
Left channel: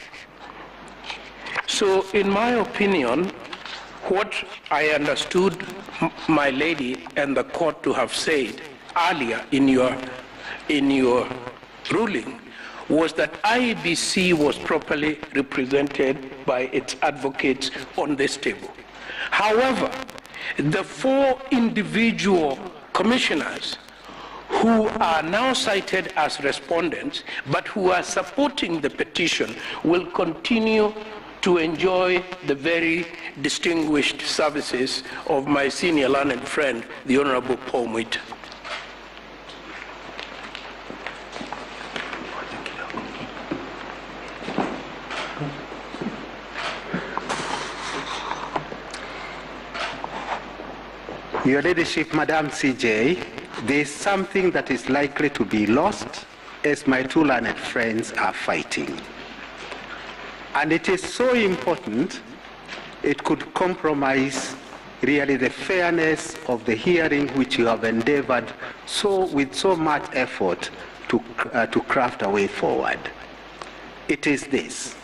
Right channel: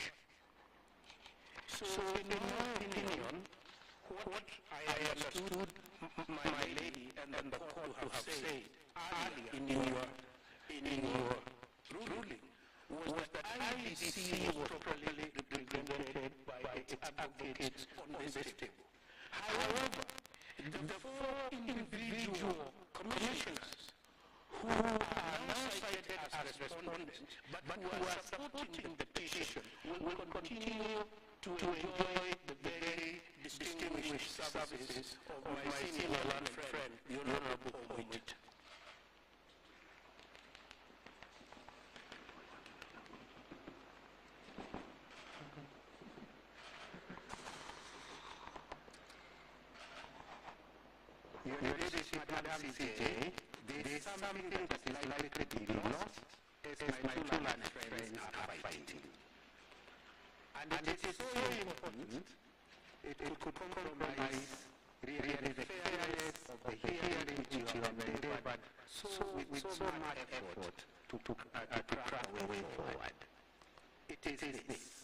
So, in my opinion, what I understood my lady and the court to have said earlier in your ruling was that IEBC was properly represented by its advocates on this table. However, the 4 individual commissioners who are now cited as respondents but who are supporting the petition will continue to enjoy the very distinguished services of my senior learned friend, the Honorable Paul Mwita. Your Ladyship, Madam CJ, there is something that is likely to be lost as my 2 learned friends are fighting. And it is so important, it could compromise really the fairness of the hearing which you have endeavored with so much effort to craft a way forward. It is this:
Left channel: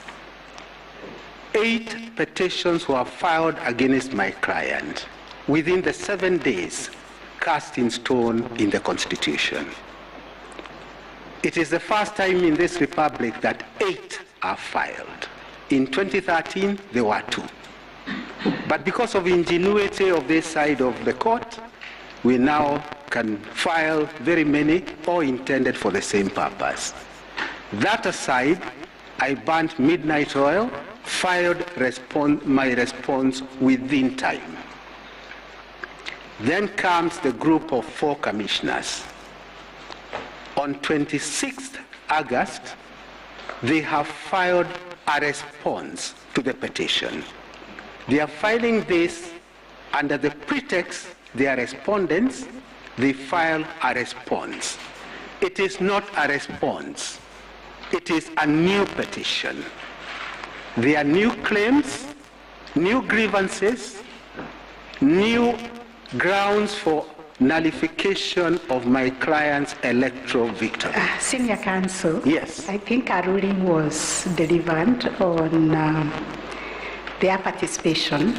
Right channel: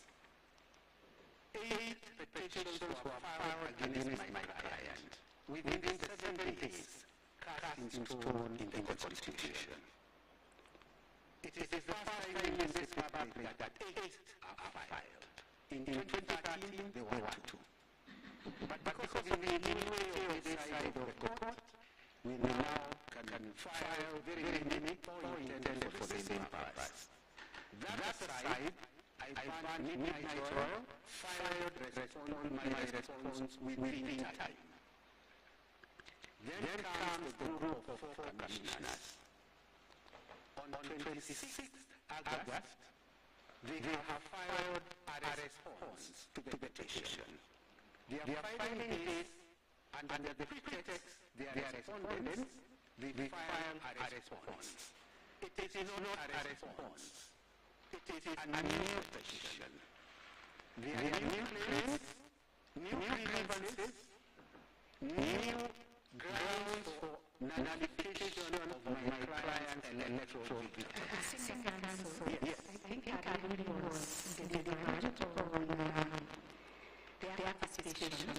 8 petitions were filed against my client within the 7 days cast in stone in the Constitution. It is the first time in this republic that 8 are filed. In 2013, there were 2. But because of ingenuity of this side of the court, we now can file very many, all intended for the same purpose. That aside, I burnt midnight oil, filed my response within time. Then comes the group of 4 commissioners. On 26th August, they have filed a response to the petition. They are filing this under the pretext they are respondents. They file a response. It is not a response. It is a new petition. There are new claims, new grievances, new grounds for nullification of my client's electoral victory. Senior counsel. Yes. I think a ruling was delivered on their participation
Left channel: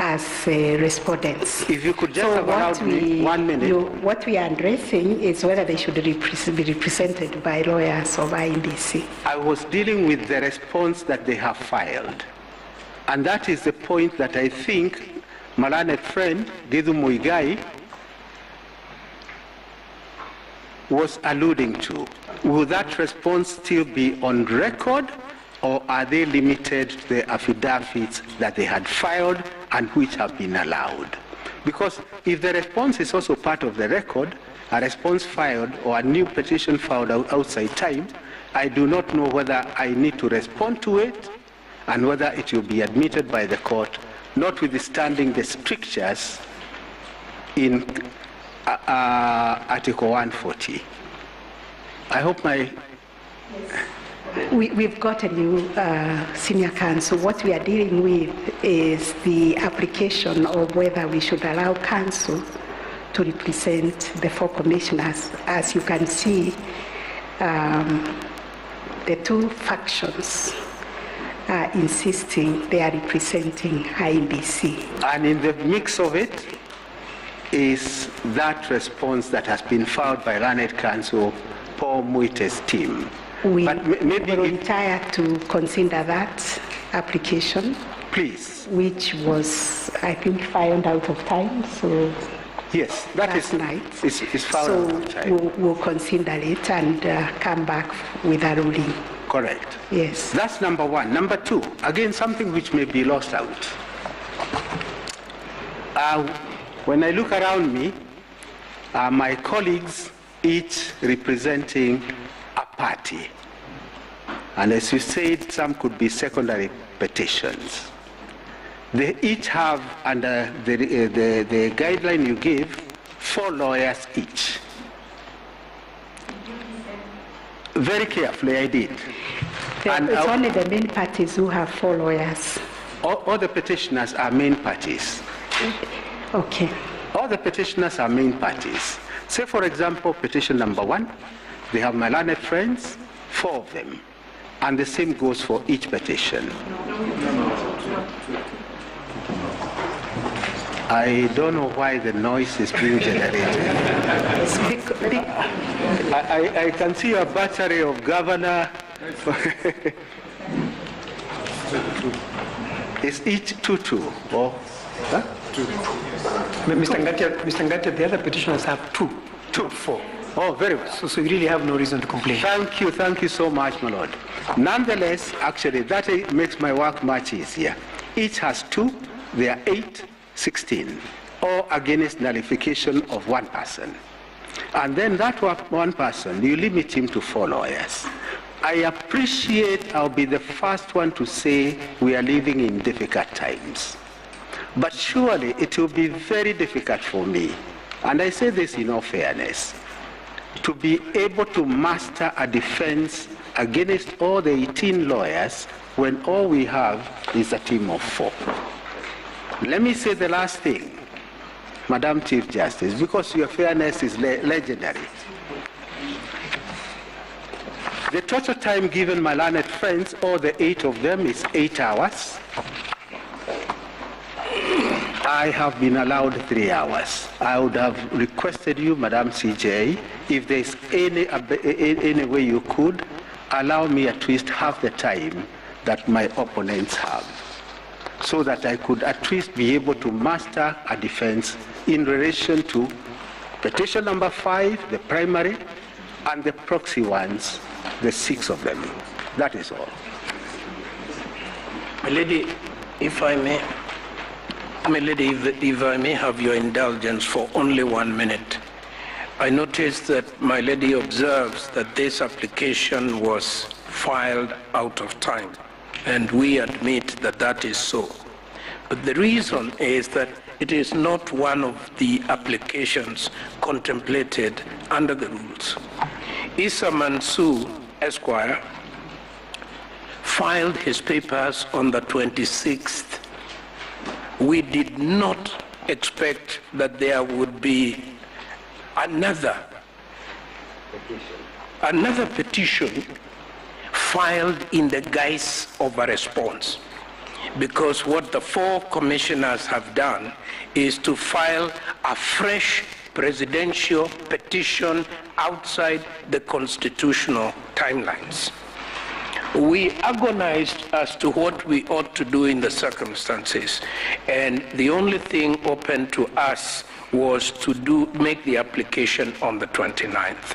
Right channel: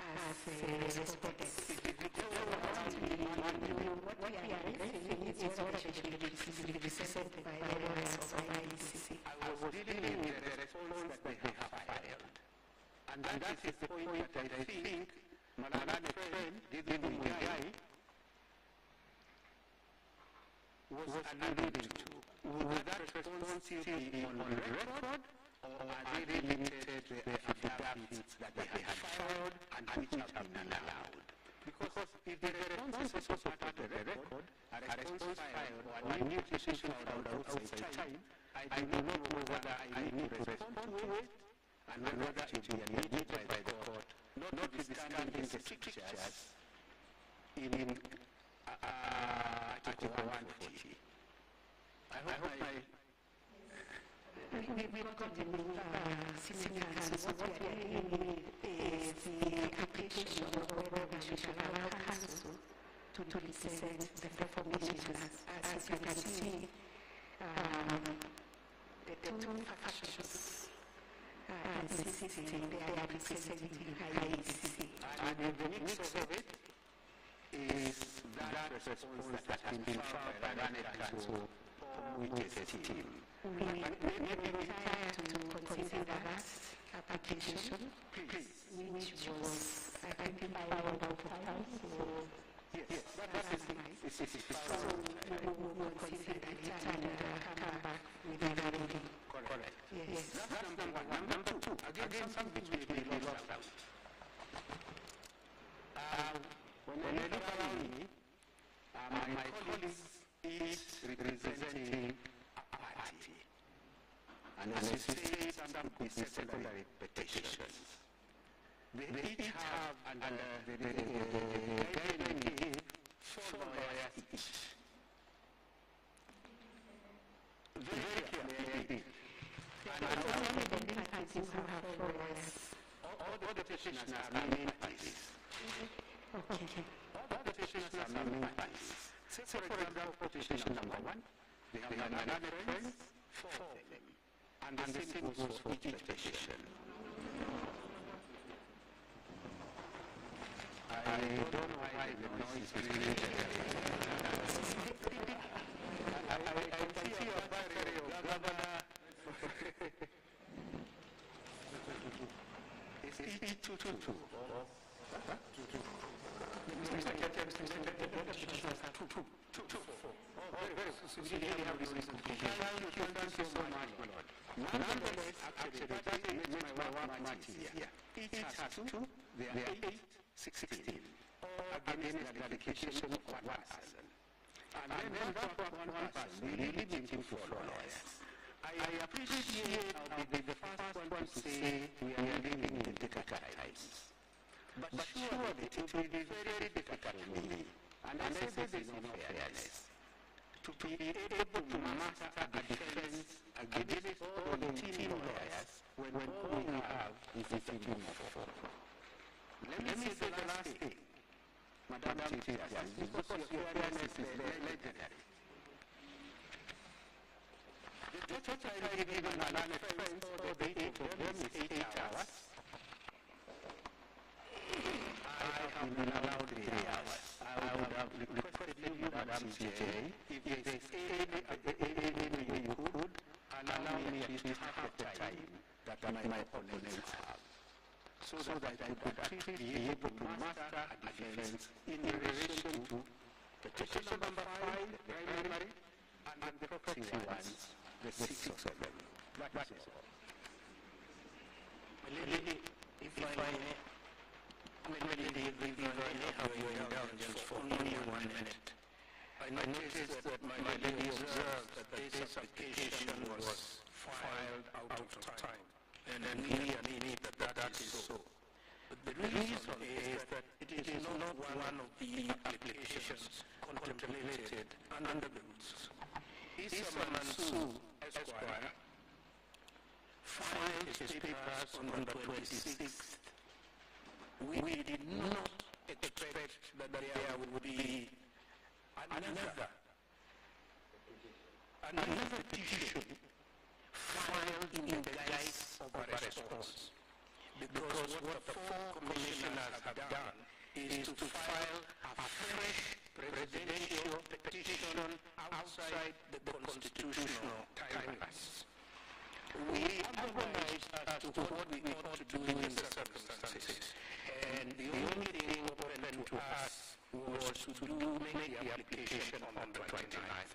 as respondents. If you could just allow me 1 minute. What we are addressing is whether they should be represented by lawyers or by IBC. I was dealing with the response that they have filed. And that is the point that I think my learned friend, Githu Muigai, was alluding to. Will that response still be on record, or are they limited to the affidavits that they had filed and which have been allowed? Because if the response is also part of the record, a response filed or a new petition filed outside time, I do not know whether I need to respond to it and whether it will be admitted by the court, notwithstanding the strictures in Article 140. I hope my... We've got a new senior counsel. What we are dealing with is the application of whether we should allow counsel to represent the 4 commissioners. As you can see, the 2 factions are insisting they are representing IBC. And in the mix of it is that response that has been filed by learned counsel Paul Muite's team. We volunteer to consider that application. Please. Which was, I think, filed out of time, so... Yes, that is night. Is filed out of time. We'll consider it and come back with a ruling. Correct. Yes. That's number 1. Number 2, again, something which may be lost out. When I look around me, my colleagues, each representing a party. And as you said, some could be secondary petitions. They each have, under the guideline you gave, 4 lawyers each. Very carefully, I did. And it's only the main parties who have 4 lawyers. All the petitioners are main parties. Okay. All the petitioners are main parties. Say, for example, petition number 1, they have my learned friends, 4 of them. And the same goes for each petition. I don't know why the noise is being generated. I can see a battery of governor. It's each 2-2. Oh, huh? 2. Mr. Ngatia, the other petitioners have 2. 4. Oh, very well. So we really have no reason to complain. Thank you so much, my lord. Nonetheless, actually, that makes my work much easier. Each has 2, they are 8, 16, or against nullification of 1 person. And then that 1 person, you limit him to 4 lawyers. I appreciate, I'll be the first one to say we are living in difficult times. But surely it will be very difficult for me, and I say this in all fairness, to be able to master a defense against all the 18 lawyers when all we have is a team of 4. Let me say the last thing, Madam Chief Justice, because your fairness is legendary. The total time given my learned friends, all the 8 of them, is 8 hours. I have been allowed 3 hours. I would have requested you, Madam CJ, if there's any way you could, allow me at least half the time that my opponents have, so that I could at least be able to master a defense in relation to petition number 5, the primary, and the proxy ones, the 6 of them. That is all. My lady, if I may, Milady, if I may have your indulgence for only 1 minute. I noticed that my lady observes that this application was filed out of time, and we admit that that is so. But the reason is that it is not one of the applications contemplated under the rules. Issa Mansour, Esquire, filed his papers on the 26th. We did not expect that there would be another petition filed in the guise of a response. Because what the 4 commissioners have done is to file a fresh presidential petition outside the constitutional timelines. We agonized as to what we ought to do in the circumstances, and the only thing open to us was to make the application on the 29th.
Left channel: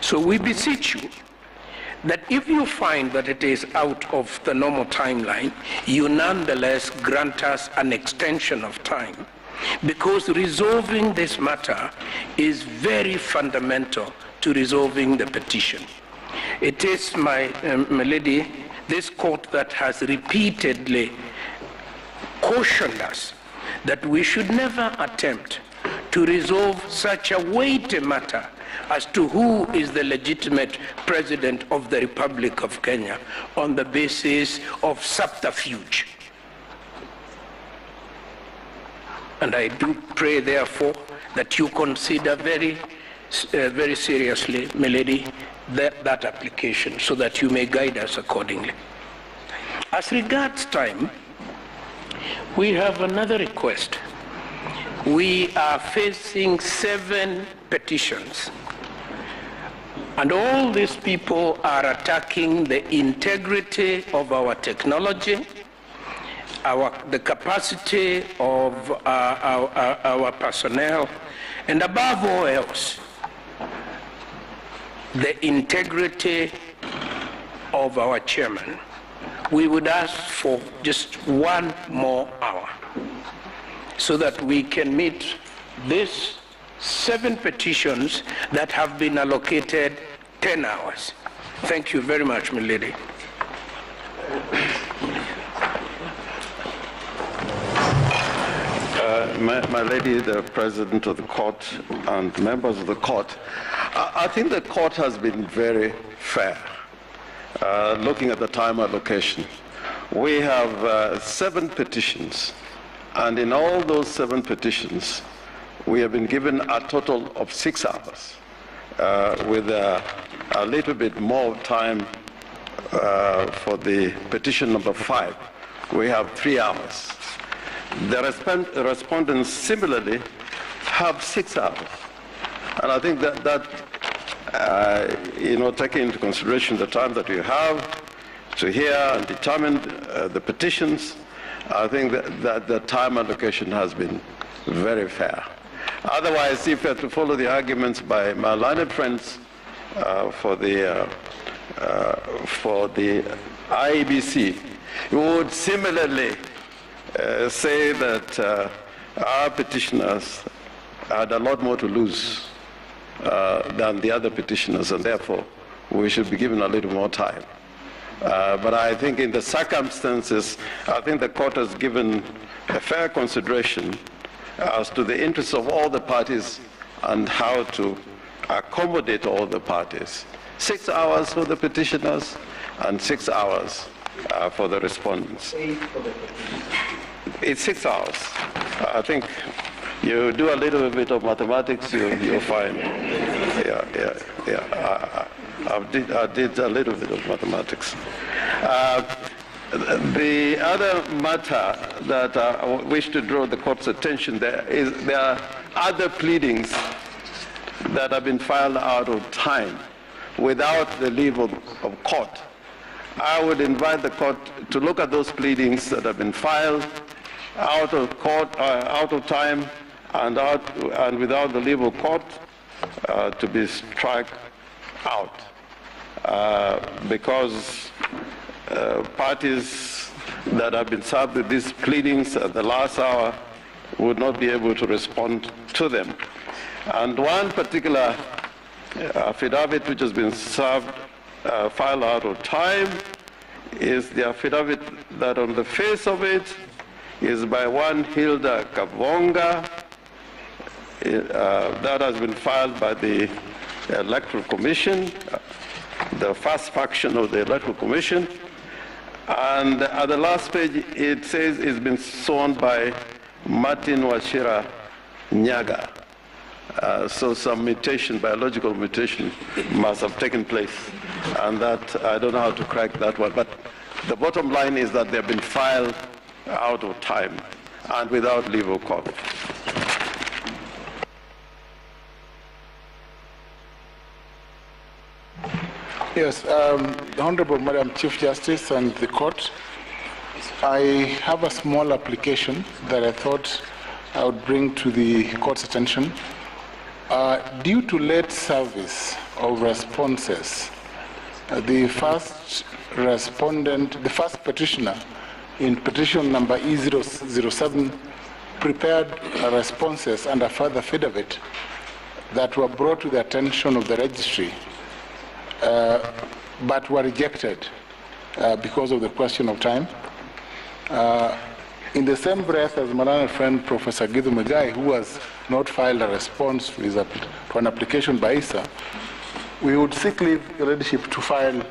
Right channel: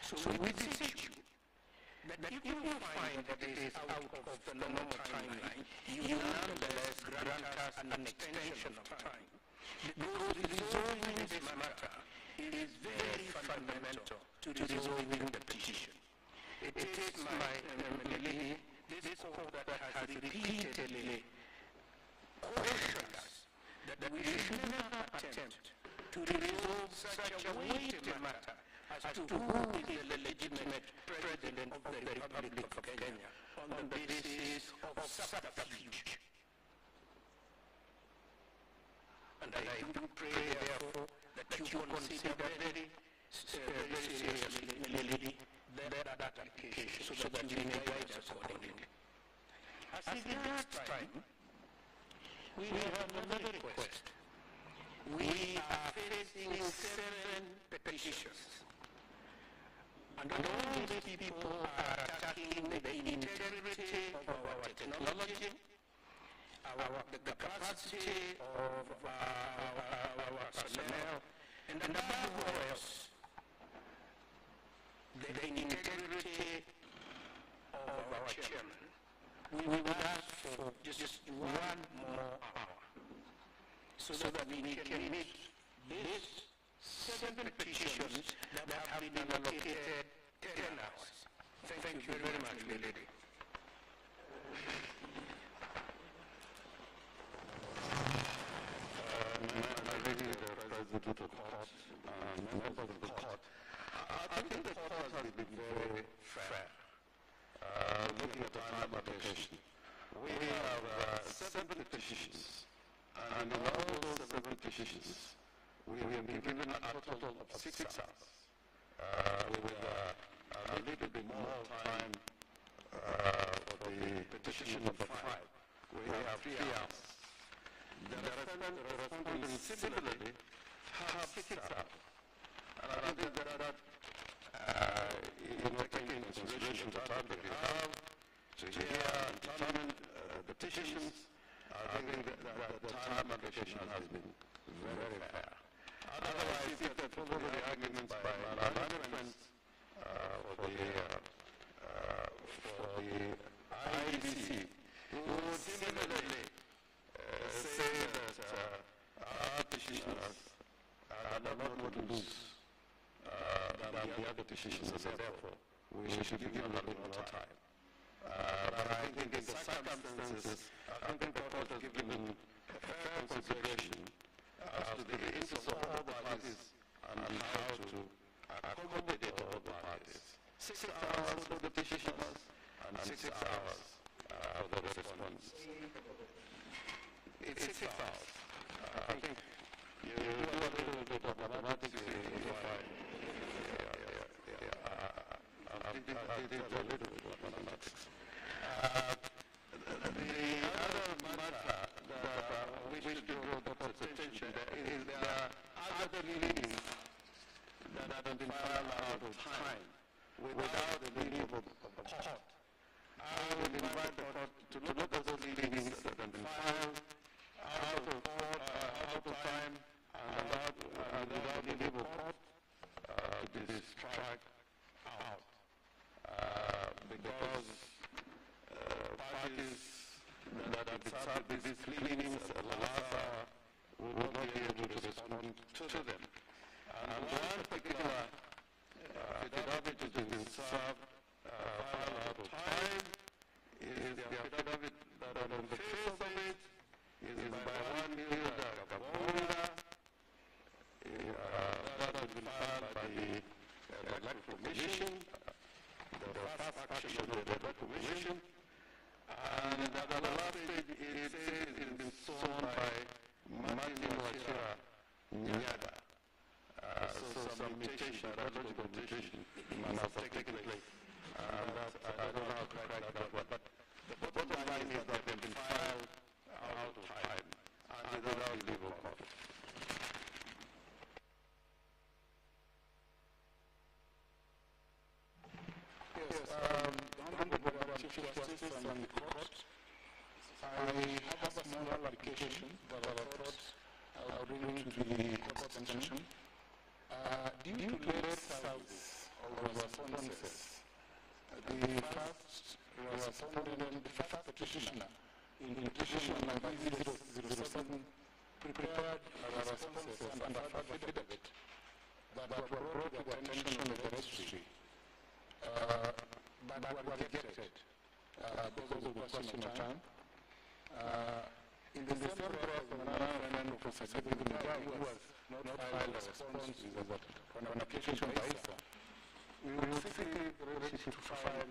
So we beseech you that if you find that it is out of the normal timeline, you nonetheless grant us an extension of time, because resolving this matter is very fundamental to resolving the petition. It is, my lady, this court that has repeatedly cautioned us that we should never attempt to resolve such a weighty matter as to who is the legitimate president of the Republic of Kenya on the basis of subterfuge. And I do pray, therefore, that you consider very seriously, my lady, that application, so that you may guide us accordingly. As regards time, we have another request. We are facing 7 petitions, and all these people are attacking the integrity of our technology, the capacity of our personnel, and above all else, the integrity of our chairman. We would ask for just 1 more hour so that we can meet these 7 petitions that have been allocated 10 hours. Thank you very much, my lady. My lady, the President of the court and members of the court, I think the court has been very fair, looking at the time allocation. We have 7 petitions, and in all those 7 petitions, we have been given a total of 6 hours, with a little bit more time for the petition number 5. We have 3 hours. The respondents similarly have 6 hours. And I think that taking into consideration the time that we have to hear and determine the petitions, I think that the time allocation has been very fair. Otherwise, if we have to follow the arguments by my learned friends for the IEBC, we would similarly say that our petitioners had a lot more to lose than the other petitioners, and therefore we should be given a little more time. But I think in the circumstances, I think the court has given a fair consideration as to the interests of all the parties and how to accommodate all the parties. 6 hours for the petitioners and 6 hours for the respondents. It's 6 hours. I think you do a little bit of mathematics, you'll find. I did a little bit of mathematics. The other matter that I wish to draw the court's attention there are other pleadings that have been filed out of time without the leave of court. I would invite the court to look at those pleadings that have been filed out of court, out of time, and without the leave of court, to be struck out, because parties that have been served with these pleadings at the last hour would not be able to respond to them. And one particular affidavit which has been filed out of time is the affidavit that on the face of it is by one Hilda Kavonga. That has been filed by the Electoral Commission, the first faction of the Electoral Commission. And at the last page, it says it's been sworn by Martin Wachira Nyaga. So some mutation, biological mutation, must have taken place. And that, I don't know how to crack that one. But the bottom line is that they've been filed out of time and without leave of court. Yes, Honorable Madam Chief Justice and the court, I have a small application that I thought I would bring to the court's attention. Due to late service of responses, the first respondent, the first petitioner in petition number E007 prepared responses and a further affidavit that were brought to the attention of the registry, but were rejected because of the question of time. In the same breath as my learned friend Professor Githu Muigai, who has not filed a response to an application by ISA, we would seek leave your leadership to file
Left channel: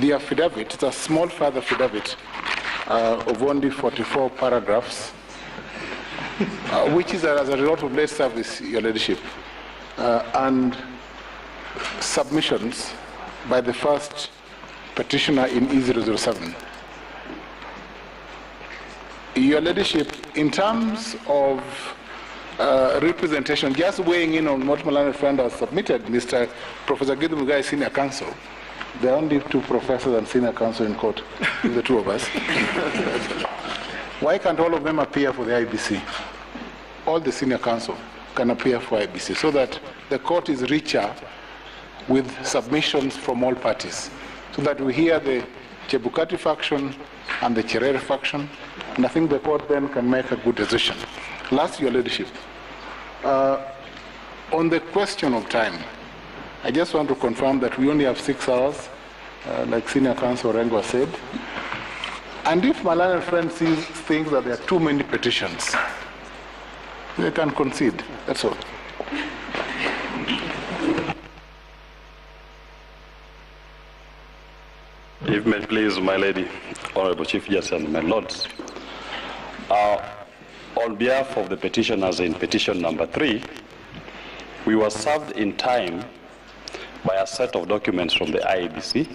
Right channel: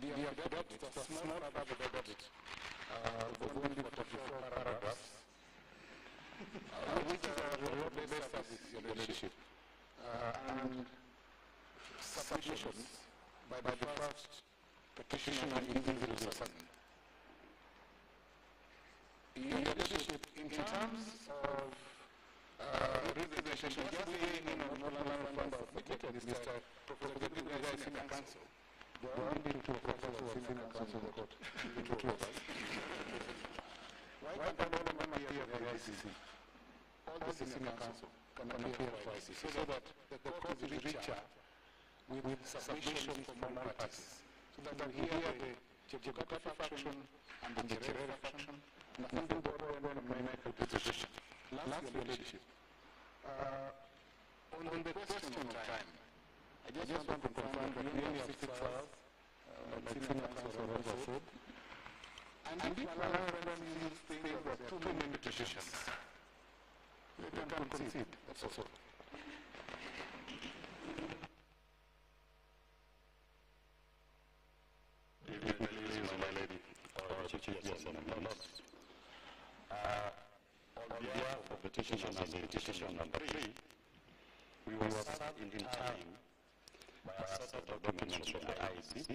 the affidavit. It's a small further affidavit of only 44 paragraphs, which is as a result of late service, your leadership, and submissions by the first petitioner in E007. Your leadership, in terms of representation, just weighing in on what my learned friend has submitted, Mr. Professor Githu Muigai, Senior Counsel. There are only two professors and senior counsel in court, the two of us. Why can't all of them appear for the IBC? All the senior counsel can appear for IBC so that the court is richer with submissions from all parties, so that we hear the Chebukati faction and the Cherere faction, and I think the court then can make a good decision. Last, your leadership. On the question of time, I just want to confirm that we only have 6 hours, like Senior Counsel Rengo said. And if my learned friend thinks that there are too many petitions, they can concede. That's all. If may please, my lady, Honorable Chief Justice and my lords, on behalf of the petitioners in petition number 3, we were served in time by a set of documents from the IEBC.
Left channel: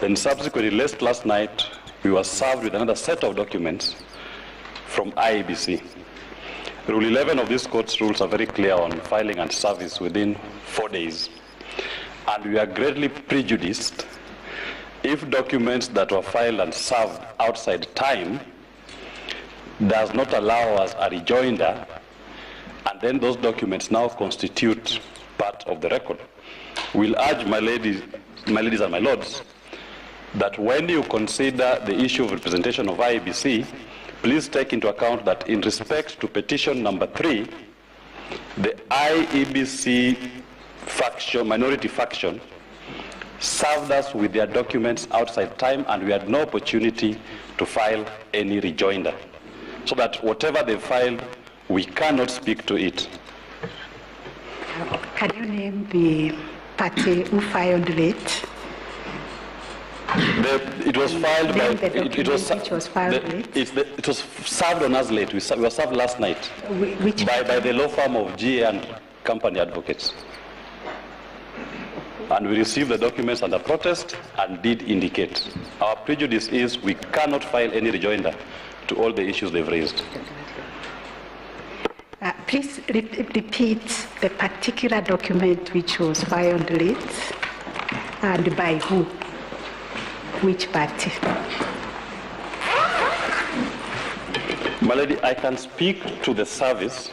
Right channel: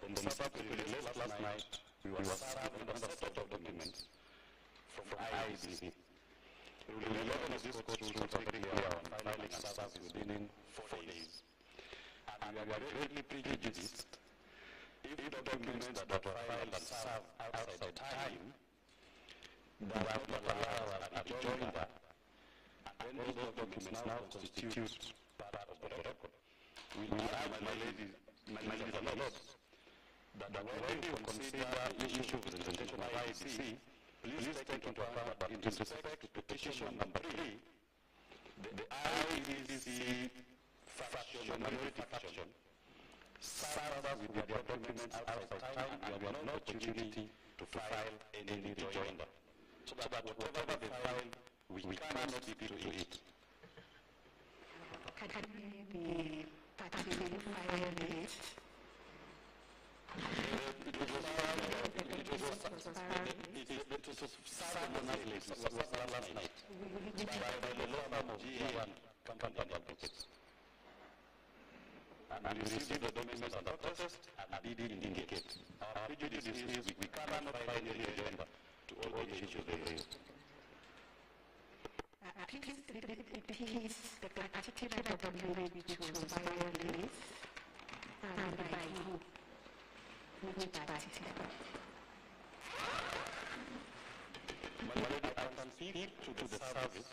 Then subsequently, last night, we were served with another set of documents from IEBC. Rule 11 of this court's rules are very clear on filing and service within 4 days. And we are greatly prejudiced if documents that were filed and served outside time does not allow us a rejoinder, and then those documents now constitute part of the record. We'll urge my ladies and my lords that when you consider the issue of representation of IEBC, please take into account that in respect to petition number 3, the IEBC faction, minority faction, served us with their documents outside time, and we had no opportunity to file any rejoinder. So that whatever they filed, we cannot speak to it. Can you name the party who filed late? It was filed by... It was served on us late. We were served last night by the law firm of GA and Company Advocates. And we received the documents under protest and did indicate. Our prejudice is we cannot file any rejoinder to all the issues they've raised. Please repeat the particular document which was filed late and by who, which party. My lady, I can speak to the service.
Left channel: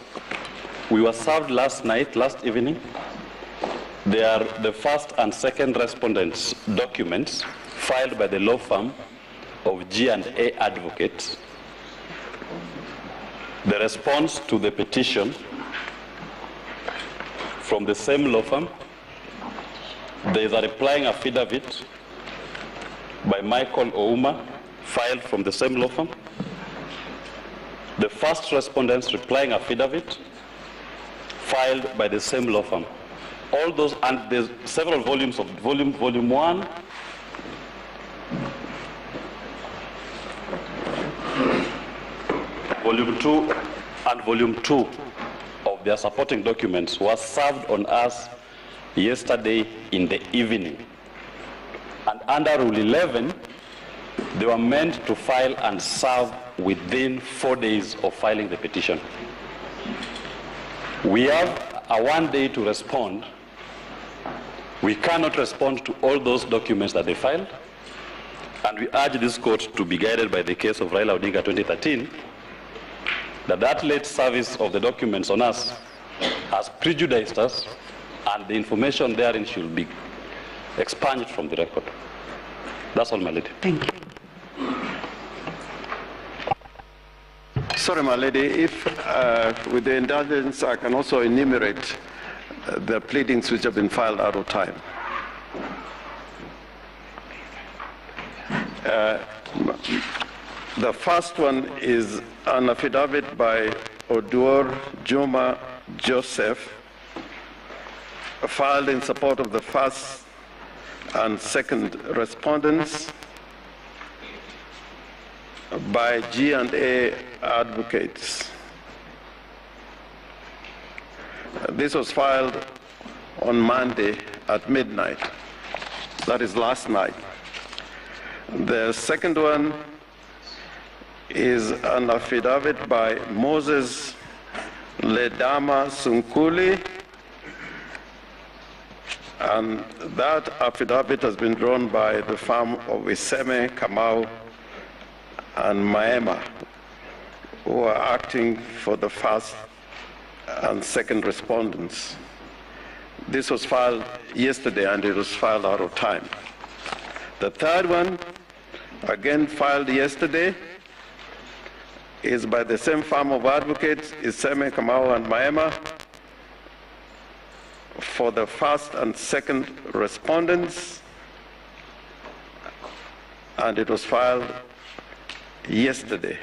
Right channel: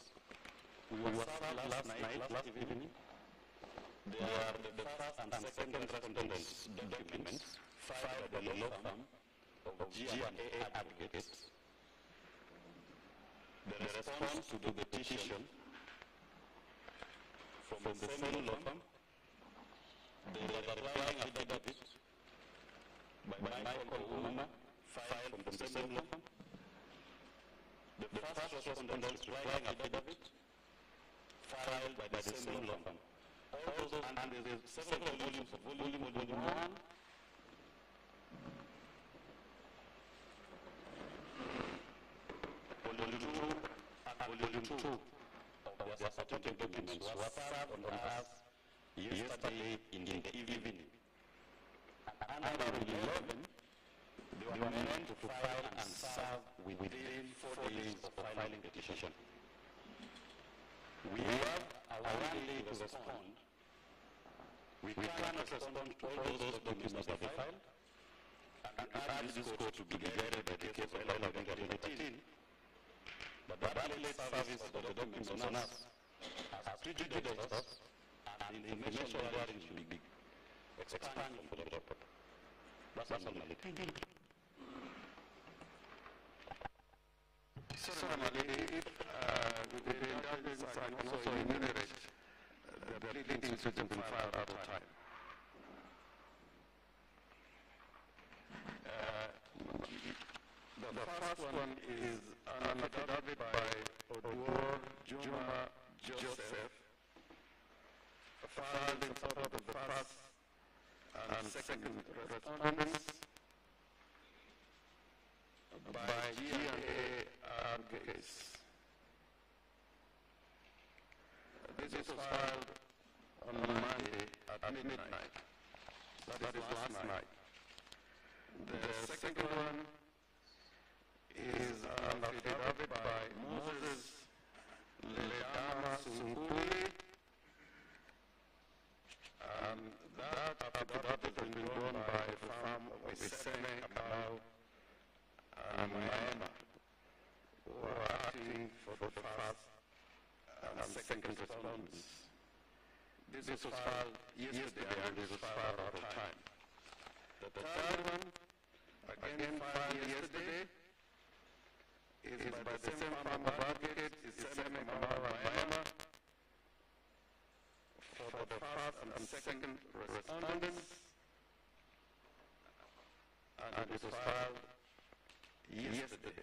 We were served last night, last evening. They are the first and second respondents' documents filed by the law firm of G&A Advocates. the response to the petition from the same law firm. There is a replying affidavit by Michael Ouma, filed from the same law firm. The first respondent's replying affidavit, filed by the same law firm. All those, and there's several volumes of volume 1, volume 2, and volume 2 of their supporting documents was served on us yesterday in the evening. And under Rule 11, they were meant to file and serve within 4 days of filing the petition. We have a 1 day to respond. We cannot respond to all those documents that they filed, and we urge this court to be guided by the case of Raila Odinga 2013, that late service of the documents on us has prejudiced us, and the information therein should be expunged from the record. That's all, my lady. Thank you. Sorry, my lady, if with the indulgence I can also enumerate the pleadings which have been filed out of time. The first one is an affidavit by Oduor Juma Joseph, filed in support of the first and second respondents by G&A advocates. This was filed on Monday at midnight. That is last night. The second one is an affidavit by Moses Ledama Sunkuli, and that affidavit has been drawn by the firm of Iseme, Kamau, and Maema, who are acting for the first and second respondents. This was filed yesterday, and it was filed out of time. The third one, again filed yesterday, is by the same firm of advocates, Iseme, Kamau, and Maema, for the first and second respondents, and it was filed yesterday.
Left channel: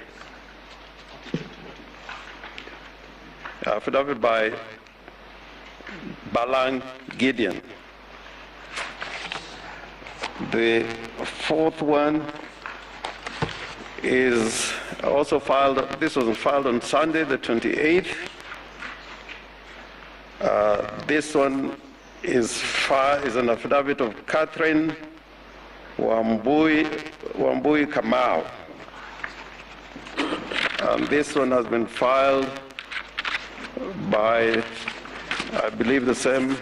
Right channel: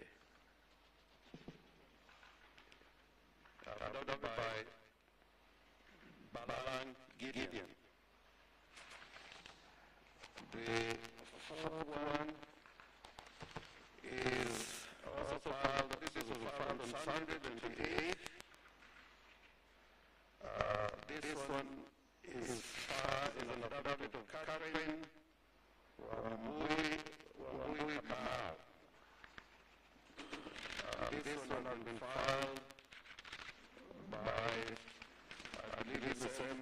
Affidavit by Balang Gideon. The fourth one is also filed, this was filed on Sunday, the 28th. This one is an affidavit of Catherine Wambui Kamau. And this one has been filed by, I believe, the same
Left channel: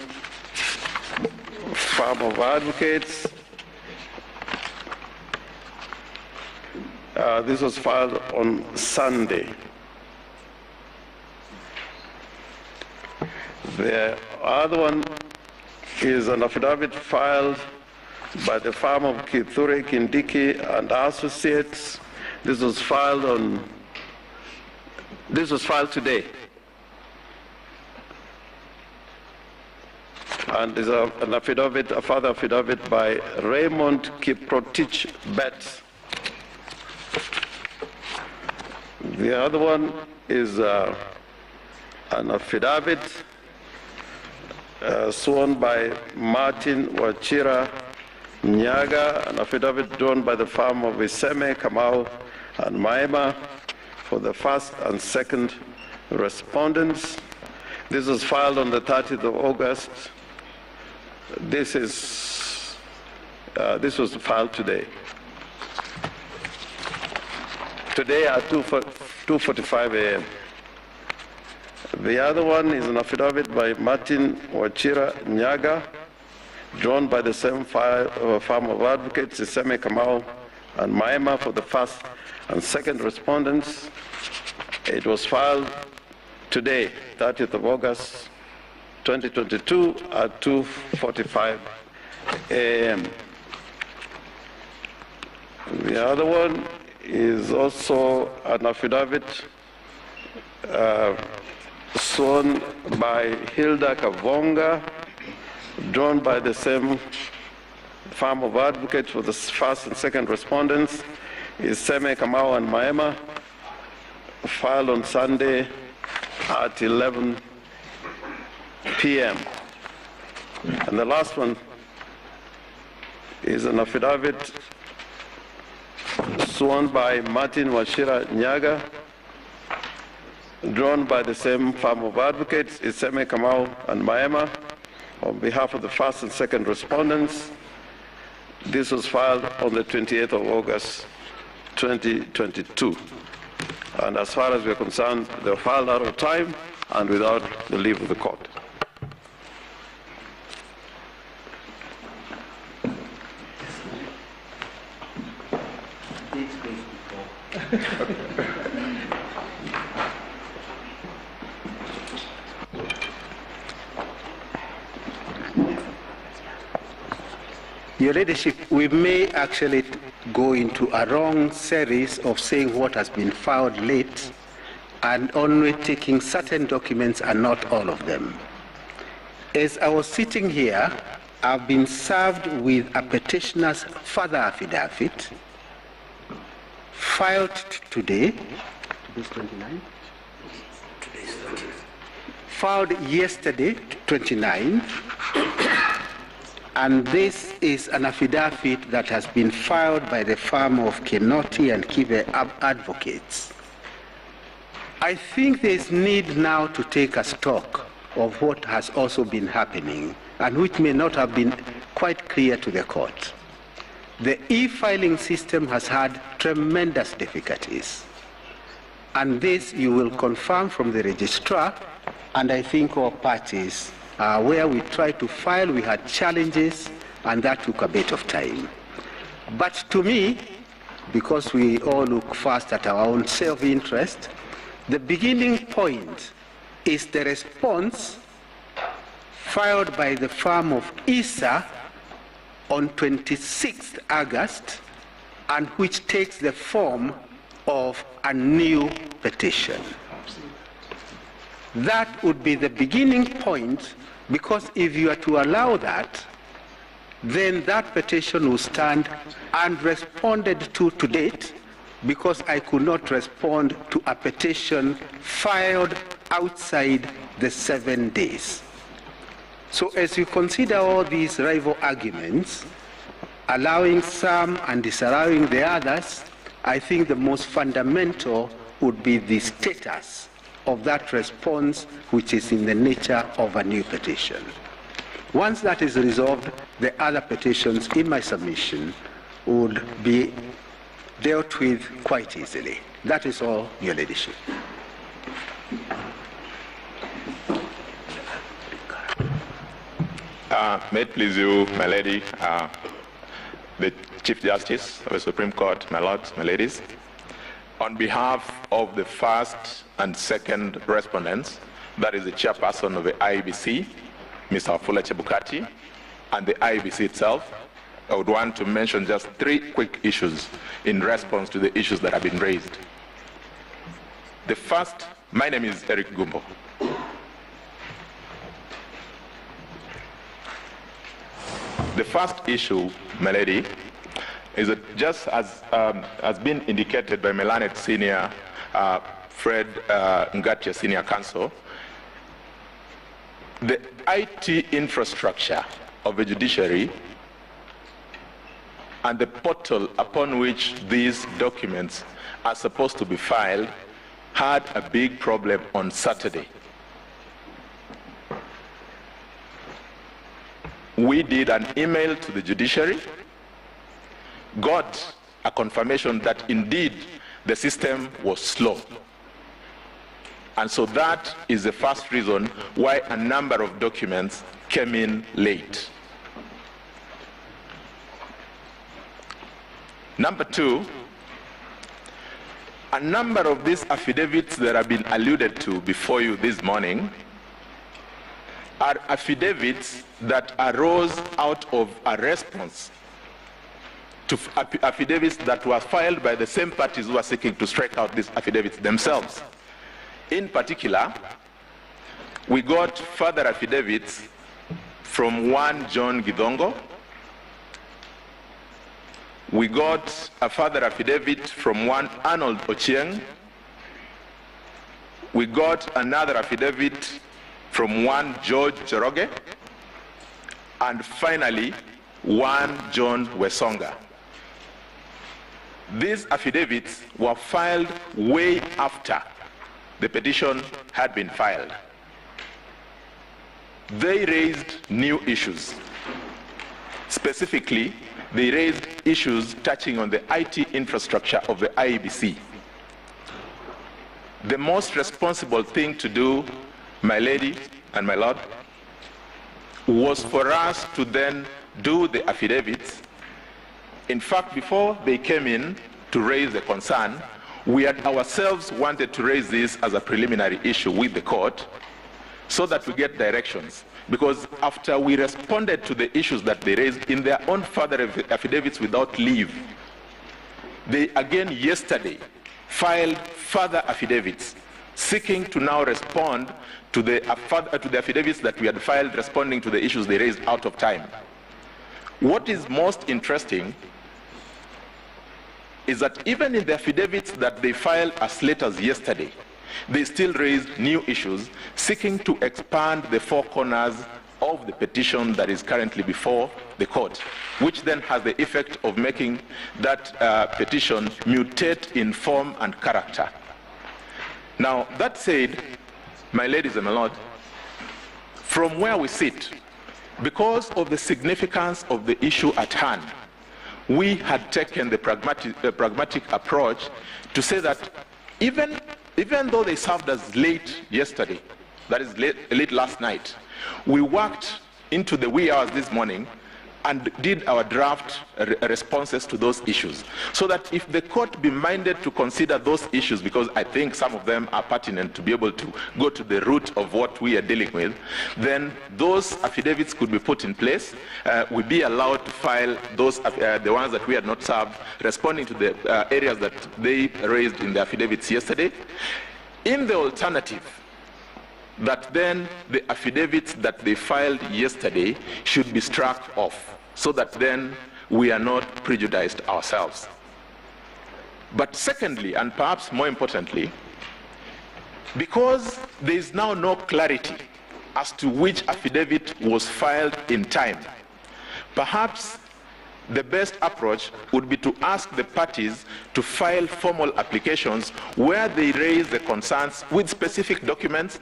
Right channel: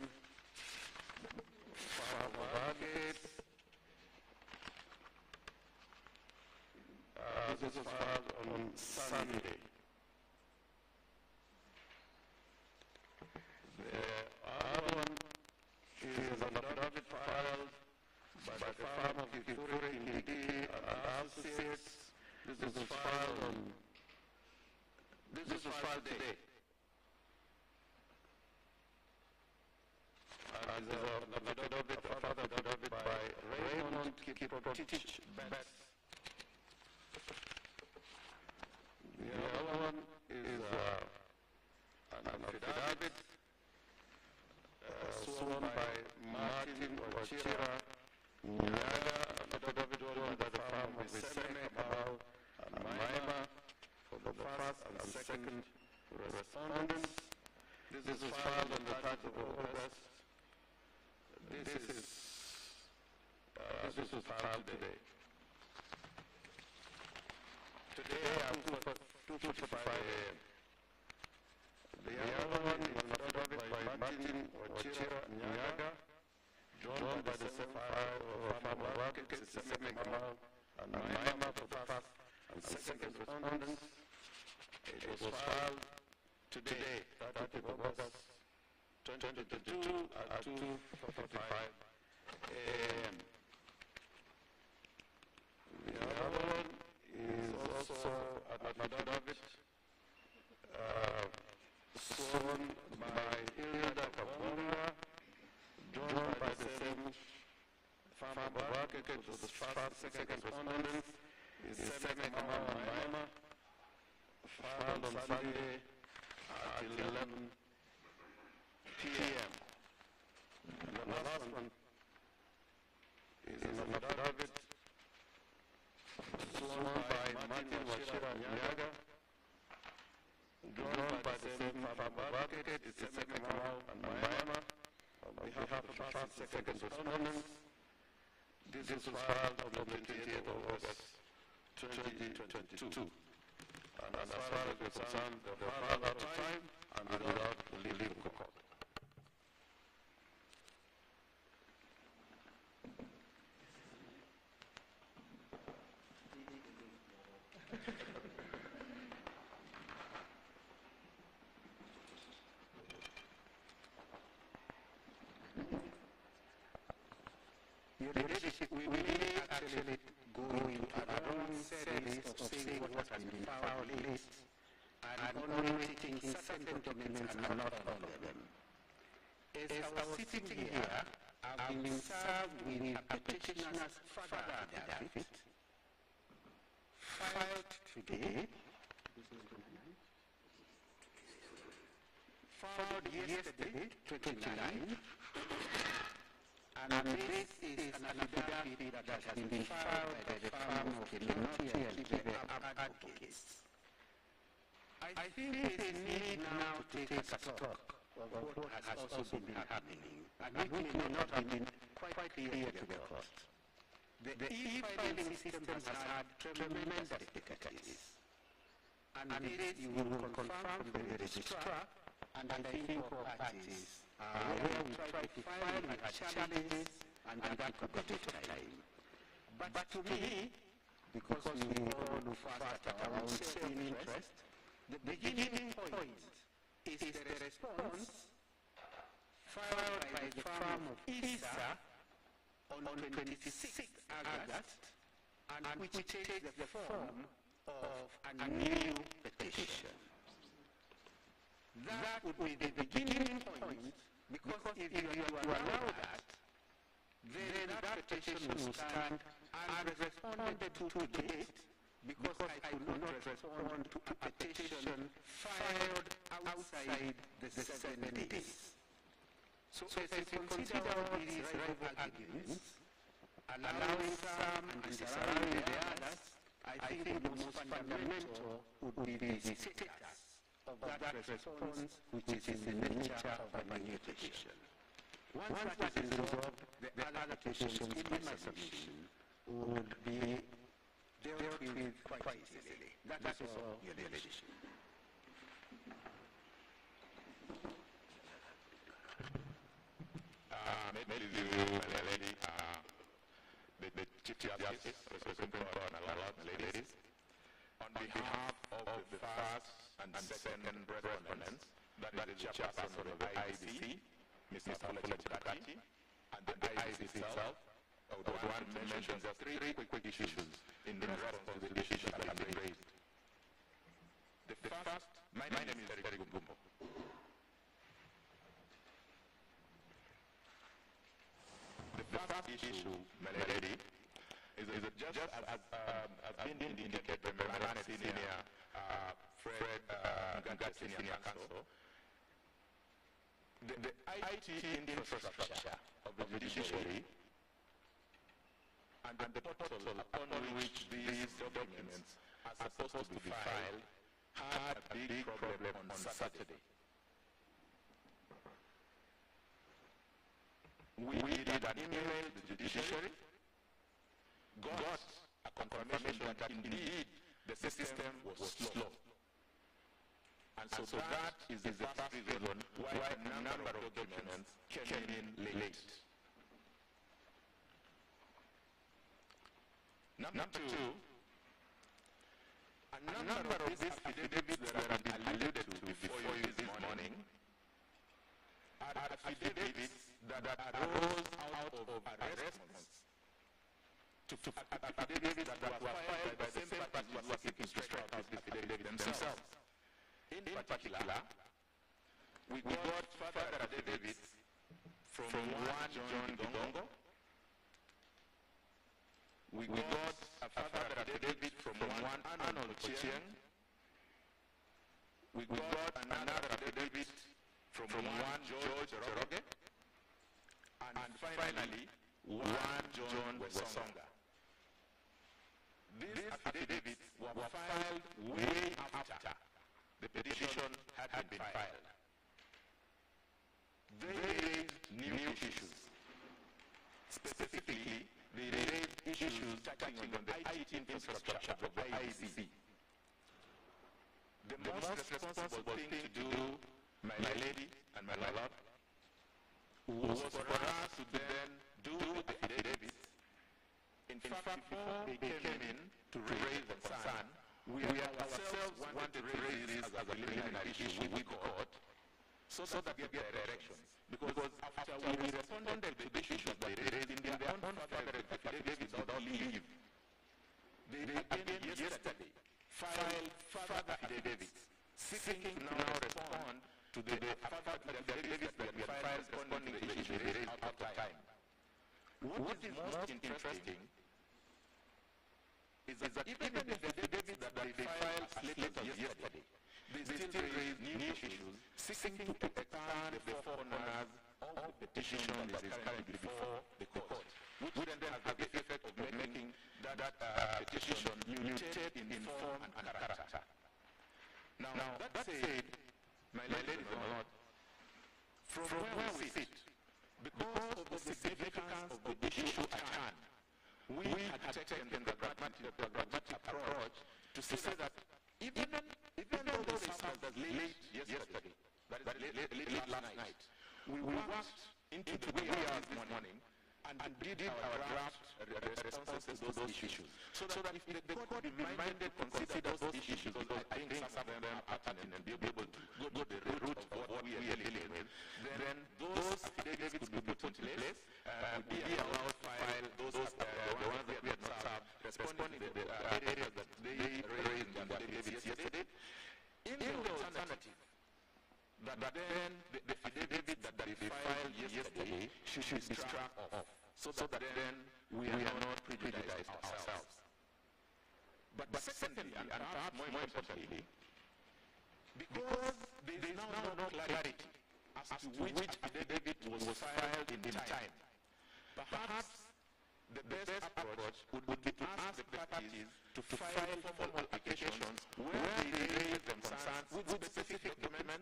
firm of advocates. This was filed on Sunday. The other one is an affidavit filed by the firm of Kithure Kindiki and Associates. This was filed today. And there's an affidavit, a further affidavit by Raymond Kiprotich Betts. The other one is an affidavit sworn by Martin Wachira Nyaga, an affidavit drawn by the firm of Iseme, Kamau, and Maema for the first and second respondents. This was filed on the 30th of August. This was filed today. Today at 2:45 a.m. The other one is an affidavit by Martin Wachira Nyaga, drawn by the same firm of advocates, Iseme, Kamau, and Maema for the first and second respondents. It was filed today, 30th of August, 2022 at 2:45 a.m. The other one is also an affidavit sworn by Hilda Kavonga, drawn by the same firm of advocates for the first and second respondents, is Seme Kamau and Maema, filed on Sunday at 11 p.m. And the last one is an affidavit sworn by Martin Washira Nyaga, drawn by the same firm of advocates, Iseme Kamau and Maema, on behalf of the first and second respondents. This was filed on the 28th of August, 2022. And as far as we're concerned, they were filed out of time and without the leave of the court. Your Ladyship, we may actually go into a wrong series of saying what has been filed late and only taking certain documents and not all of them. As I was sitting here, I've been served with a petitioner's further affidavit filed today. Today's 29? Filed yesterday, 29. And this is an affidavit that has been filed by the firm of Kenoti and Kive Advocates. I think there is need now to take a stock of what has also been happening and which may not have been quite clear to the court. The e-filing system has had tremendous difficulties. And this you will confirm from the registrar, and I think all parties where we tried to file, we had challenges, and that took a bit of time. But to me, because we all look first at our own self-interest, the beginning point is the response filed by the firm of ISA on 26th August, and which takes the form of a new petition. That would be the beginning point, because if you are to allow that, then that petition will stand unresponded to date, because I could not respond to a petition filed outside the 7 days. So as you consider all these rival arguments, allowing some and disallowing the others, I think the most fundamental would be the status of that response, which is in the nature of a new petition. Once that is resolved, the other petitions in my submission would be dealt with quite easily. That is all, Your Ladyship. May it please you, my lady, the Chief Justice of the Supreme Court, my lords, my ladies, on behalf of the first and second respondents, that is the chairperson of the IEBC, Mr. Afula Chebukati, and the IEBC itself, I would want to mention just 3 quick issues in response to the issues that have been raised. The first, my name is Eric Gumbo. The first issue, my lady, is that just as has been indicated by Melanet Senior, Fred Ngatia Senior Counsel, the IT infrastructure of the judiciary and the portal upon which these documents are supposed to be filed had a big problem on Saturday. We did an email to the judiciary, got a confirmation that indeed the system was slow. And so that is the first reason why a number of documents came in late. Number 2, a number of these affidavits that have been alluded to before you this morning are affidavits that arose out of a response to affidavits that were filed by the same parties who are seeking to strike out these affidavits themselves. In particular, we got further affidavits from one John Gidongo. We got a further affidavit from one Arnold Ochieng. We got another affidavit from one George Joroge. And finally, one John Wesonga. These affidavits were filed way after the petition had been filed. They raised new issues. Specifically, they raised issues touching on the IT infrastructure of the IEBC. The most responsible thing to do, my lady and my lord, was for us to then do the affidavits. In fact, before they came in to raise the concern, we had ourselves wanted to raise this as a preliminary issue with the court so that we get directions. Because after we responded to the issues that they raised in their own further affidavits without leave, they again yesterday filed further affidavits seeking to now respond to the affidavits that we had filed responding to the issues they raised out of time. What is most interesting is that even in the affidavits that they filed as late as yesterday, they still raised new issues seeking to expand the four corners of the petition that is currently before the court, which then has the effect of making that petition mutate in form and character. Now, that said, my ladies and my lord, from where we sit, because of the significance of the issue at hand, we had taken the pragmatic approach to say that even though they served us late yesterday, that is late last night, we worked into the wee hours this morning and did our draft responses to those issues, so that if the court be minded to consider those issues, because I think some of them are pertinent to be able to go to the root of what we are dealing with, then those affidavits could be put in place. We'd be allowed to file those, the ones that we had not served, responding to the areas that they raised in the affidavits yesterday. In the alternative, that then the affidavits that they filed yesterday should be struck off, so that then we are not prejudiced ourselves. But secondly, and perhaps more importantly, because there is now no clarity as to which affidavit was filed in time, perhaps the best approach would be to ask the parties to file formal applications where they raise the concerns with specific documents,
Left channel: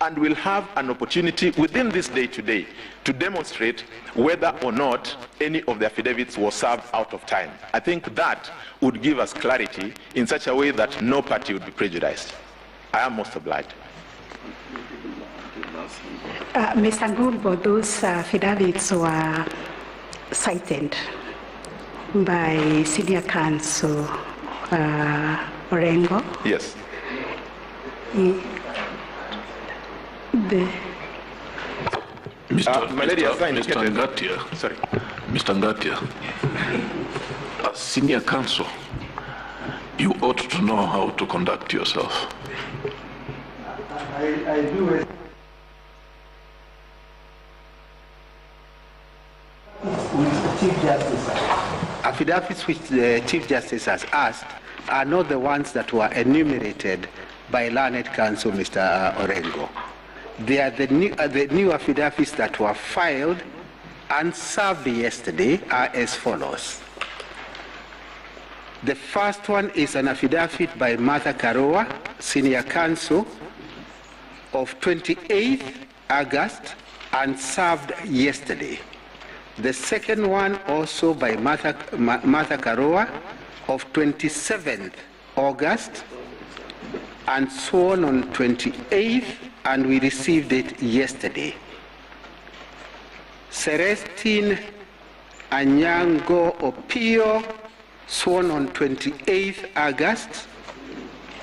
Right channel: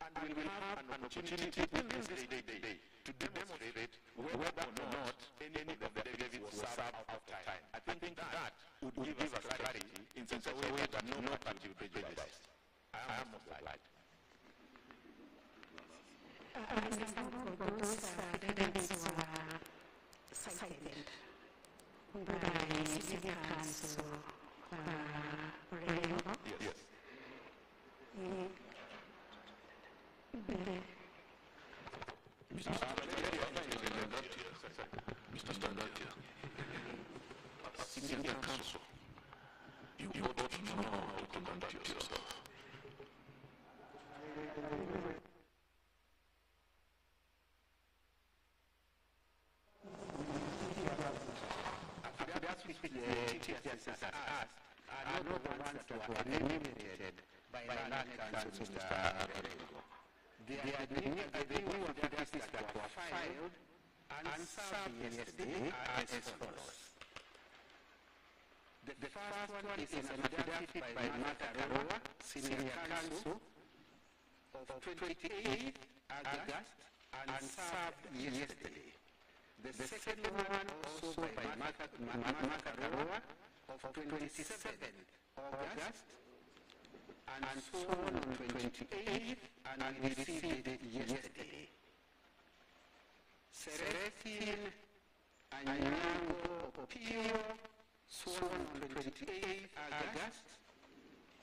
and we'll have an opportunity within this day today to demonstrate whether or not any of the affidavits was served out of time. I think that would give us clarity in such a way that no party would be prejudiced. I am most obliged. Mr. Ngumbo, those affidavits were cited by Senior Counsel Orengo. Yes. Mr. Ngatia, sorry. Mr. Ngatia, as senior counsel, you ought to know how to conduct yourself. I do. With Chief Justice. Affidavits which the Chief Justice has asked are not the ones that were enumerated by learned counsel Mr. Orengo. They are the new affidavits that were filed and served yesterday are as follows. The first one is an affidavit by Martha Karowa, Senior Counsel, of 28th August and served yesterday. The second one also by Martha Karowa of 27th August and sworn on 28th, and we received it yesterday. Celestine Anyango Opio, sworn on 28th August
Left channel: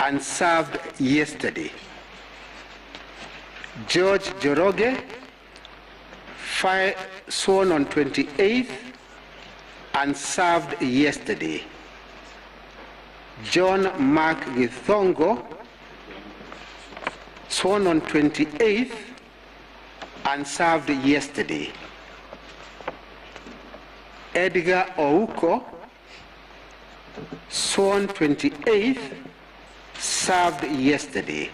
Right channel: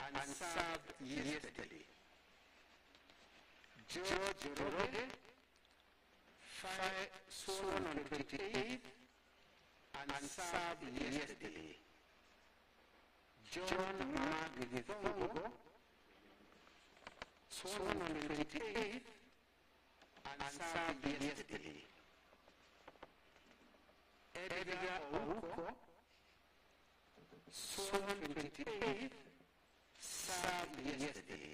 and served yesterday. George Joroge, sworn on 28th and served yesterday. John Mark Githongo, sworn on 28th and served yesterday. Edgar Ouko, sworn 28th, served yesterday.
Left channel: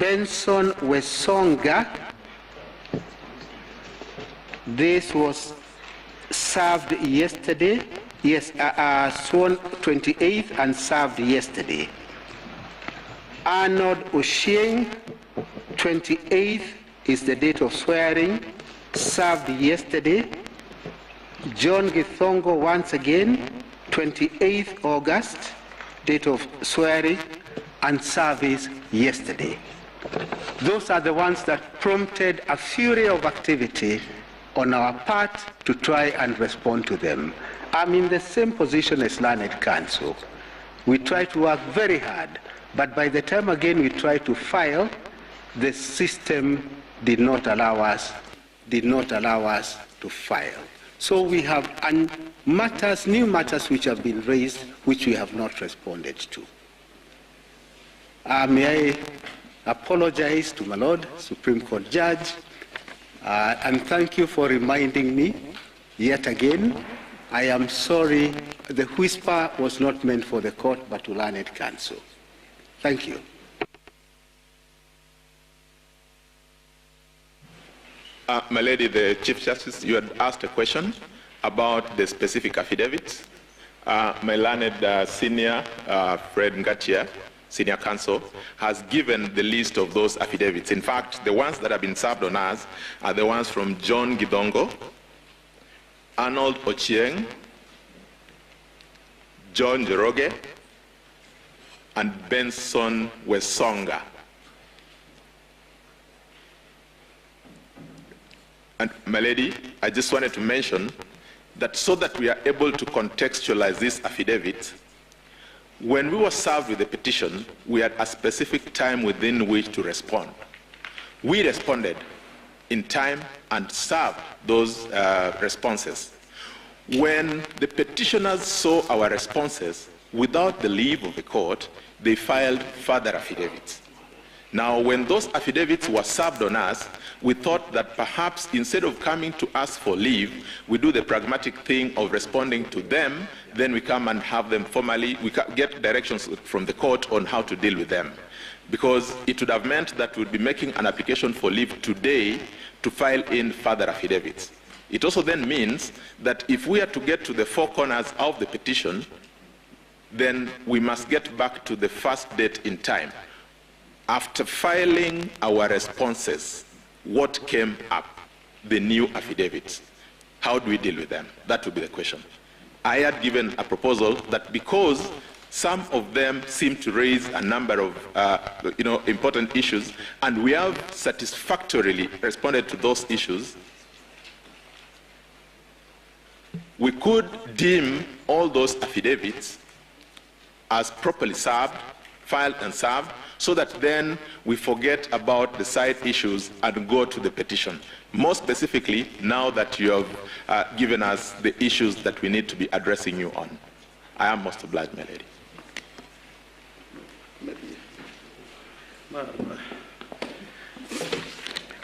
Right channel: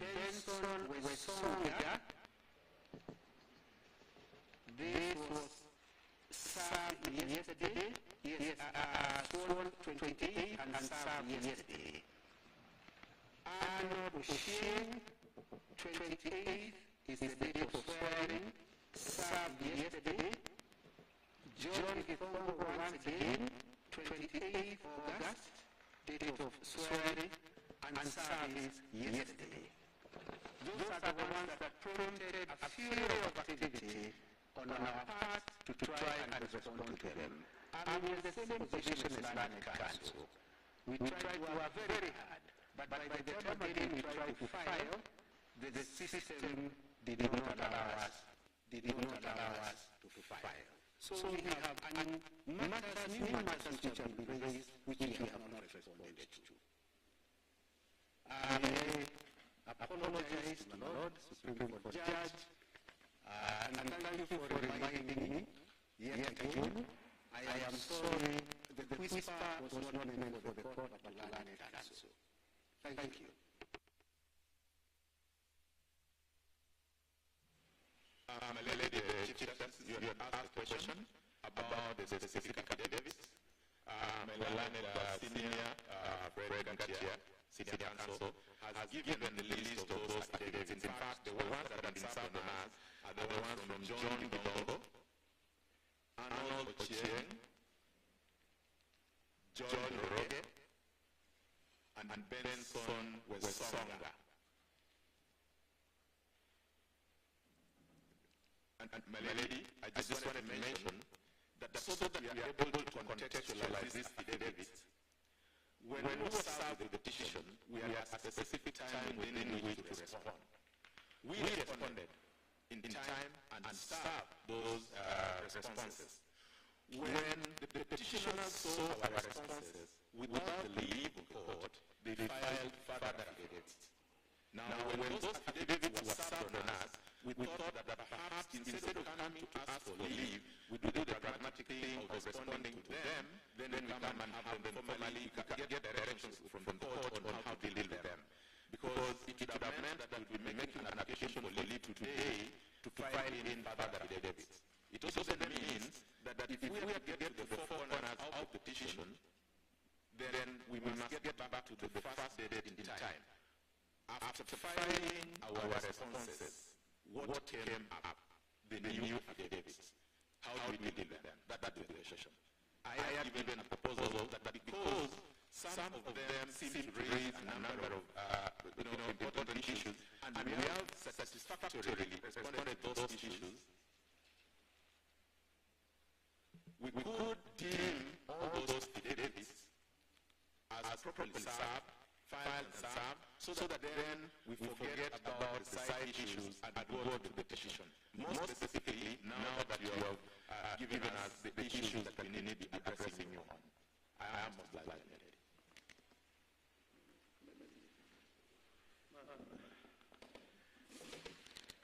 Benson Wesonga, this was served yesterday. Yes, sworn 28th and served yesterday. Arnold Oshieng, 28th is the date of swearing, served yesterday. John Githongo, once again, 28th August, date of swearing and service yesterday. Those are the ones that prompted a fury of activity on our part to try and respond to them. I'm in the same position as Learned Counsel. We try to work very hard, but by the time again we try to file, the system did not allow us to file. So we have new matters which have been raised, which we have not responded to. May I apologize to my Lord, Supreme Court Judge, and thank you for reminding me yet again. I am sorry, the whisper was not meant for the court, but to Learned Counsel. Thank you. My lady, the Chief Justice, you had asked a question about the specific affidavits. My learned senior, Fred Ngatia, senior counsel, has given the list of those affidavits. In fact, the ones that have been served on us are the ones from John Gidongo, Arnold Ochieng, John Joroge, and Benson Wesonga. And my lady, I just wanted to mention that so that we are able to contextualize this affidavit, when we were served with the petition, we had a specific time within which to respond. We responded in time and served those responses. When the petitioners saw our responses, without the leave of the court, they filed further affidavits. Now, when those affidavits were served on us, we thought that perhaps instead of coming to ask for leave, we do the pragmatic thing of responding to them, then we come and have them formally, we get directions from the court on how to deal with them. Because it would have meant that we'd be making an application for leave today to file in further affidavits. It also then means that if we are to get to the four corners of the petition, then we must get back to the first date in time. After filing our responses, what came up? The new affidavits. How do we deal with them? That would be the question. I had given a proposal that because some of them seem to raise a number of important issues, and we have satisfactorily responded to those issues, we could deem all those affidavits as properly served, filed and served, so that then we forget about the side issues and go to the petition. More specifically, now that you have given us the issues that we need to be addressing you on. I am most obliged, my lady.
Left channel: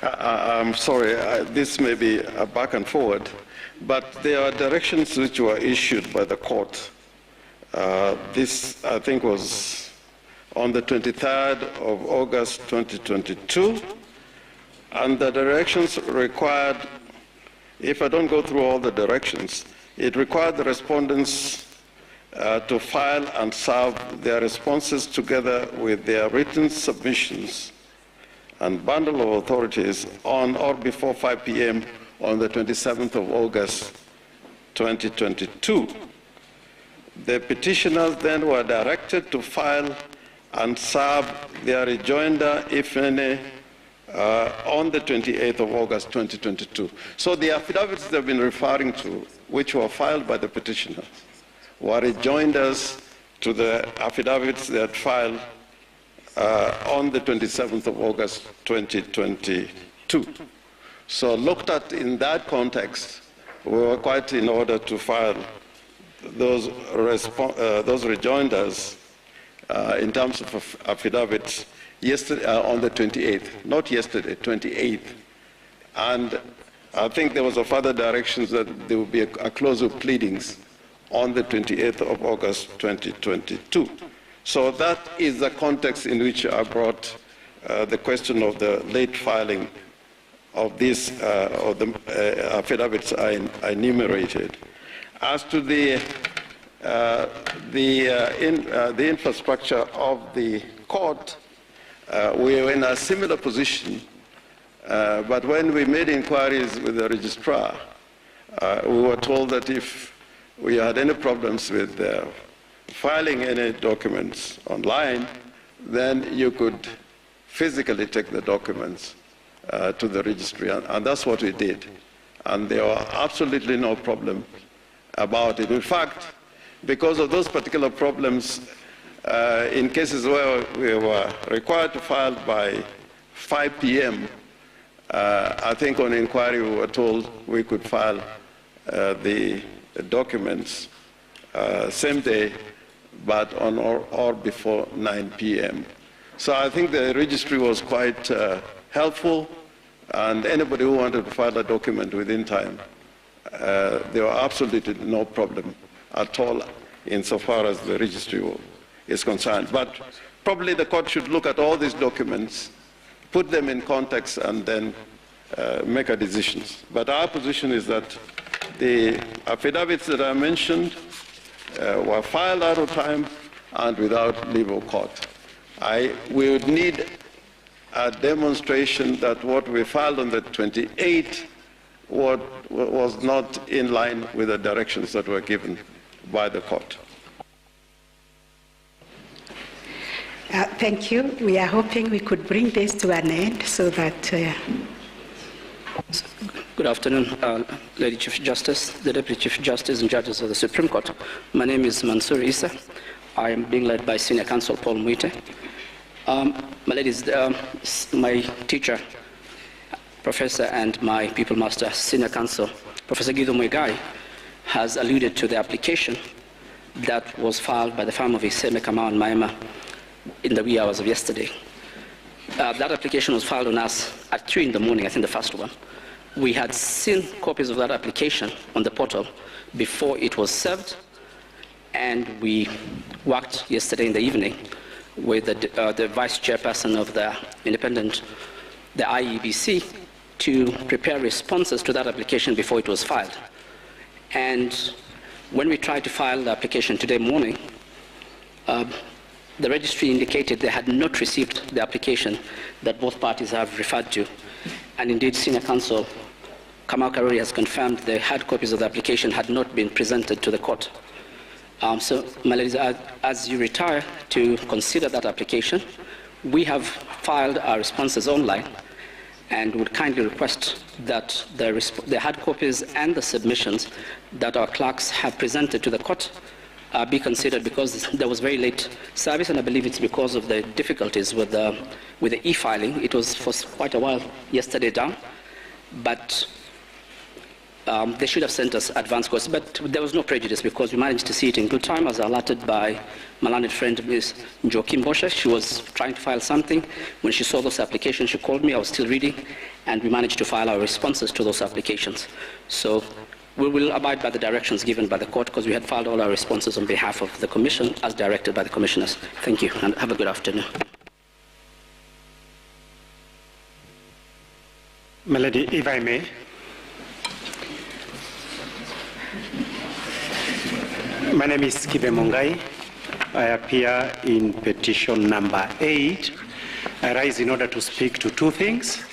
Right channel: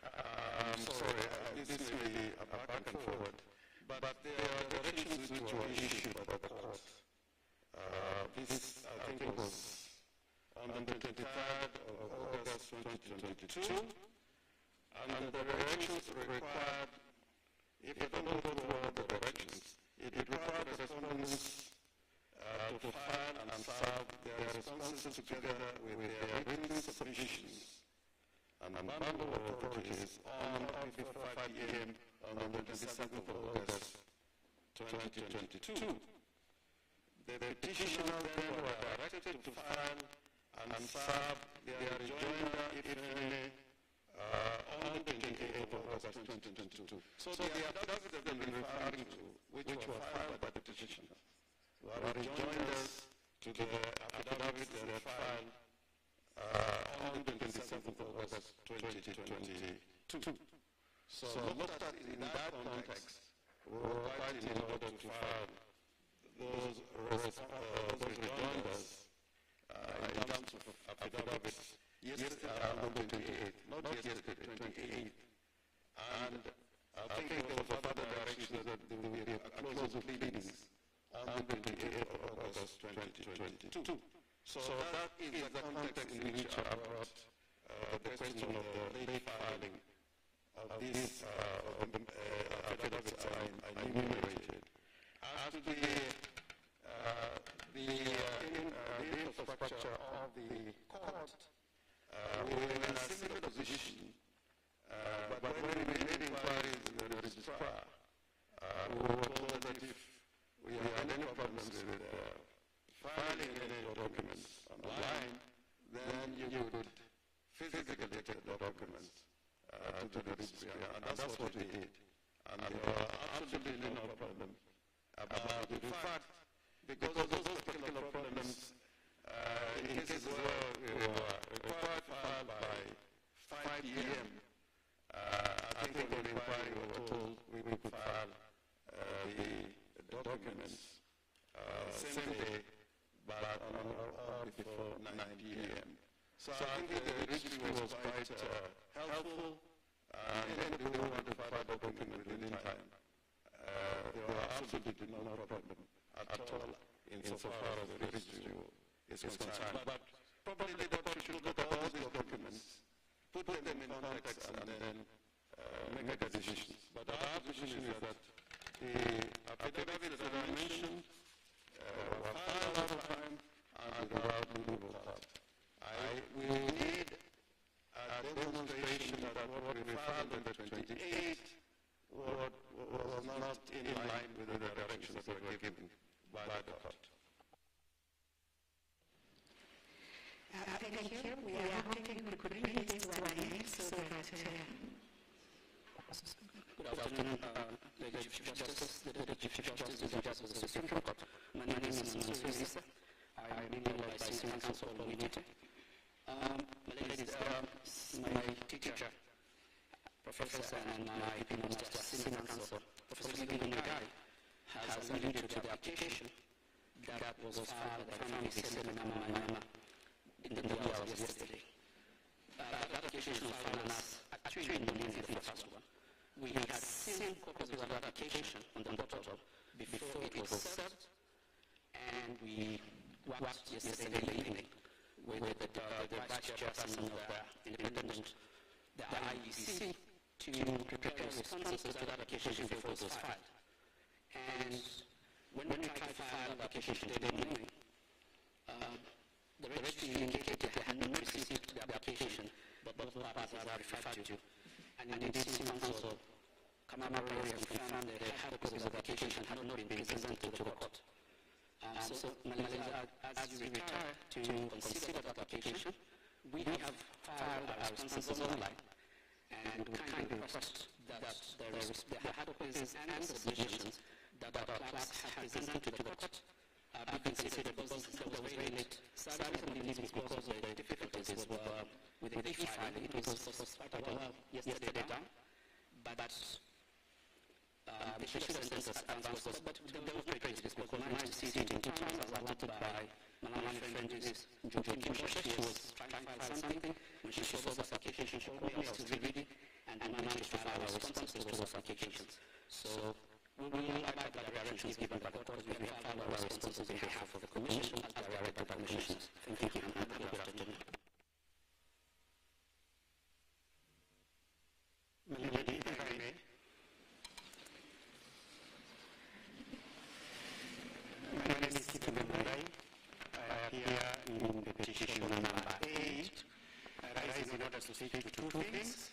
I'm sorry, this may be a back and forward, but there are directions which were issued by the court. This, I think, was on the 23rd of August 2022, and the directions required, if I don't go through all the directions, it required the respondents to file and serve their responses together with their written submissions and bundle of authorities on or before 5 p.m. on the 27th of August 2022. The petitioners then were directed to file and serve their rejoinder, if any, on the 28th of August 2022. So the affidavits they've been referring to, which were filed by the petitioners, were rejoinders to the affidavits they had filed on the 27th of August 2022. So looked at in that context, we were quite in order to file those rejoinders in terms of affidavits yesterday, on the 28th, not yesterday, 28th. And I think there was a further directions that there will be a close of pleadings on the 28th of August 2022. So that is the context in which I brought the question of the late filing of these of the affidavits I enumerated. As to the infrastructure of the court, we were in a similar position, but when we made inquiries with the registrar, we were told that if we had any problems with filing any documents online, then you could physically take the documents to the registry, and that's what we did. And there were absolutely no problem about it. In fact, because of those particular problems, in cases where we were required to file by 5 p.m., I think on inquiry we were told we could file the documents same day, but on or before 9 p.m. So I think the registry was quite helpful, and anybody who wanted to file a document within time, there were absolutely no problem at all insofar as the registry is concerned. But probably the court should look at all these documents, put them in context, and then make a decision. But our position is that the affidavits that I mentioned were filed out of time and without leave of court. We would need a demonstration that what we filed on the 28th was not in line with the directions that were given by the court. Thank you. We are hoping we could bring this to an end so that... Good afternoon, Lady Chief Justice, the Deputy Chief Justice and judges of the Supreme Court. My name is Mansour Issa. I am being led by Senior Counsel Paul Muite. My ladies, my teacher, Professor, and my People Master, Senior Counsel, Professor Guido Muigai, has alluded to the application that was filed by the firm of Iseme Kamau and Maema in the wee hours of yesterday. That application was filed on us at 3 in the morning, I think the first one. We had seen copies of that application on the portal before it was served, and we worked yesterday in the evening with the vice chairperson of the the IEBC, to prepare responses to that application before it was filed. And when we tried to file the application today morning, the registry indicated they had not received the application that both parties have referred to. And indeed, Senior Counsel Kamau Karuri has confirmed the hard copies of the application had not been presented to the court. So, my ladies, as you retire to consider that application, we have filed our responses online and would kindly request that the hard copies and the submissions that our clerks have presented to the court be considered, because there was very late service, and I believe it's because of the difficulties with the e-filing. It was for quite a while yesterday down, but they should have sent us advance course. But there was no prejudice because we managed to see it in good time, as alerted by my learned friend, Ms. Joaquim Bosche. She was trying to file something. When she saw those applications, she called me. I was still reading, and we managed to file our responses to those applications. So we will abide by the directions given by the court, because we had filed all our responses on behalf of the Commission as directed by the Commissioners. Thank you, and have a good afternoon. Melody, if I may. My name is Kibe Mongai. I appear in petition number 8. I rise in order to speak to two things.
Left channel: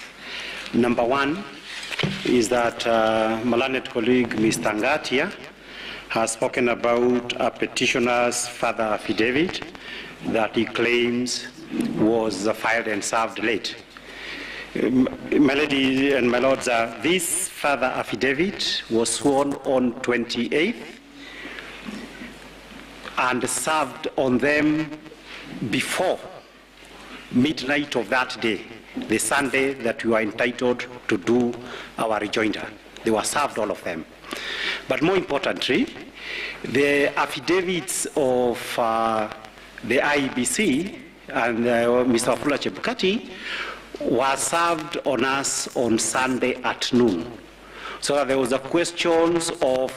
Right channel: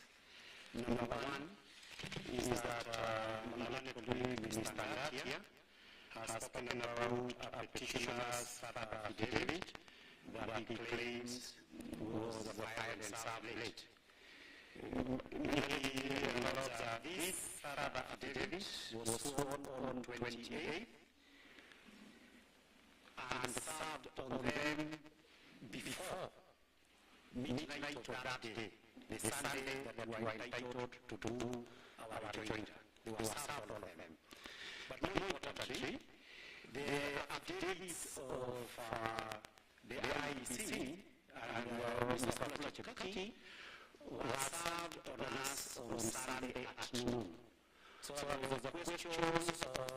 Number one is that my learned colleague, Mr. Ngatia, has spoken about a petitioner's further affidavit that he claims was filed and served late. My lady and my lords, this further affidavit was sworn on 28th and served on them before midnight of that day, the Sunday that we were entitled to do our rejoinder. They were served, all of them. But more importantly, the affidavits of the IEBC and Mr. Wafula Chebukati was served on us on Sunday at noon. So that there was a questions of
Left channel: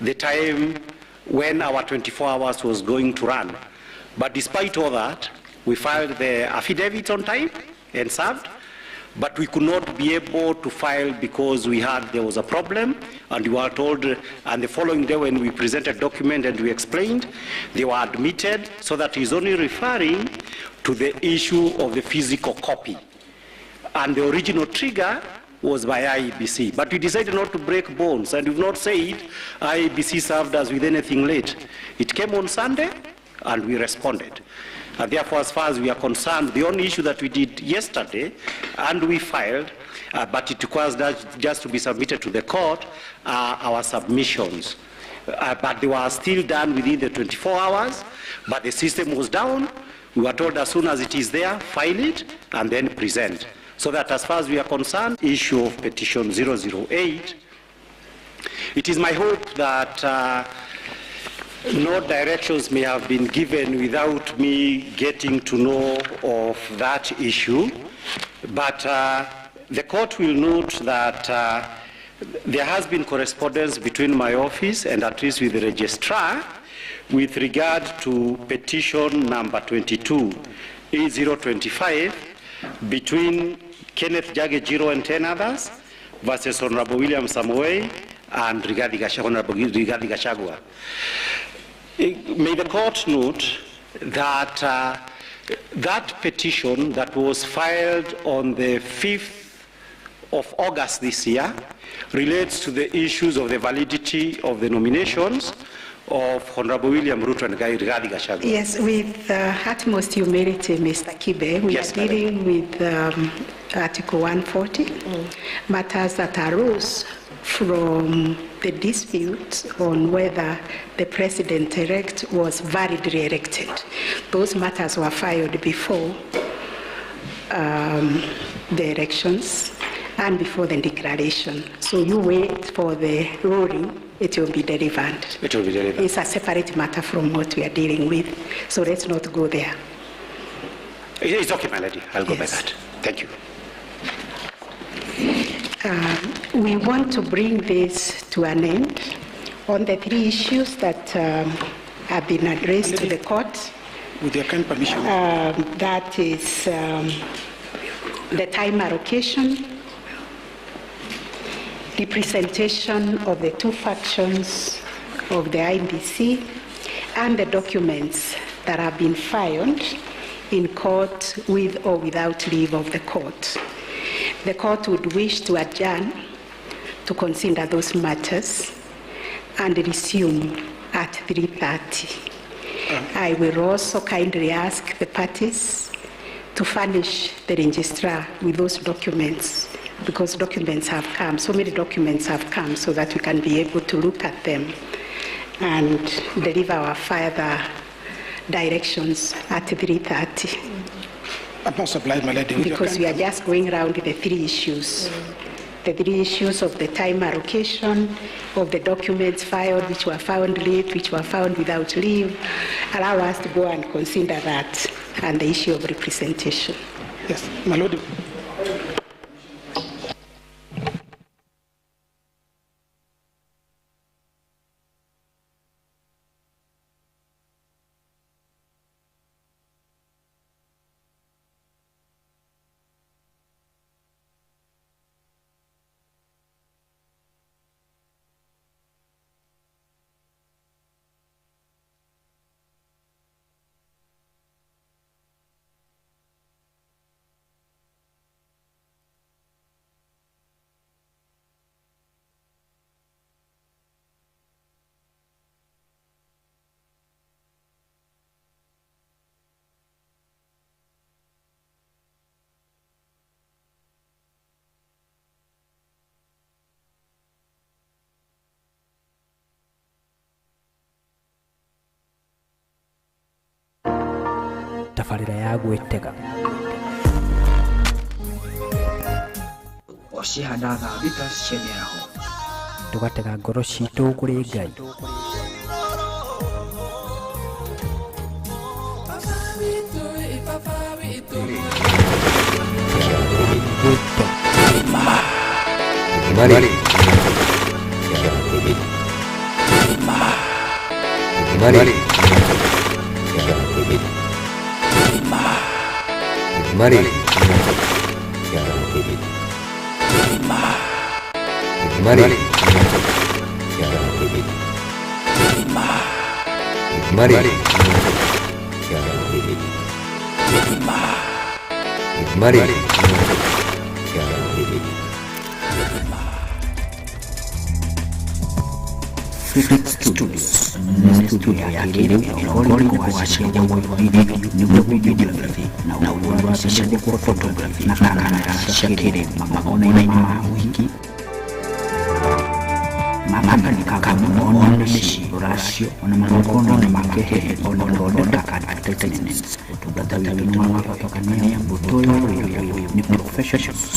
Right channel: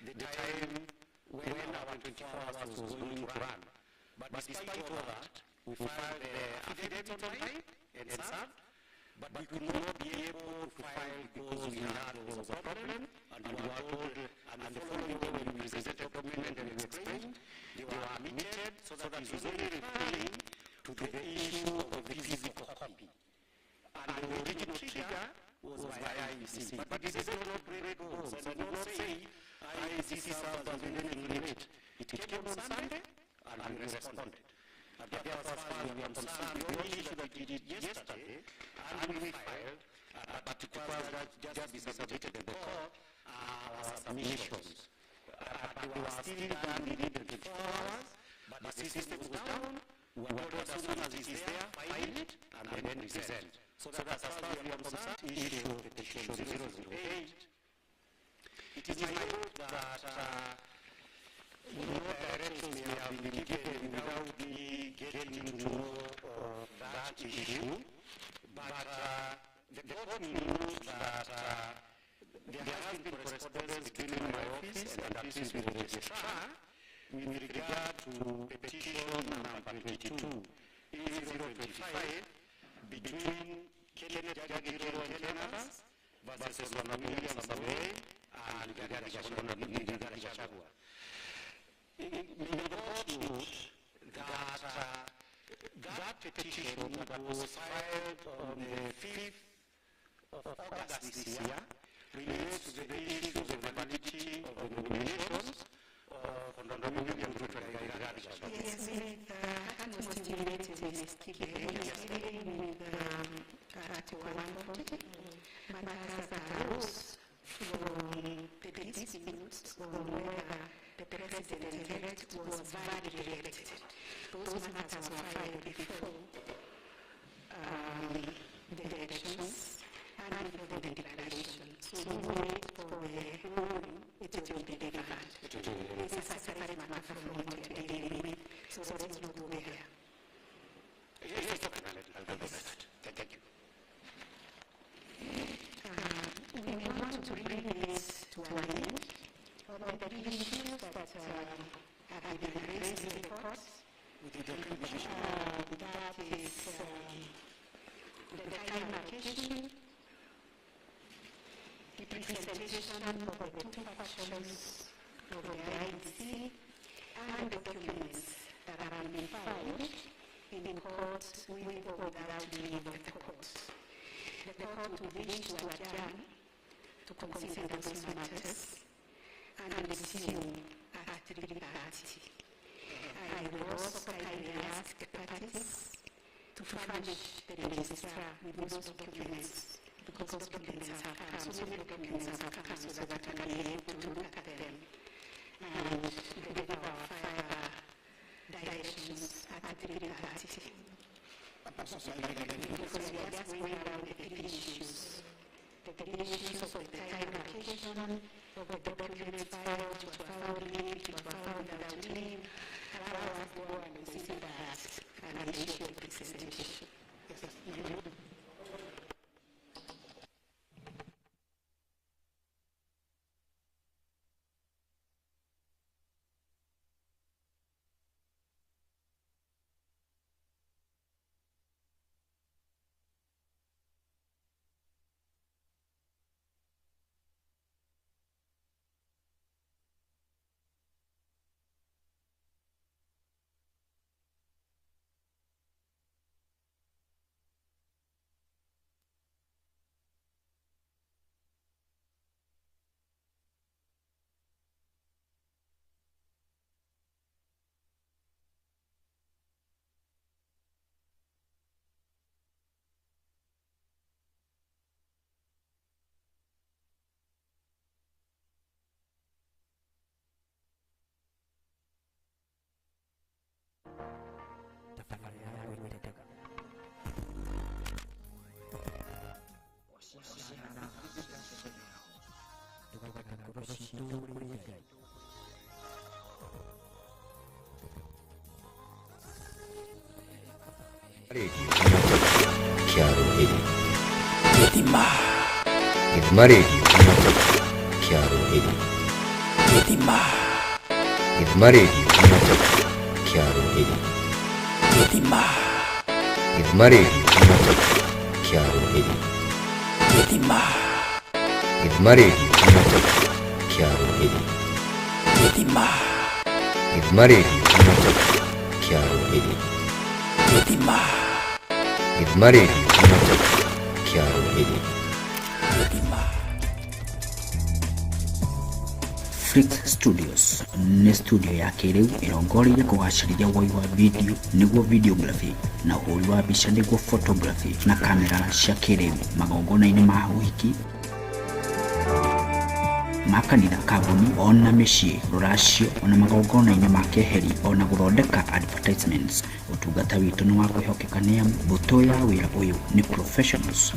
the time when our 24 hours was going to run. But despite all that, we filed the affidavit on time and served, but we could not be able to file because there was a problem, and we were told, and the following day when we presented document and we explained, they were admitted, so that is only referring to the issue of the physical copy. And the original trigger was by IEBC. But we decided not to break bones, and we've not said IEBC served us with anything late. It came on Sunday, and we responded. And therefore, as far as we are concerned, the only issue that we did yesterday, and we filed, but it requires that just to be submitted to the court, our submissions. But they were still done within the 24 hours, but the system was down. We were told as soon as it is there, file it, and then present. So that as far as we are concerned, issue of petition 008, it is my hope that no directions may have been given without me getting to know of that issue. But the court will note that there has been correspondence between my office and at least with the registrar with regard to petition number 22, A025, between Kenneth Jagejiro and 10 others versus Honorable William Samoei and Honorable Rigathi Gachagua. May the court note that that petition that was filed on the 5th of August this year relates to the issues of the validity of the nominations of Honorable William Ruto and Rigathi Gachagua. Yes, with utmost humility, Mr. Kibe, we are dealing with Article 140, matters that arose from the dispute on whether the president-elect was validly elected. Those matters were filed before the elections and before the declaration. So you wait for the ruling, it will be delivered. It will be delivered. It's a separate matter from what we are dealing with, so let's not go there. It's okay, my lady. I'll go by that. Thank you. We want to bring this to an end on the three issues that have been addressed to the court. With your kind permission. That is the time allocation, representation of the two factions of the IBC, and the documents that have been filed in court with or without leave of the court. The court would wish to adjourn to consider those matters and resume at 3:30. I will also kindly ask the parties to furnish the registrar with those documents, because documents have come, so many documents have come, so that we can be able to look at them and deliver our further directions at 3:30. I'm not supplied, my lady. Because we are just going around the three issues. The three issues of the time allocation, of the documents filed, which were found late, which were found without leave. Allow us to go and consider that, and the issue of representation. Yes, my lord. Tabarira ya gwetega osihanaga bitasheneraho tugatega ngoro ciitũ kũrĩ Ngai. Idmari Kiaruhiri Idmari Kiaruhiri Idmari Kiaruhiri Idmari Kiaruhiri Idmari Kiaruhiri Idmari Kiaruhiri Studios ni studio ya kiriri iliyongoli kuwashishia wewe video nibwo videography na uwabisha kwa photography na kamera shakiri magona ina mawiki mapana kagamu ona meshi ratio ona magona ina makeheri ona burodeka advertisements utugata witu nwa kwa kania butoya wewe ni professionals